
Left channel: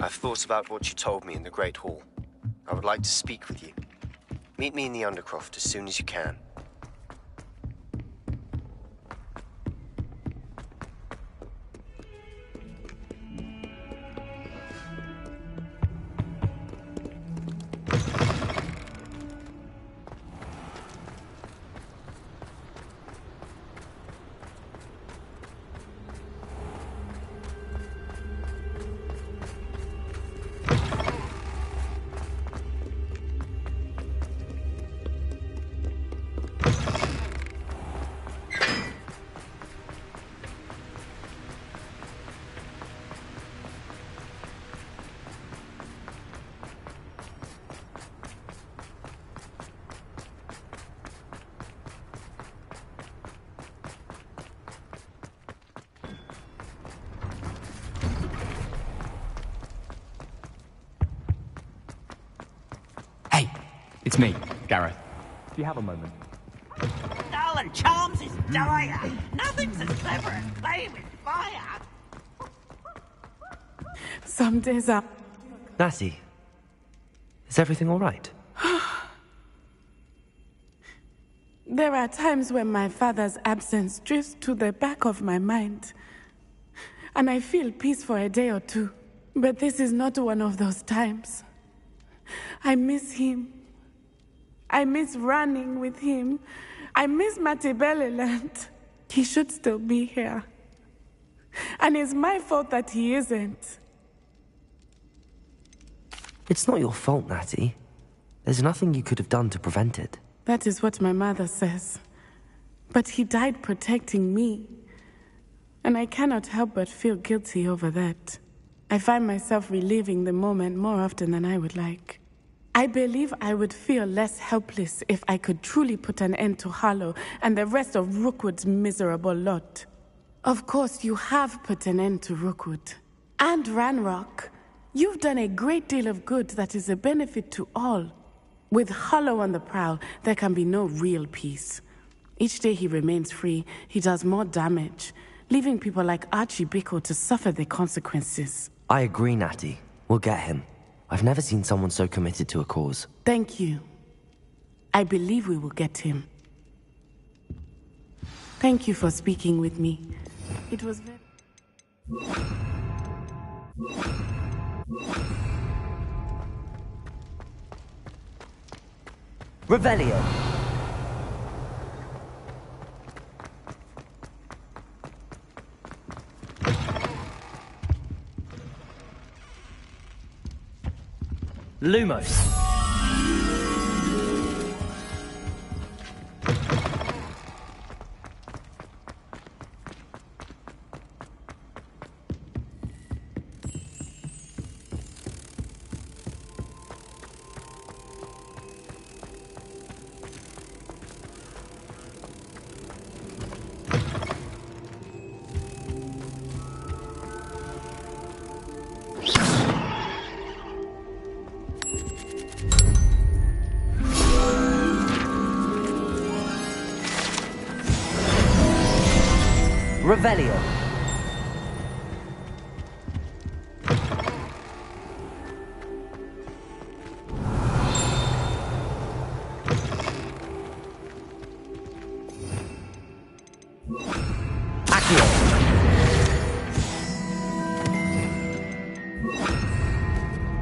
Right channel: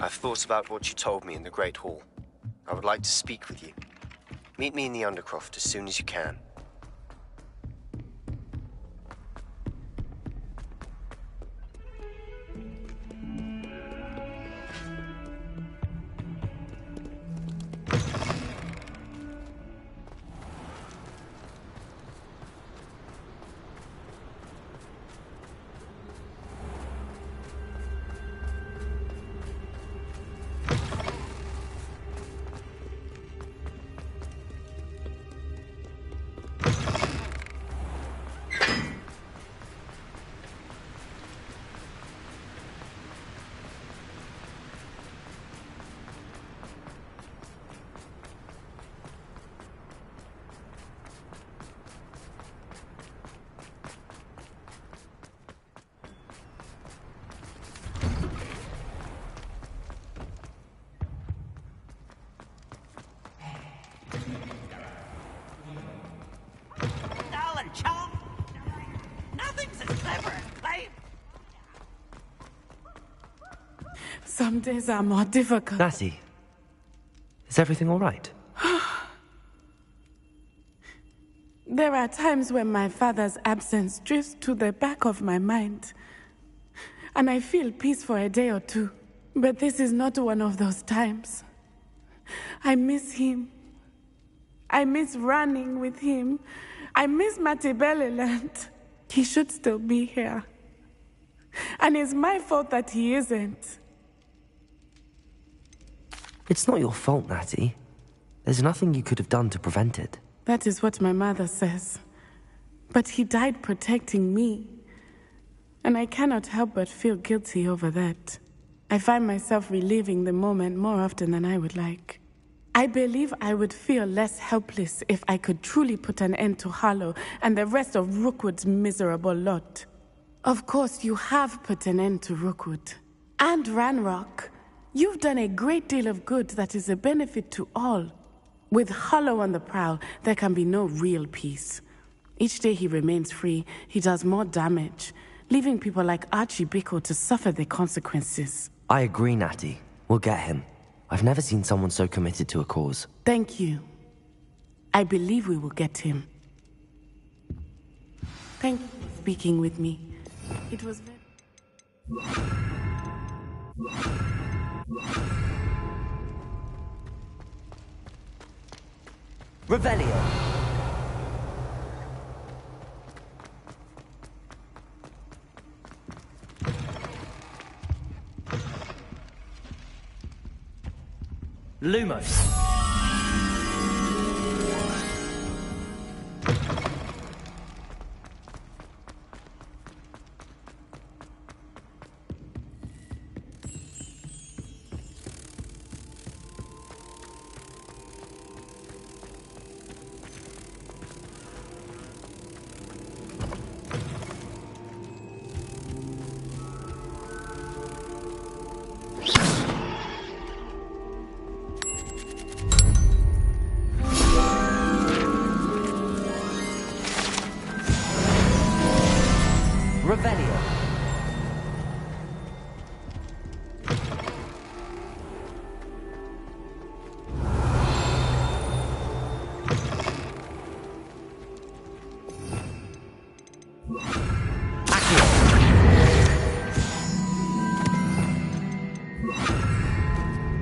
I've thought about what you told me in the Great Hall. I would like to speak with you. Meet me in the Undercroft as soon as you can. It's me, Gareth. Do you have a moment? Darling Charms is dire. Nothing's as clever as playing with fire. Some days are more difficult. Natty, is everything all right? There are times when my father's absence drifts to the back of my mind, and I feel peace for a day or two. But this is not one of those times. I miss him. I miss running with him. I miss Matibeleland. He should still be here. And it's my fault that he isn't. It's not your fault, Natty. There's nothing you could have done to prevent it. That is what my mother says. But he died protecting me. And I cannot help but feel guilty over that. I find myself reliving the moment more often than I would like. I believe I would feel less helpless if I could truly put an end to Harlow and the rest of Rookwood's miserable lot. Of course, you have put an end to Rookwood. And Ranrock. You've done a great deal of good that is a benefit to all. With Harlow on the prowl, there can be no real peace. Each day he remains free, he does more damage, leaving people like Archie Bickle to suffer the consequences. I agree, Natty. We'll get him. I've never seen someone so committed to a cause. Thank you. I believe we will get him. Thank you for speaking with me. It was very... Revelio. Lumos. Revelio.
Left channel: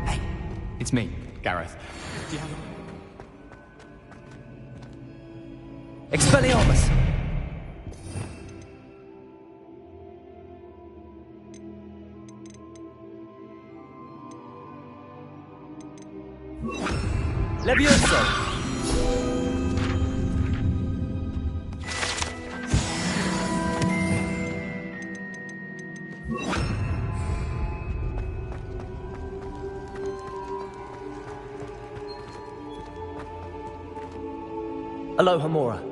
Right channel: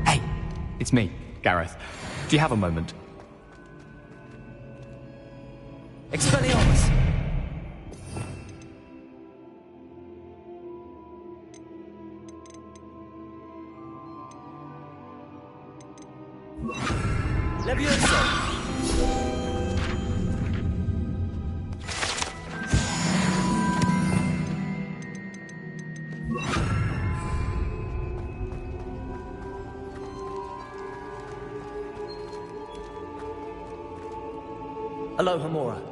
Hey, it's me, Gareth. Do you have a moment? Expelliarmus. Levioso! Aloha Mora.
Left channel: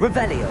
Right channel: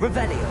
Revelio.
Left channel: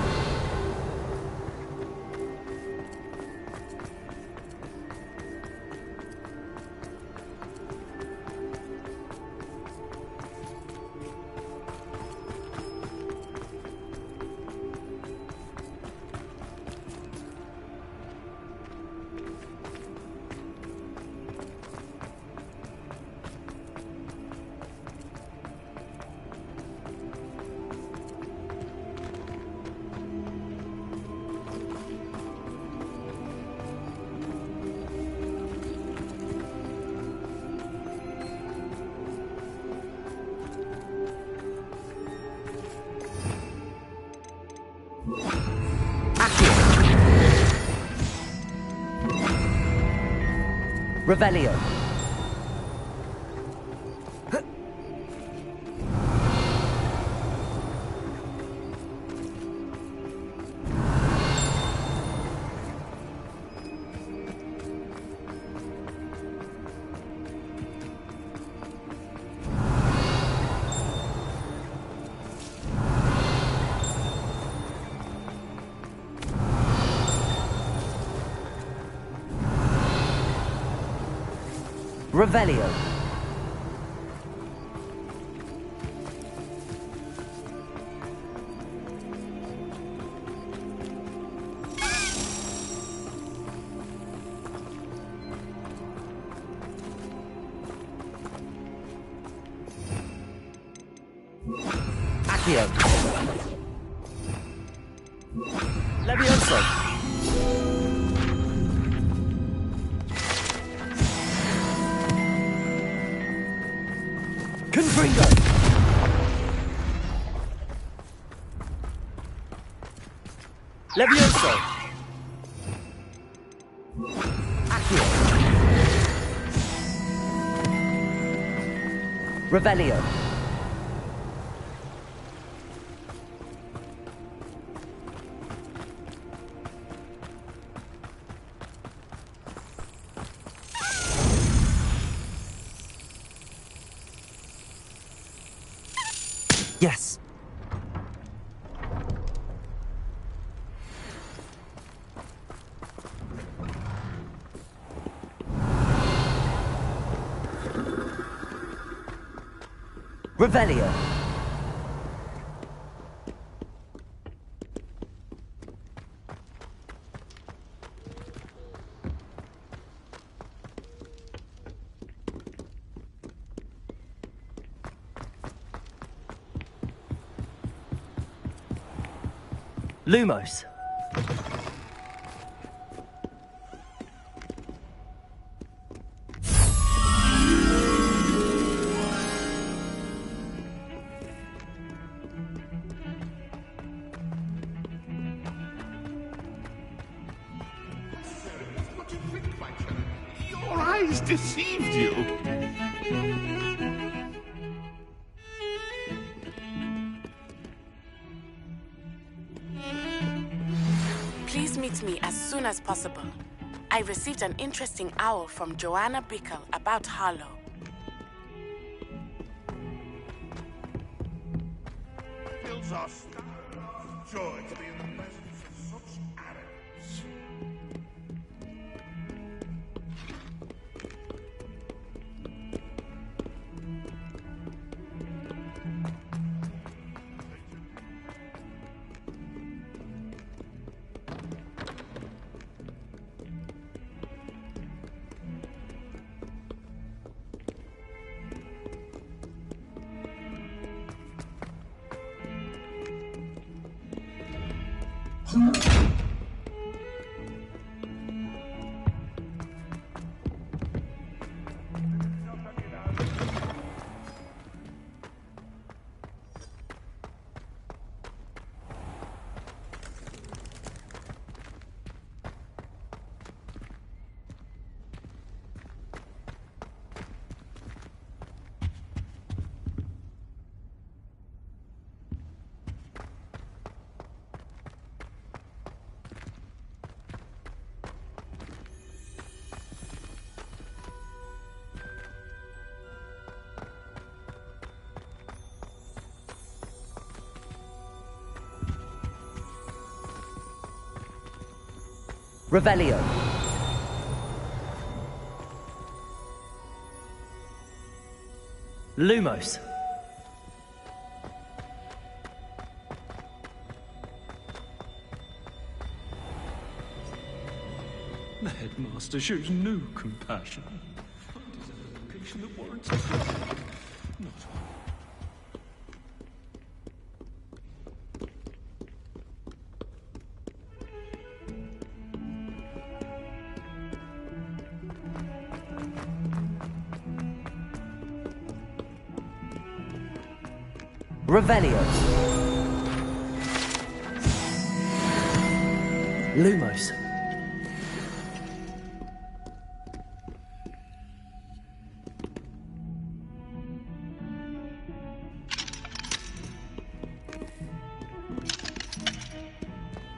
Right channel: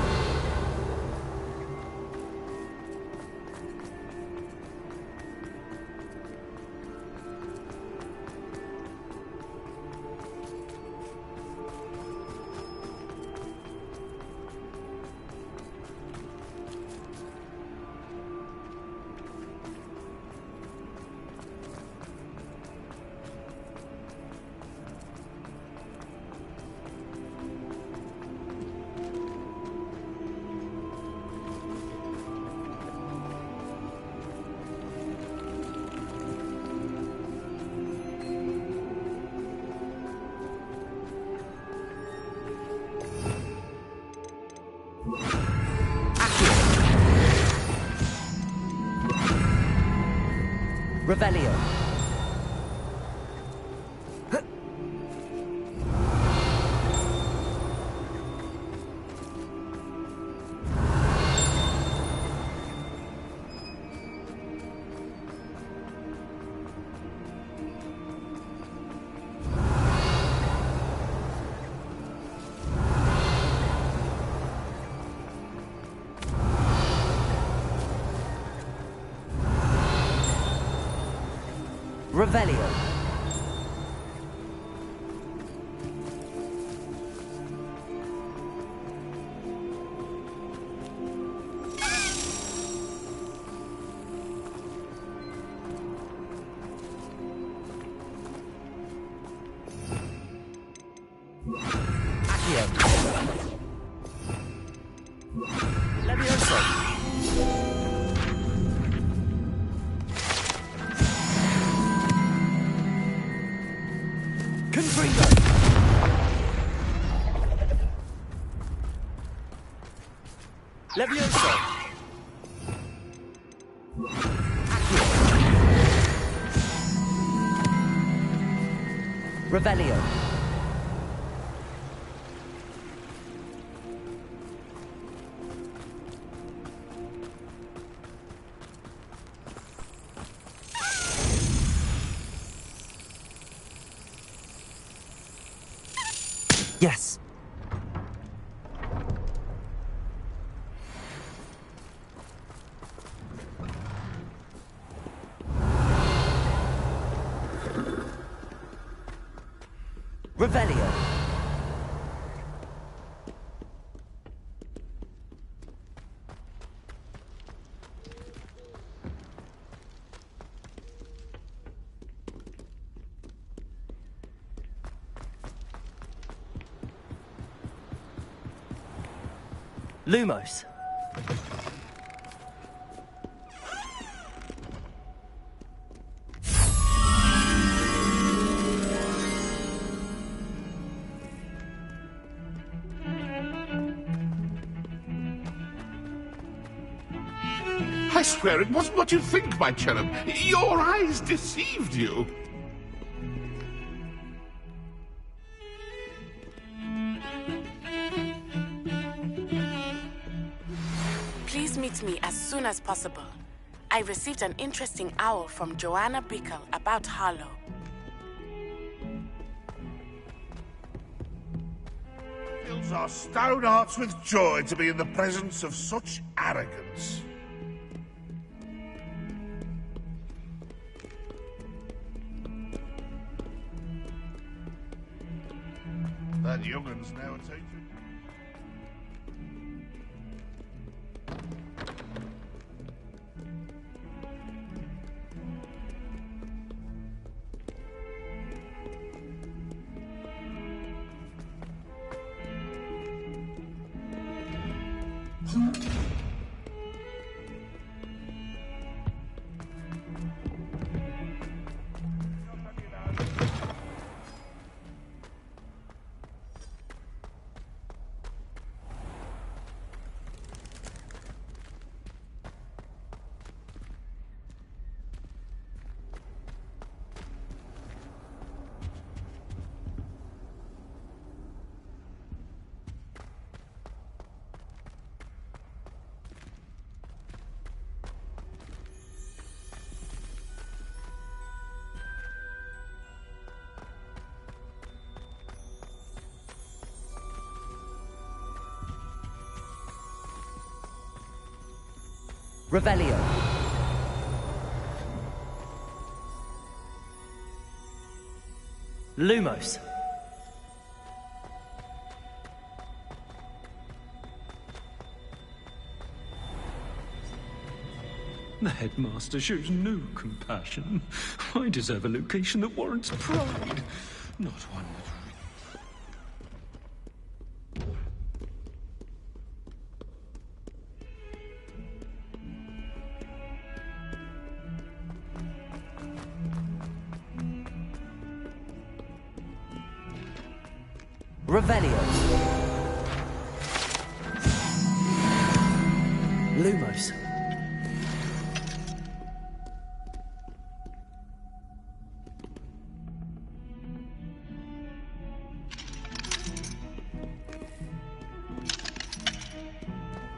Revelio. Revelio. Accio. Levioso. Confringo! Levioso! Accio! Revelio! Yes. Revelio. Lumos. I swear it wasn't what you think, my cherub. Your eyes deceived you. Please meet me as soon as possible. I received an interesting owl from Joanna Bickle about Harlow. Fills our stout hearts with joy to be in the presence of such arrogance. That young'un's now taken. Revelio. Lumos. The headmaster shows no compassion. I deserve a location that warrants pride, not one. Revelio. Lumos.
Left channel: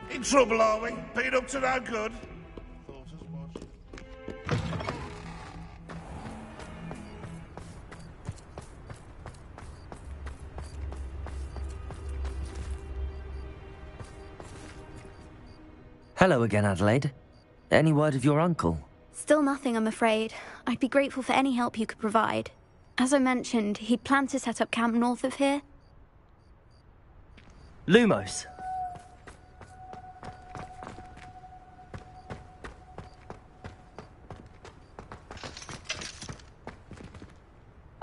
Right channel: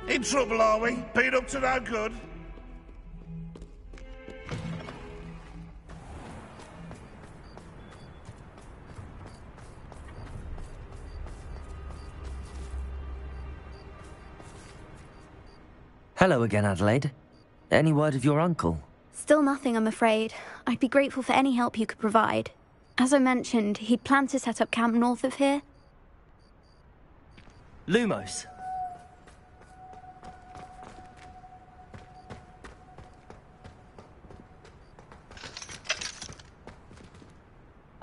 In trouble, are we? Been up to no good? Hello again, Adelaide. Any word of your uncle? Still nothing, I'm afraid. I'd be grateful for any help you could provide. As I mentioned, he'd planned to set up camp north of here. Lumos.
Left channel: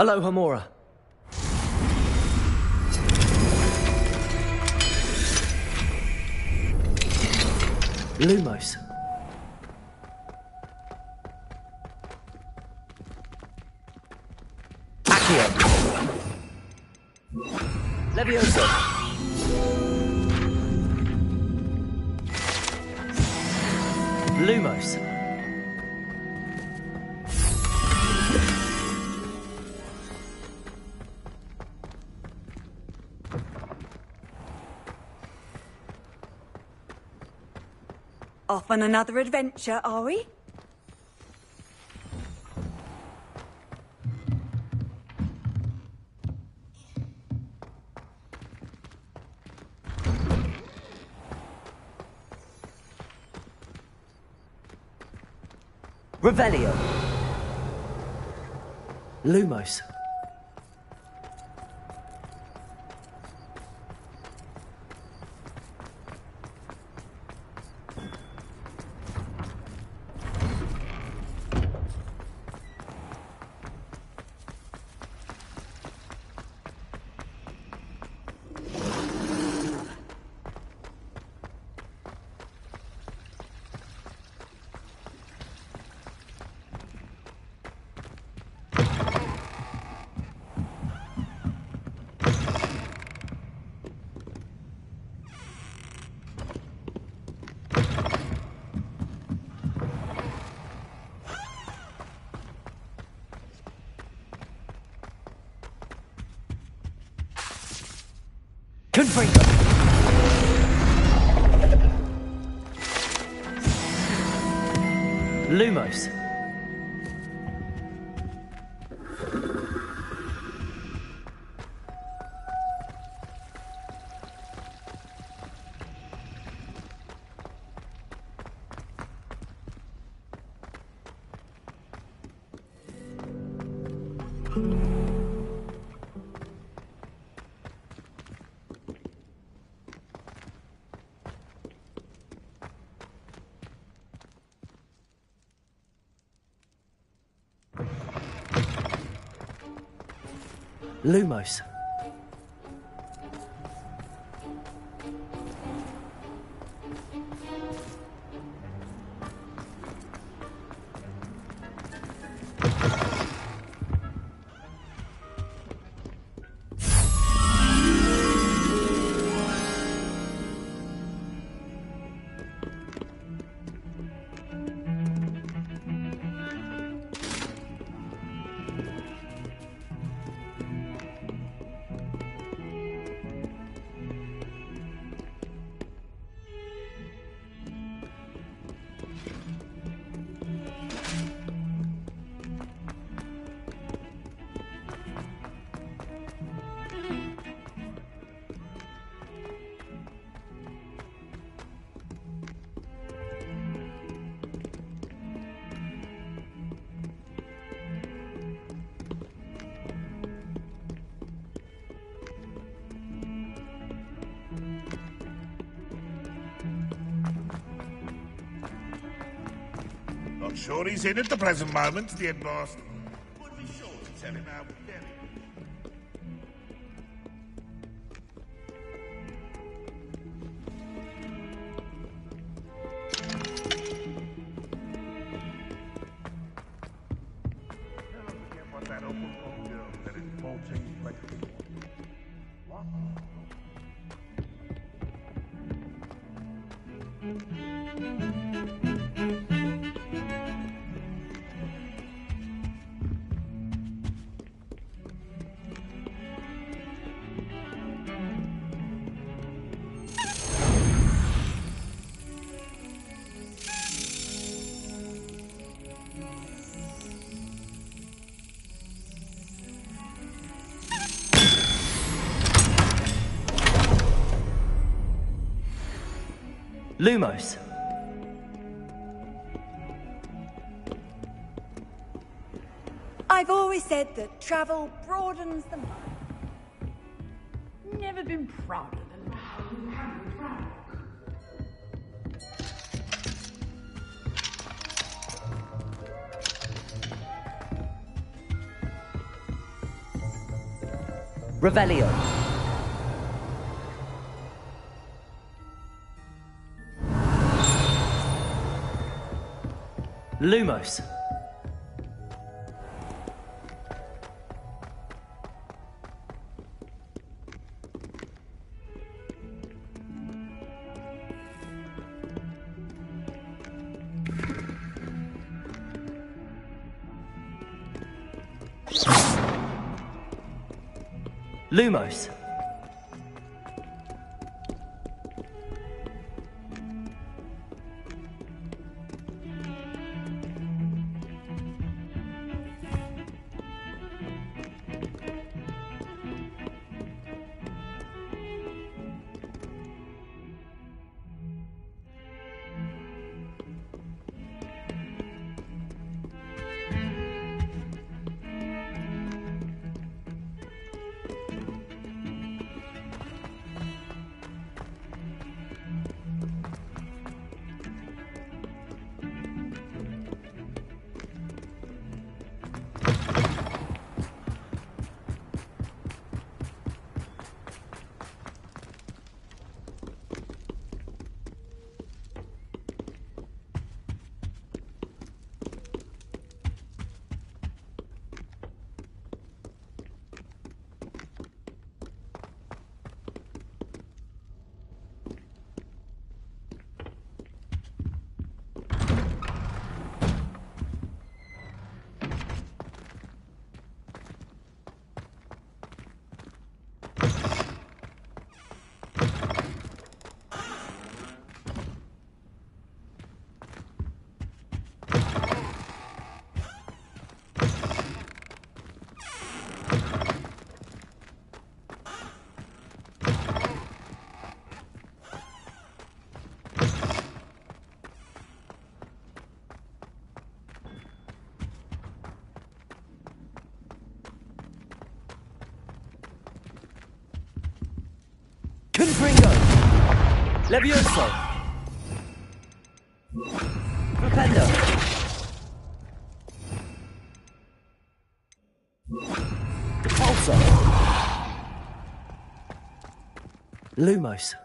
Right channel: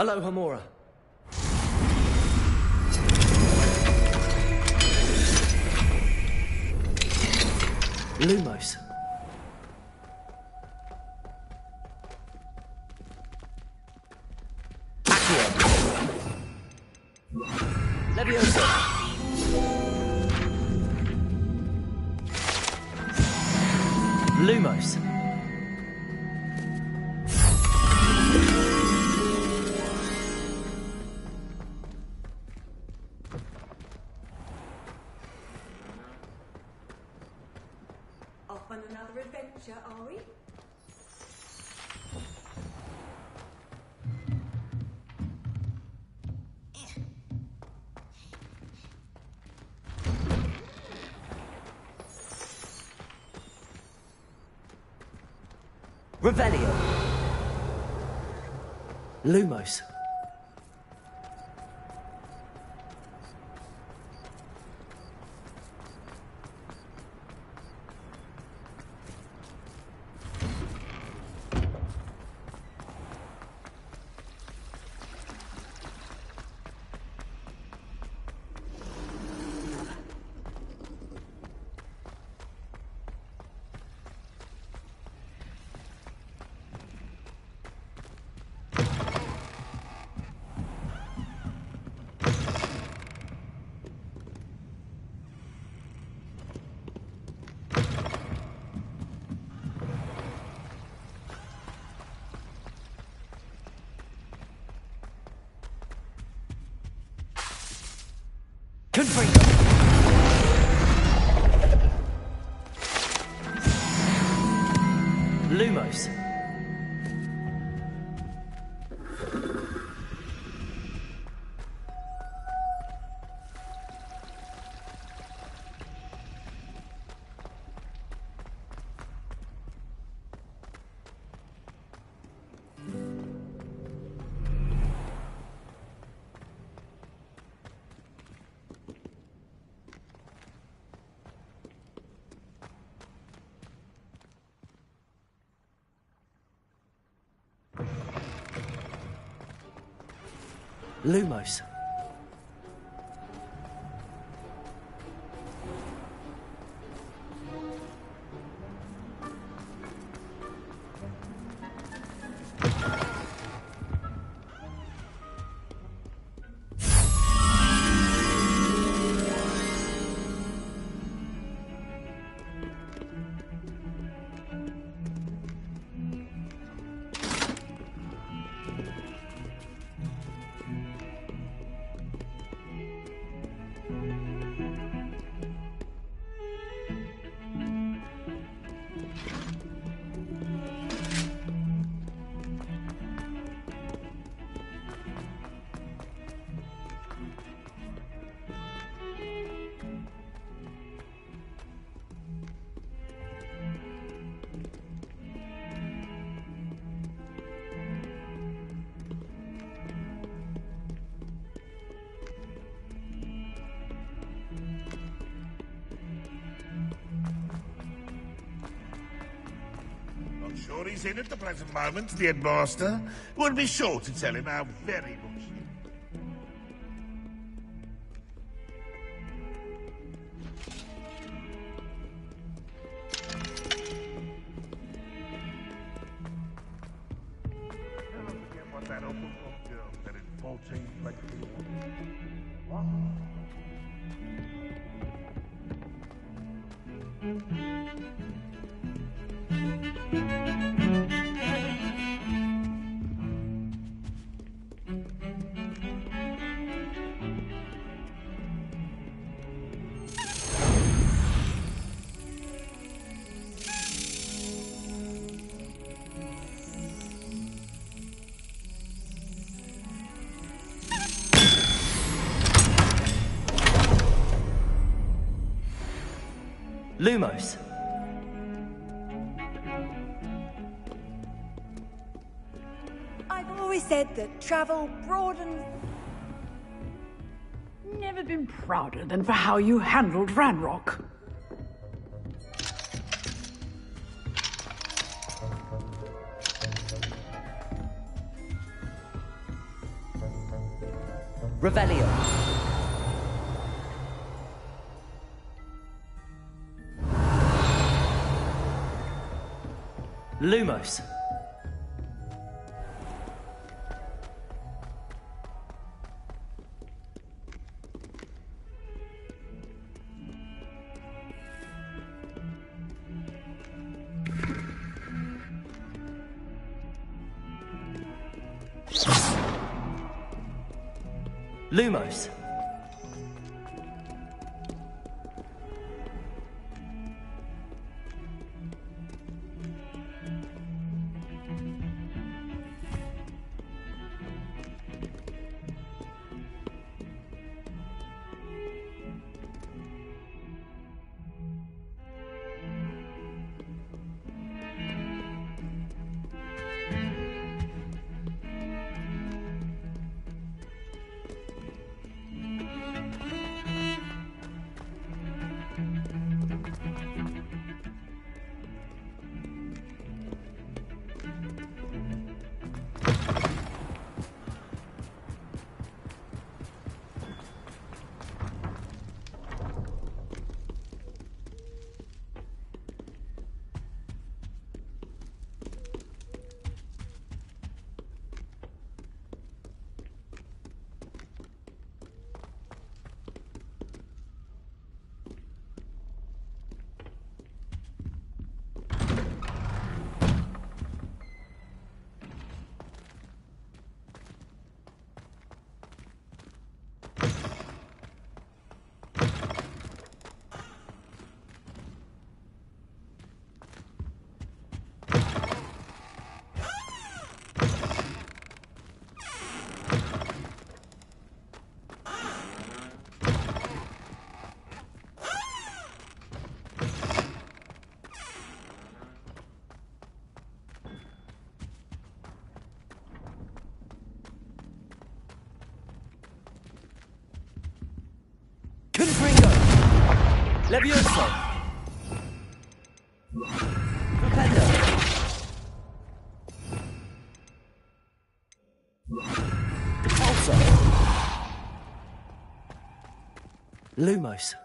Aloha Mora. Lumos. Accio. Levioso. Lumos. Off on another adventure, are we? Revelio. Lumos. Confringo. Lumos. Lumos. Not sure he's in at the present moment, the headmaster. Would be sure to tell him how very much. Never forget what that old girl said in 1421. What? Lumos. I've always said that travel broadens the... Never been prouder than for how you handled Ranrock. Revelio. Lumos. Lumos. Confringo! Levioso! Propendo! Repulsor! Lumos!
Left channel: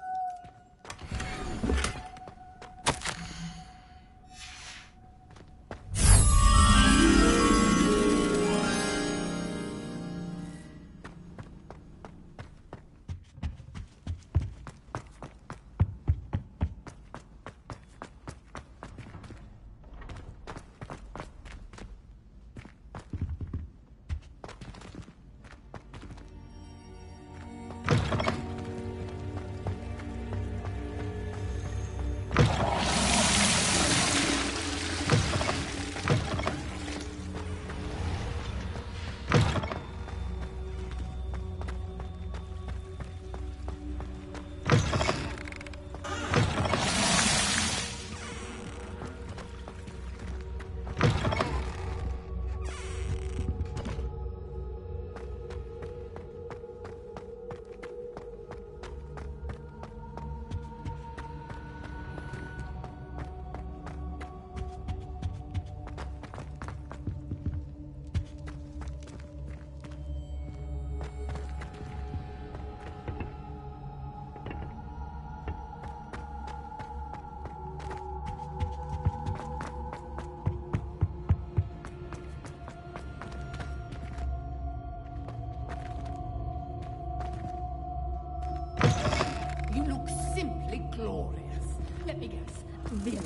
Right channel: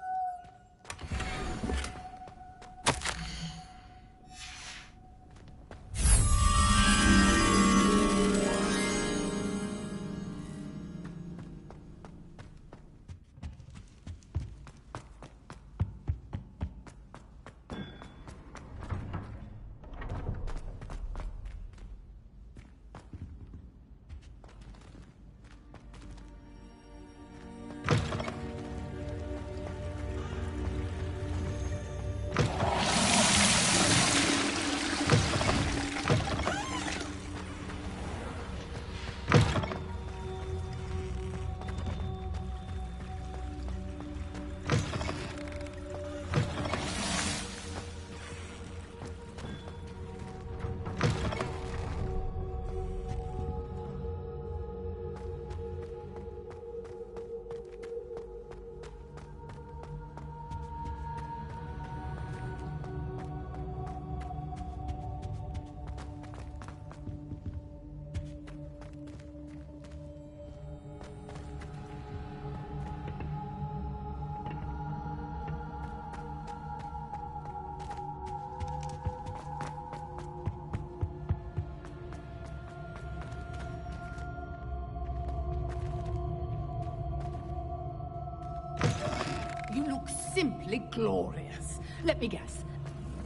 You look simply glorious. Let me guess, Villa.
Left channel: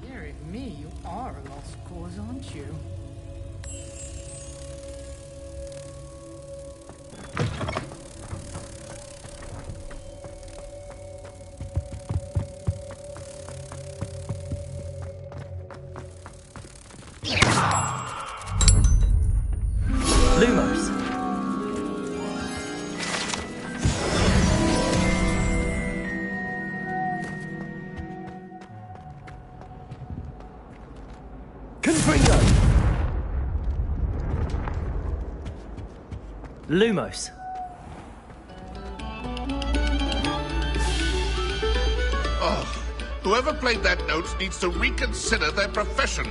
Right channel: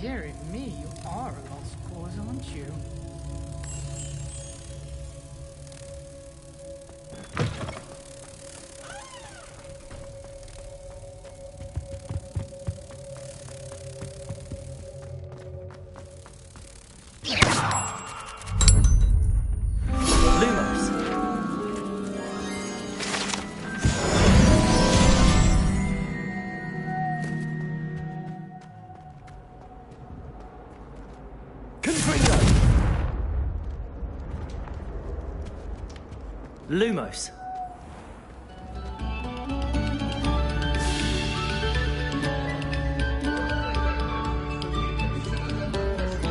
Dearie me, you are a lost cause, aren't you? Lumos! Confringo! Lumos! Whoever played that note needs to reconsider their profession.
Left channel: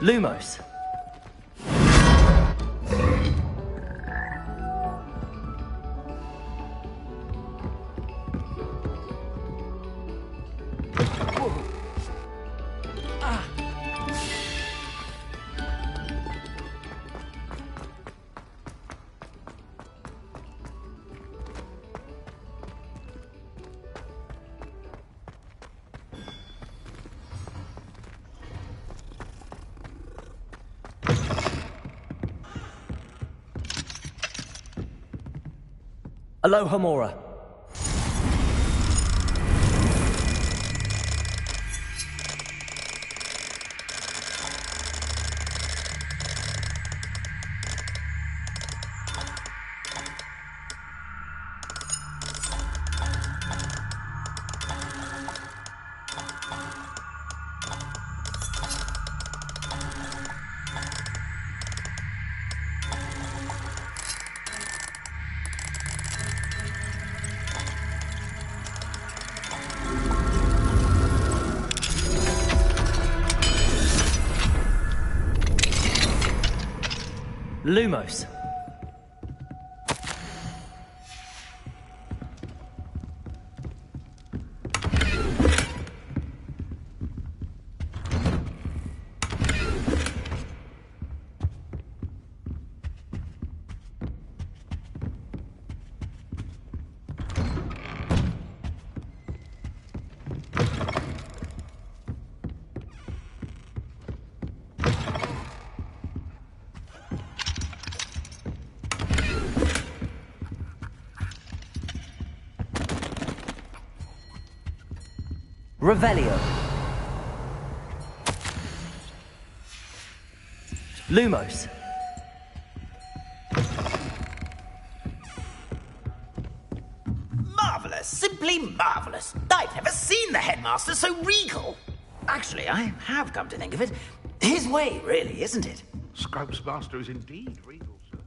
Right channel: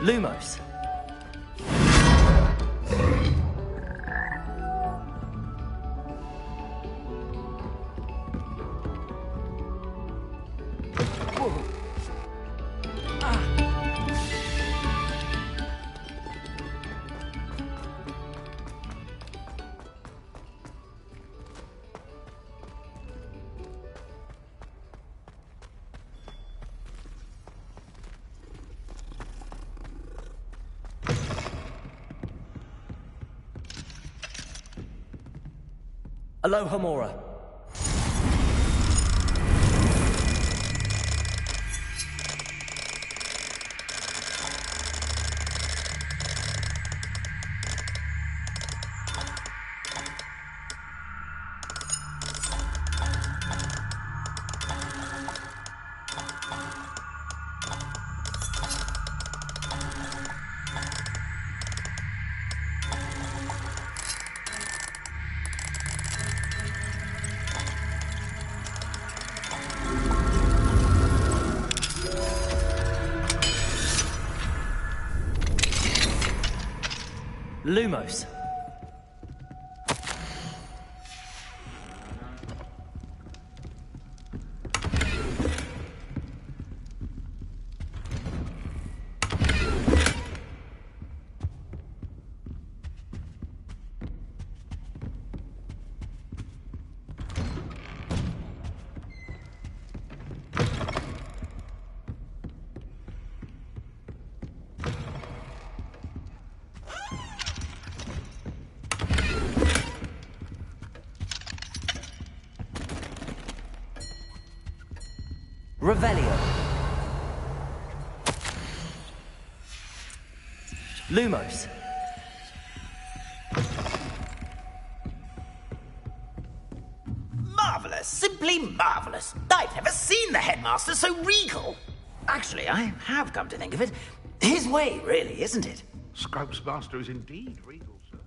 Lumos! Aloha Mora. Lumos. Revelio. Lumos. Marvellous, simply marvellous. I've never seen the headmaster so regal. Actually, I have come to think of it. His way, really, isn't it? Scrope's master is indeed regal, sir.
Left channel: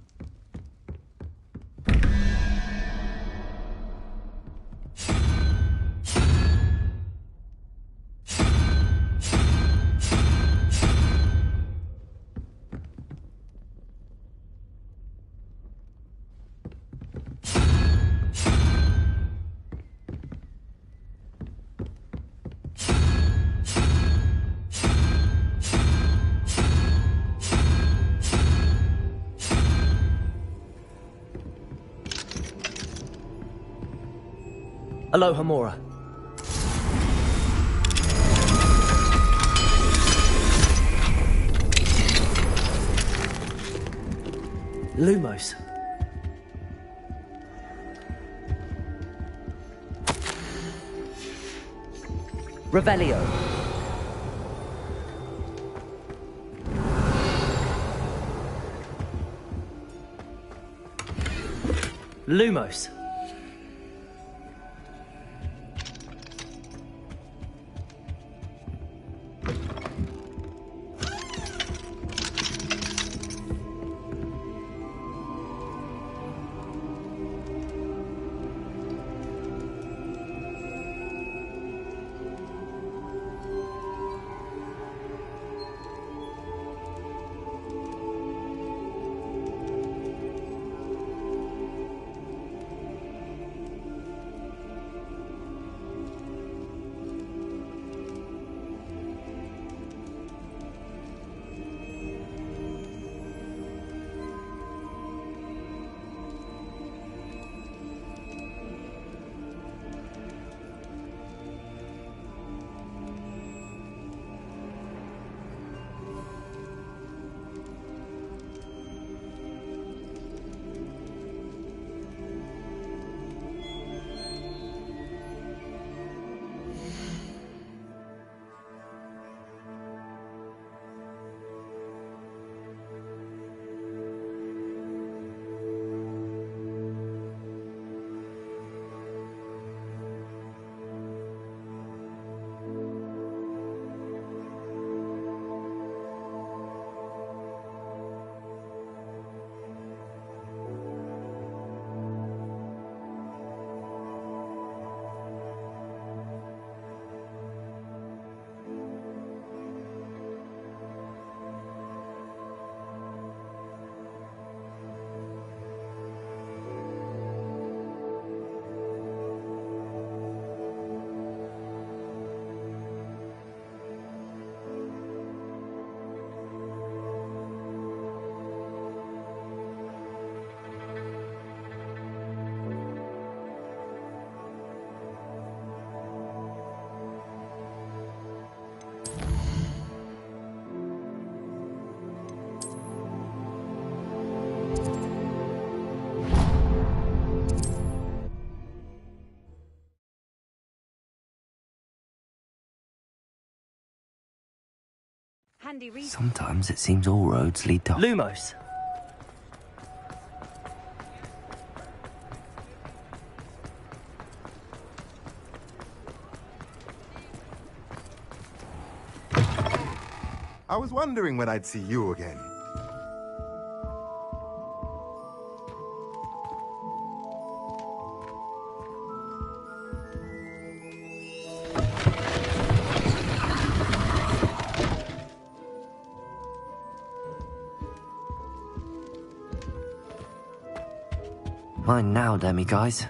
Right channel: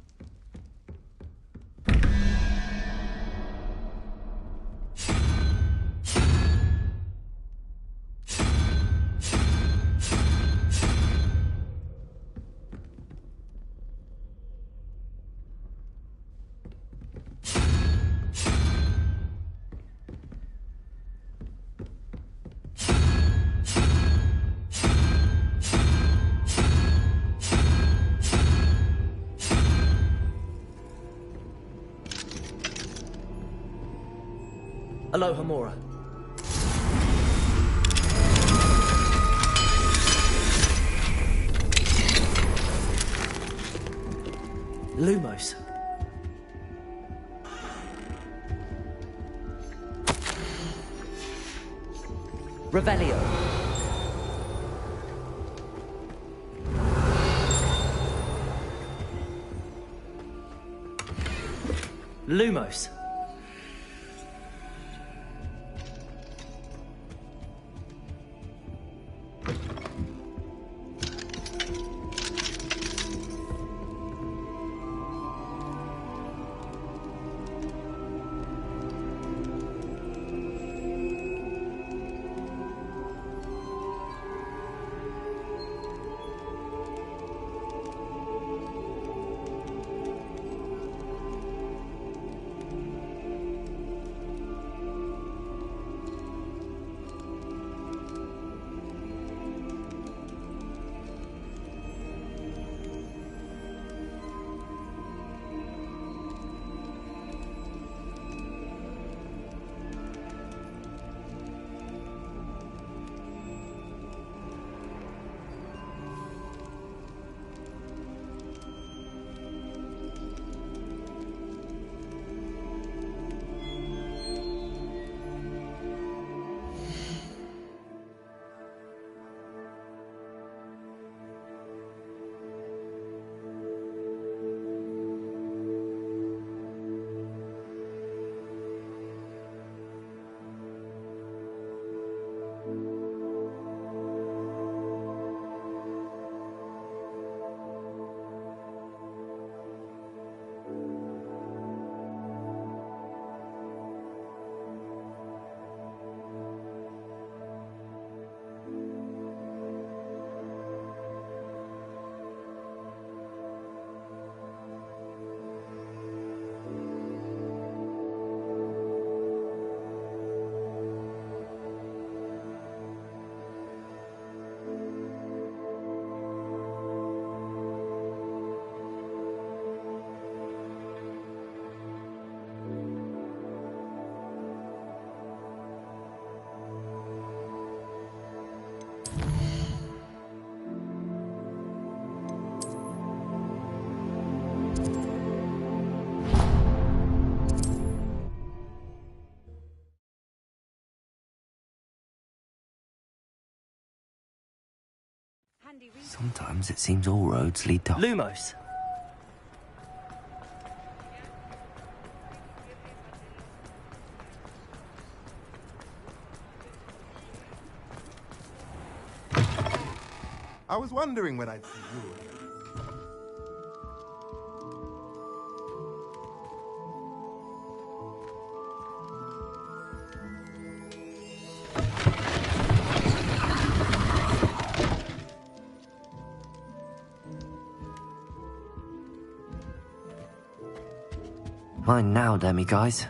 Aloha Mora. Lumos. Revelio. Lumos. Sometimes it seems all roads lead to Lumos. I was wondering when I'd see you again. Mine now, Demi, guys.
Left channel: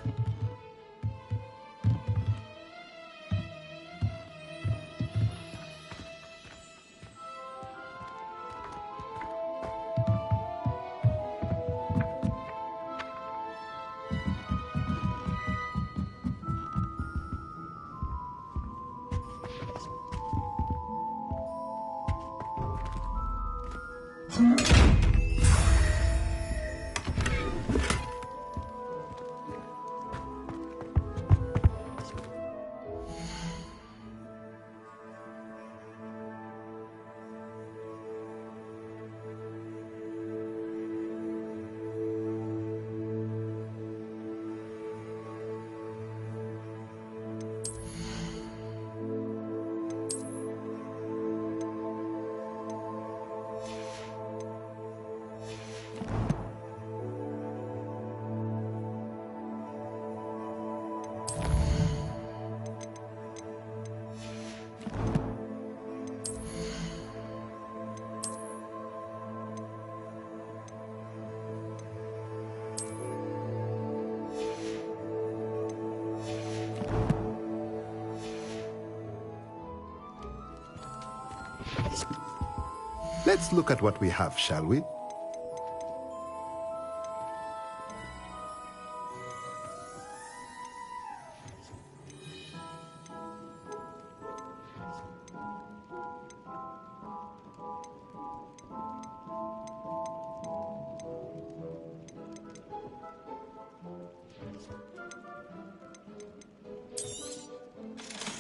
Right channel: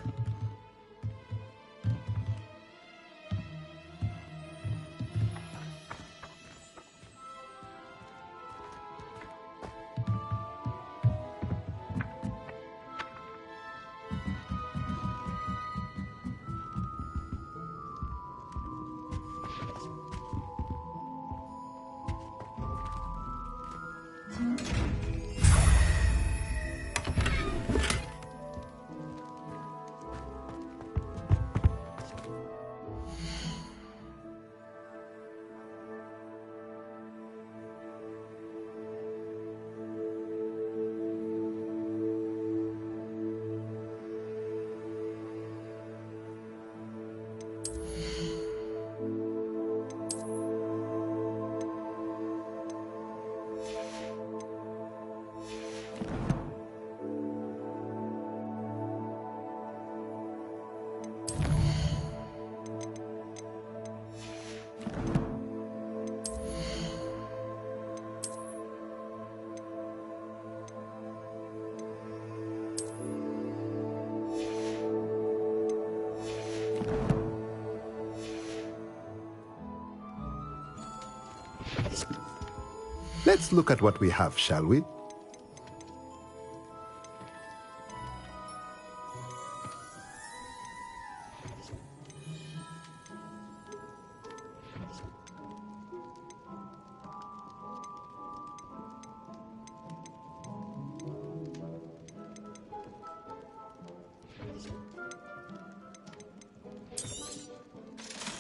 Let's look at what we have, shall we?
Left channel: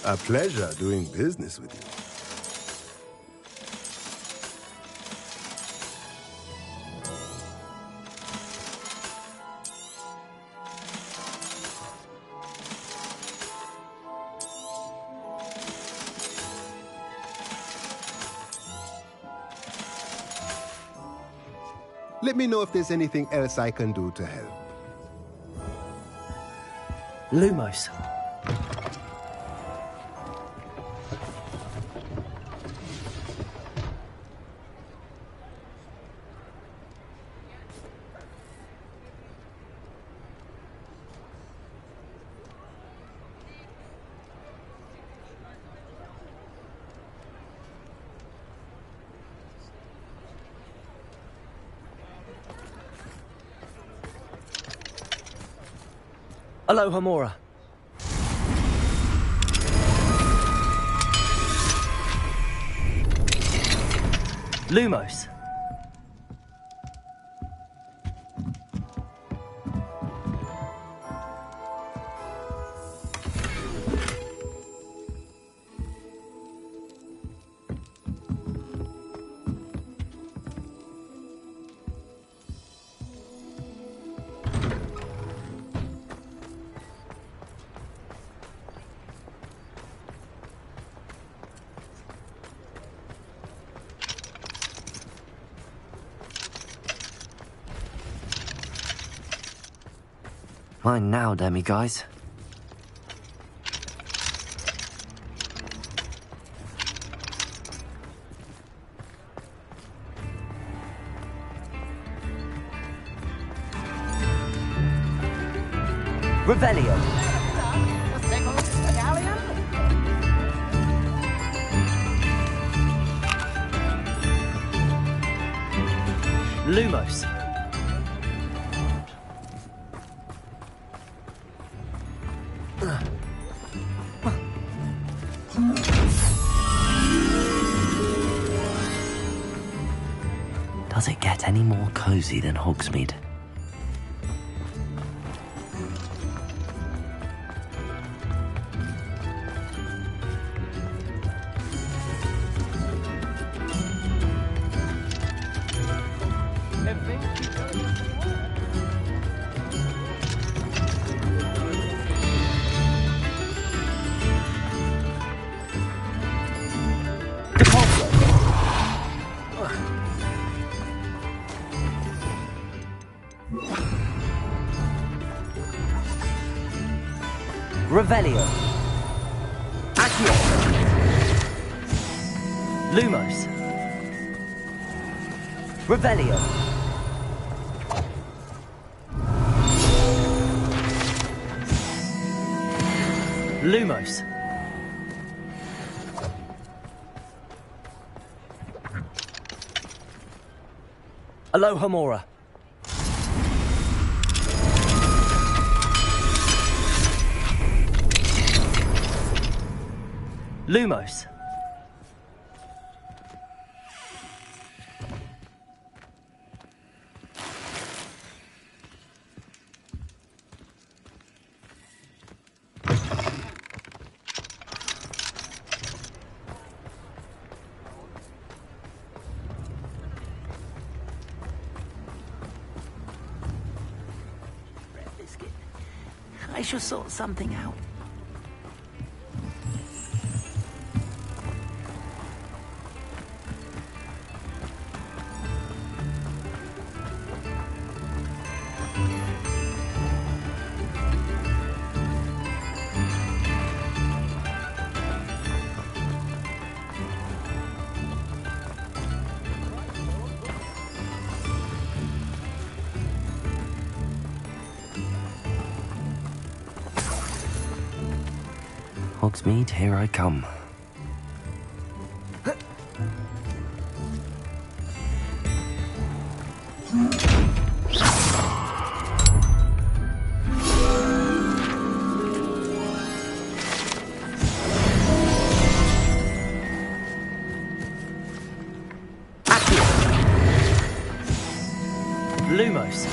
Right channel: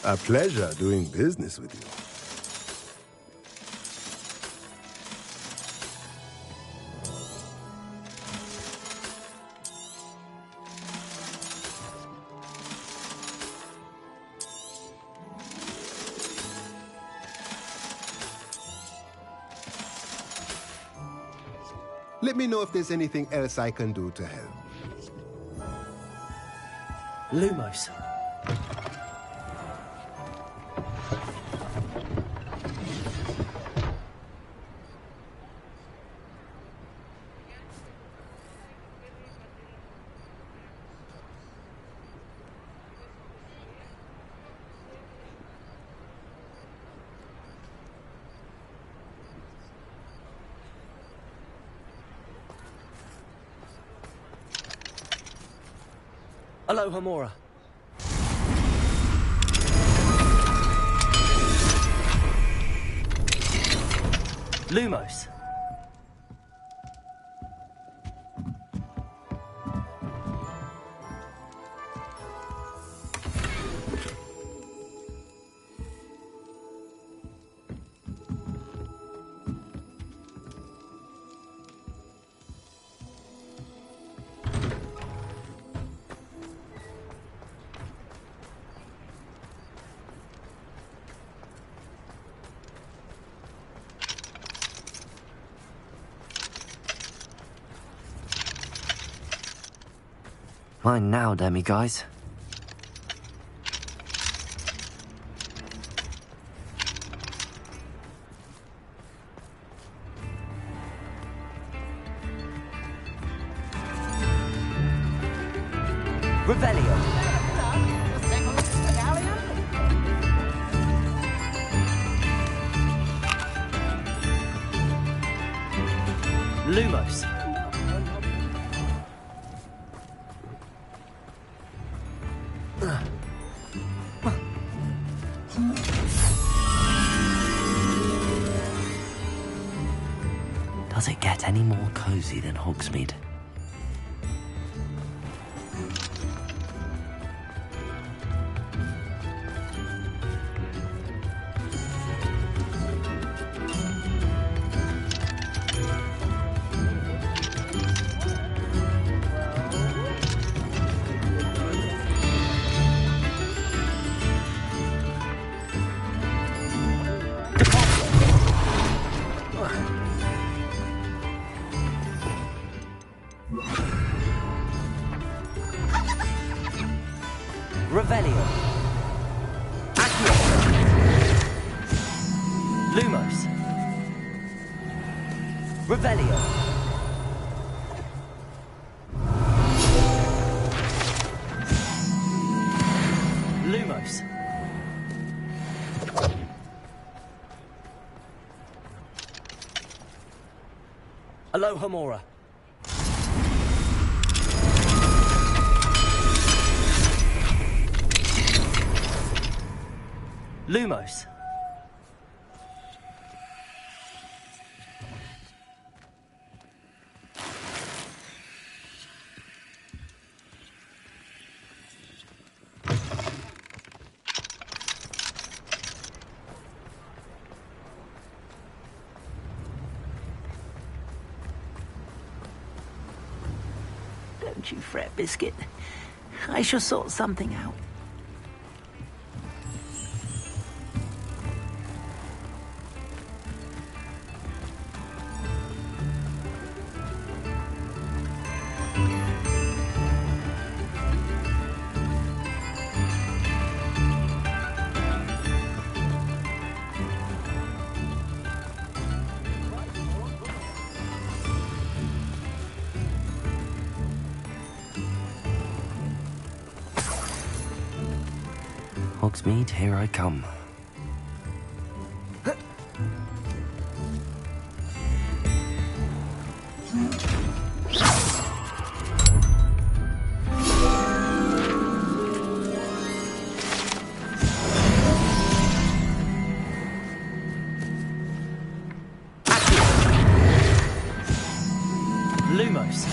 A pleasure doing business with you. Let me know if there's anything else I can do to help. Lumos. Aloha Mora. Lumos. Mine now, Demi, guys. Revelio. Lumos. Does it get any more cozy than Hogsmeade? Revelio. Accio. Lumos. Revelio. Lumos. Aloha Mora. Lumos. Don't you fret, Biscuit. I shall sort something out. Hogsmeade, here I come. Lumos.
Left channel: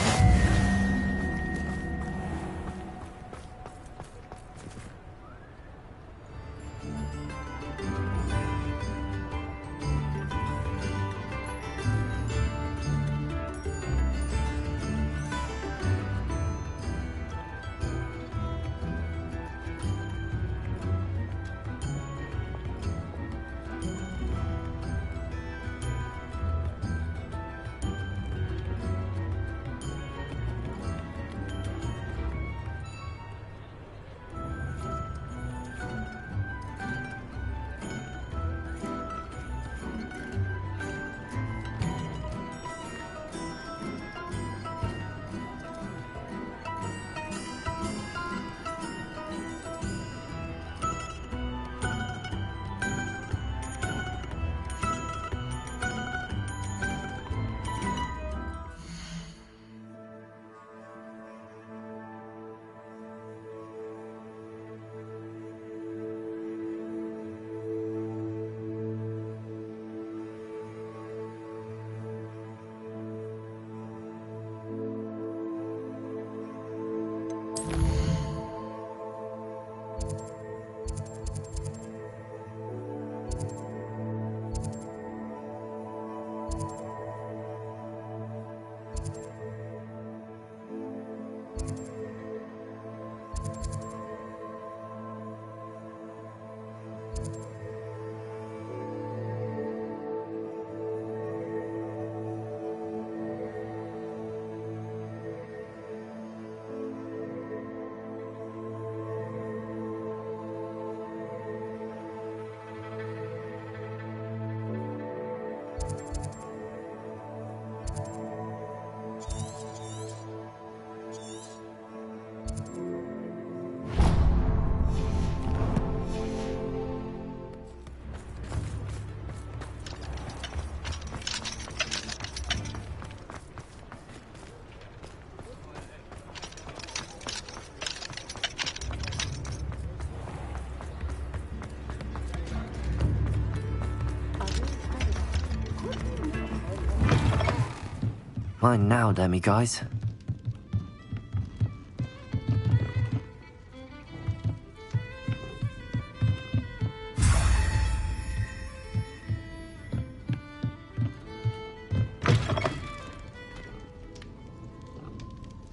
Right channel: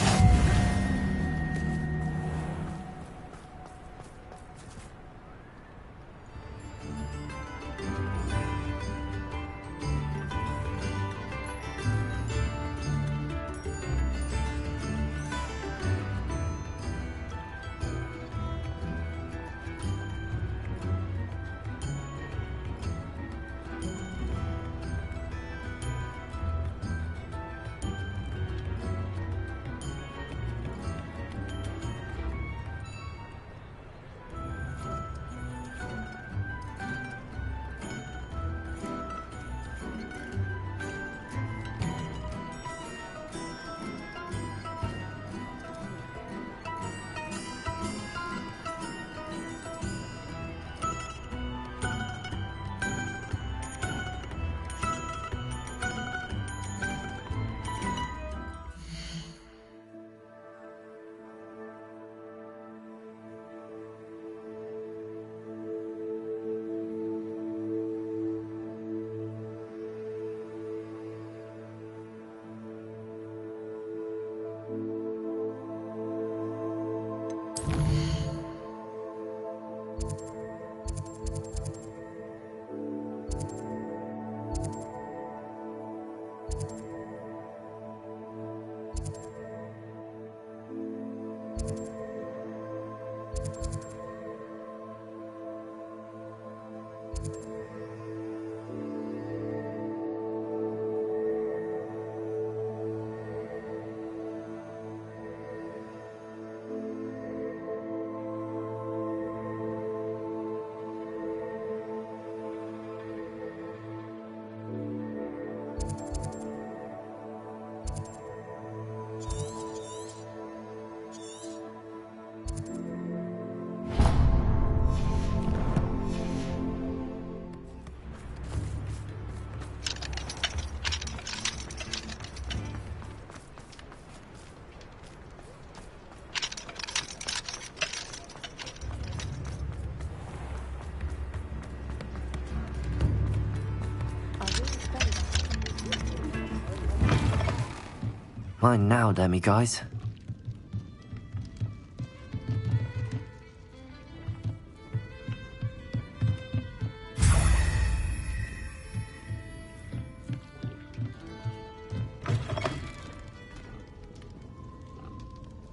Mine now, Demi guys.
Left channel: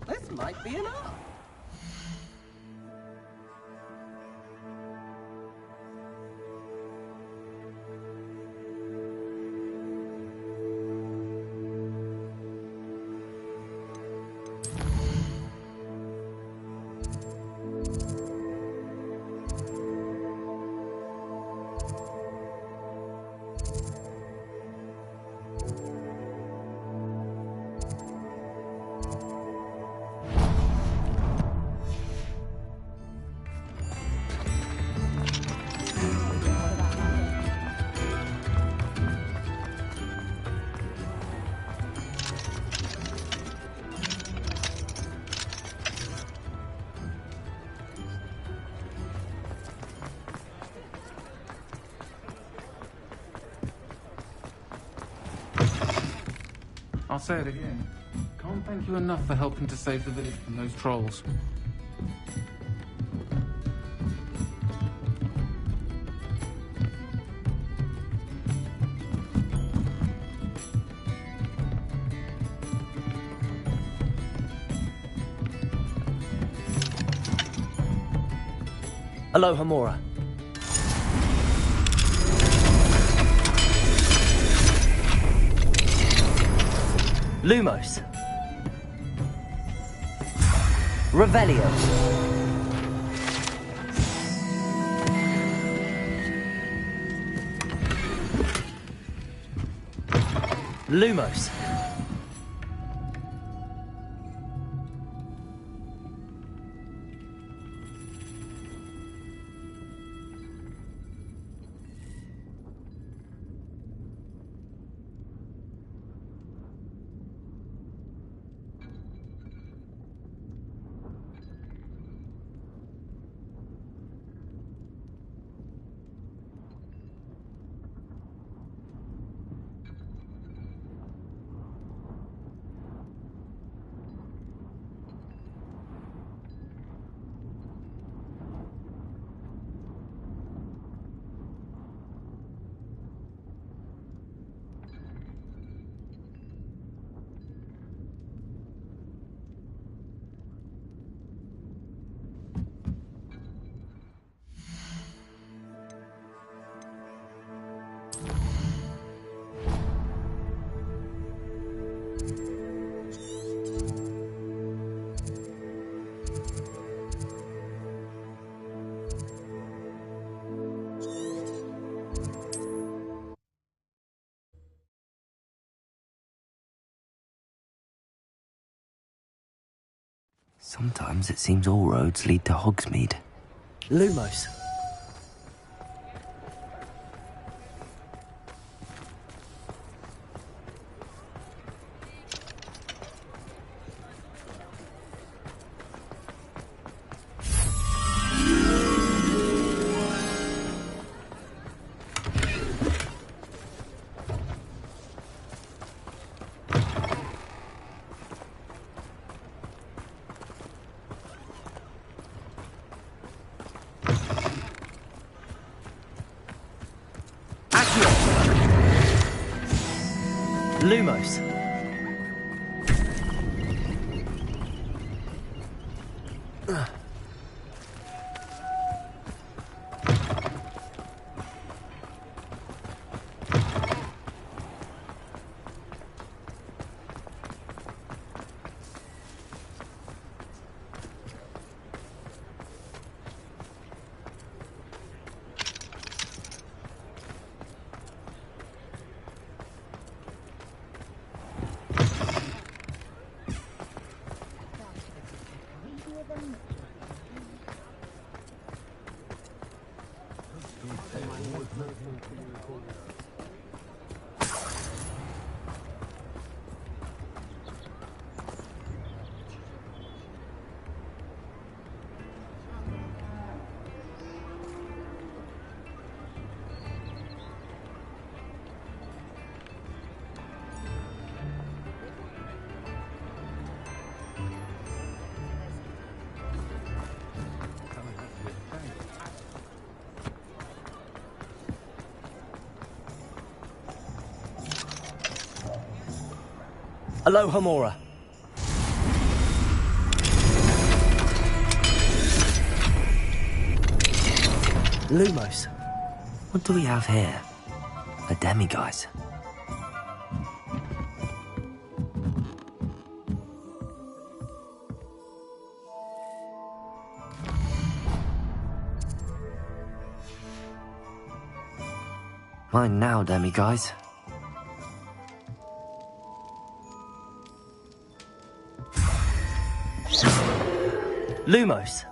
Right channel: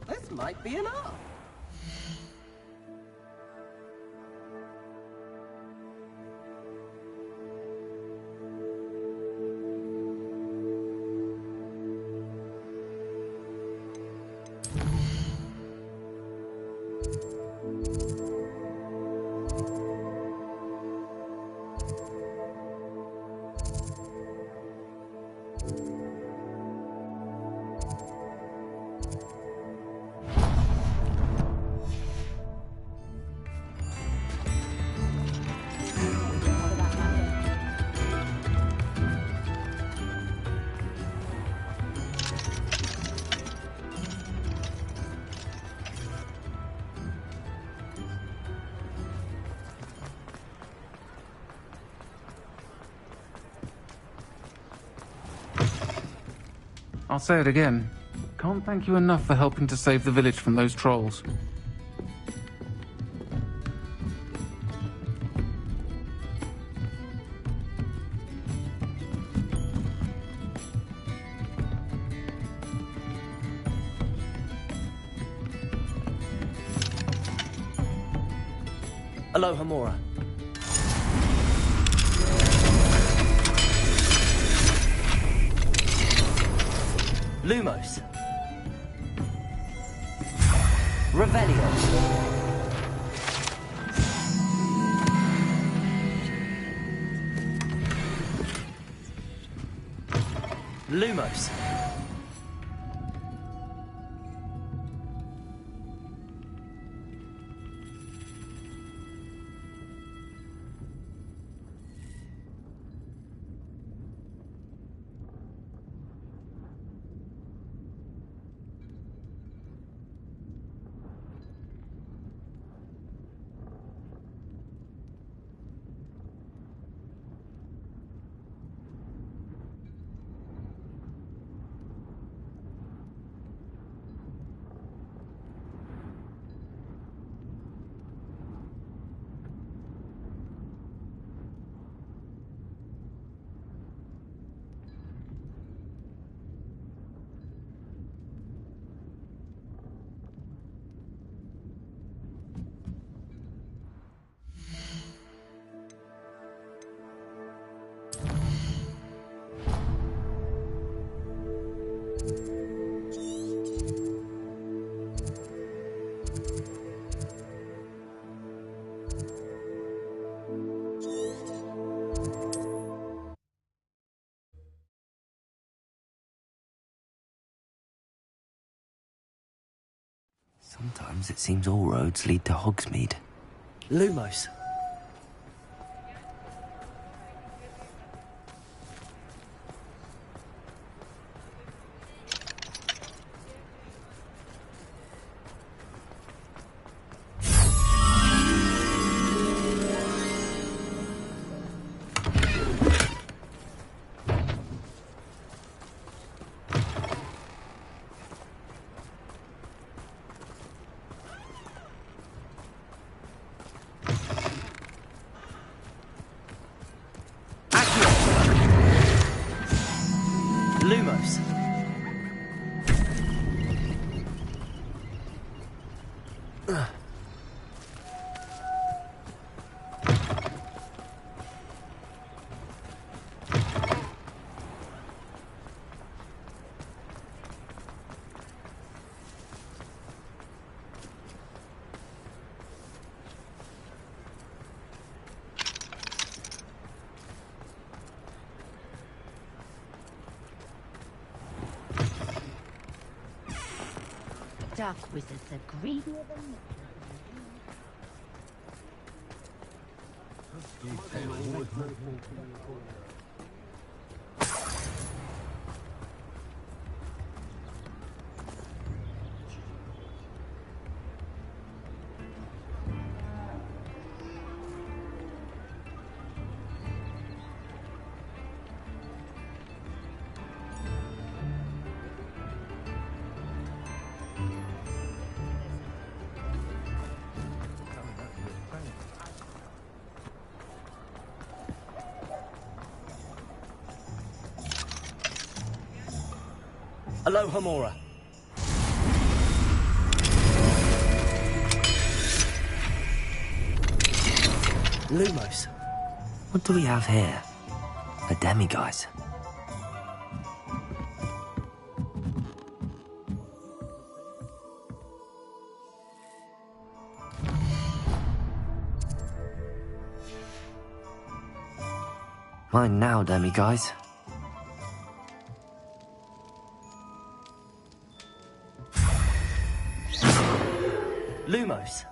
This might be enough. I'll say it again. Can't thank you enough for helping to save the village from those trolls. Aloha Mora. Lumos. Revelio. Lumos. Sometimes it seems all roads lead to Hogsmeade. Lumos. Lumos. Dark wizards are greedier than Aloha Mora. Lumos. What do we have here? A demiguise. Mine now, demiguise. Lumos.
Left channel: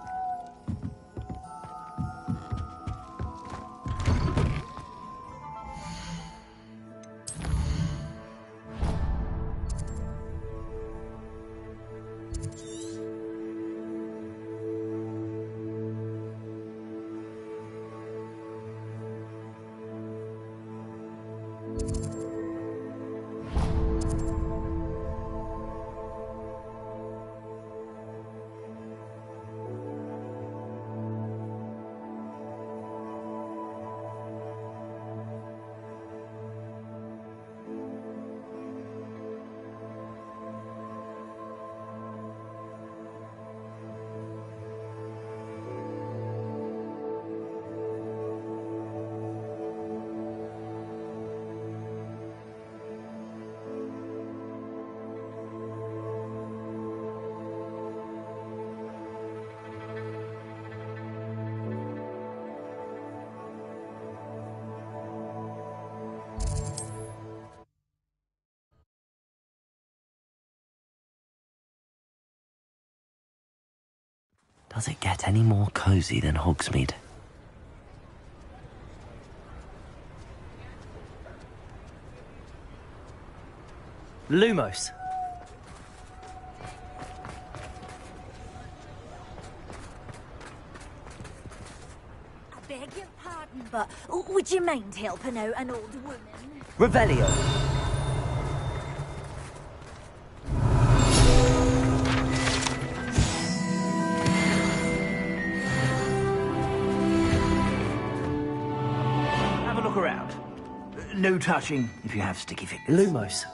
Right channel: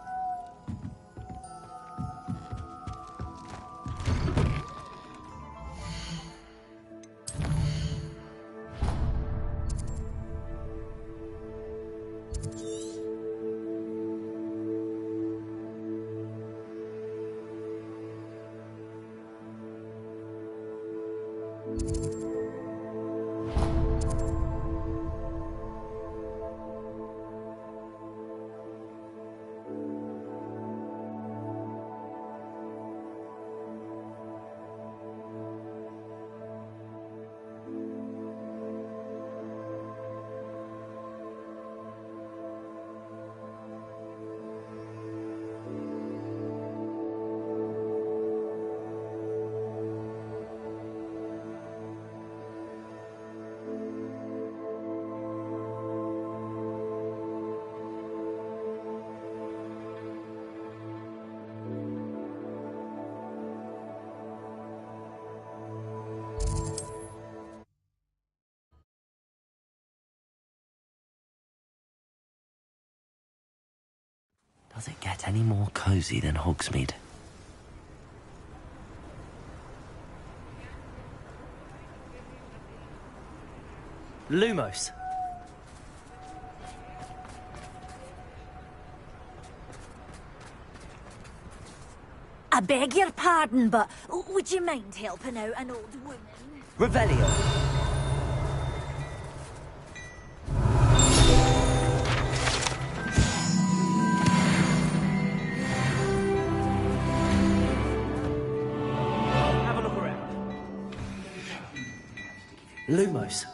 Does it get any more cozy than Hogsmeade? Lumos. I beg your pardon, but would you mind helping out an old woman? Revelio. Have a look around. No touching if you have sticky fingers. Lumos.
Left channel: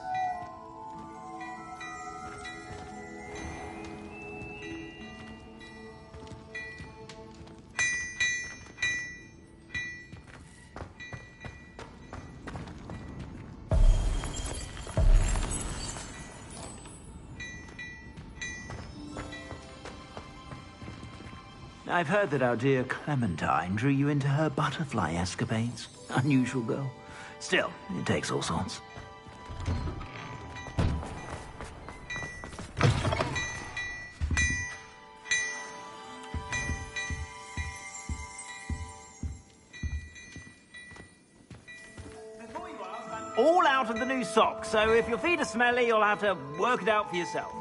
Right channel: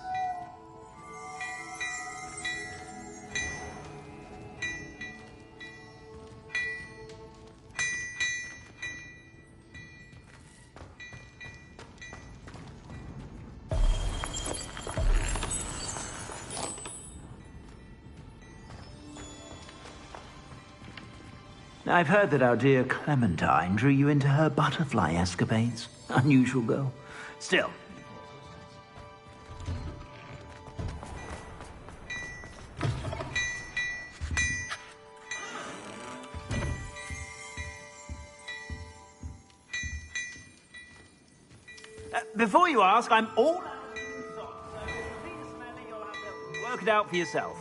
I've heard that our dear Clementine drew you into her butterfly escapades. Unusual girl. Still, it takes all sorts. Before you ask, I'm all out of the new socks, so if your feet are smelly, you'll have to work it out for yourself.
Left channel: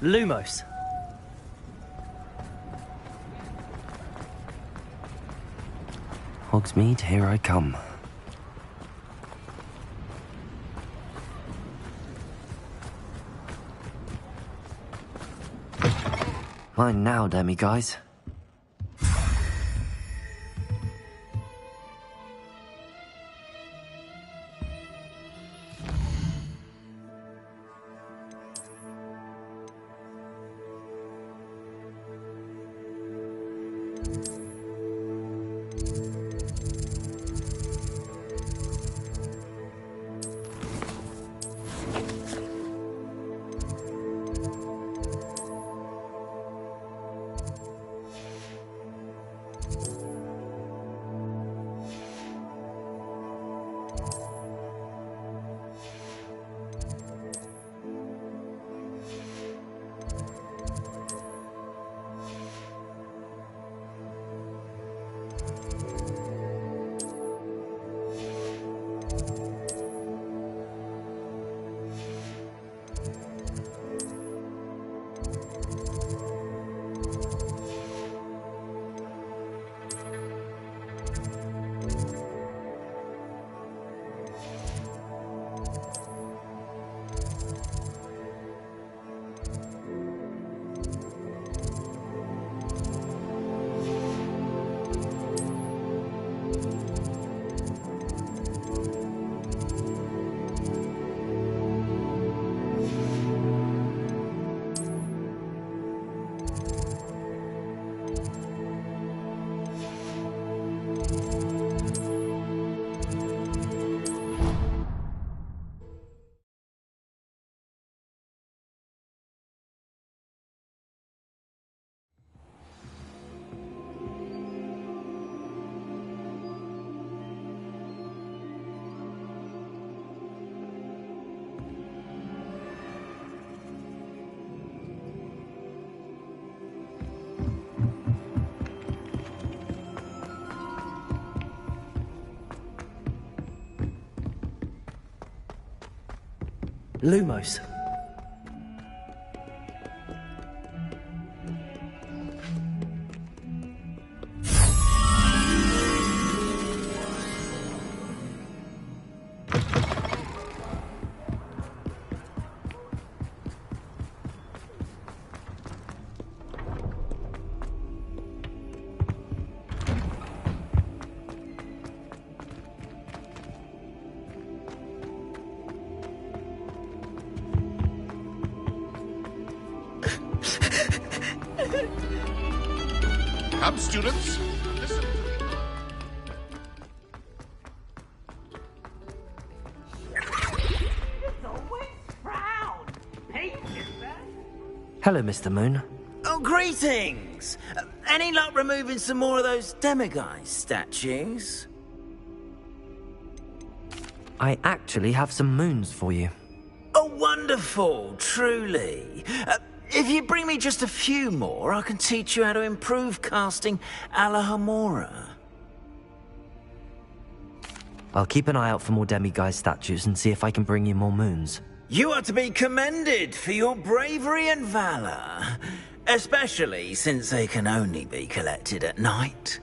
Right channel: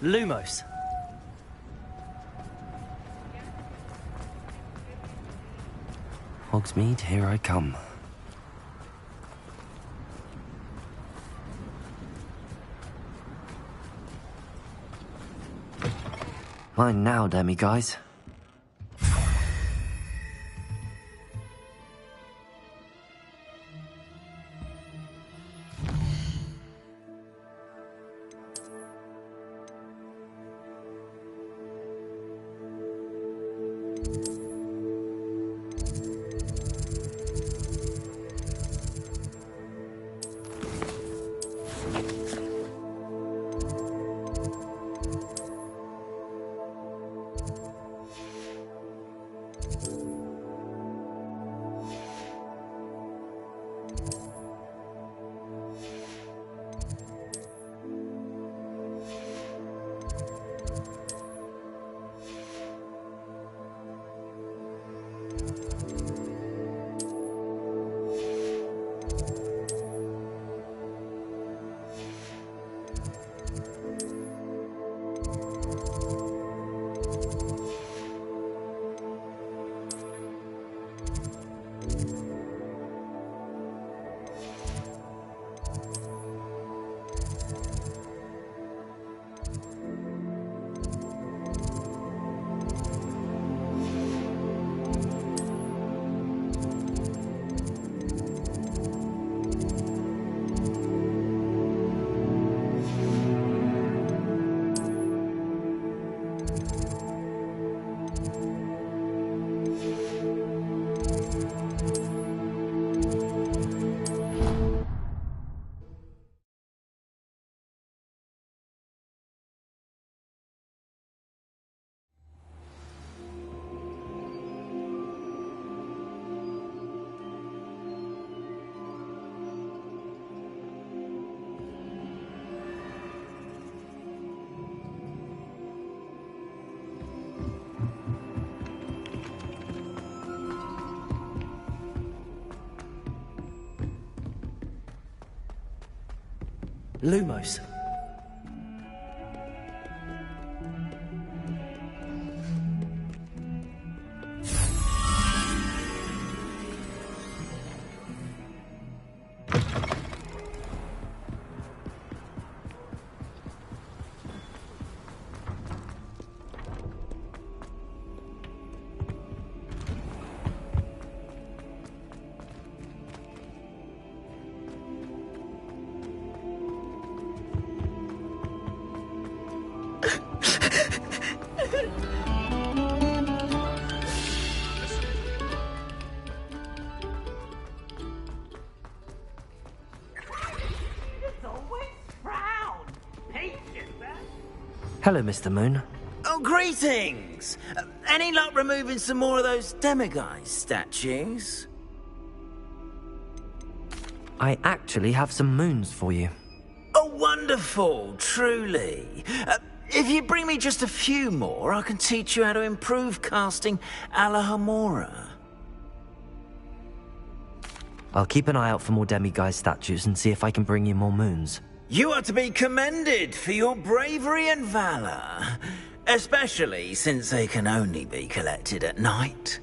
Lumos. Hogsmeade, here I come. Mine now, demi-guys. Lumos. students, listen to me. It's always frown. Hello, Mr. Moon. Oh, greetings! Any luck removing some more of those demiguise statues? I actually have some moons for you. Oh, wonderful, truly. If you bring me just a few more, I can teach you how to improve casting a la Hamora. I'll keep an eye out for more demiguise statues and see if I can bring you more moons. You are to be commended for your bravery and valor, especially since they can only be collected at night.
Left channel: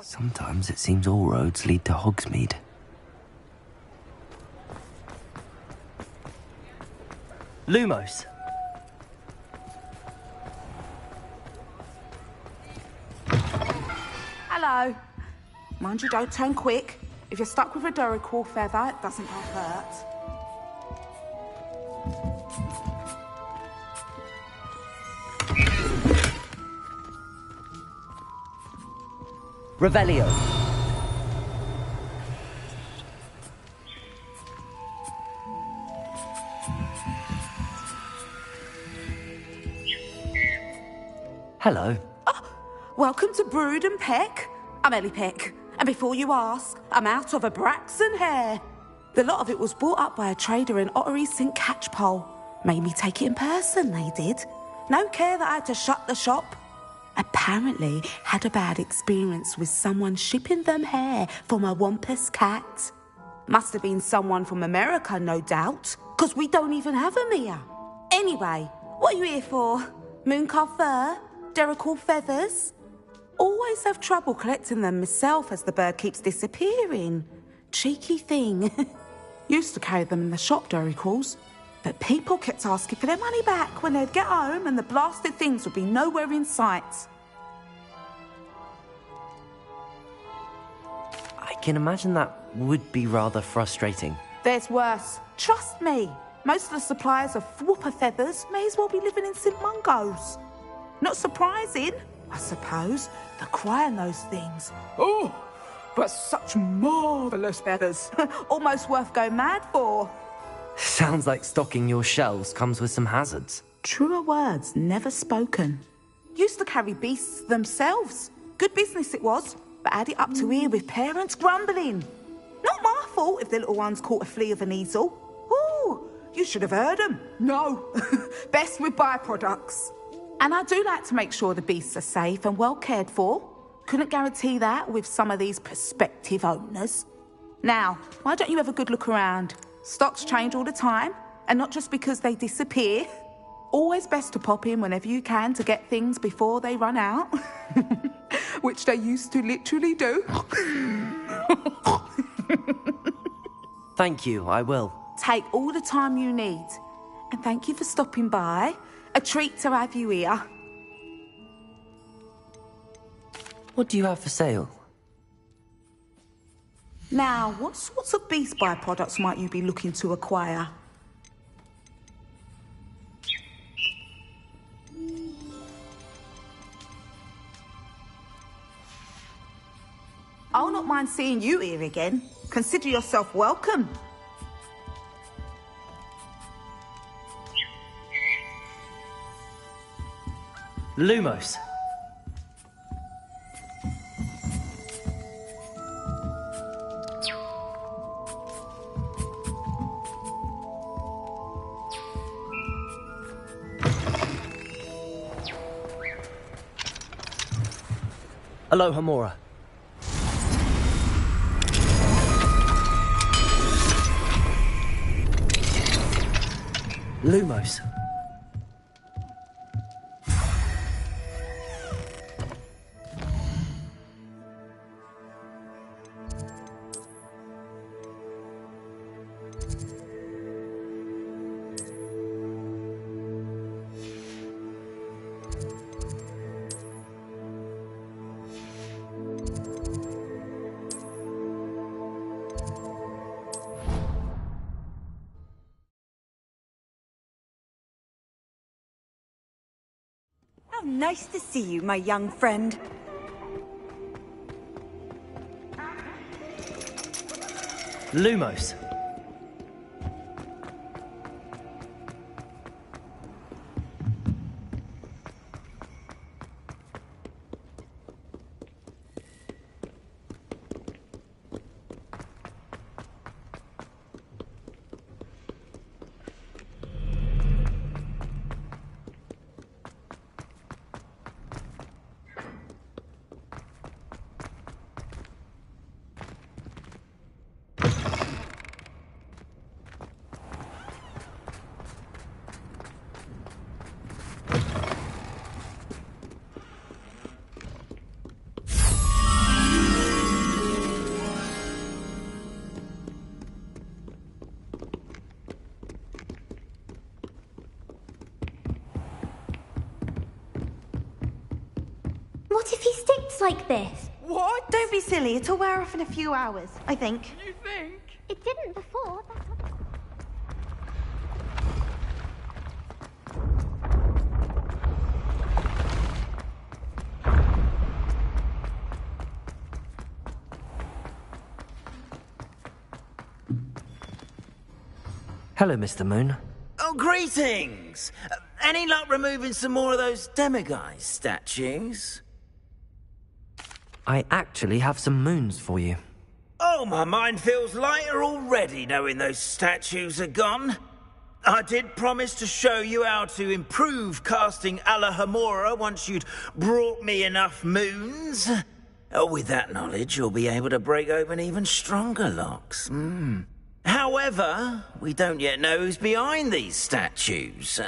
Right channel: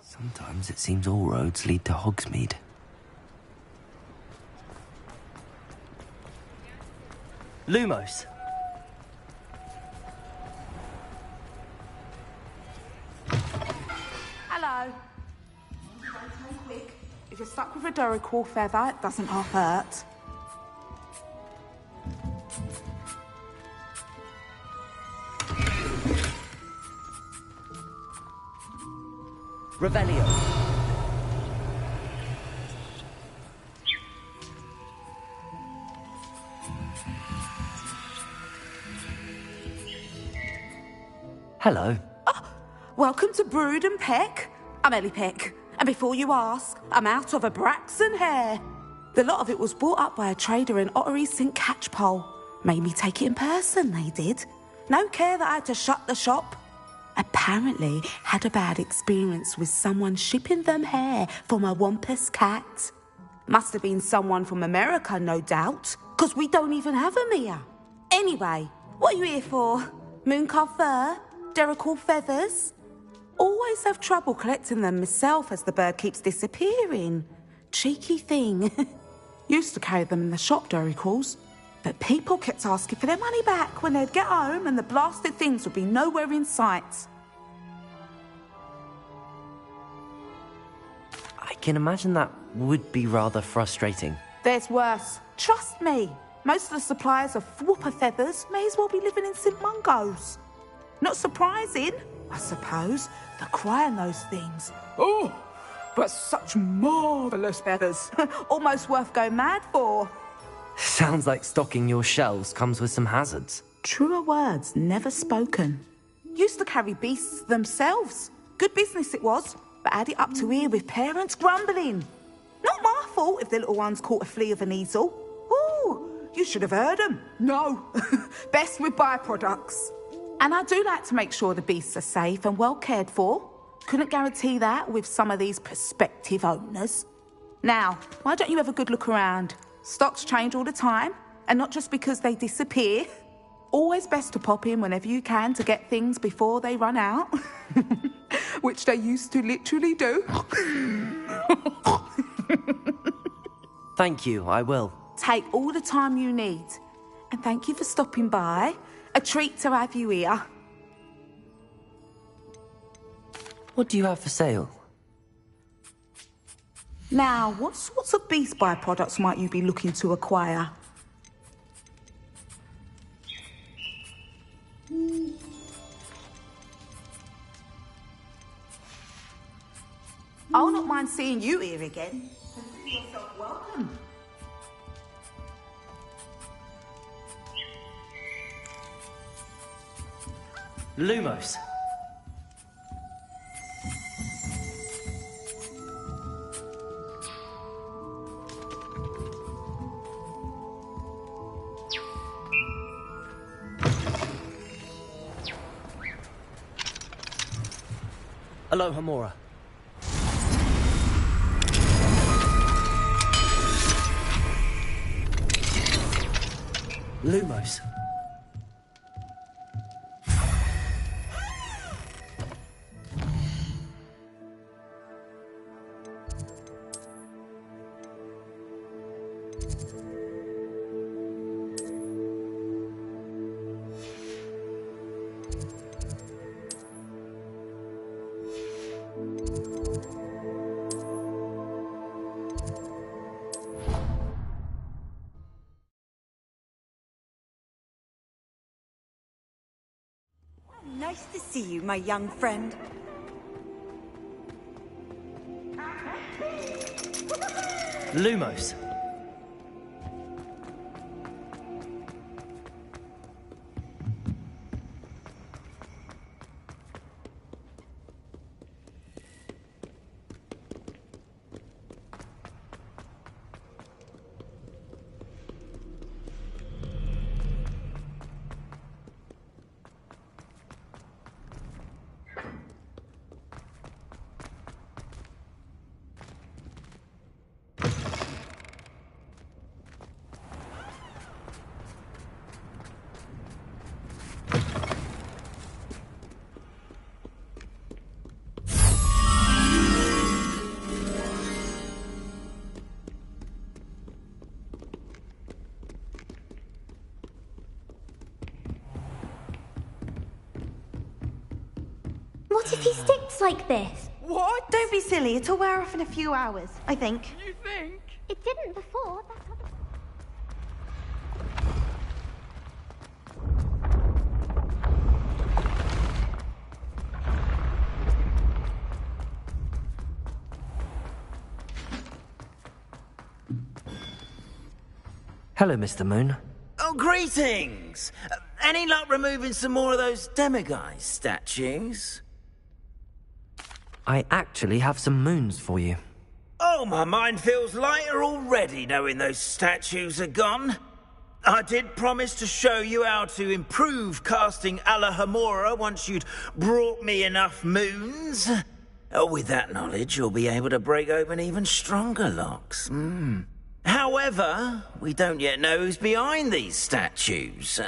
Sometimes it seems all roads lead to Hogsmeade. Lumos. Hello. Mind you, don't turn quick. If you're stuck with a Duracell feather, it doesn't half hurt. Revelio. Hello. Welcome to Brood and Peck. I'm Ellie Peck. And before you ask, I'm out of a Braxton hair. The lot of it was bought up by a trader in Ottery St. Catchpole. Made me take it in person, they did. No care that I had to shut the shop. Apparently had a bad experience with someone shipping them hair from a Wampus cat. Must have been someone from America, no doubt, because we don't even have them here. Anyway, what are you here for? Mooncar fur? Duracell feathers? Always have trouble collecting them myself as the bird keeps disappearing. Cheeky thing. Used to carry them in the shop, Duracells. But people kept asking for their money back when they'd get home and the blasted things would be nowhere in sight. I can imagine that would be rather frustrating. There's worse. Trust me. Most of the suppliers of whooper feathers may as well be living in St. Mungo's. Not surprising, I suppose. The cry on those things. Oh, but such marvellous feathers. Almost worth going mad for. Sounds like stocking your shelves comes with some hazards. Truer words never spoken. Used to carry beasts themselves. Good business it was, but add it up to here with parents grumbling. Not my fault if the little ones caught a flea of an easel. Ooh, you should have heard them. No, best with byproducts. And I do like to make sure the beasts are safe and well cared for. Couldn't guarantee that with some of these prospective owners. Now, why don't you have a good look around? Stocks change all the time, and not just because they disappear. Always best to pop in whenever you can to get things before they run out. Which they used to literally do. Thank you, I will. Take all the time you need. And thank you for stopping by. A treat to have you here. What do you have for sale? Now, what sorts of beast byproducts might you be looking to acquire? I'll not mind seeing you here again. Consider yourself welcome. Lumos. Aloha Mora. Lumos. How nice to see you, my young friend. Lumos. What if he sticks like this? What? Don't be silly. It'll wear off in a few hours, I think. You think? It didn't before. Hello, Mr. Moon. Oh, greetings! Any luck removing some more of those demiguise statues? I actually have some moons for you. Oh, my mind feels lighter already knowing those statues are gone. I did promise to show you how to improve casting Alohomora once you'd brought me enough moons. Oh, with that knowledge, you'll be able to break open even stronger locks. However, we don't yet know who's behind these statues.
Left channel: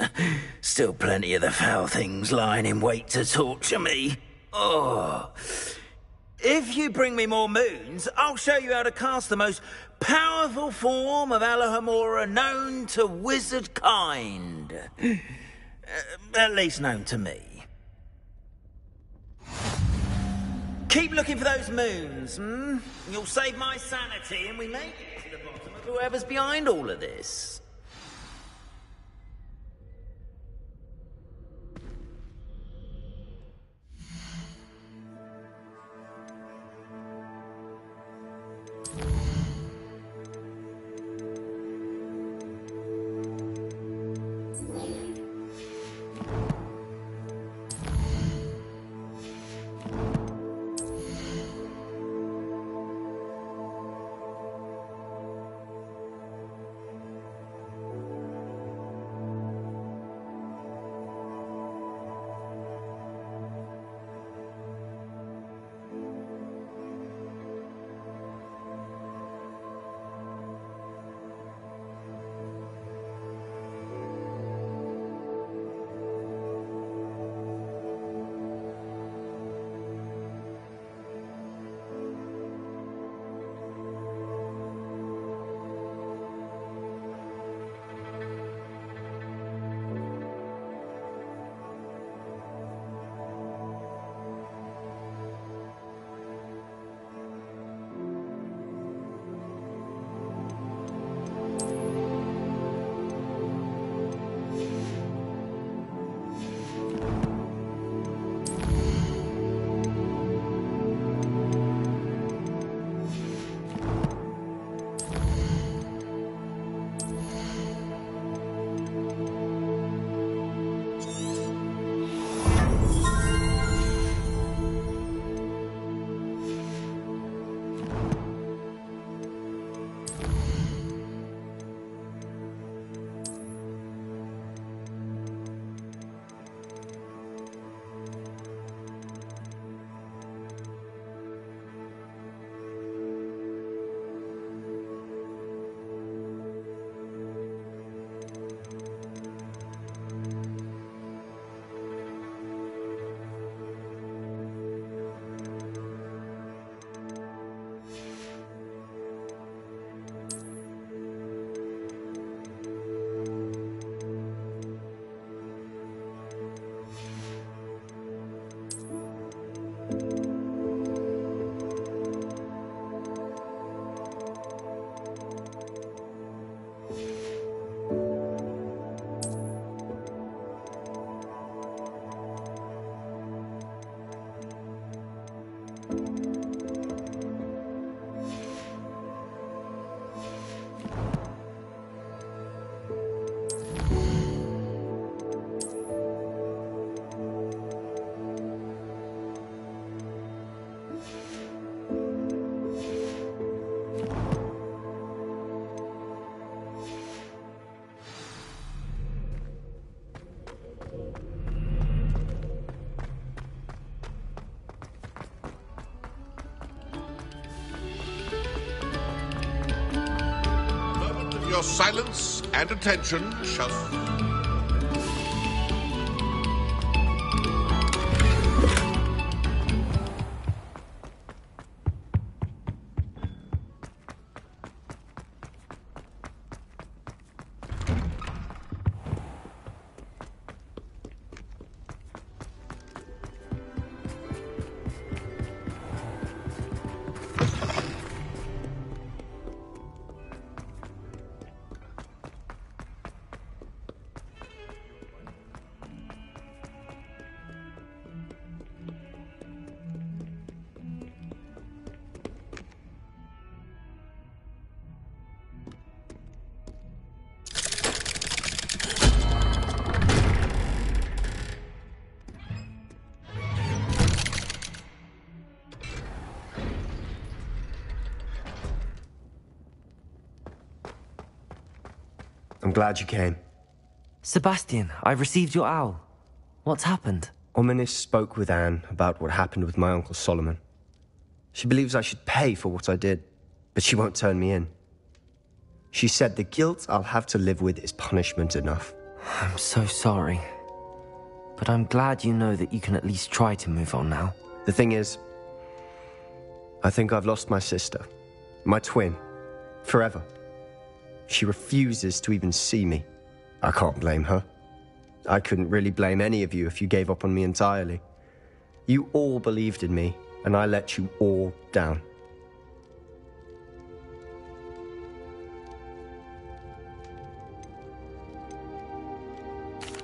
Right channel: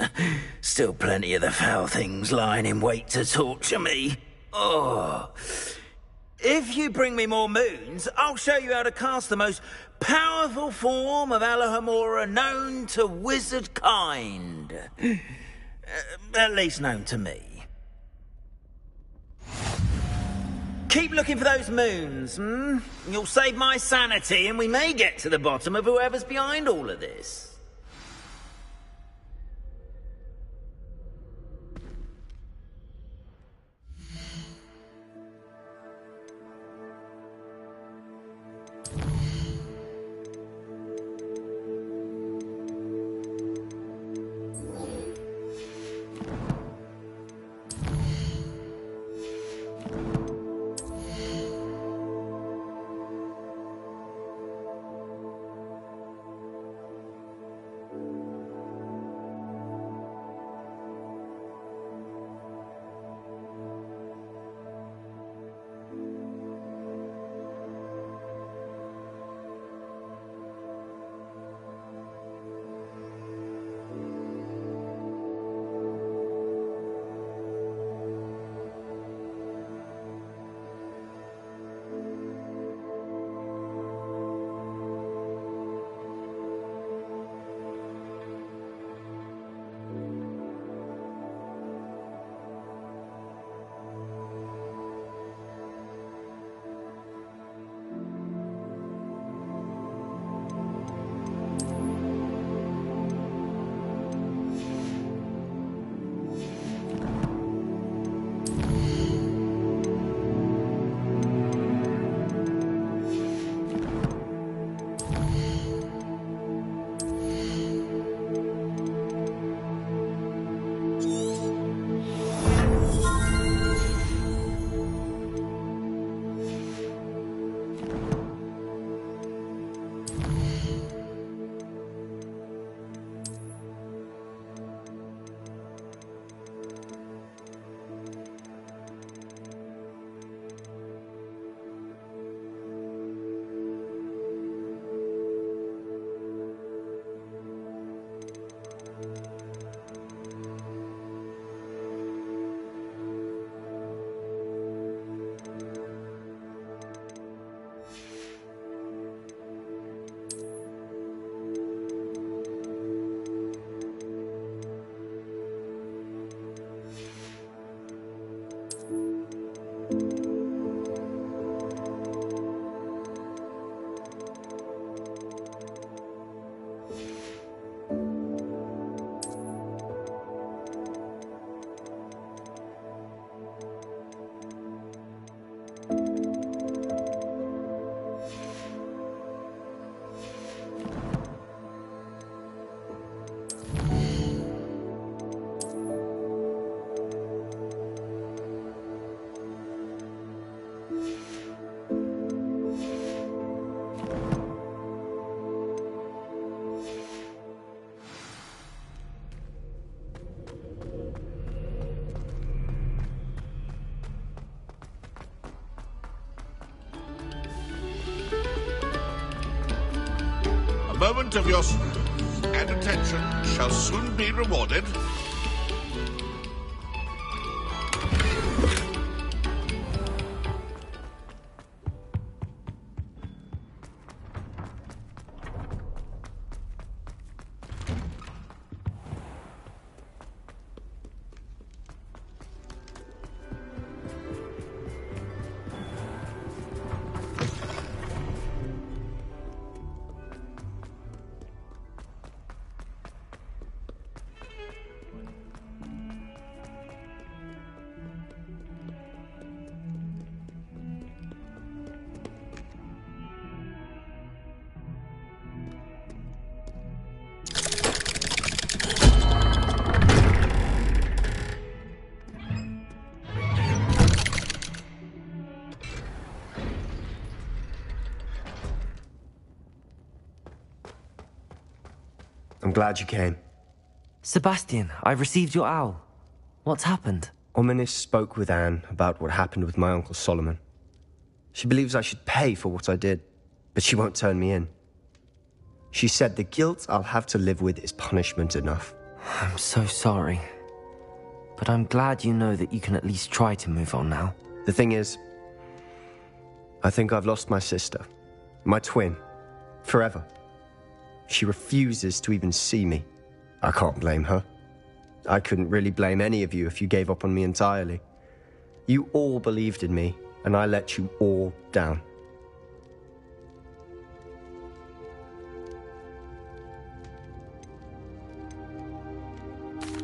Still plenty of the foul things lying in wait to torture me. Oh. If you bring me more moons, I'll show you how to cast the most powerful form of Alohomora known to wizard kind. At least known to me. Keep looking for those moons, You'll save my sanity and we may get to the bottom of whoever's behind all of this. moment of your silence and attention shall soon be rewarded. I'm glad you came. Sebastian, I received your owl. What's happened? Ominis spoke with Anne about what happened with my Uncle Solomon. She believes I should pay for what I did, but she won't turn me in. She said the guilt I'll have to live with is punishment enough. I'm so sorry. But I'm glad you know that you can at least try to move on now. The thing is, I think I've lost my sister, my twin, forever. She refuses to even see me. I can't blame her. I couldn't really blame any of you if you gave up on me entirely. You all believed in me, and I let you all down.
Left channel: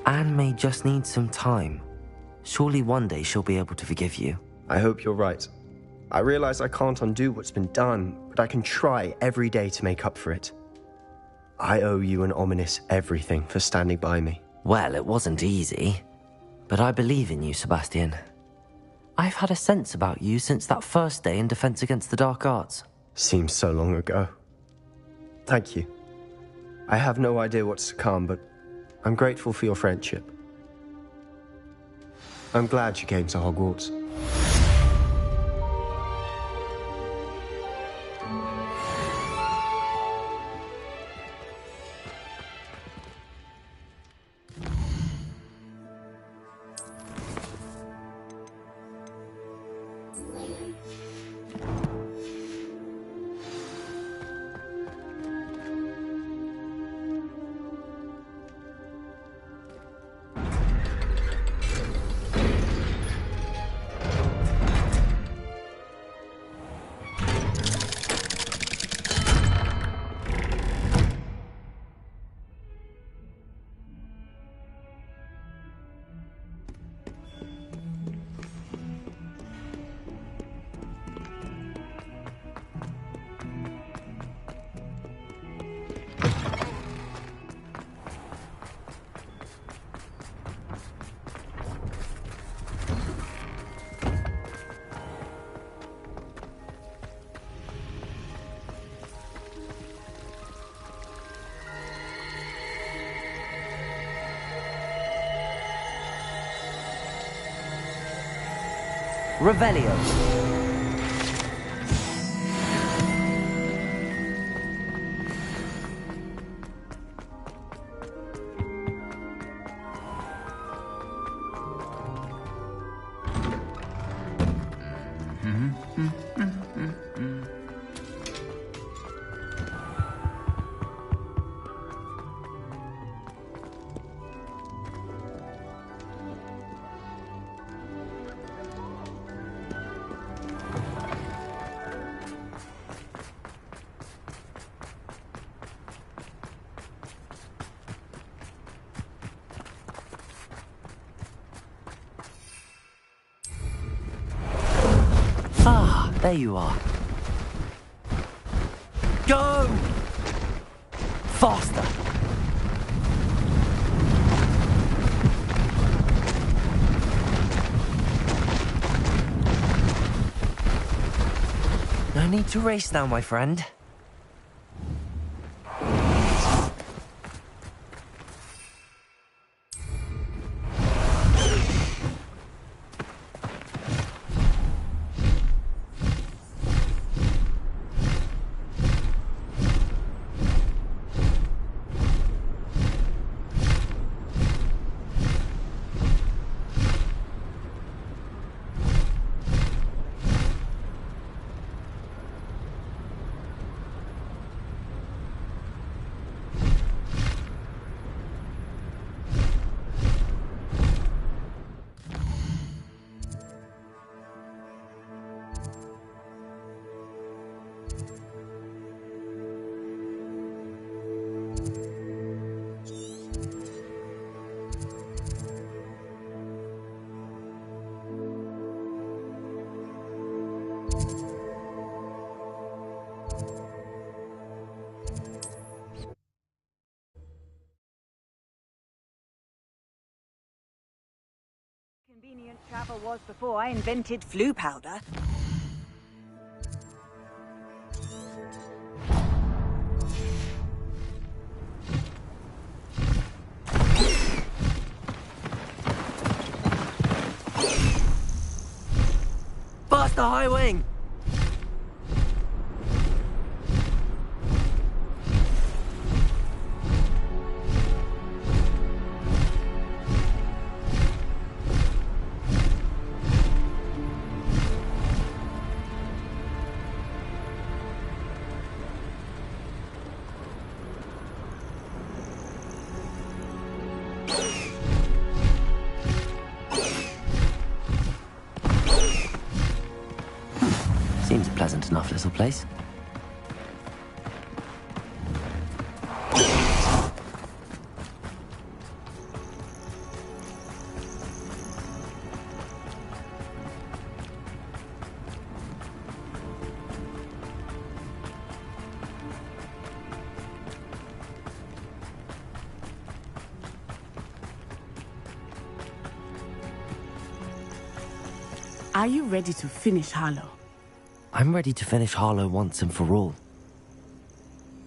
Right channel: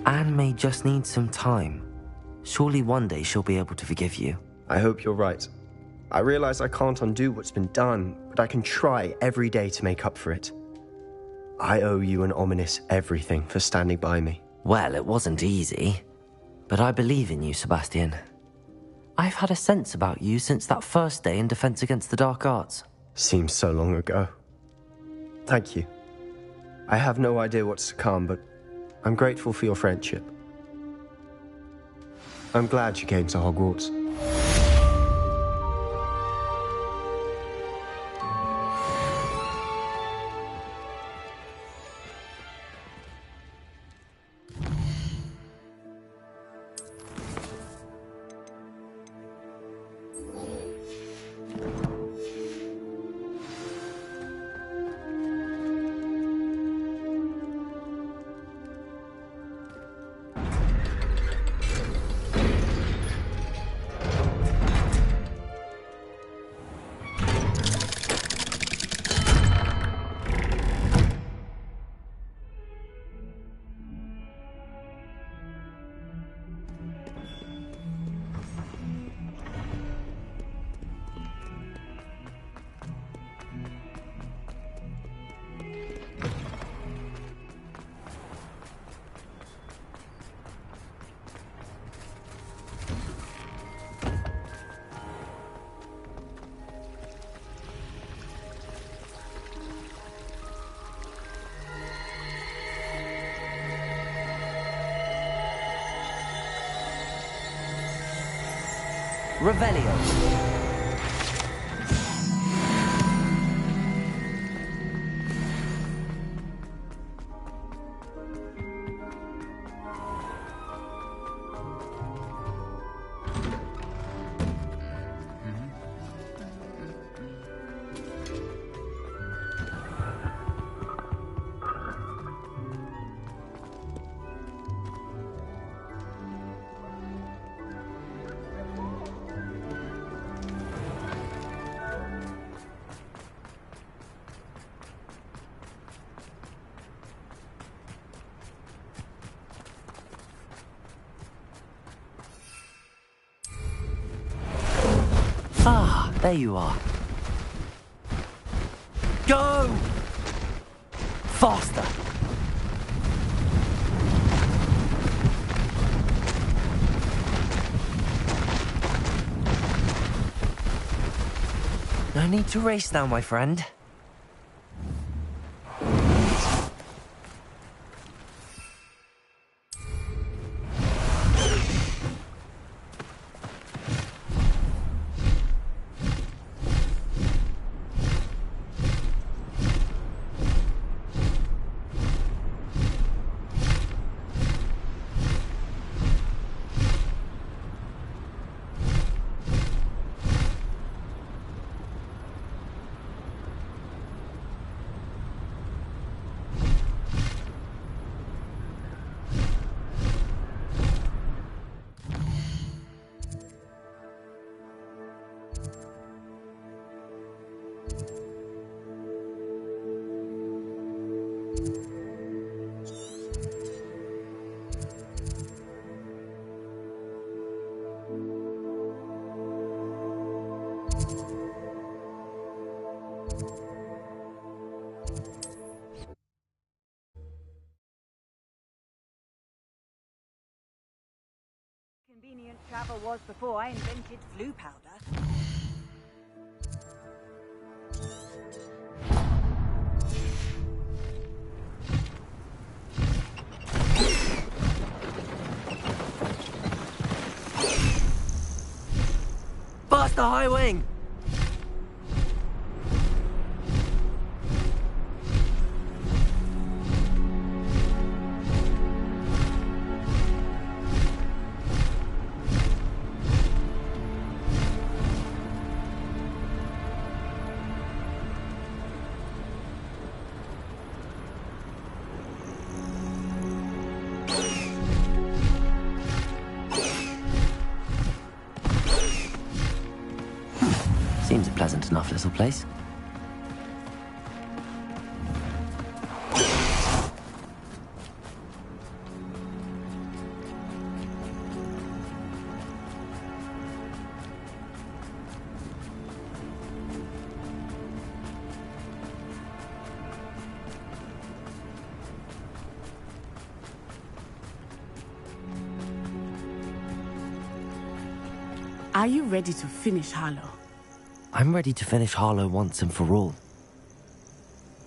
Anne may just need some time. Surely one day she'll be able to forgive you. I hope you're right. I realize I can't undo what's been done, but I can try every day to make up for it. I owe you and Ominis everything for standing by me. Well, it wasn't easy. But I believe in you, Sebastian. I've had a sense about you since that first day in Defense Against the Dark Arts. Seems so long ago. Thank you. I have no idea what's to come, but I'm grateful for your friendship. I'm glad you came to Hogwarts. Revelio. Ah, there you are. Go! Faster! No need to race now, my friend. convenient travel was before I invented flu powder. Faster, High Wing! Seems a pleasant enough little place. Are you ready to finish Harlow? I'm ready to finish Harlow once and for all.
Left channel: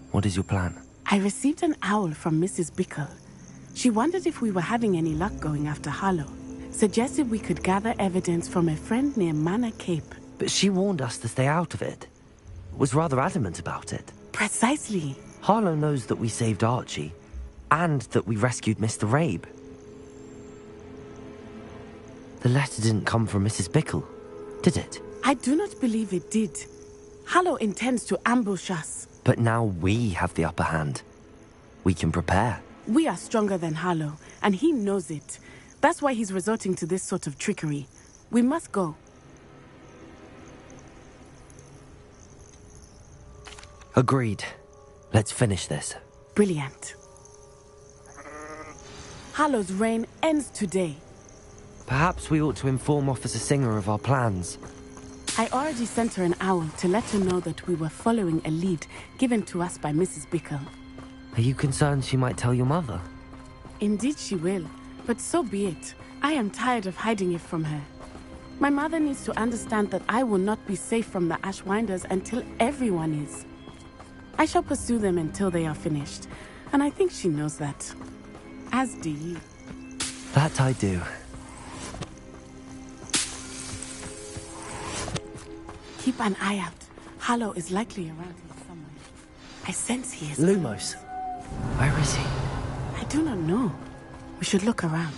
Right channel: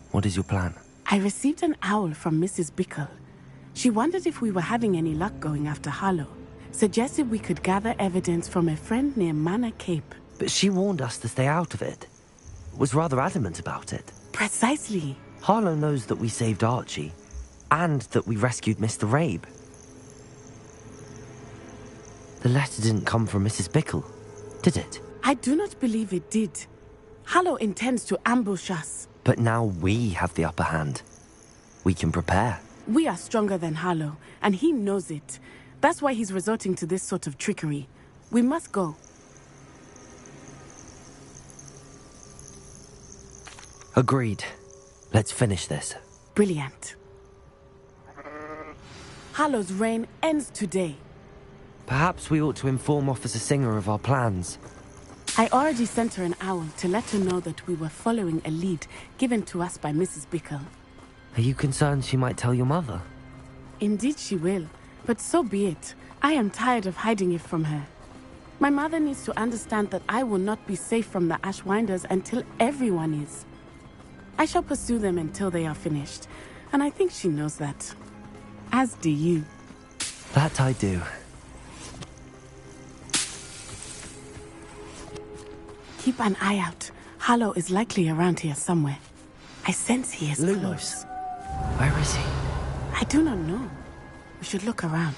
What is your plan? I received an owl from Mrs. Bickle. She wondered if we were having any luck going after Harlow. Suggested we could gather evidence from a friend near Manor Cape. But she warned us to stay out of it. Was rather adamant about it. Precisely. Harlow knows that we saved Archie, and that we rescued Mr. Rabe. The letter didn't come from Mrs. Bickle, did it? I do not believe it did. Harlow intends to ambush us. But now we have the upper hand. We can prepare. We are stronger than Harlow, and he knows it. That's why he's resorting to this sort of trickery. We must go. Agreed. Let's finish this. Brilliant. Harlow's reign ends today. Perhaps we ought to inform Officer Singer of our plans. I already sent her an owl to let her know that we were following a lead given to us by Mrs. Bickle. Are you concerned she might tell your mother? Indeed she will, but so be it. I am tired of hiding it from her. My mother needs to understand that I will not be safe from the Ashwinders until everyone is. I shall pursue them until they are finished, and I think she knows that. As do you. That I do. Keep an eye out. Harlow is likely around here somewhere. I sense he is Lumos. close. Where is he? I do not know. We should look around.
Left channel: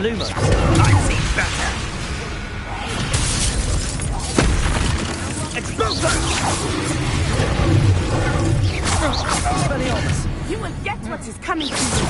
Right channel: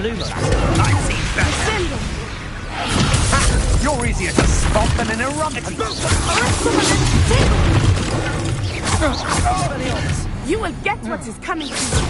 Lumos. I see better. You're easier to spot than an erotic. You will get what is coming to you.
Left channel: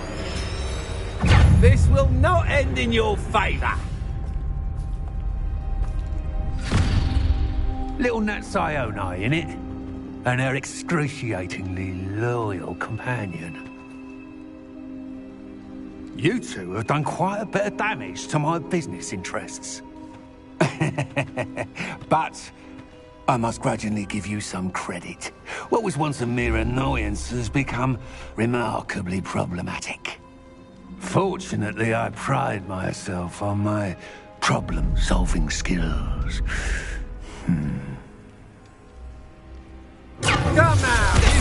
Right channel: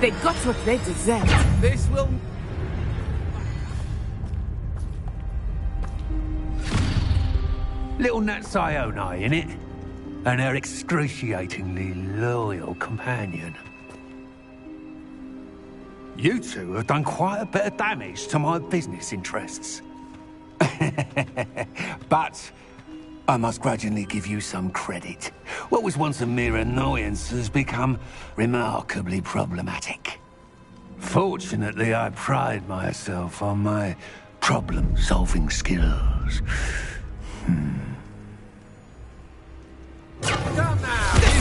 They got what they deserve. This will not end in your favor. Little Natsione, innit? And her excruciatingly loyal companion. You two have done quite a bit of damage to my business interests. But I must grudgingly give you some credit. What was once a mere annoyance has become remarkably problematic. Fortunately, I pride myself on my problem-solving skills. Come now!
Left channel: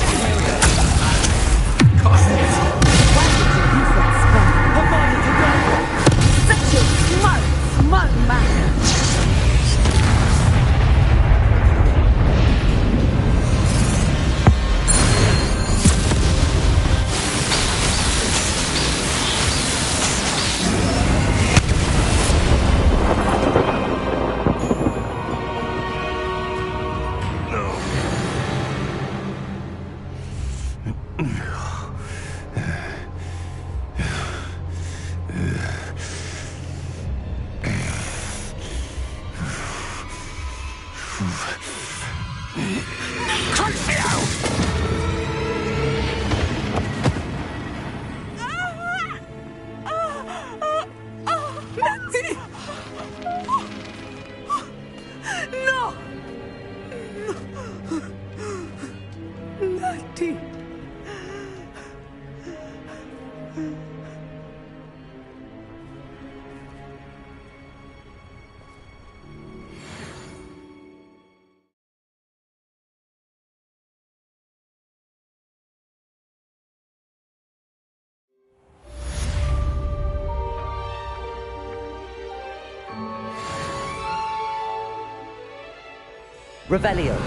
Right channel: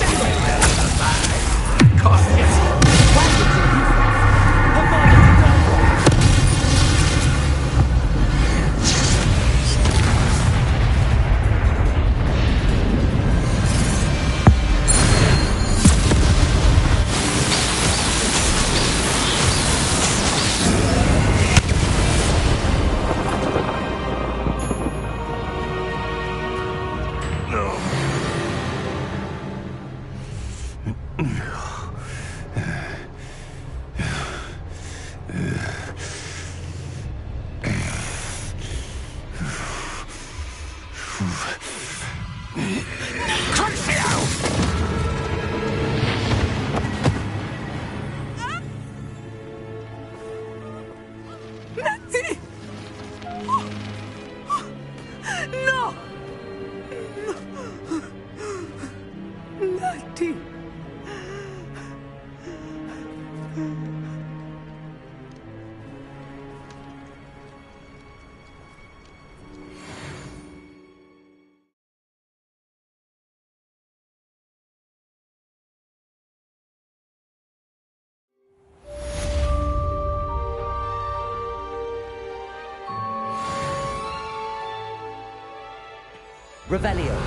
Revelio.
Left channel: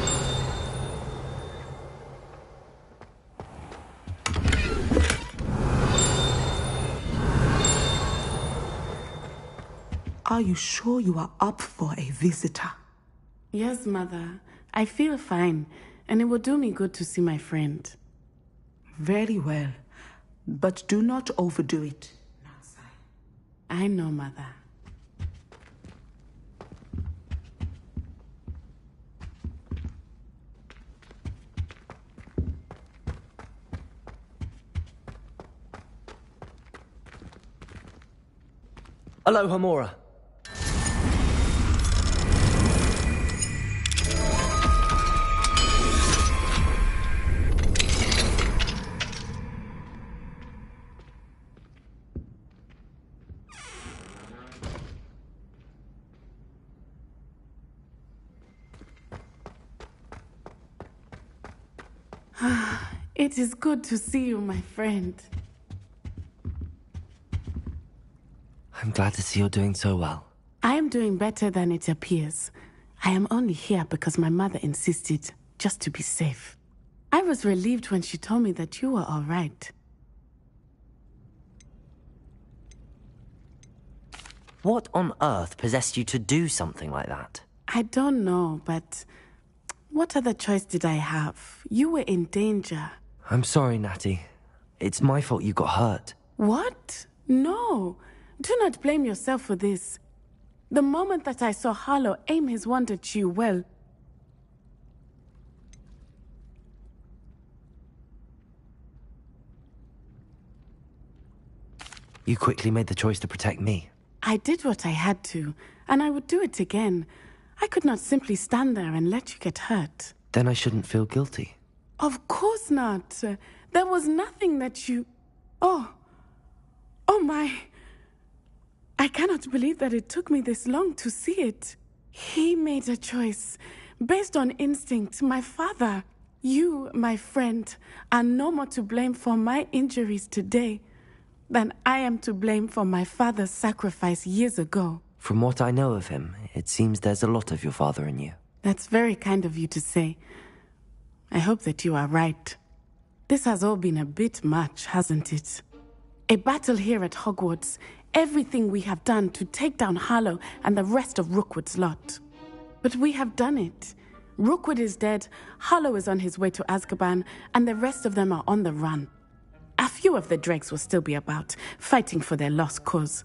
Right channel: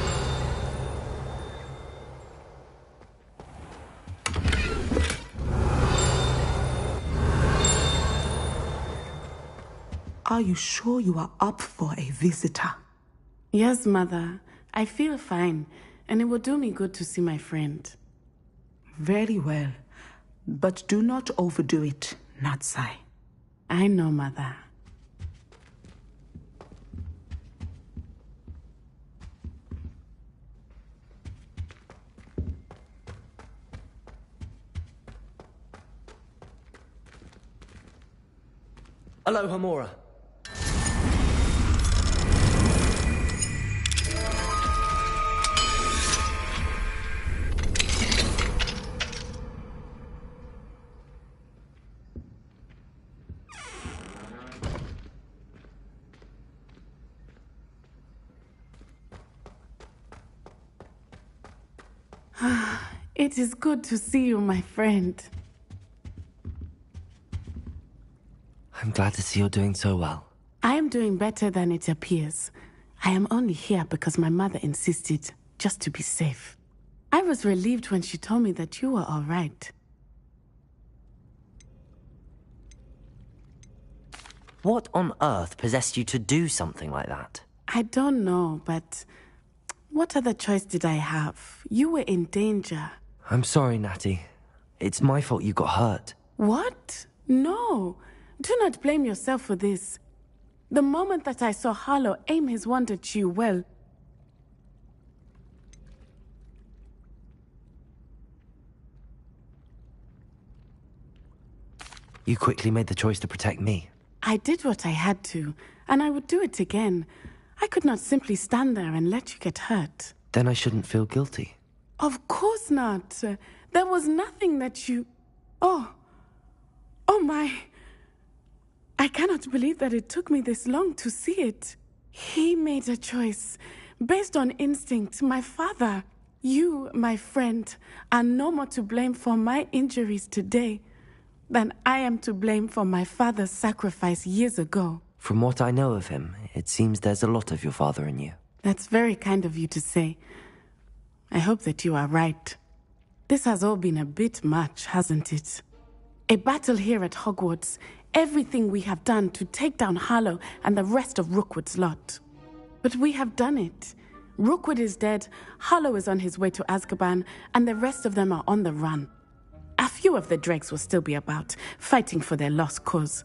Are you sure you are up for a visitor? Yes, Mother. I feel fine, and it will do me good to see my friend. Very well. But do not overdo it, Natsai. I know, Mother. Hello, Homura. It is good to see you, my friend. I'm glad to see you're doing so well. I am doing better than it appears. I am only here because my mother insisted, just to be safe. I was relieved when she told me that you were all right. What on earth possessed you to do something like that? I don't know, but what other choice did I have? You were in danger. I'm sorry, Natty. It's my fault you got hurt. What? No. Do not blame yourself for this. The moment that I saw Harlow aim his wand at you, well... You quickly made the choice to protect me. I did what I had to, and I would do it again. I could not simply stand there and let you get hurt. Then I shouldn't feel guilty. Of course not. There was nothing that you... Oh my... I cannot believe that it took me this long to see it. He made a choice based on instinct. My father, you, my friend, are no more to blame for my injuries today than I am to blame for my father's sacrifice years ago. From what I know of him, it seems there's a lot of your father in you. That's very kind of you to say. I hope that you are right. This has all been a bit much, hasn't it? A battle here at Hogwarts. Everything we have done to take down Harlow and the rest of Rookwood's lot. But we have done it. Rookwood is dead, Harlow is on his way to Azkaban, and the rest of them are on the run. A few of the dregs will still be about, fighting for their lost cause.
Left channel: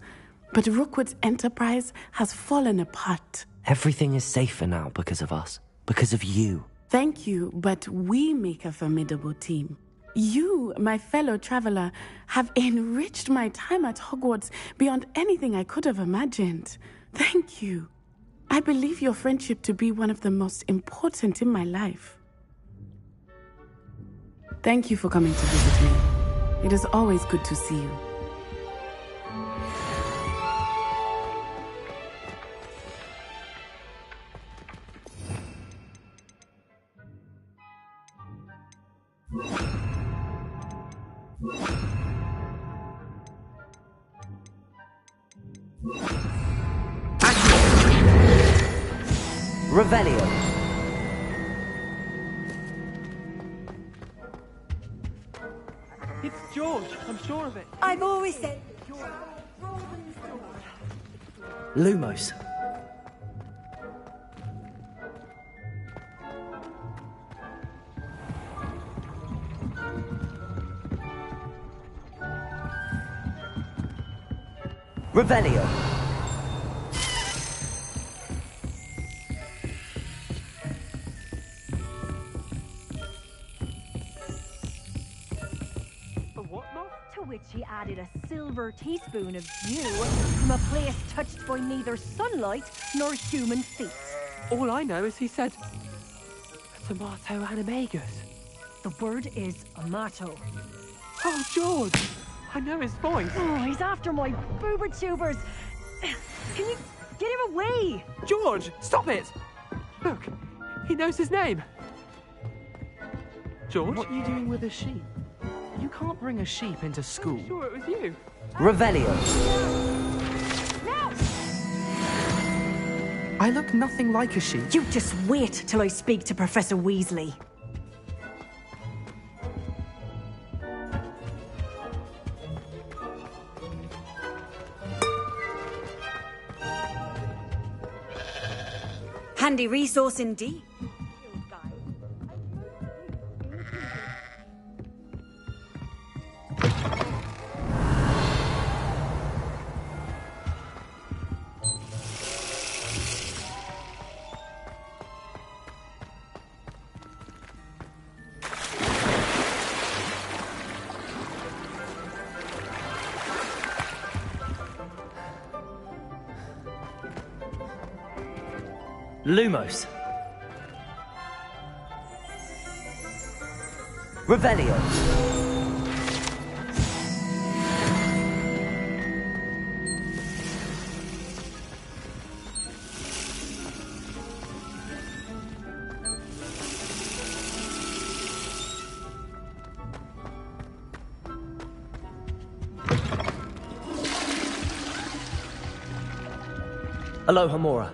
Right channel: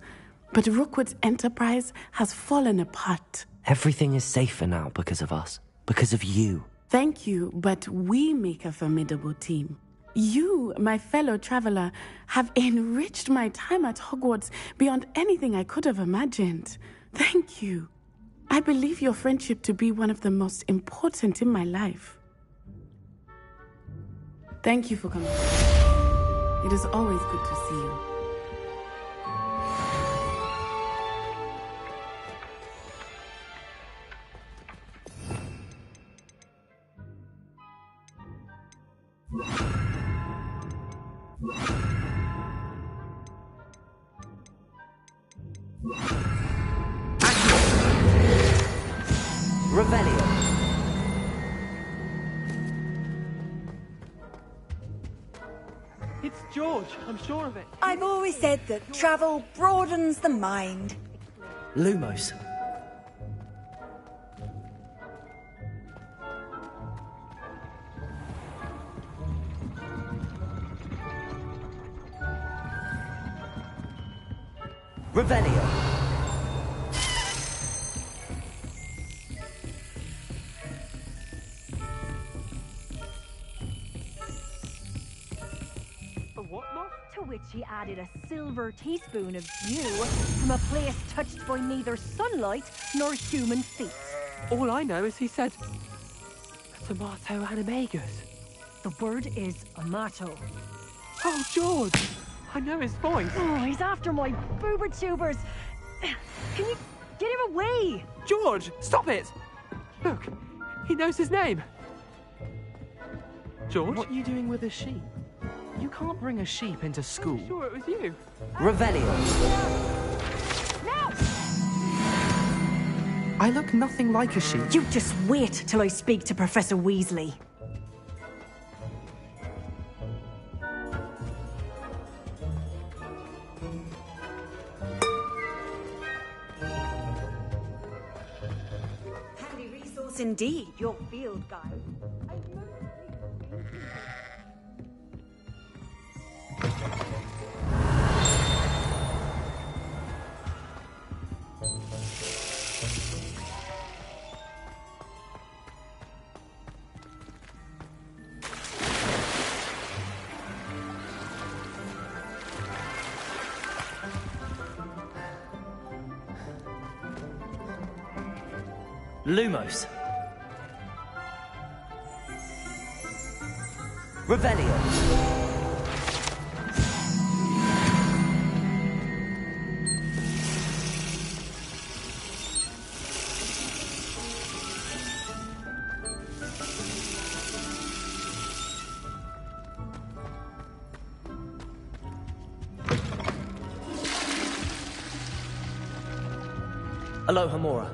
But Rookwood's enterprise has fallen apart. Everything is safer now because of us. Because of you. Thank you, but we make a formidable team. You, my fellow traveler, have enriched my time at Hogwarts beyond anything I could have imagined. Thank you. I believe your friendship to be one of the most important in my life. Thank you for coming to visit me. It is always good to see you. Revelio. It's George, I'm sure of it. I've always said that travel broadens the mind. Lumos. Revelio. To which he added a silver teaspoon of dew from a place touched by neither sunlight nor human feet. All I know is he said, tomato animagus. The word is amato. Oh, George! I know his voice. Oh, he's after my boober tubers. Can you get him away? George, stop it! Look, he knows his name. George? What are you doing with a sheep? You can't bring a sheep into school. I'm sure it was you. Revelio. No! I look nothing like a sheep. You just wait till I speak to Professor Weasley. Handy resource indeed, your field guide. Lumos. Revelio. Alohomora.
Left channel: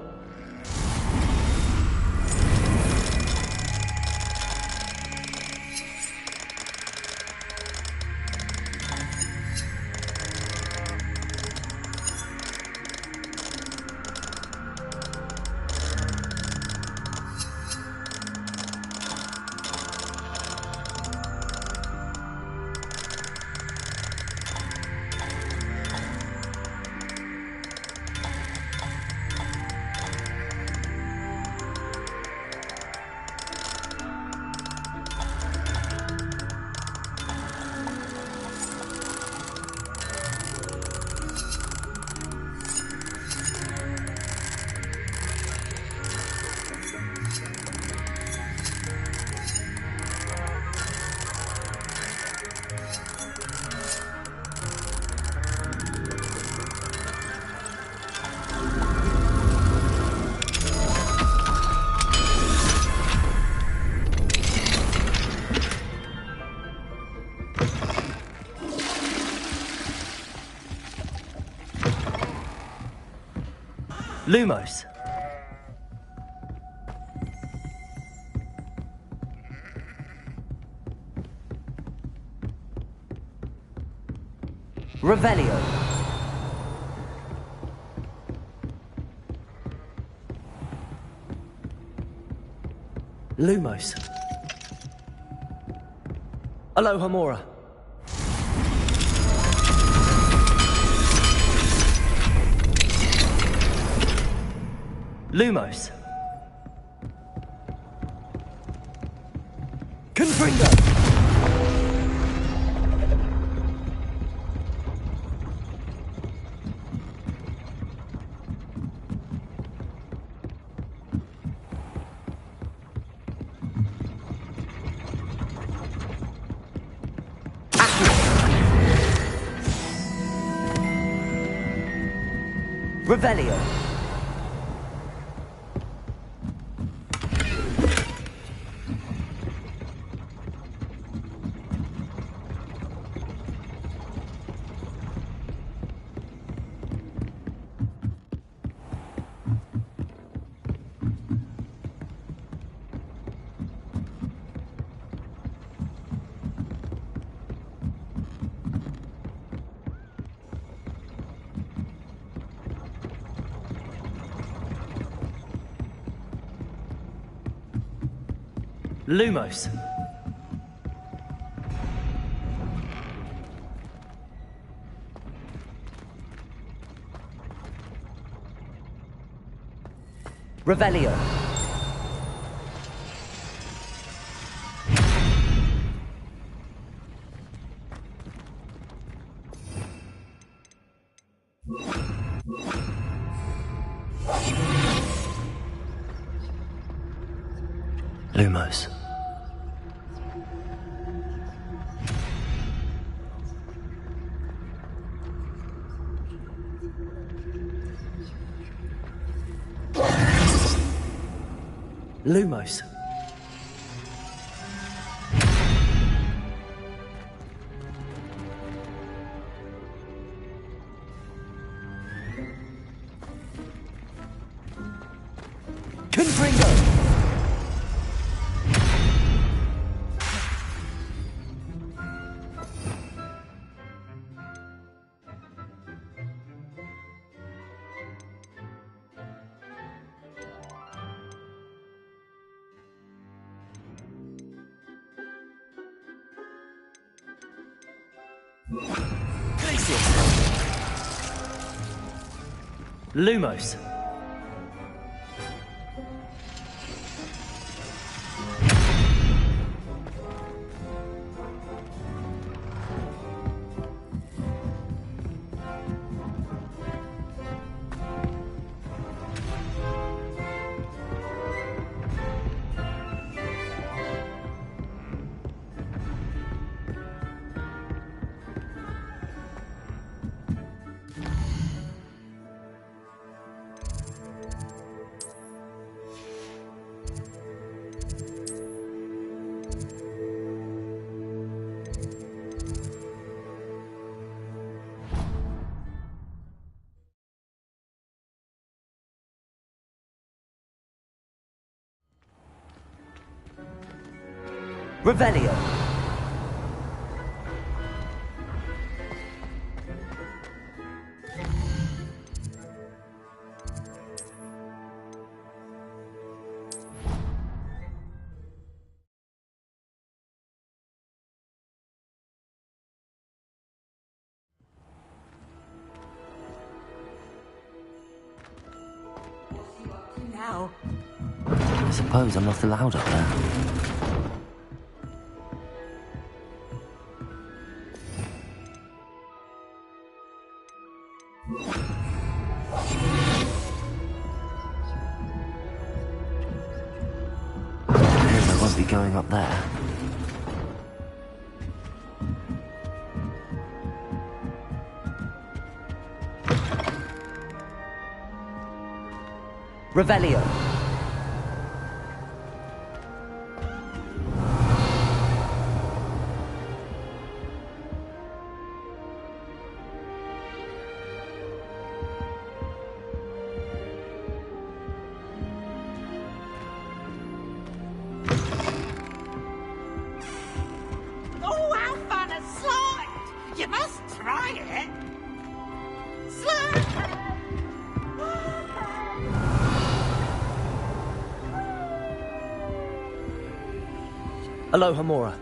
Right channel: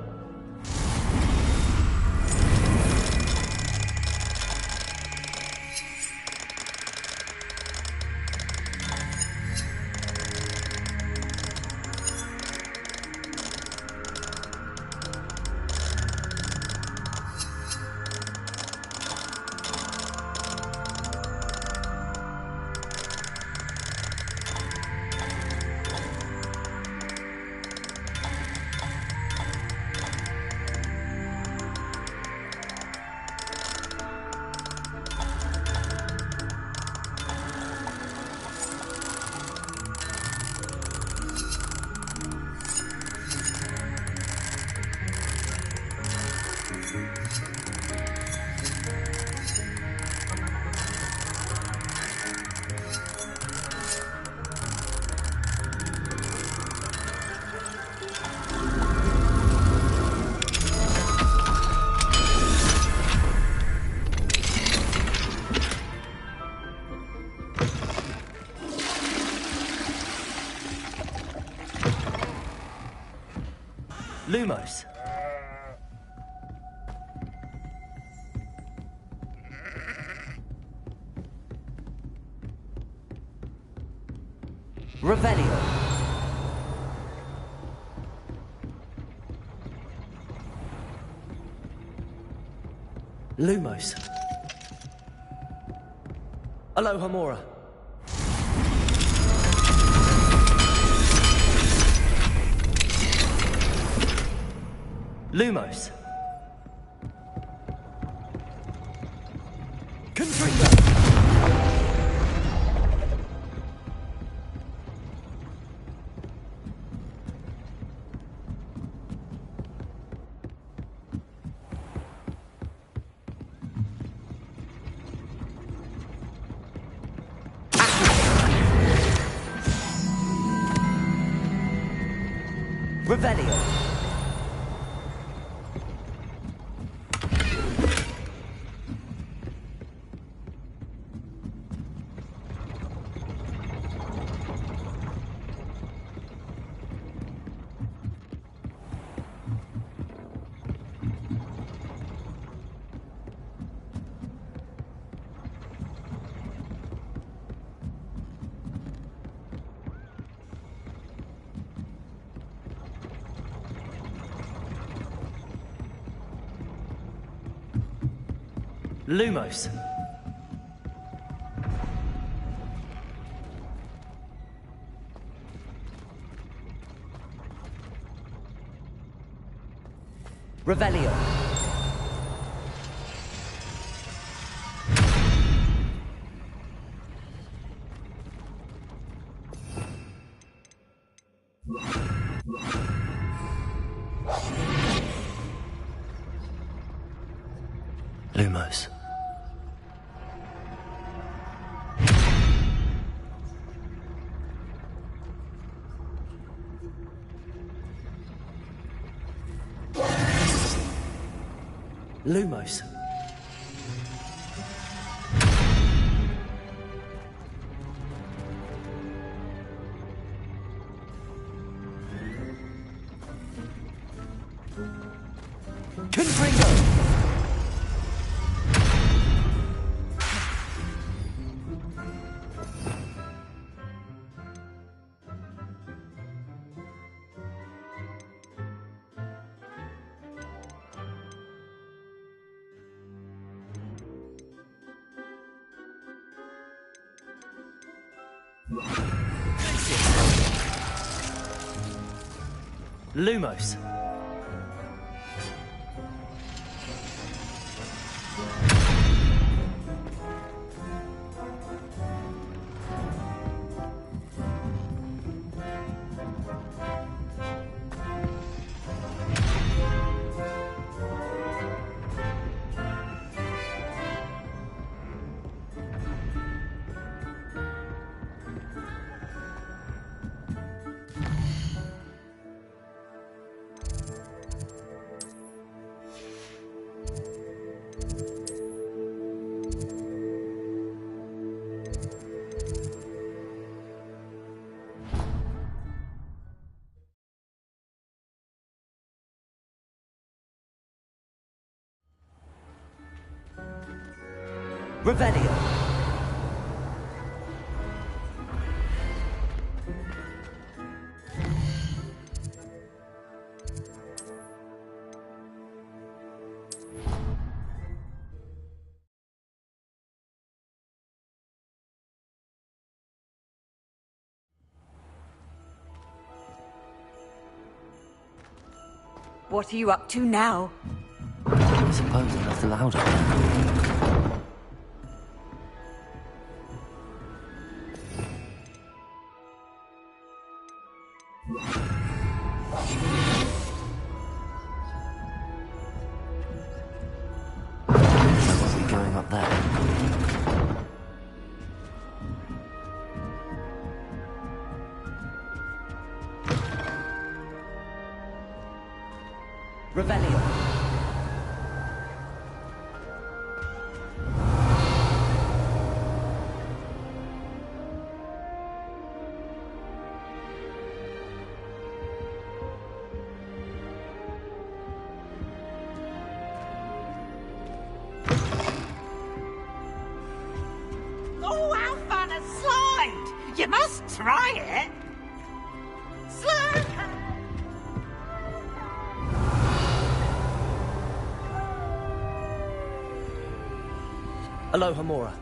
Lumos. Revelio. Lumos. Alohomora. Lumos. Confringo. Revelio. Lumos. Revelio. Lumos. Lumos. Confringo. Lumos. Revelio. What are you up to now? I suppose I'm not allowed up there. I won't be going up there. Revelio. Oh, how fun a slide! You must try it. Slide. Aloha Mora.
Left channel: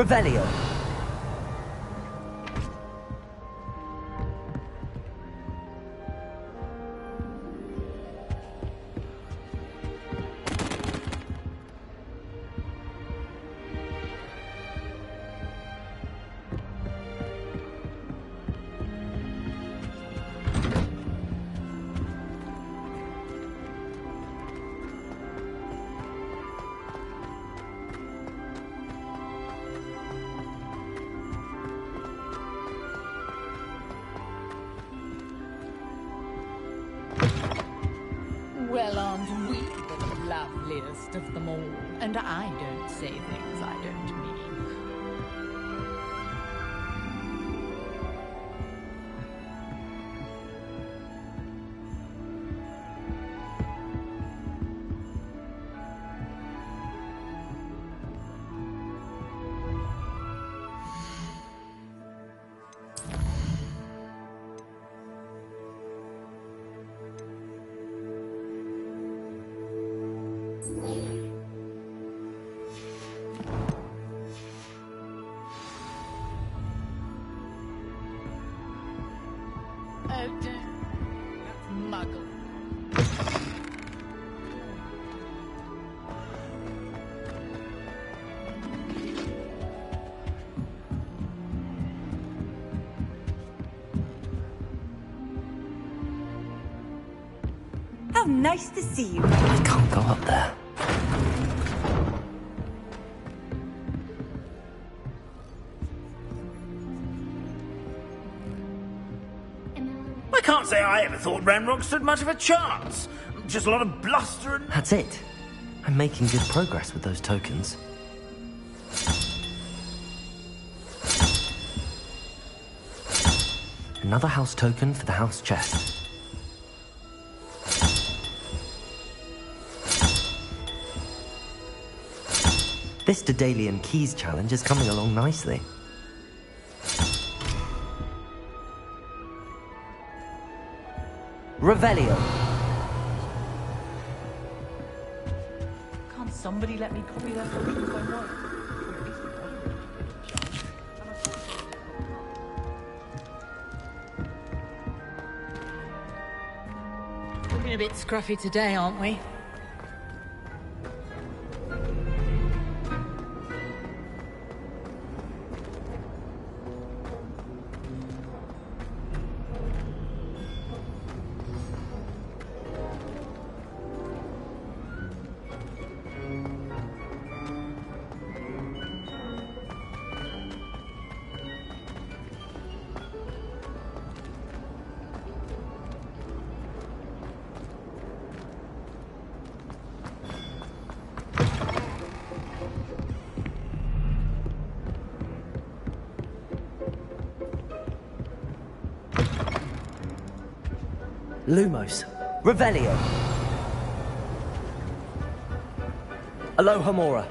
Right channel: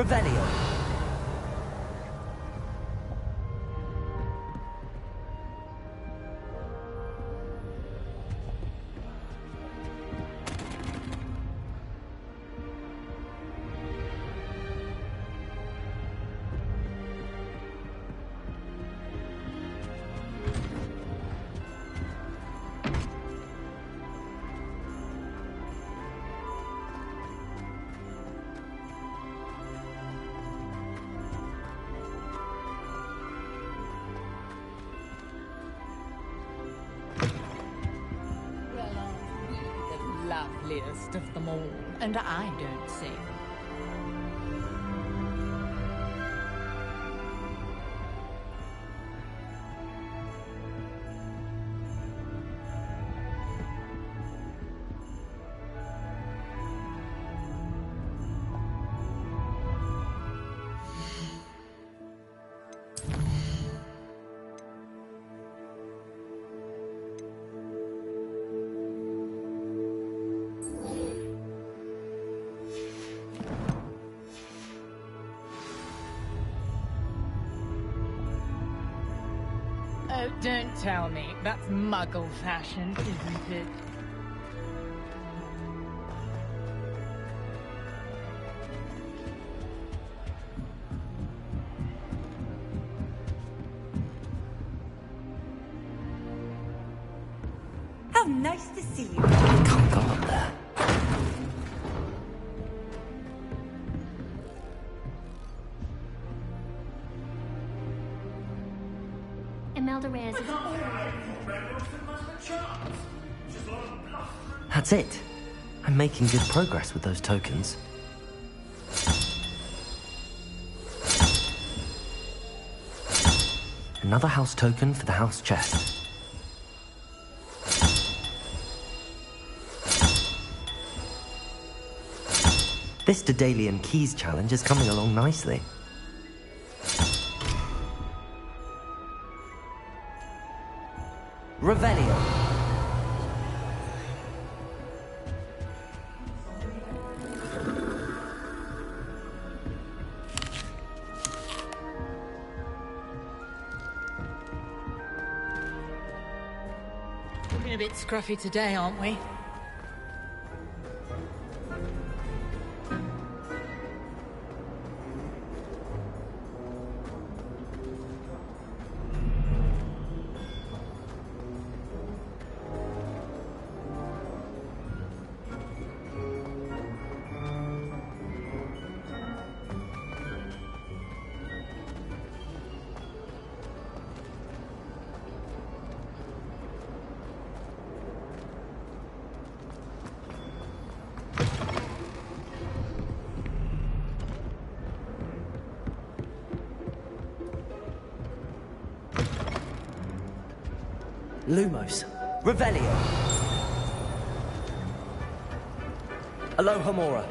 Revelio. Well, aren't we the loveliest of them all? And I don't say things I don't mean. Oh, don't tell me. That's muggle fashion, isn't it? How nice to see you. I can't go up there. I can't say I ever thought Ranrock stood much of a chance. Just a lot of bluster and... That's it. I'm making good progress with those tokens. Another house token for the house chest. This Daedalian Keys challenge is coming along nicely. Revelio. Can't somebody let me copy that? Looking a bit scruffy today, aren't we? Lumos. Revelio. Alohomora.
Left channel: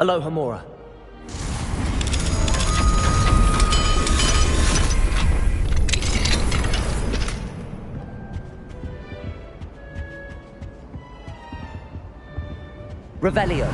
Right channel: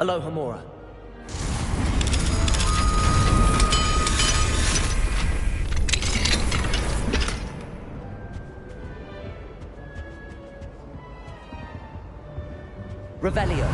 Alohomora. Revelio.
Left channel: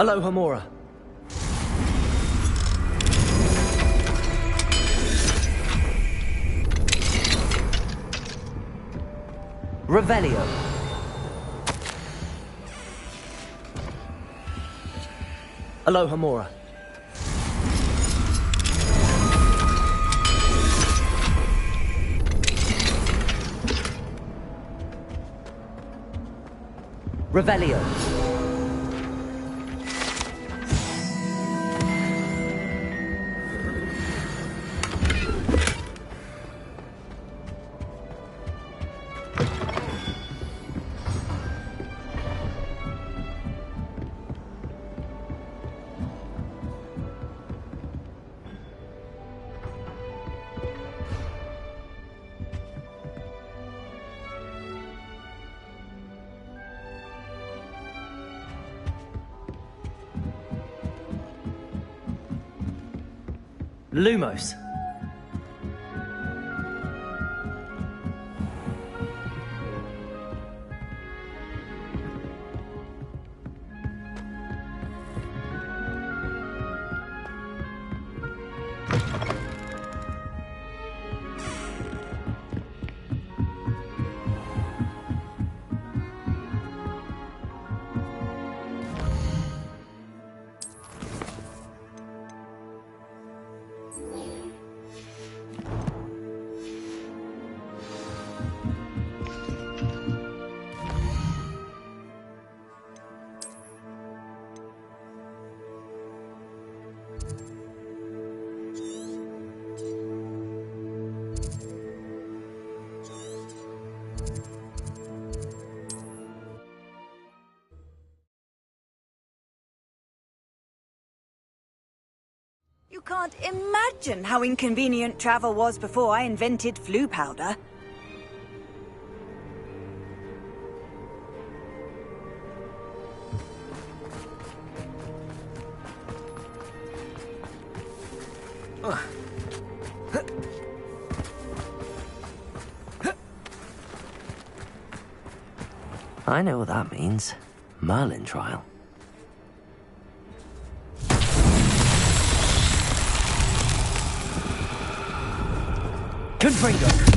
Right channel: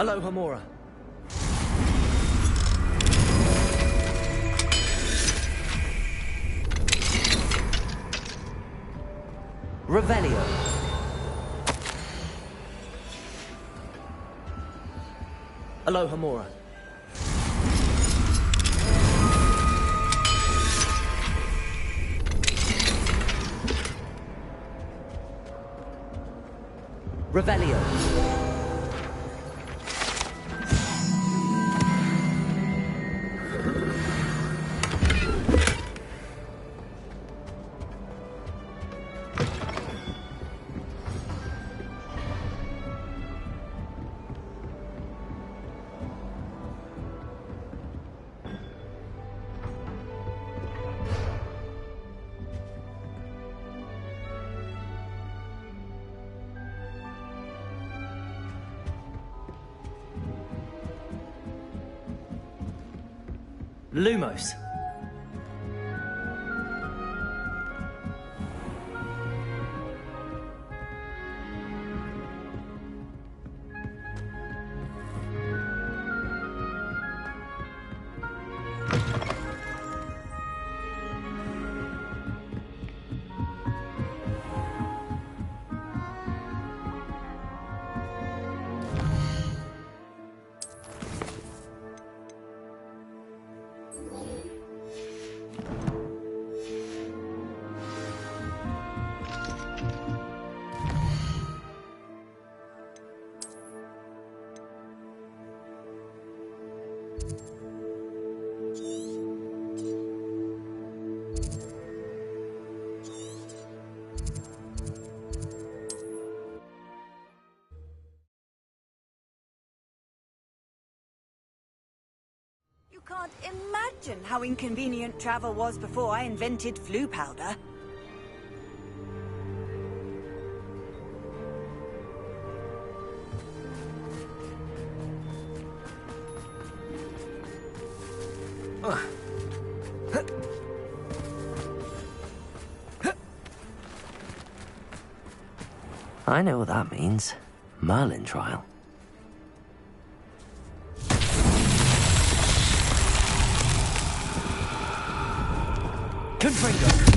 Aloha Mora. Revelio. Aloha Mora. Revelio. Lumos. You can't imagine how inconvenient travel was before I invented flu powder. I know what that means. Merlin trial. Confringo.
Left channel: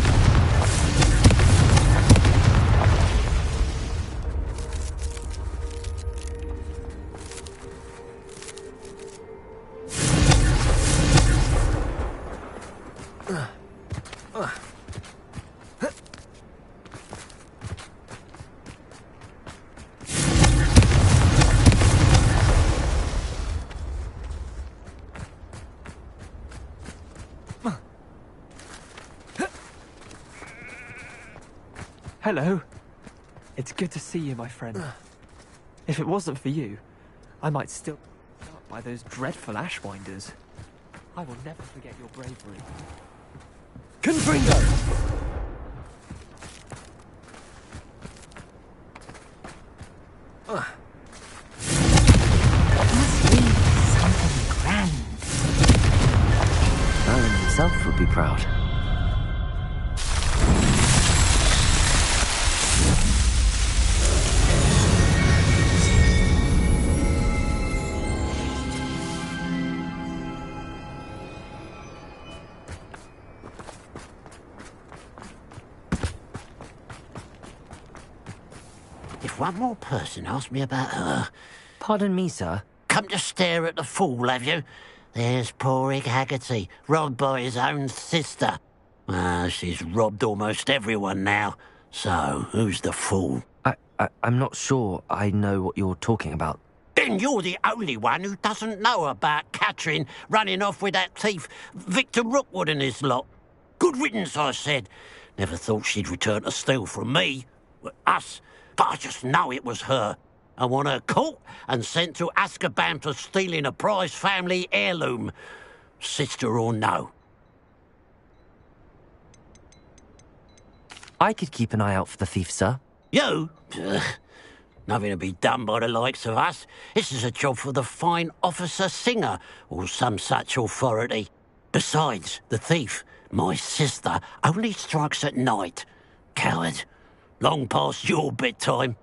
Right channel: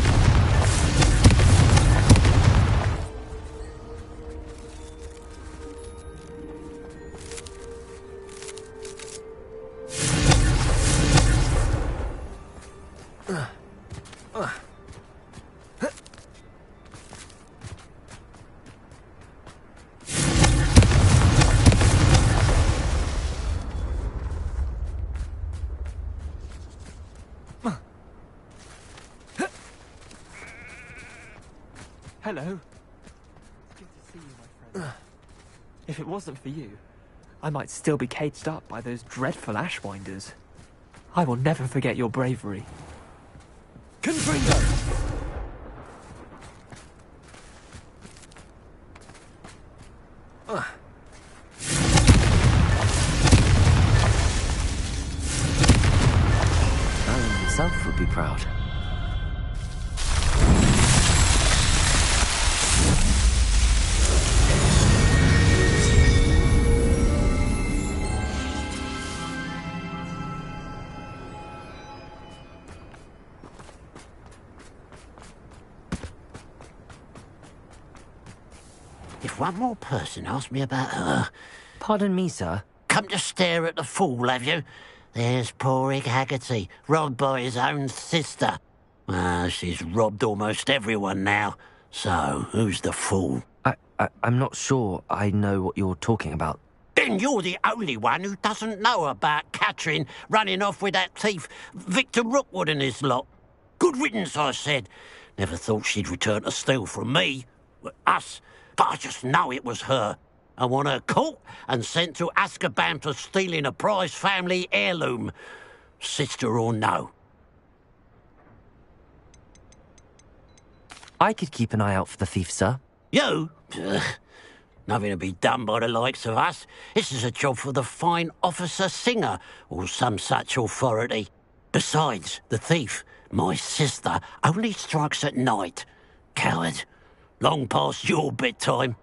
Hello. It's good to see you, my friend. If it wasn't for you, I might still be caged up by those dreadful Ashwinders. I will never forget your bravery. Confringo! Merlin himself would be proud. If one more person asks me about her... Pardon me, sir. Come to stare at the fool, have you? There's poor Ig Haggerty, robbed by his own sister. She's robbed almost everyone now. So, who's the fool? I'm not sure I know what you're talking about. Then you're the only one who doesn't know about Catherine running off with that thief, Victor Rookwood and his lot. Good riddance, I said. Never thought she'd return to steal from me. Us. But I just know it was her. I want her caught and sent to Azkaban for stealing a prize family heirloom. Sister or no. I could keep an eye out for the thief, sir. You? Nothing to be done by the likes of us. This is a job for the fine officer Singer, or some such authority. Besides, the thief, my sister, only strikes at night. Coward. Long past your bedtime.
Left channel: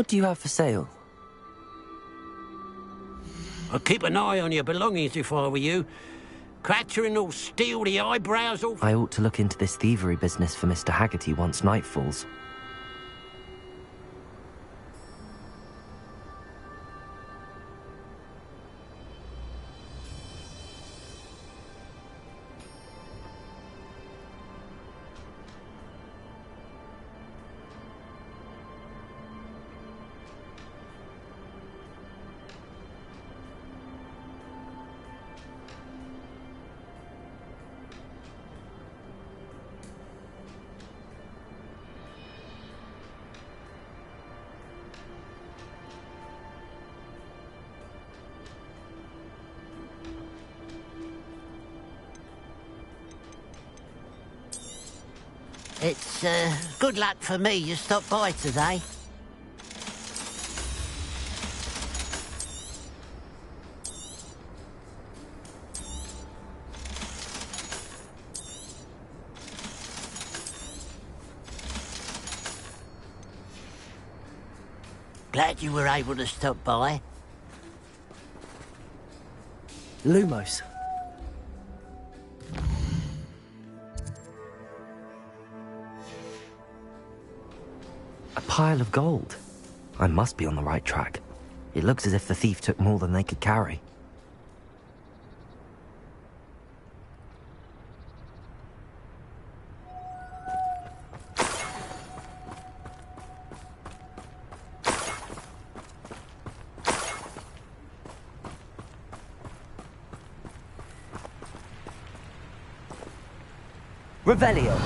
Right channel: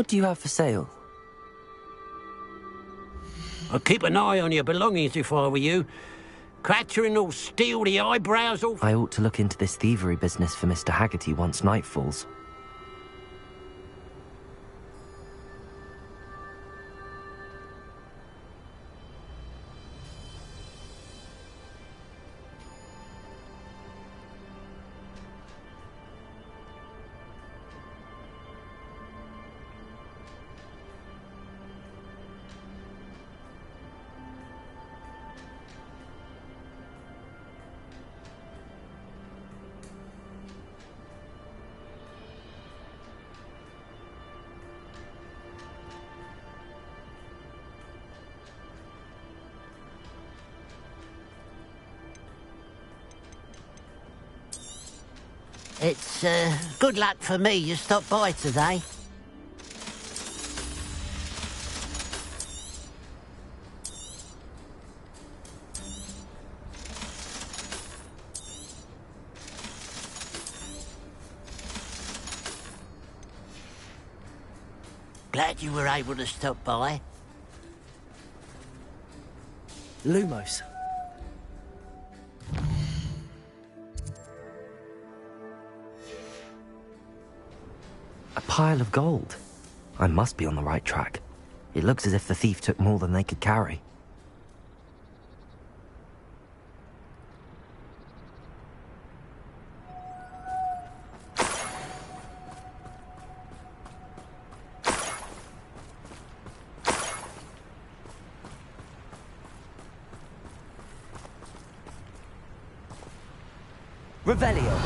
What do you have for sale? I'd keep an eye on your belongings if I were you. Cratching will steal the eyebrows off. I ought to look into this thievery business for Mr. Haggerty once night falls. It's, good luck for me you stopped by today. Glad you were able to stop by. Lumos. A pile of gold. I must be on the right track. It looks as if the thief took more than they could carry. Revelio.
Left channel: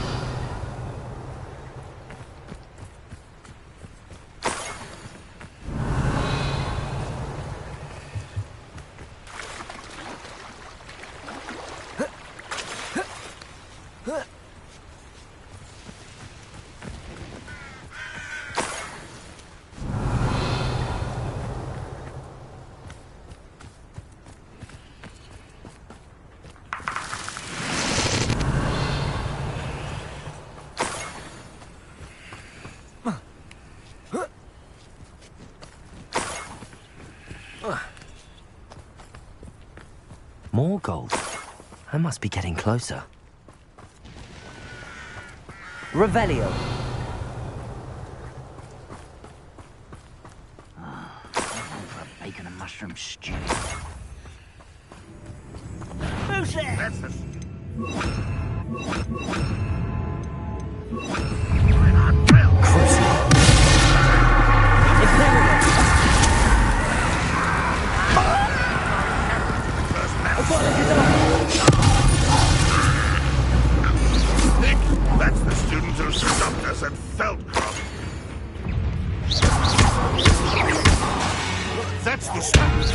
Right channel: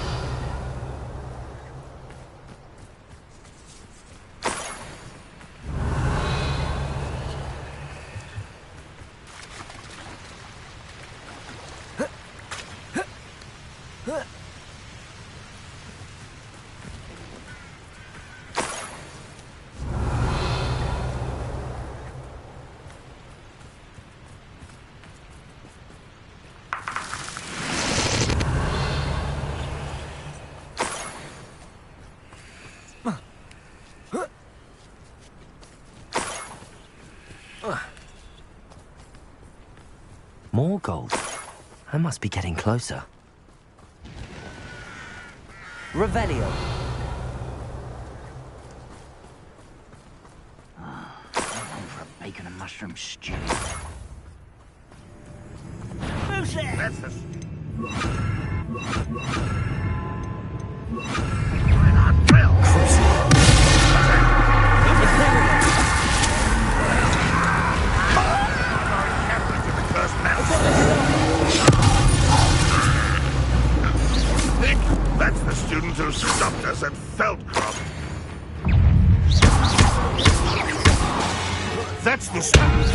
More gold. I must be getting closer. Revelio. I'm for a bacon and mushroom stew. Who's there? That's the... That's the student who stopped us at Feldcroft. That's the student.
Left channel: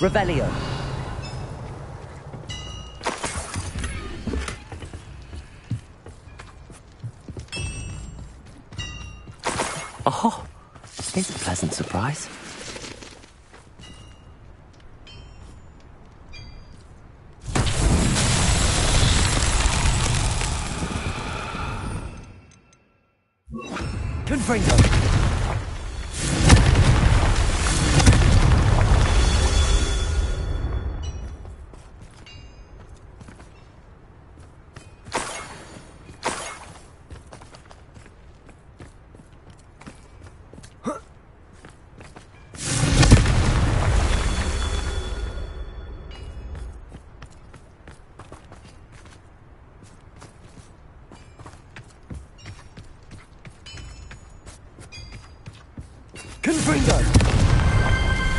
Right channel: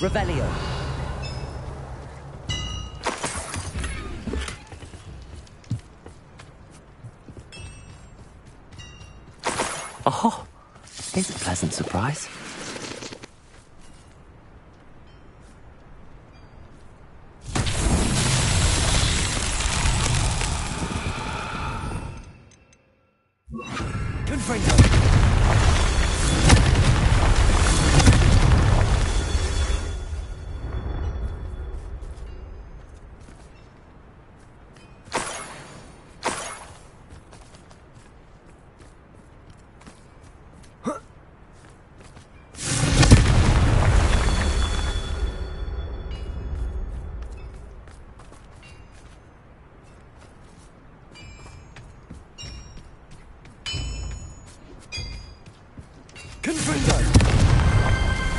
Revelio. Oh, here's a pleasant surprise. Confringo.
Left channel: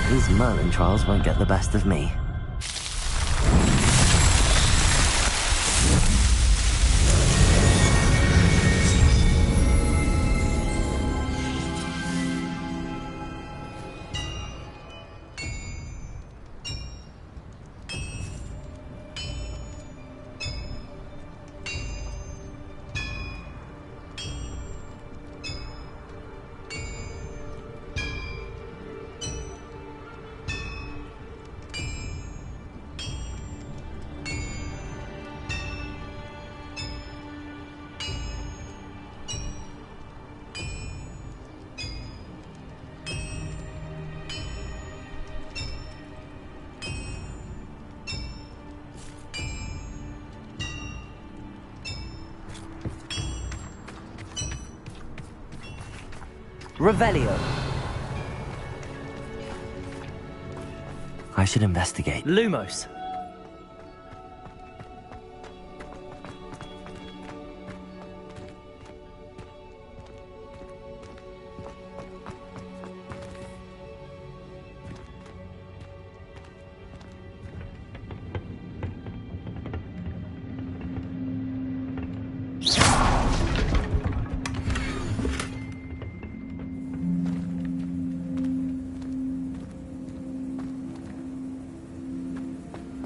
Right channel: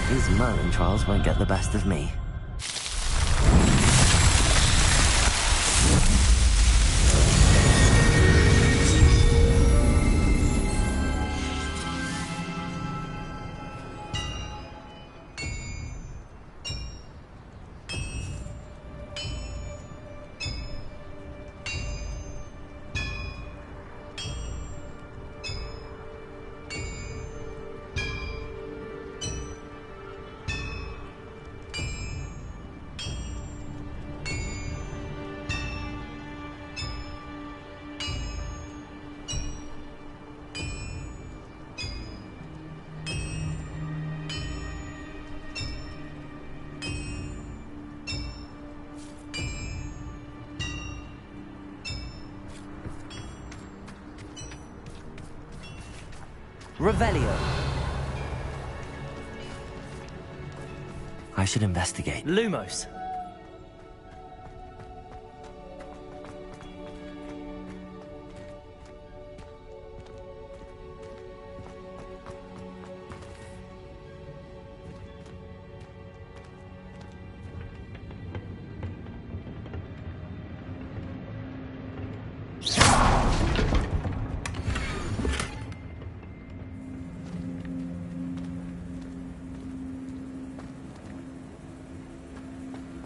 These Merlin trials won't get the best of me. Revelio. I should investigate. Lumos.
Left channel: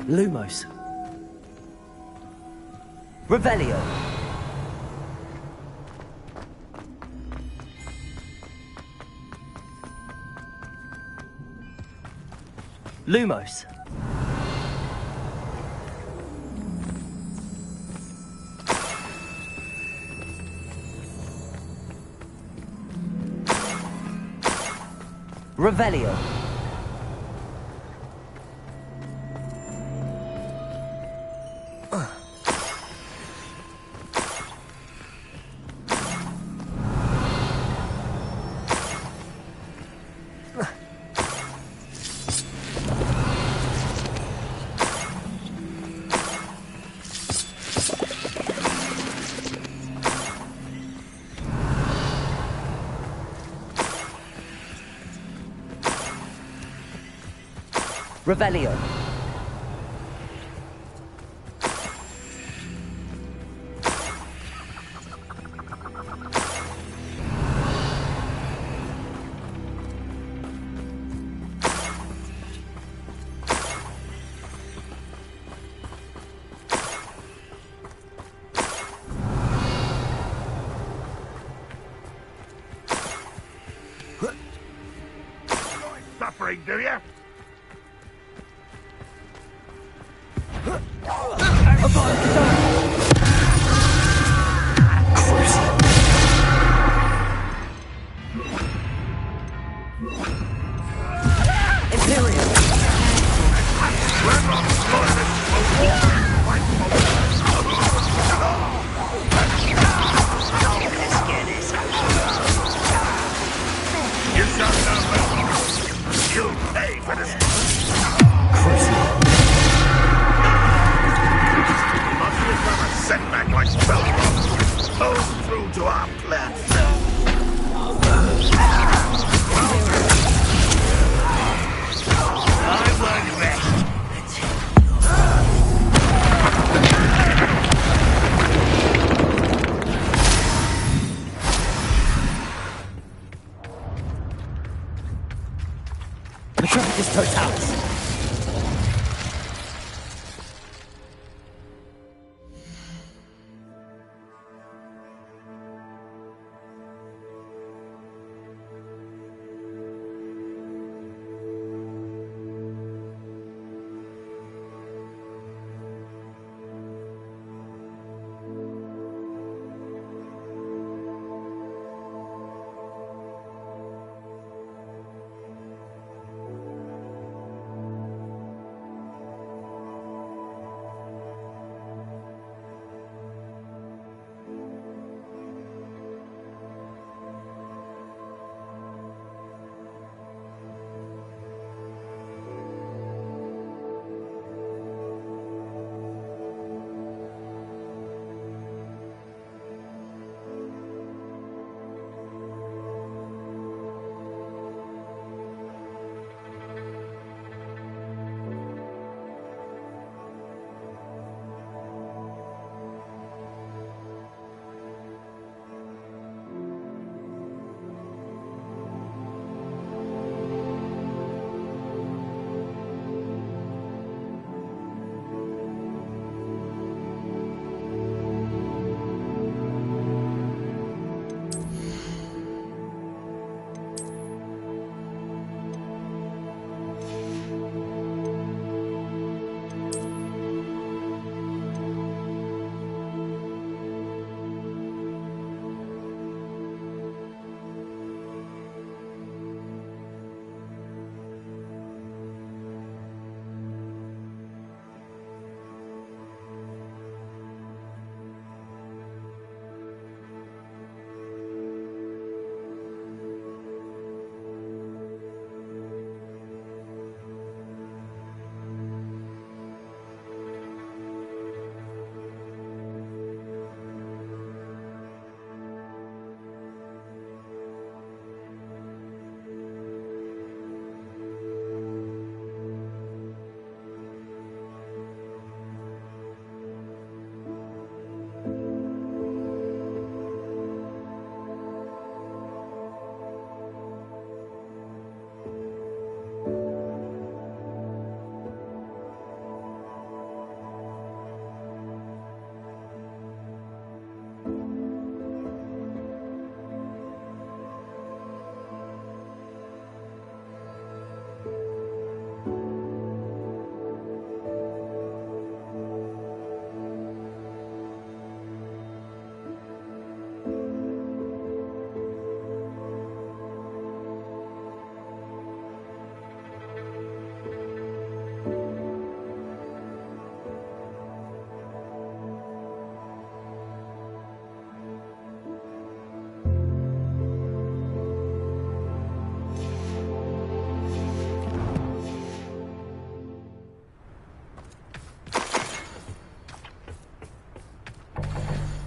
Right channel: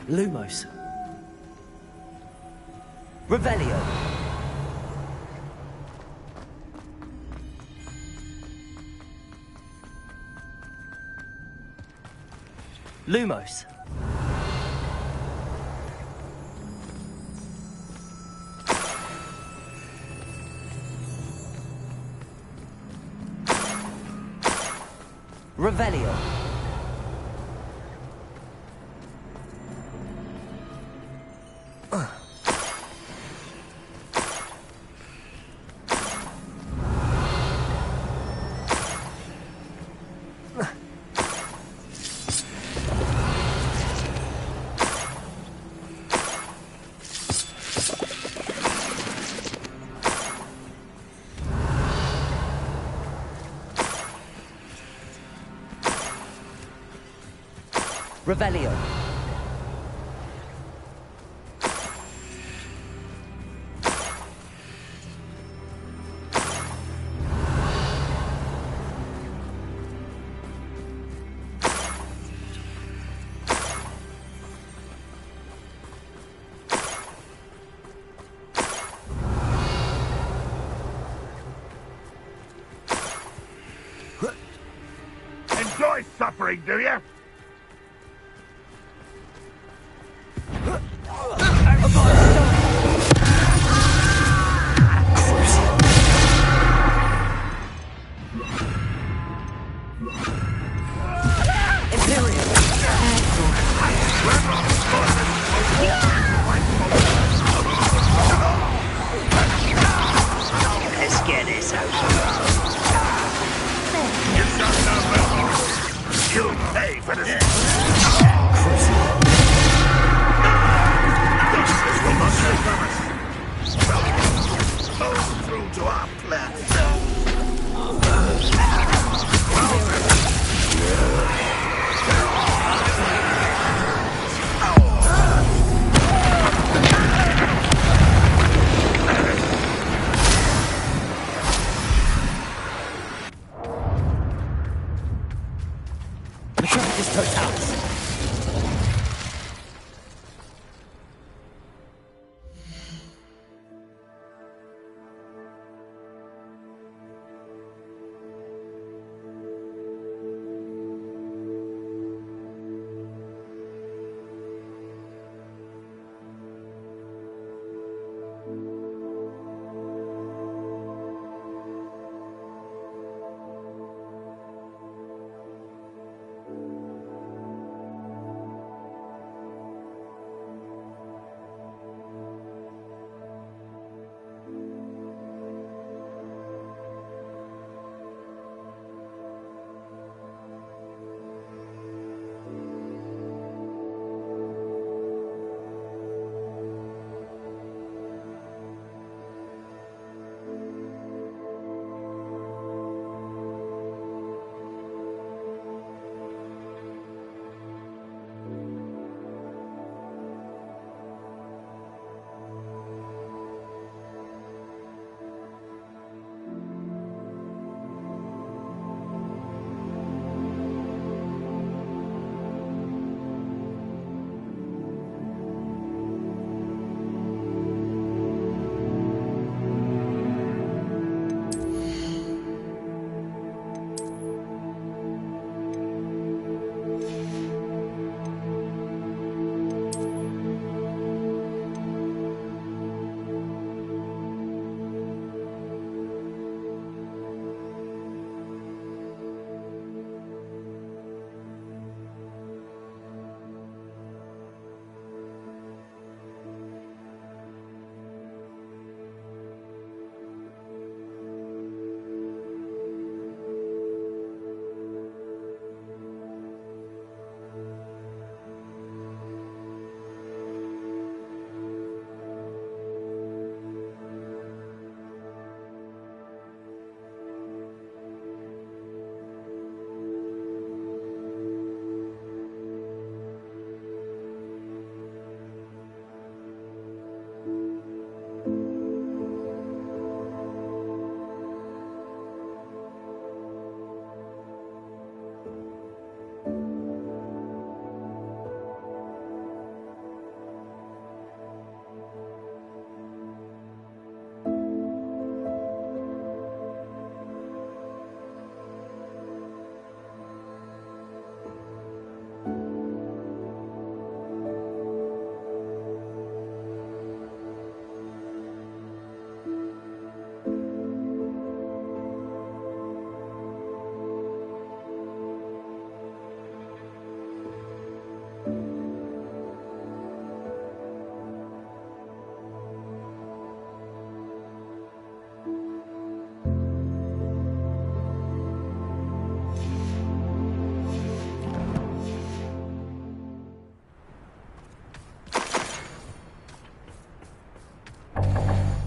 Lumos. Revelio. Lumos. Revelio. Revelio. Enjoy suffering, do you? Let's get this You shall know well. You'll pay for this. We must recover setback like spell. Hold through to our plan. Metropolis Totalis.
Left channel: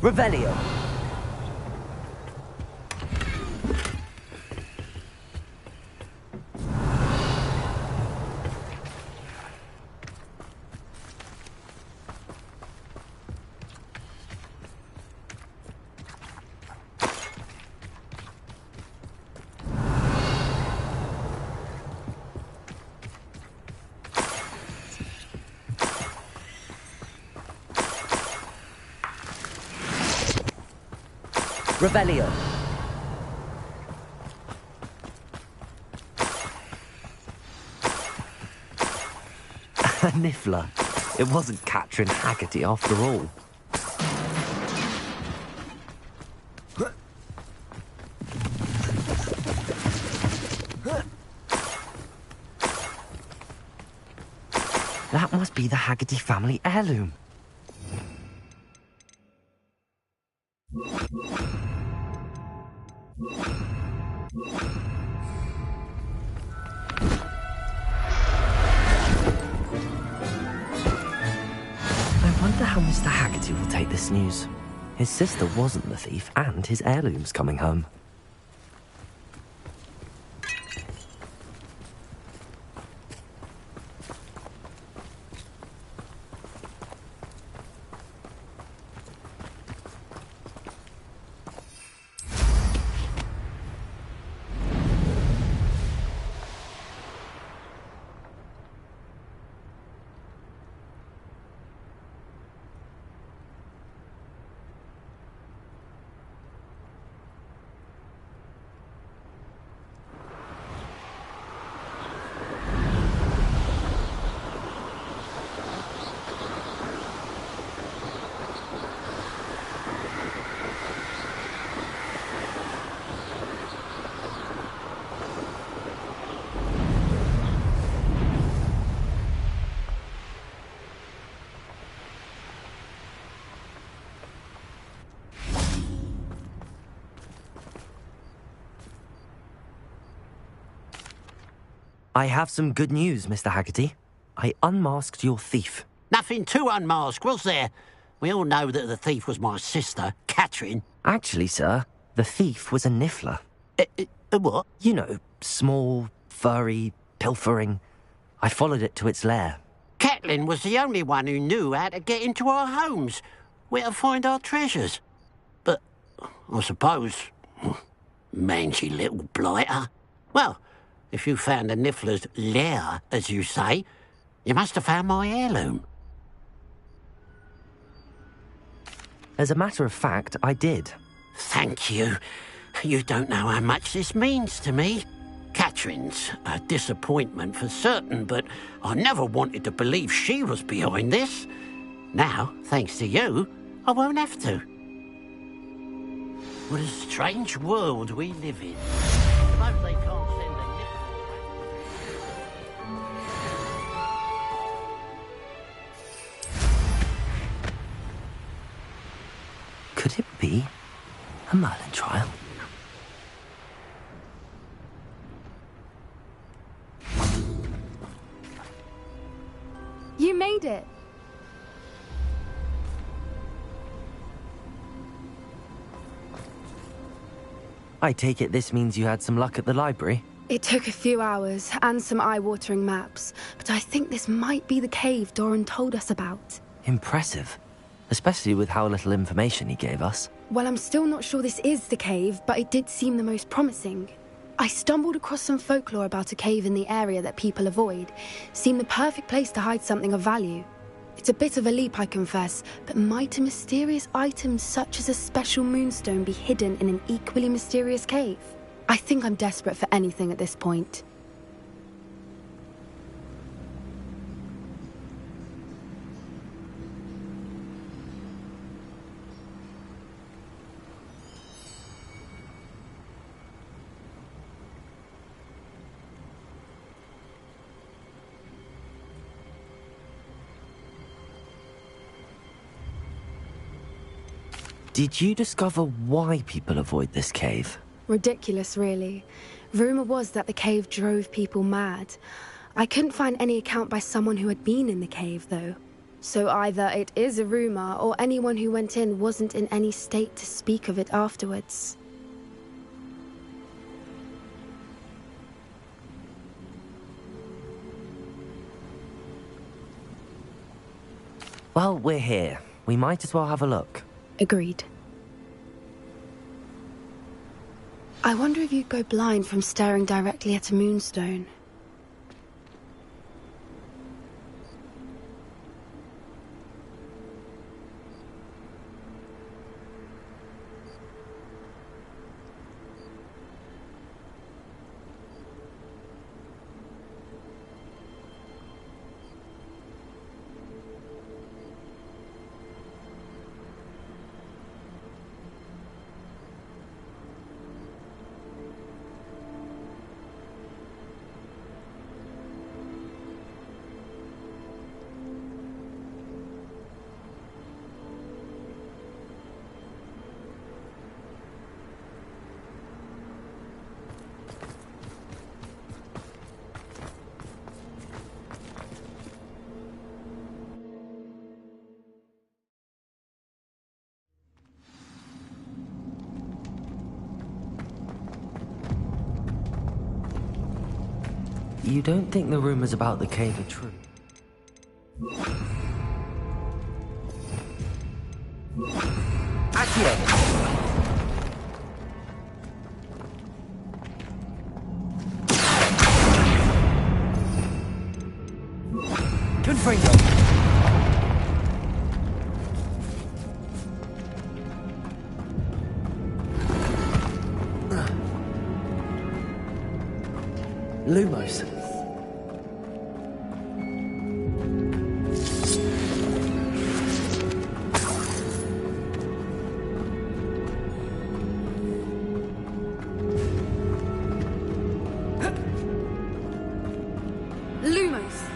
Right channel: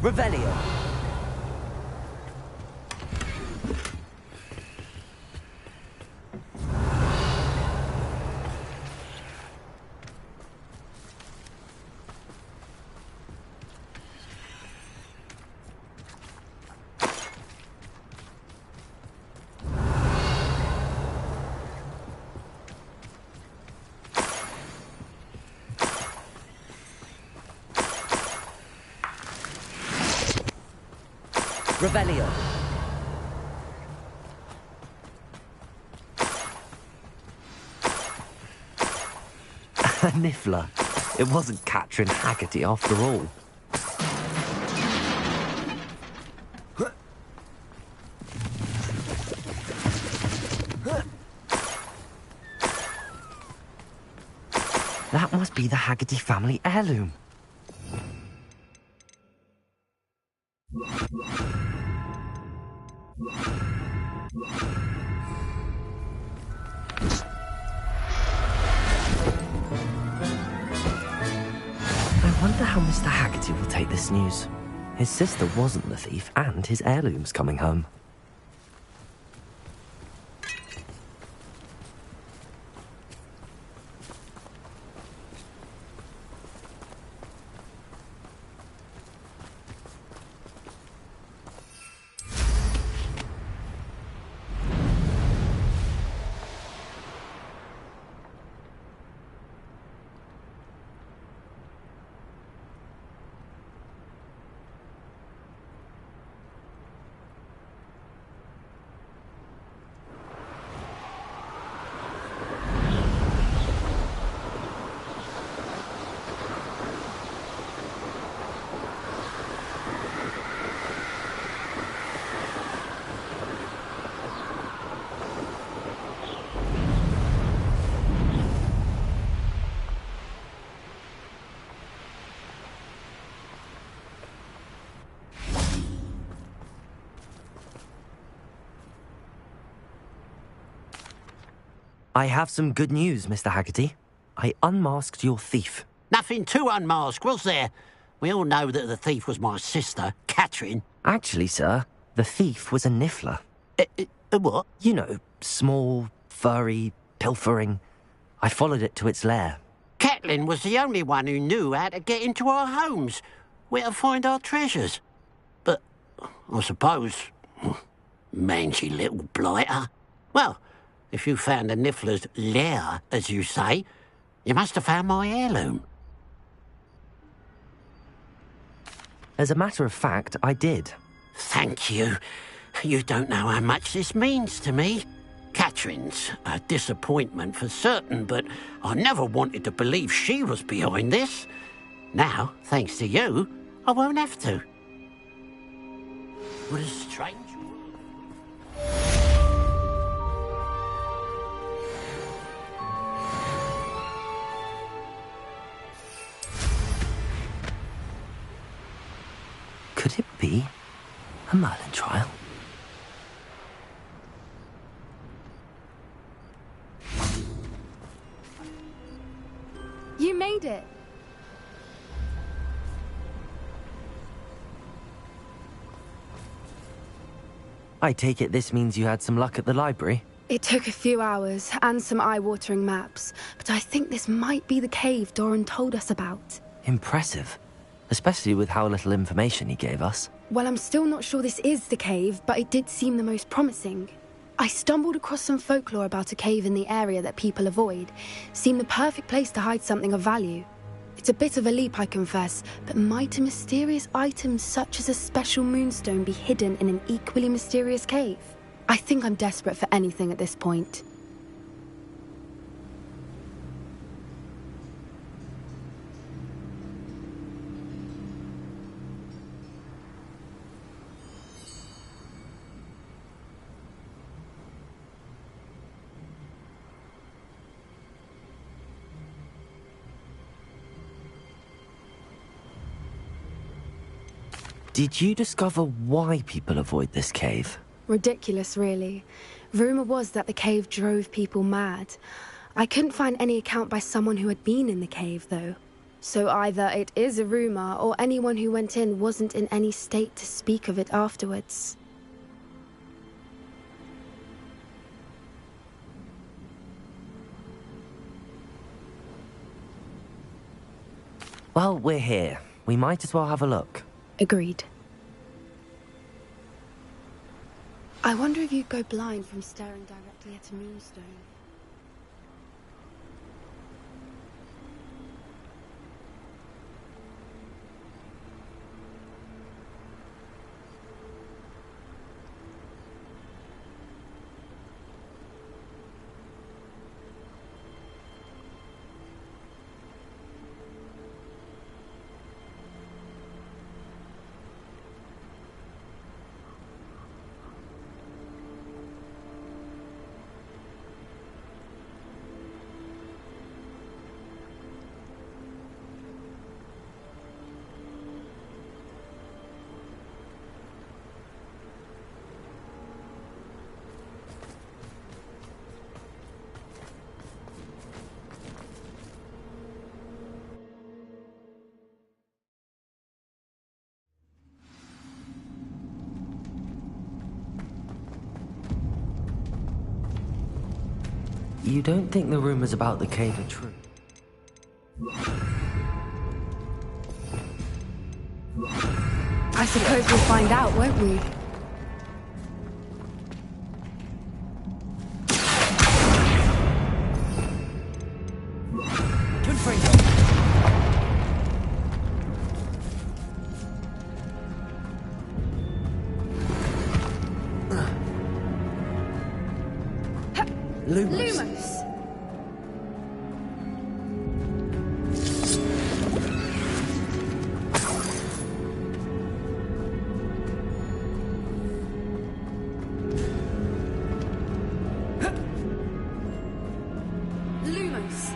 Revelio. Revelio. A niffler. It wasn't Catherine Haggerty after all. That must be the Haggerty family heirloom. I wonder how Mr. Haggerty will take this news. His sister wasn't the thief, and his heirloom's coming home. I have some good news, Mr. Haggerty. I unmasked your thief. Nothing to unmask, was there? We all know that the thief was my sister, Catherine. Actually, sir, the thief was a niffler. A what? You know, small, furry, pilfering. I followed it to its lair. Catelyn was the only one who knew how to get into our homes, where to find our treasures. But I suppose, mangy little blighter. Well, if you found the niffler's lair, as you say, you must have found my heirloom. As a matter of fact, I did. Thank you. You don't know how much this means to me. Catherine's a disappointment for certain, but I never wanted to believe she was behind this. Now, thanks to you, I won't have to. What a strange world we live in. Could it be a Merlin trial? You made it. I take it this means you had some luck at the library? It took a few hours and some eye-watering maps, but I think this might be the cave Doran told us about. Impressive. Especially with how little information he gave us. Well, I'm still not sure this is the cave, but it did seem the most promising. I stumbled across some folklore about a cave in the area that people avoid. Seemed the perfect place to hide something of value. It's a bit of a leap, I confess, but might a mysterious item such as a special moonstone be hidden in an equally mysterious cave? I think I'm desperate for anything at this point. Did you discover why people avoid this cave? Ridiculous, really. Rumour was that the cave drove people mad. I couldn't find any account by someone who had been in the cave, though. So either it is a rumor, or anyone who went in wasn't in any state to speak of it afterwards. Well, we're here. We might as well have a look. Agreed. I wonder if you'd go blind from staring directly at a moonstone. You don't think the rumors about the cave are true? I suppose we'll find out, won't we? Confringo! Lumos. Lumos.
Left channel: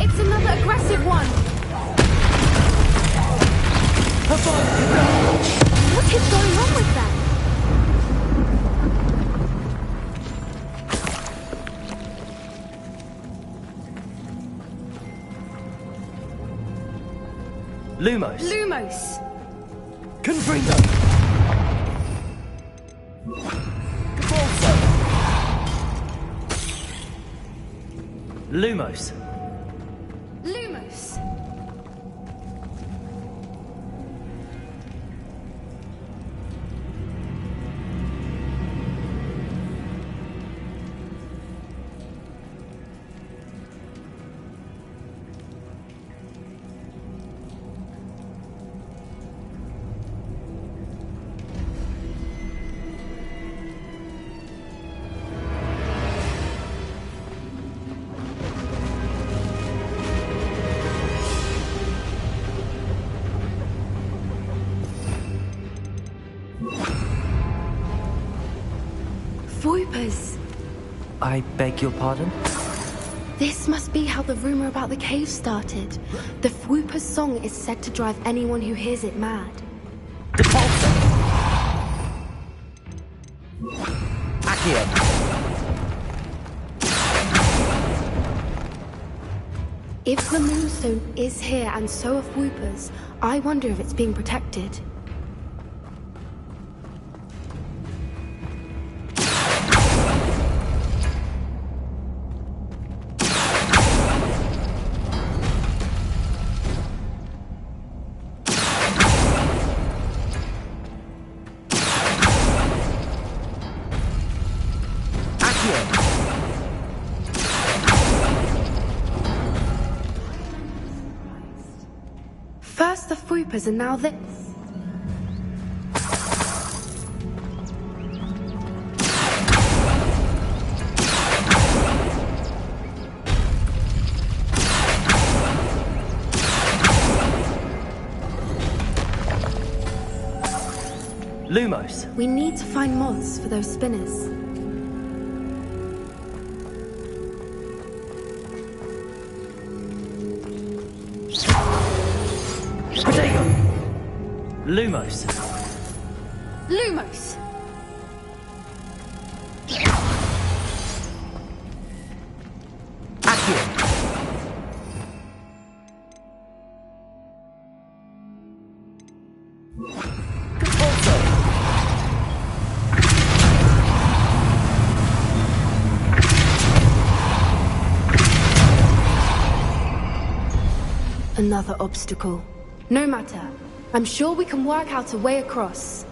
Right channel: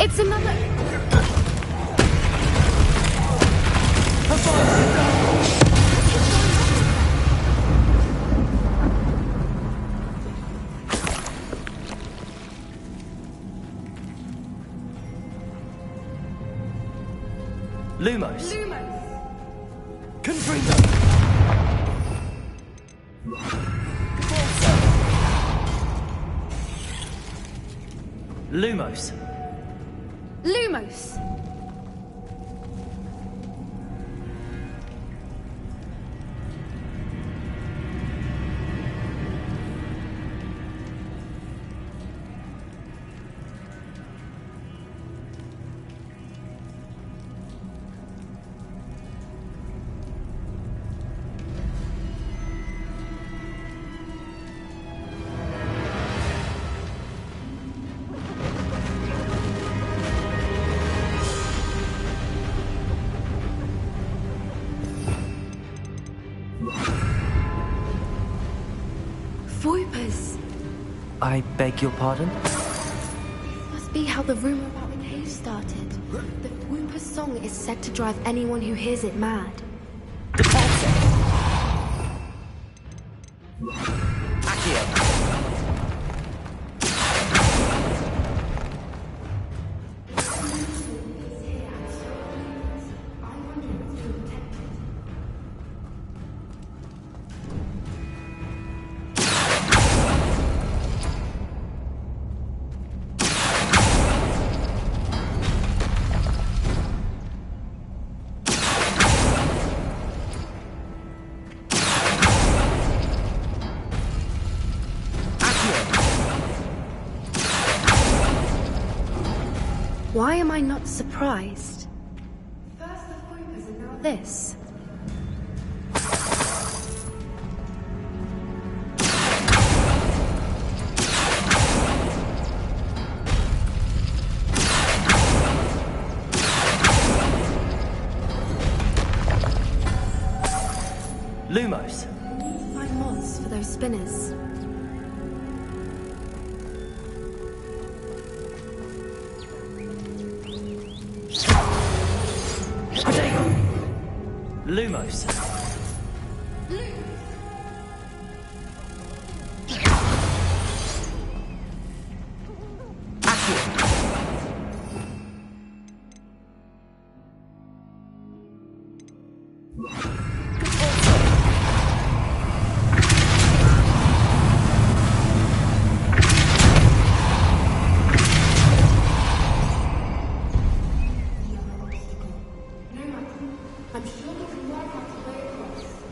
It's another aggressive one! What is going on with that? Lumos! Lumos! Confringo! Lumos! Lumos! Voipers! I beg your pardon? This must be how the rumor about the cave started. The Fwooper's song is said to drive anyone who hears it mad. If the moonstone is here and so are Fwoopers, I wonder if it's being protected. Why am I not surprised? First the Fwoopers and now this. Lumos! We need to find moths for those spinners. Potato! Lumos. Lumos! Another obstacle. No matter. I'm sure we can work out a way across.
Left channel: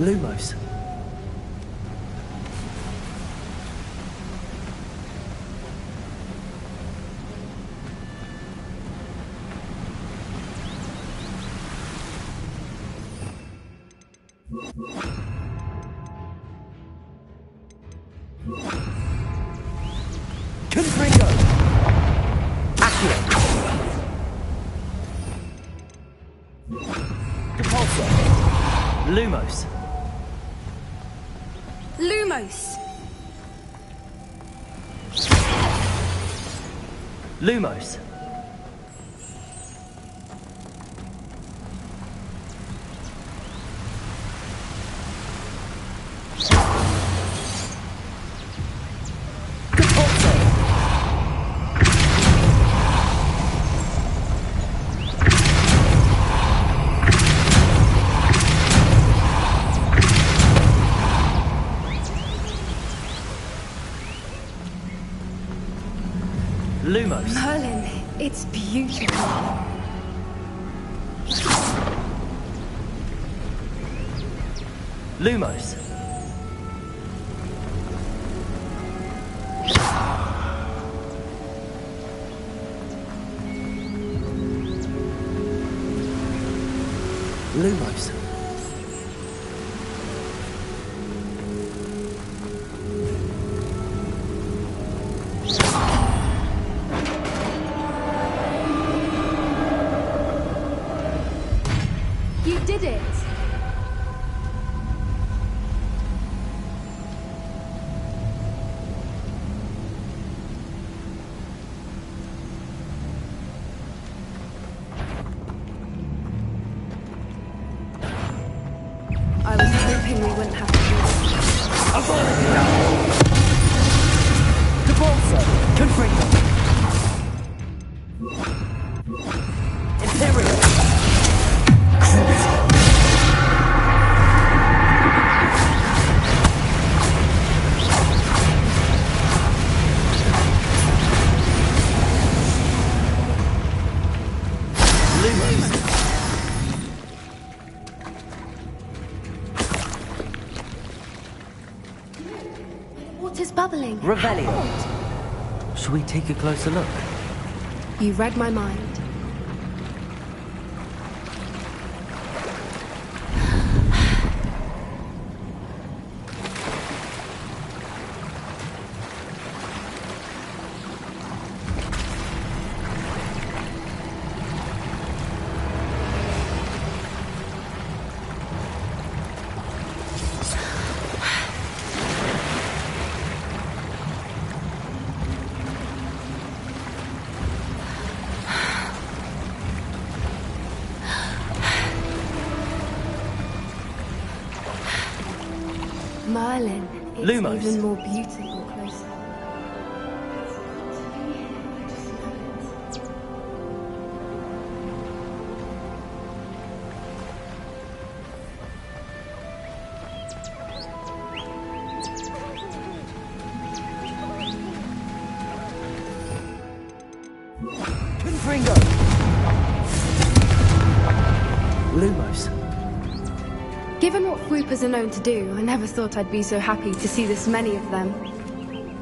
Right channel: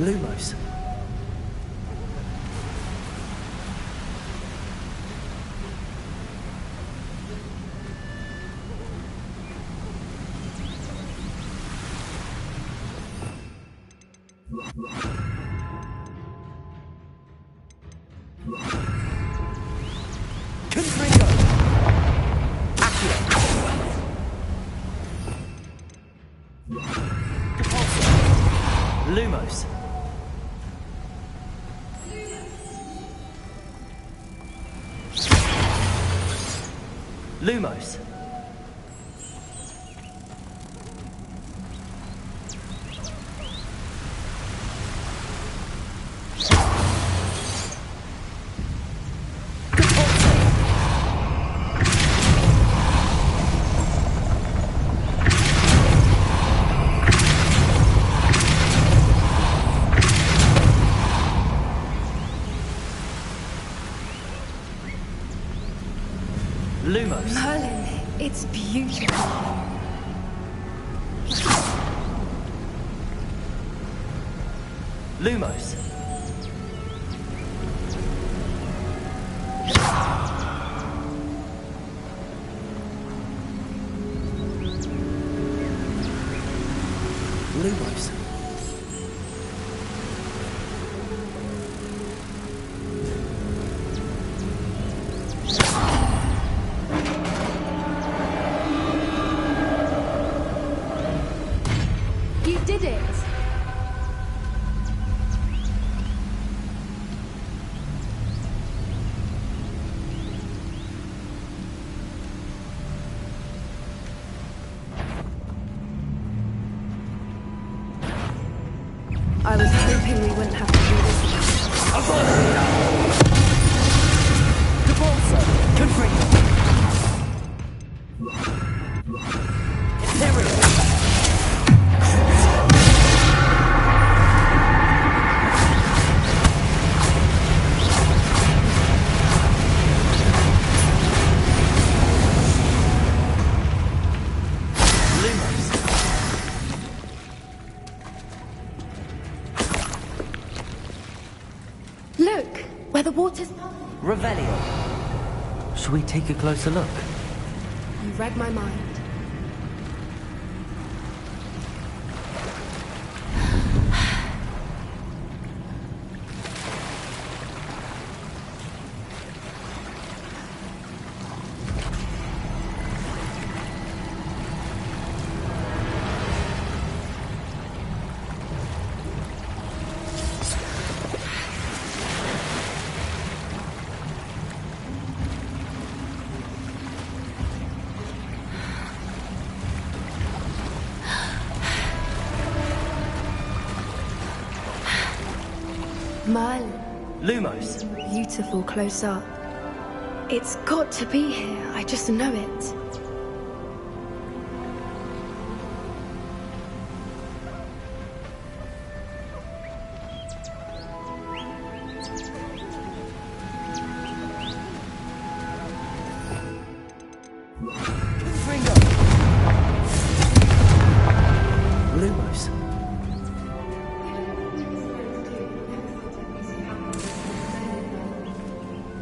Lumos. Confringo! Accio! Depulso! Lumos! Lumos! Lumos! Lumos. Merlin, it's beautiful. Lumos. Lumos. You did it! I was hoping we wouldn't have to do this. Depulso! Confringo! Imperial! Look, where the water's bubbling. Revelio. Shall we take a closer look? You read my mind. Merlin, it's Lumos. even more beautiful close up. It's got to be here, I just know it. Confringo! Lumos. Given what Whoopers are known to do, I never thought I'd be so happy to see this many of them.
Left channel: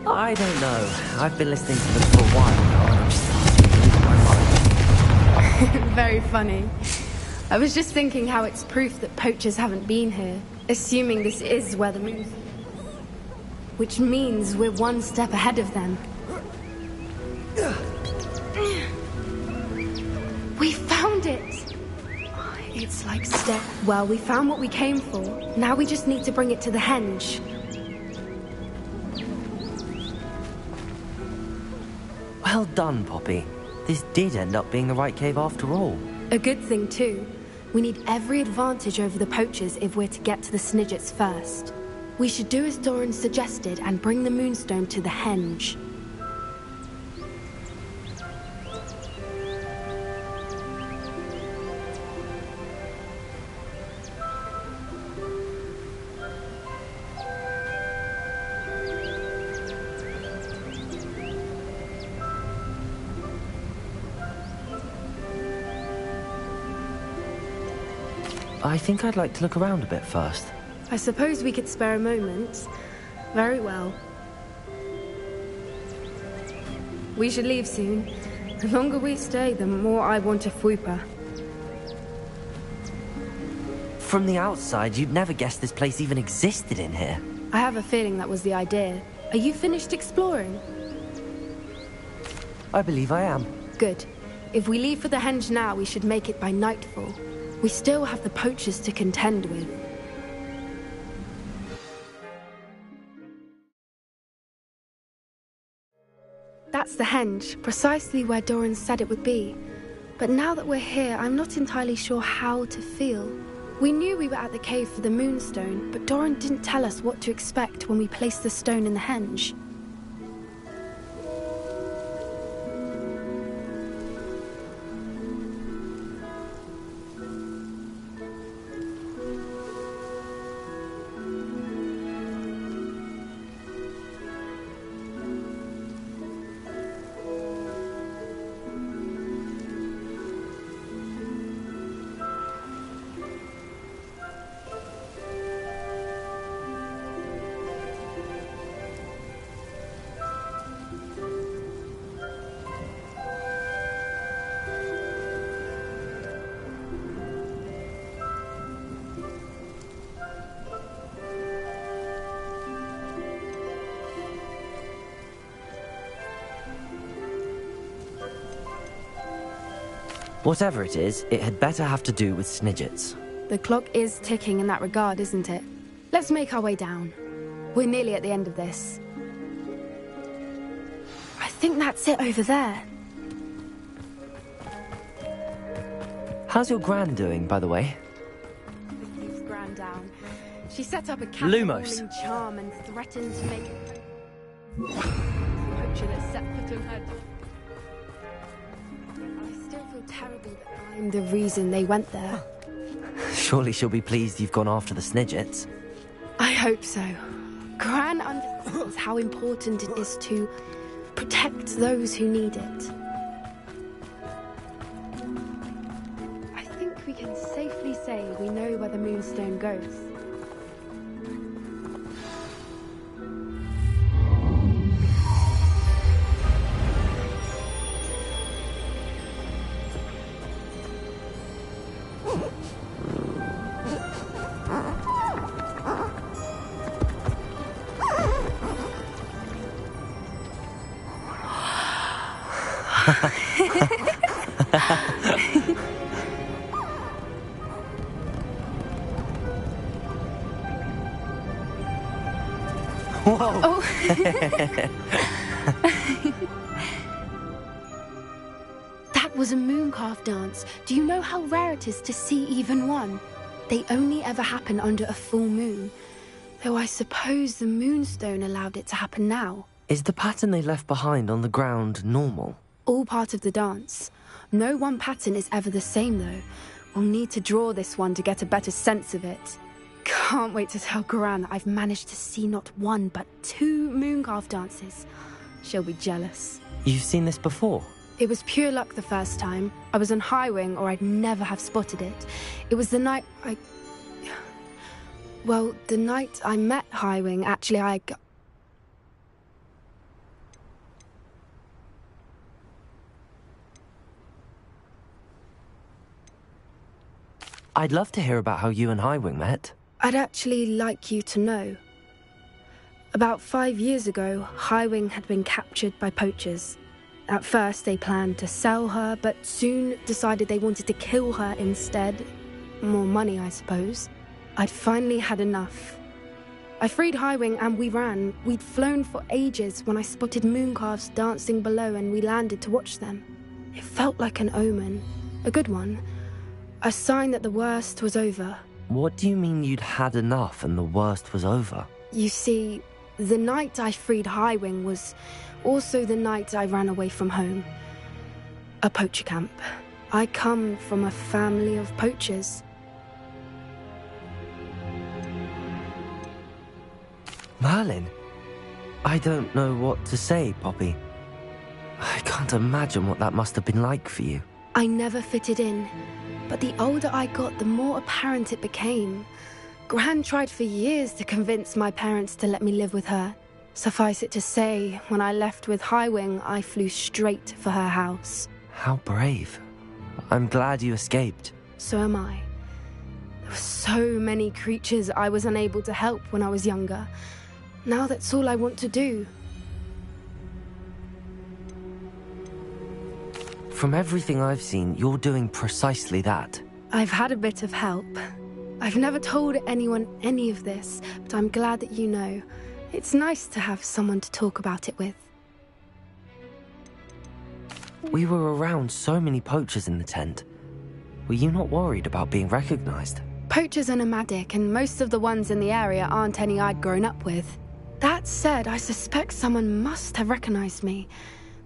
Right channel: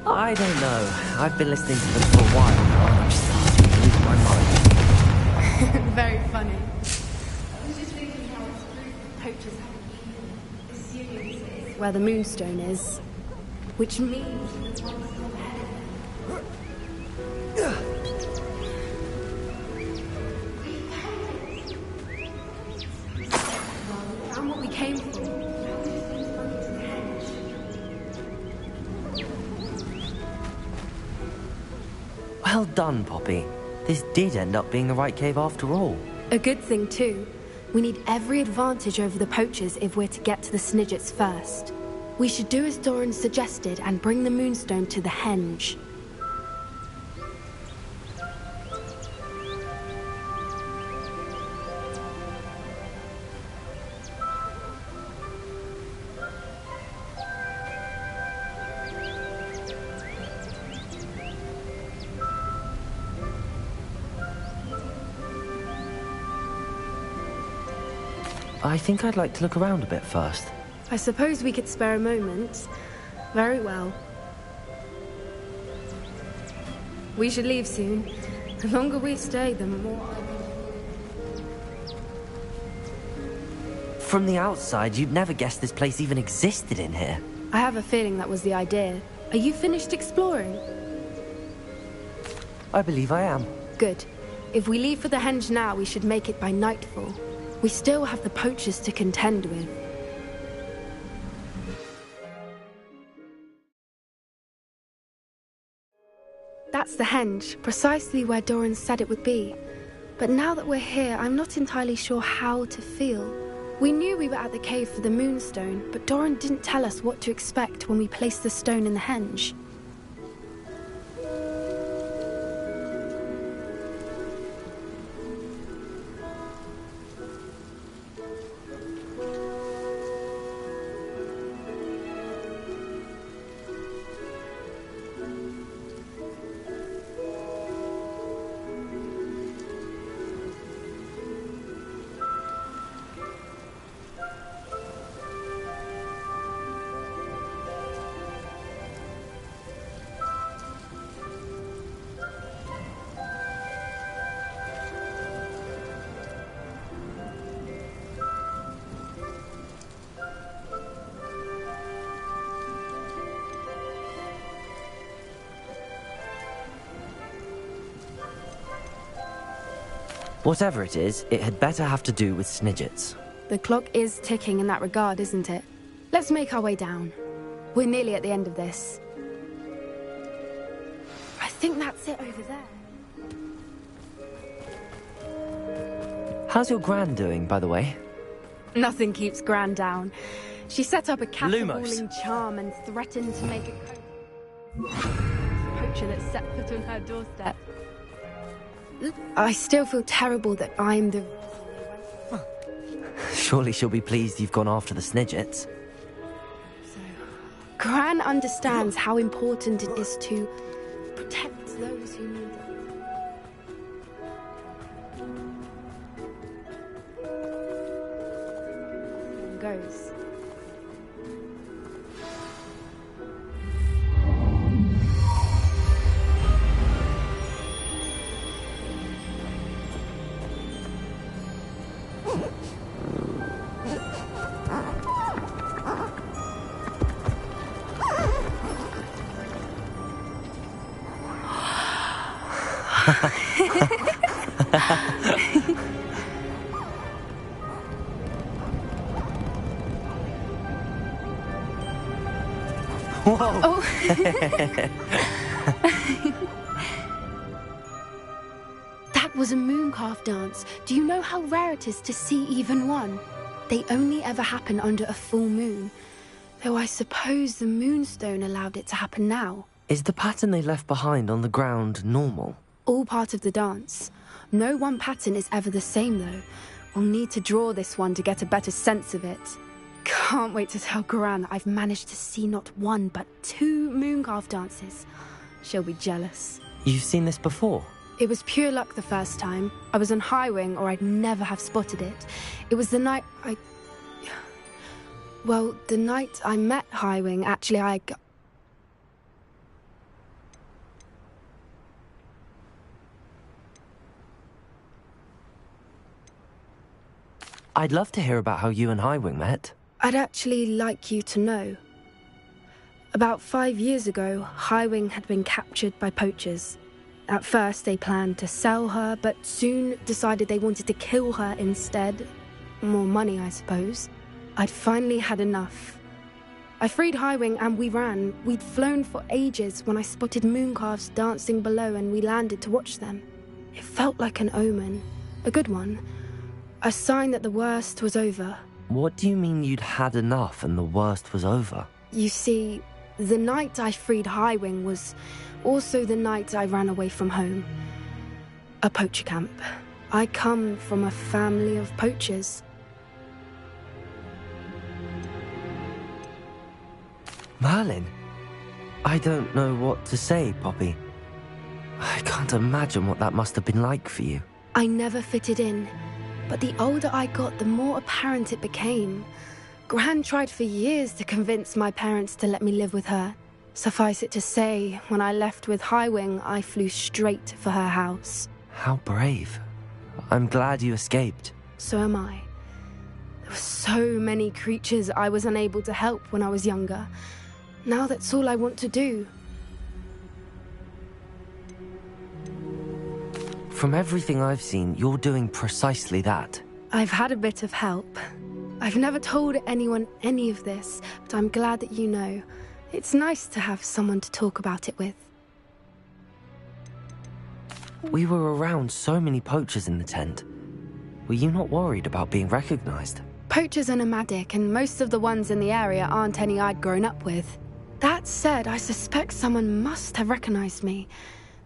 I don't know. I've been listening to them for a while now, and I'm starting to lose my mind. Very funny. I was just thinking how it's proof that poachers haven't been here, assuming this is where the Moonstone is. Which means we're one step ahead of them. We found it! It's like step... Well, we found what we came for. Now we just need to bring it to the henge. Well done, Poppy. This did end up being the right cave after all. A good thing, too. We need every advantage over the poachers if we're to get to the Snidgets first. We should do as Doran suggested and bring the Moonstone to the henge. I think I'd like to look around a bit first. I suppose we could spare a moment. Very well. We should leave soon. The longer we stay, the more I want to Fuipa. From the outside, you'd never guess this place even existed in here. I have a feeling that was the idea. Are you finished exploring? I believe I am. Good. If we leave for the henge now, we should make it by nightfall. We still have the poachers to contend with. That's the henge, precisely where Doran said it would be. But now that we're here, I'm not entirely sure how to feel. We knew we were at the cave for the moonstone, but Doran didn't tell us what to expect when we placed the stone in the henge. Whatever it is, it had better have to do with Snidgets. The clock is ticking in that regard, isn't it? Let's make our way down. We're nearly at the end of this. I think that's it over there. How's your gran doing, by the way? Nothing keeps Gran down. She set up a cat-calling charm and threatened to make a poacher that set foot on her doorstep. I still feel terrible that I'm the reason they went there. Surely she'll be pleased you've gone after the Snidgets. I hope so. Gran understands how important it is to protect those who need it. I think we can safely say we know where the moonstone goes. Whoa! Oh. That was a mooncalf dance. Do you know how rare it is to see even one? They only ever happen under a full moon. Though I suppose the moonstone allowed it to happen now. Is the pattern they left behind on the ground normal? All part of the dance. No one pattern is ever the same, though. We'll need to draw this one to get a better sense of it. Can't wait to tell Gran that I've managed to see not one, but 2 mooncalf dances. She'll be jealous. You've seen this before? It was pure luck the first time. I was on Highwing, or I'd never have spotted it. It was the night Well, the night I met Highwing, actually, I'd love to hear about how you and Highwing met. I'd actually like you to know. About 5 years ago, Highwing had been captured by poachers. At first, they planned to sell her, but soon decided they wanted to kill her instead. More money, I suppose. I'd finally had enough. I freed Highwing and we ran. We'd flown for ages when I spotted mooncalves dancing below and we landed to watch them. It felt like an omen. A good one. A sign that the worst was over. What do you mean you'd had enough and the worst was over? You see, the night I freed Highwing was also the night I ran away from home. A poacher camp. I come from a family of poachers. Merlin? I don't know what to say, Poppy. I can't imagine what that must have been like for you. I never fitted in, but the older I got, the more apparent it became. Gran tried for years to convince my parents to let me live with her. Suffice it to say, when I left with Highwing, I flew straight for her house. How brave. I'm glad you escaped. So am I. There were so many creatures I was unable to help when I was younger. Now that's all I want to do. From everything I've seen, you're doing precisely that. I've had a bit of help. I've never told anyone any of this, but I'm glad that you know. It's nice to have someone to talk about it with. We were around so many poachers in the tent. Were you not worried about being recognized? Poachers are nomadic, and most of the ones in the area aren't any I'd grown up with. That said, I suspect someone must have recognized me.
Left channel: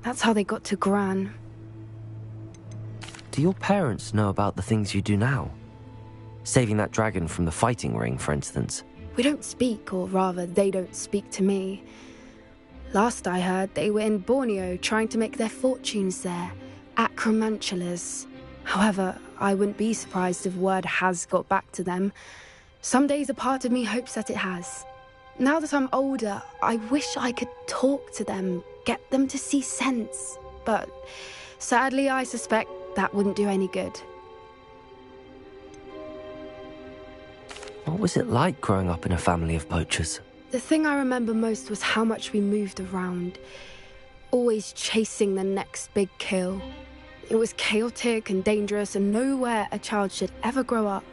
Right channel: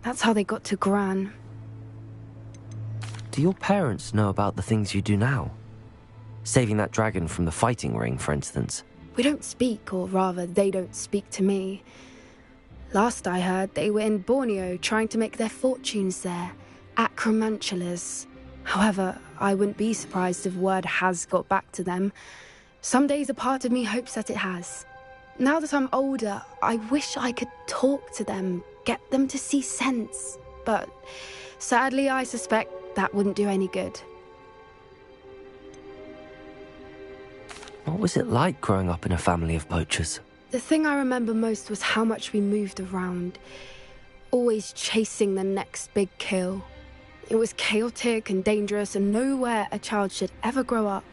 That's how they got to Gran. Do your parents know about the things you do now? Saving that dragon from the fighting ring, for instance. We don't speak, or rather, they don't speak to me. Last I heard, they were in Borneo trying to make their fortunes there, acromantulas. However, I wouldn't be surprised if word has got back to them. Some days a part of me hopes that it has. Now that I'm older, I wish I could talk to them, get them to see sense. But sadly, I suspect that wouldn't do any good. What was it like growing up in a family of poachers? The thing I remember most was how much we moved around, always chasing the next big kill. It was chaotic and dangerous, and nowhere a child should ever grow up.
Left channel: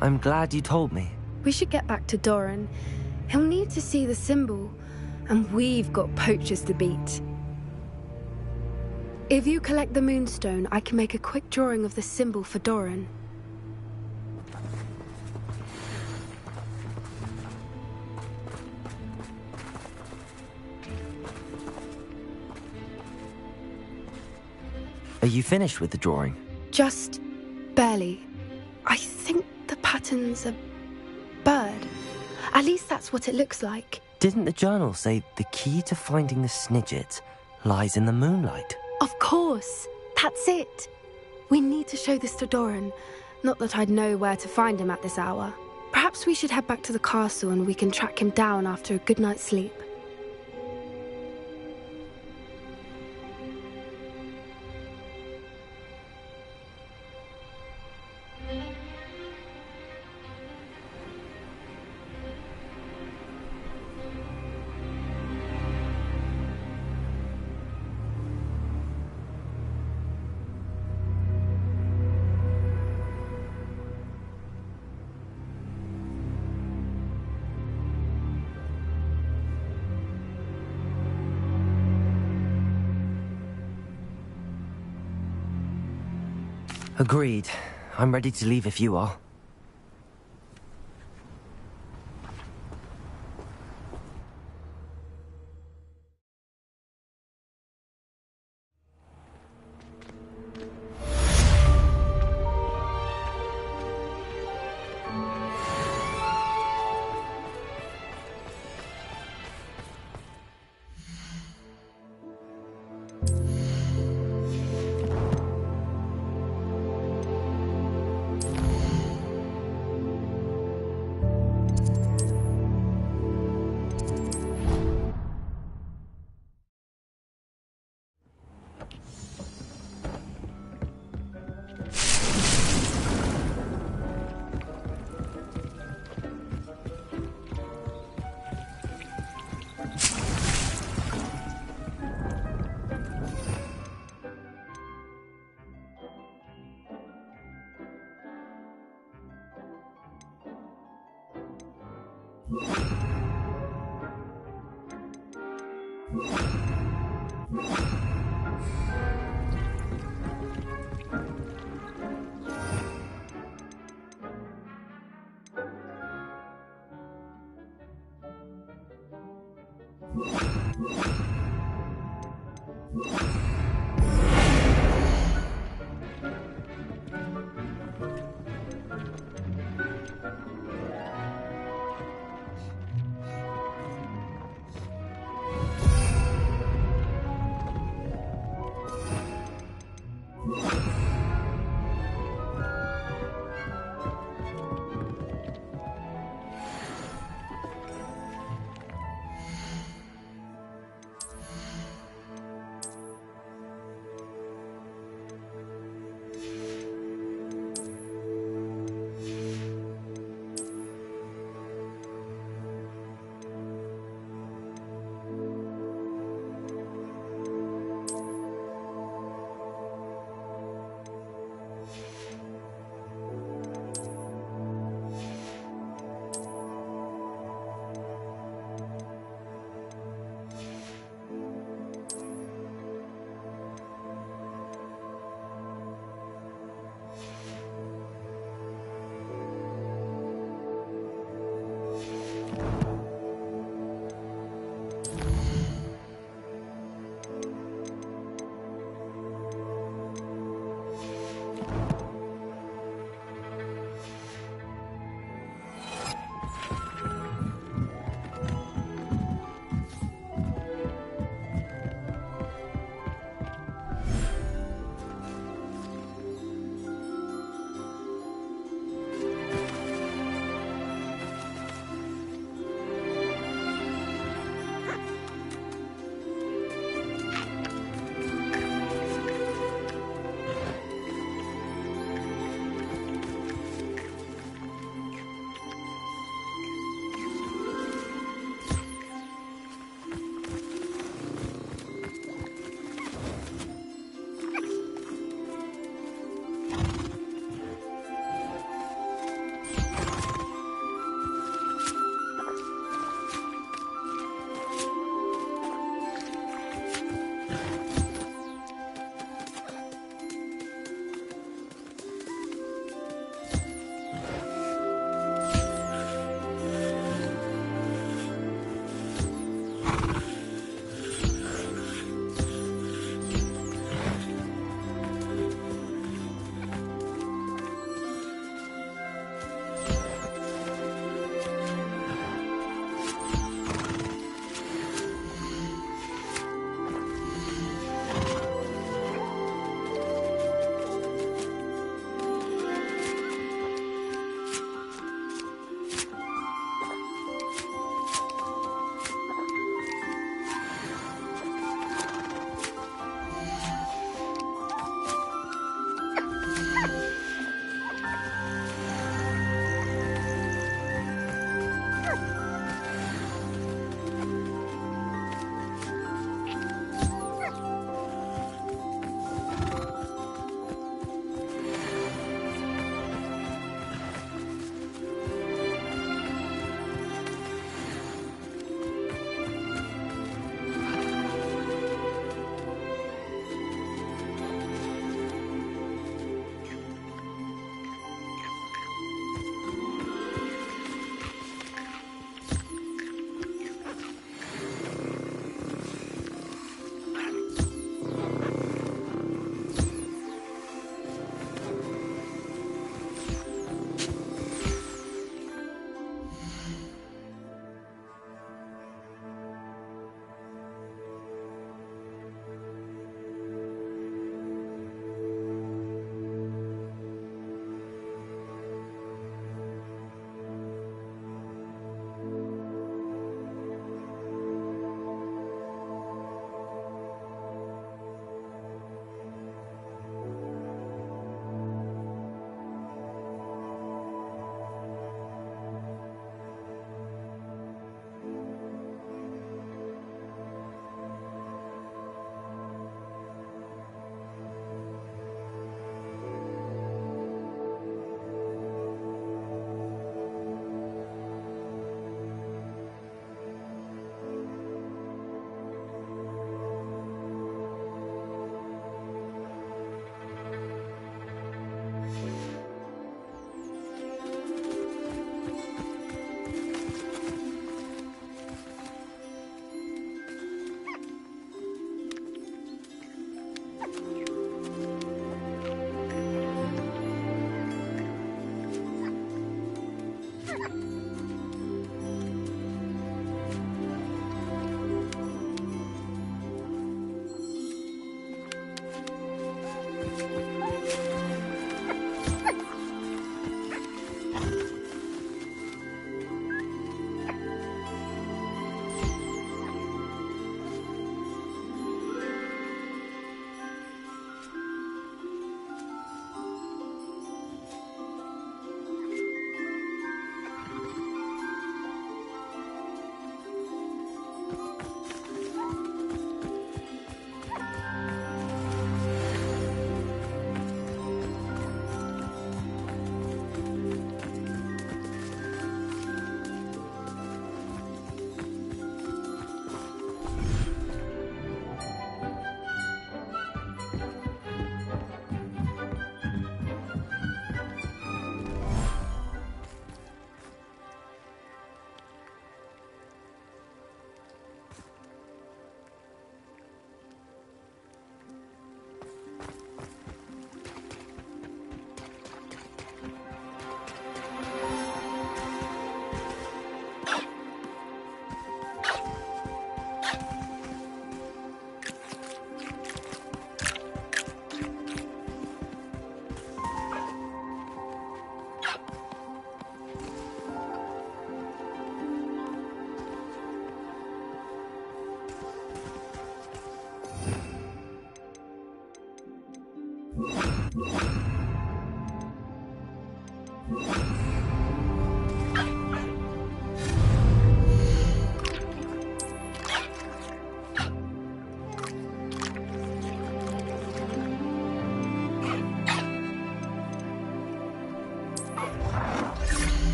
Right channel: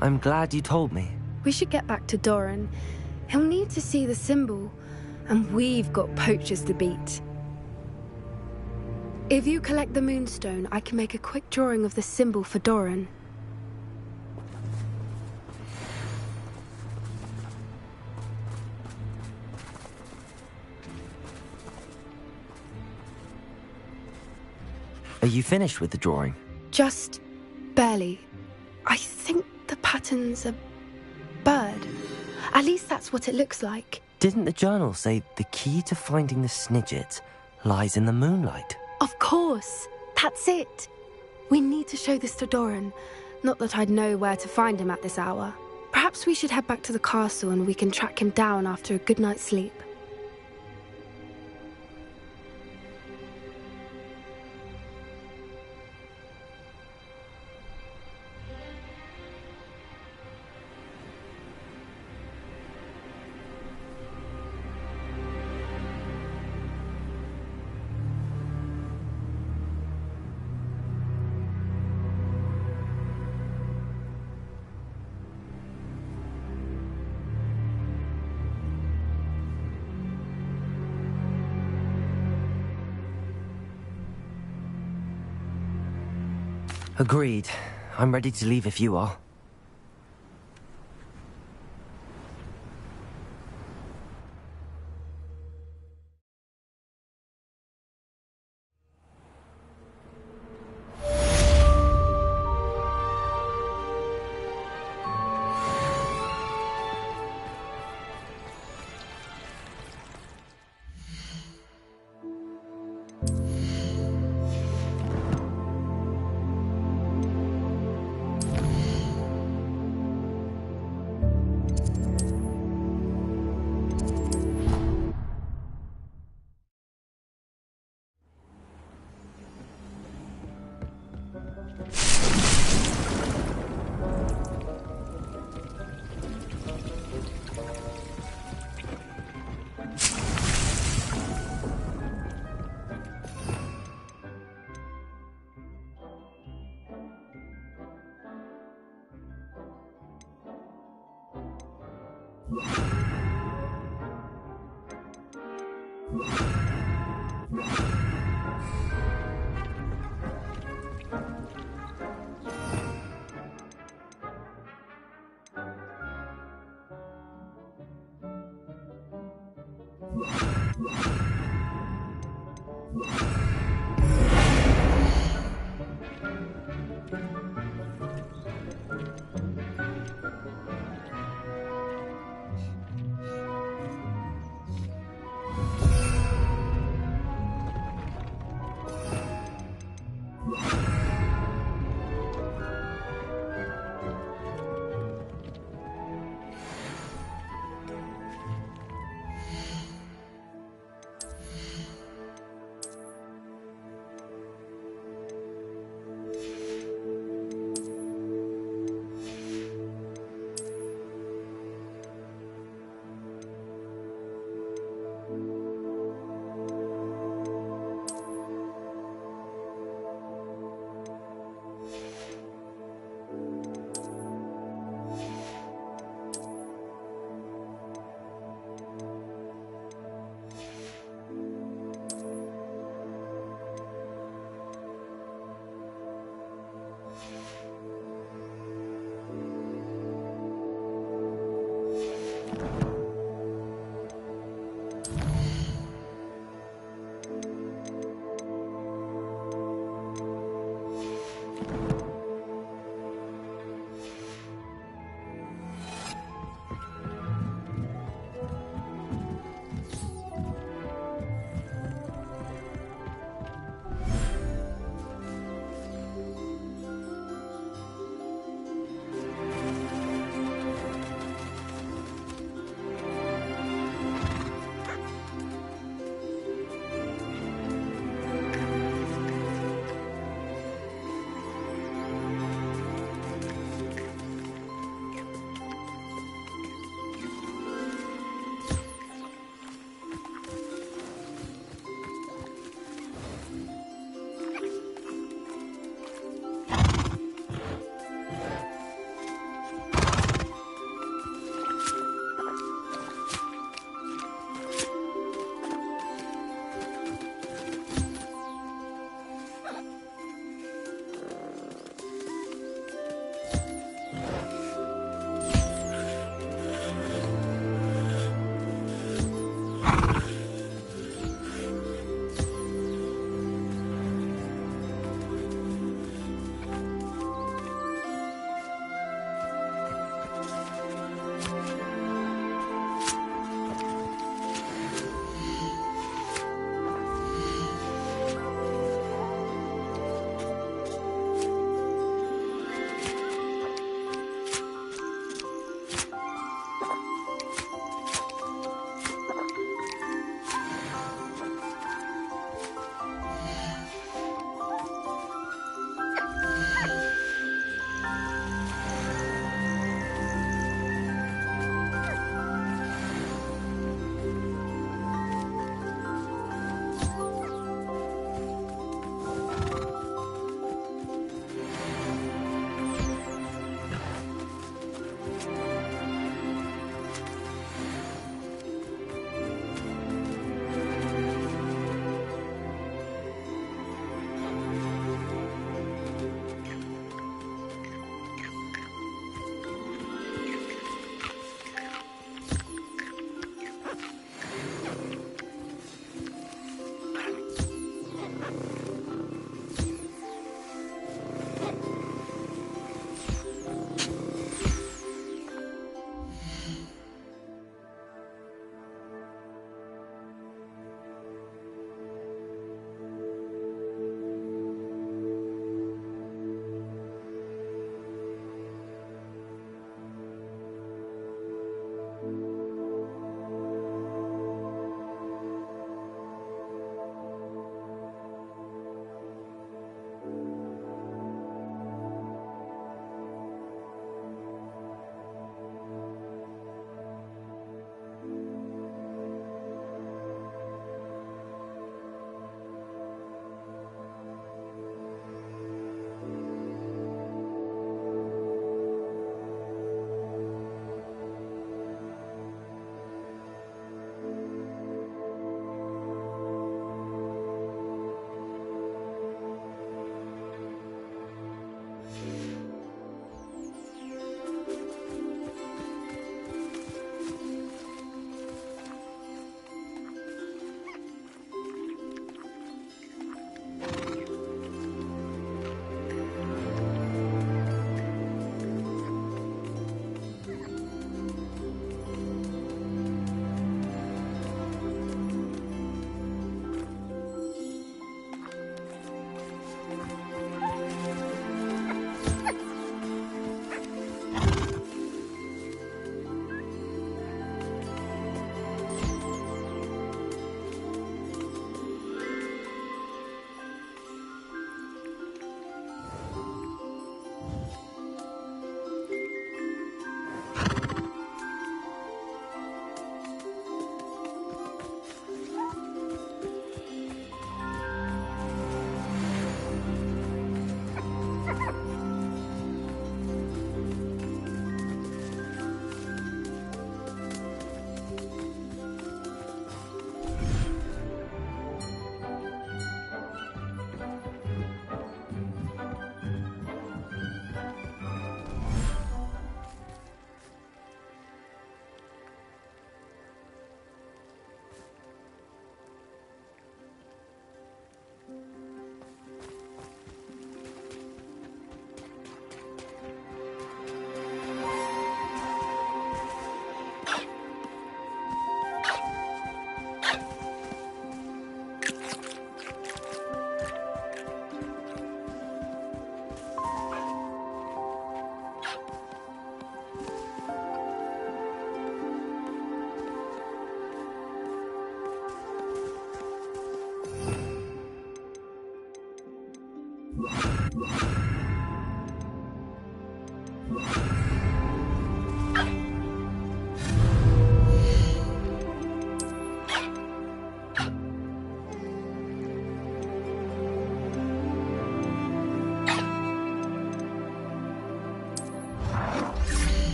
I'm glad you told me. We should get back to Doran. He'll need to see the symbol, and we've got poachers to beat. If you collect the moonstone, I can make a quick drawing of the symbol for Doran. Are you finished with the drawing? Just barely. I think the pattern's a bird. At least that's what it looks like. Didn't the journal say the key to finding the Snidget lies in the moonlight? Of course. That's it. We need to show this to Doran. Not that I'd know where to find him at this hour. Perhaps we should head back to the castle and we can track him down after a good night's sleep. Agreed. I'm ready to leave if you are.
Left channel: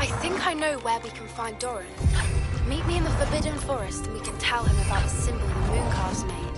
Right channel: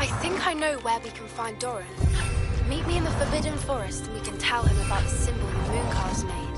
I think I know where we can find Doran. Meet me in the Forbidden Forest and we can tell him about the symbol the Mooncalves made.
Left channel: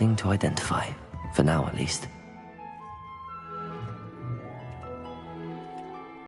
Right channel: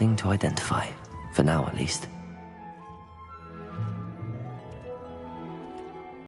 Nothing to identify, for now at least.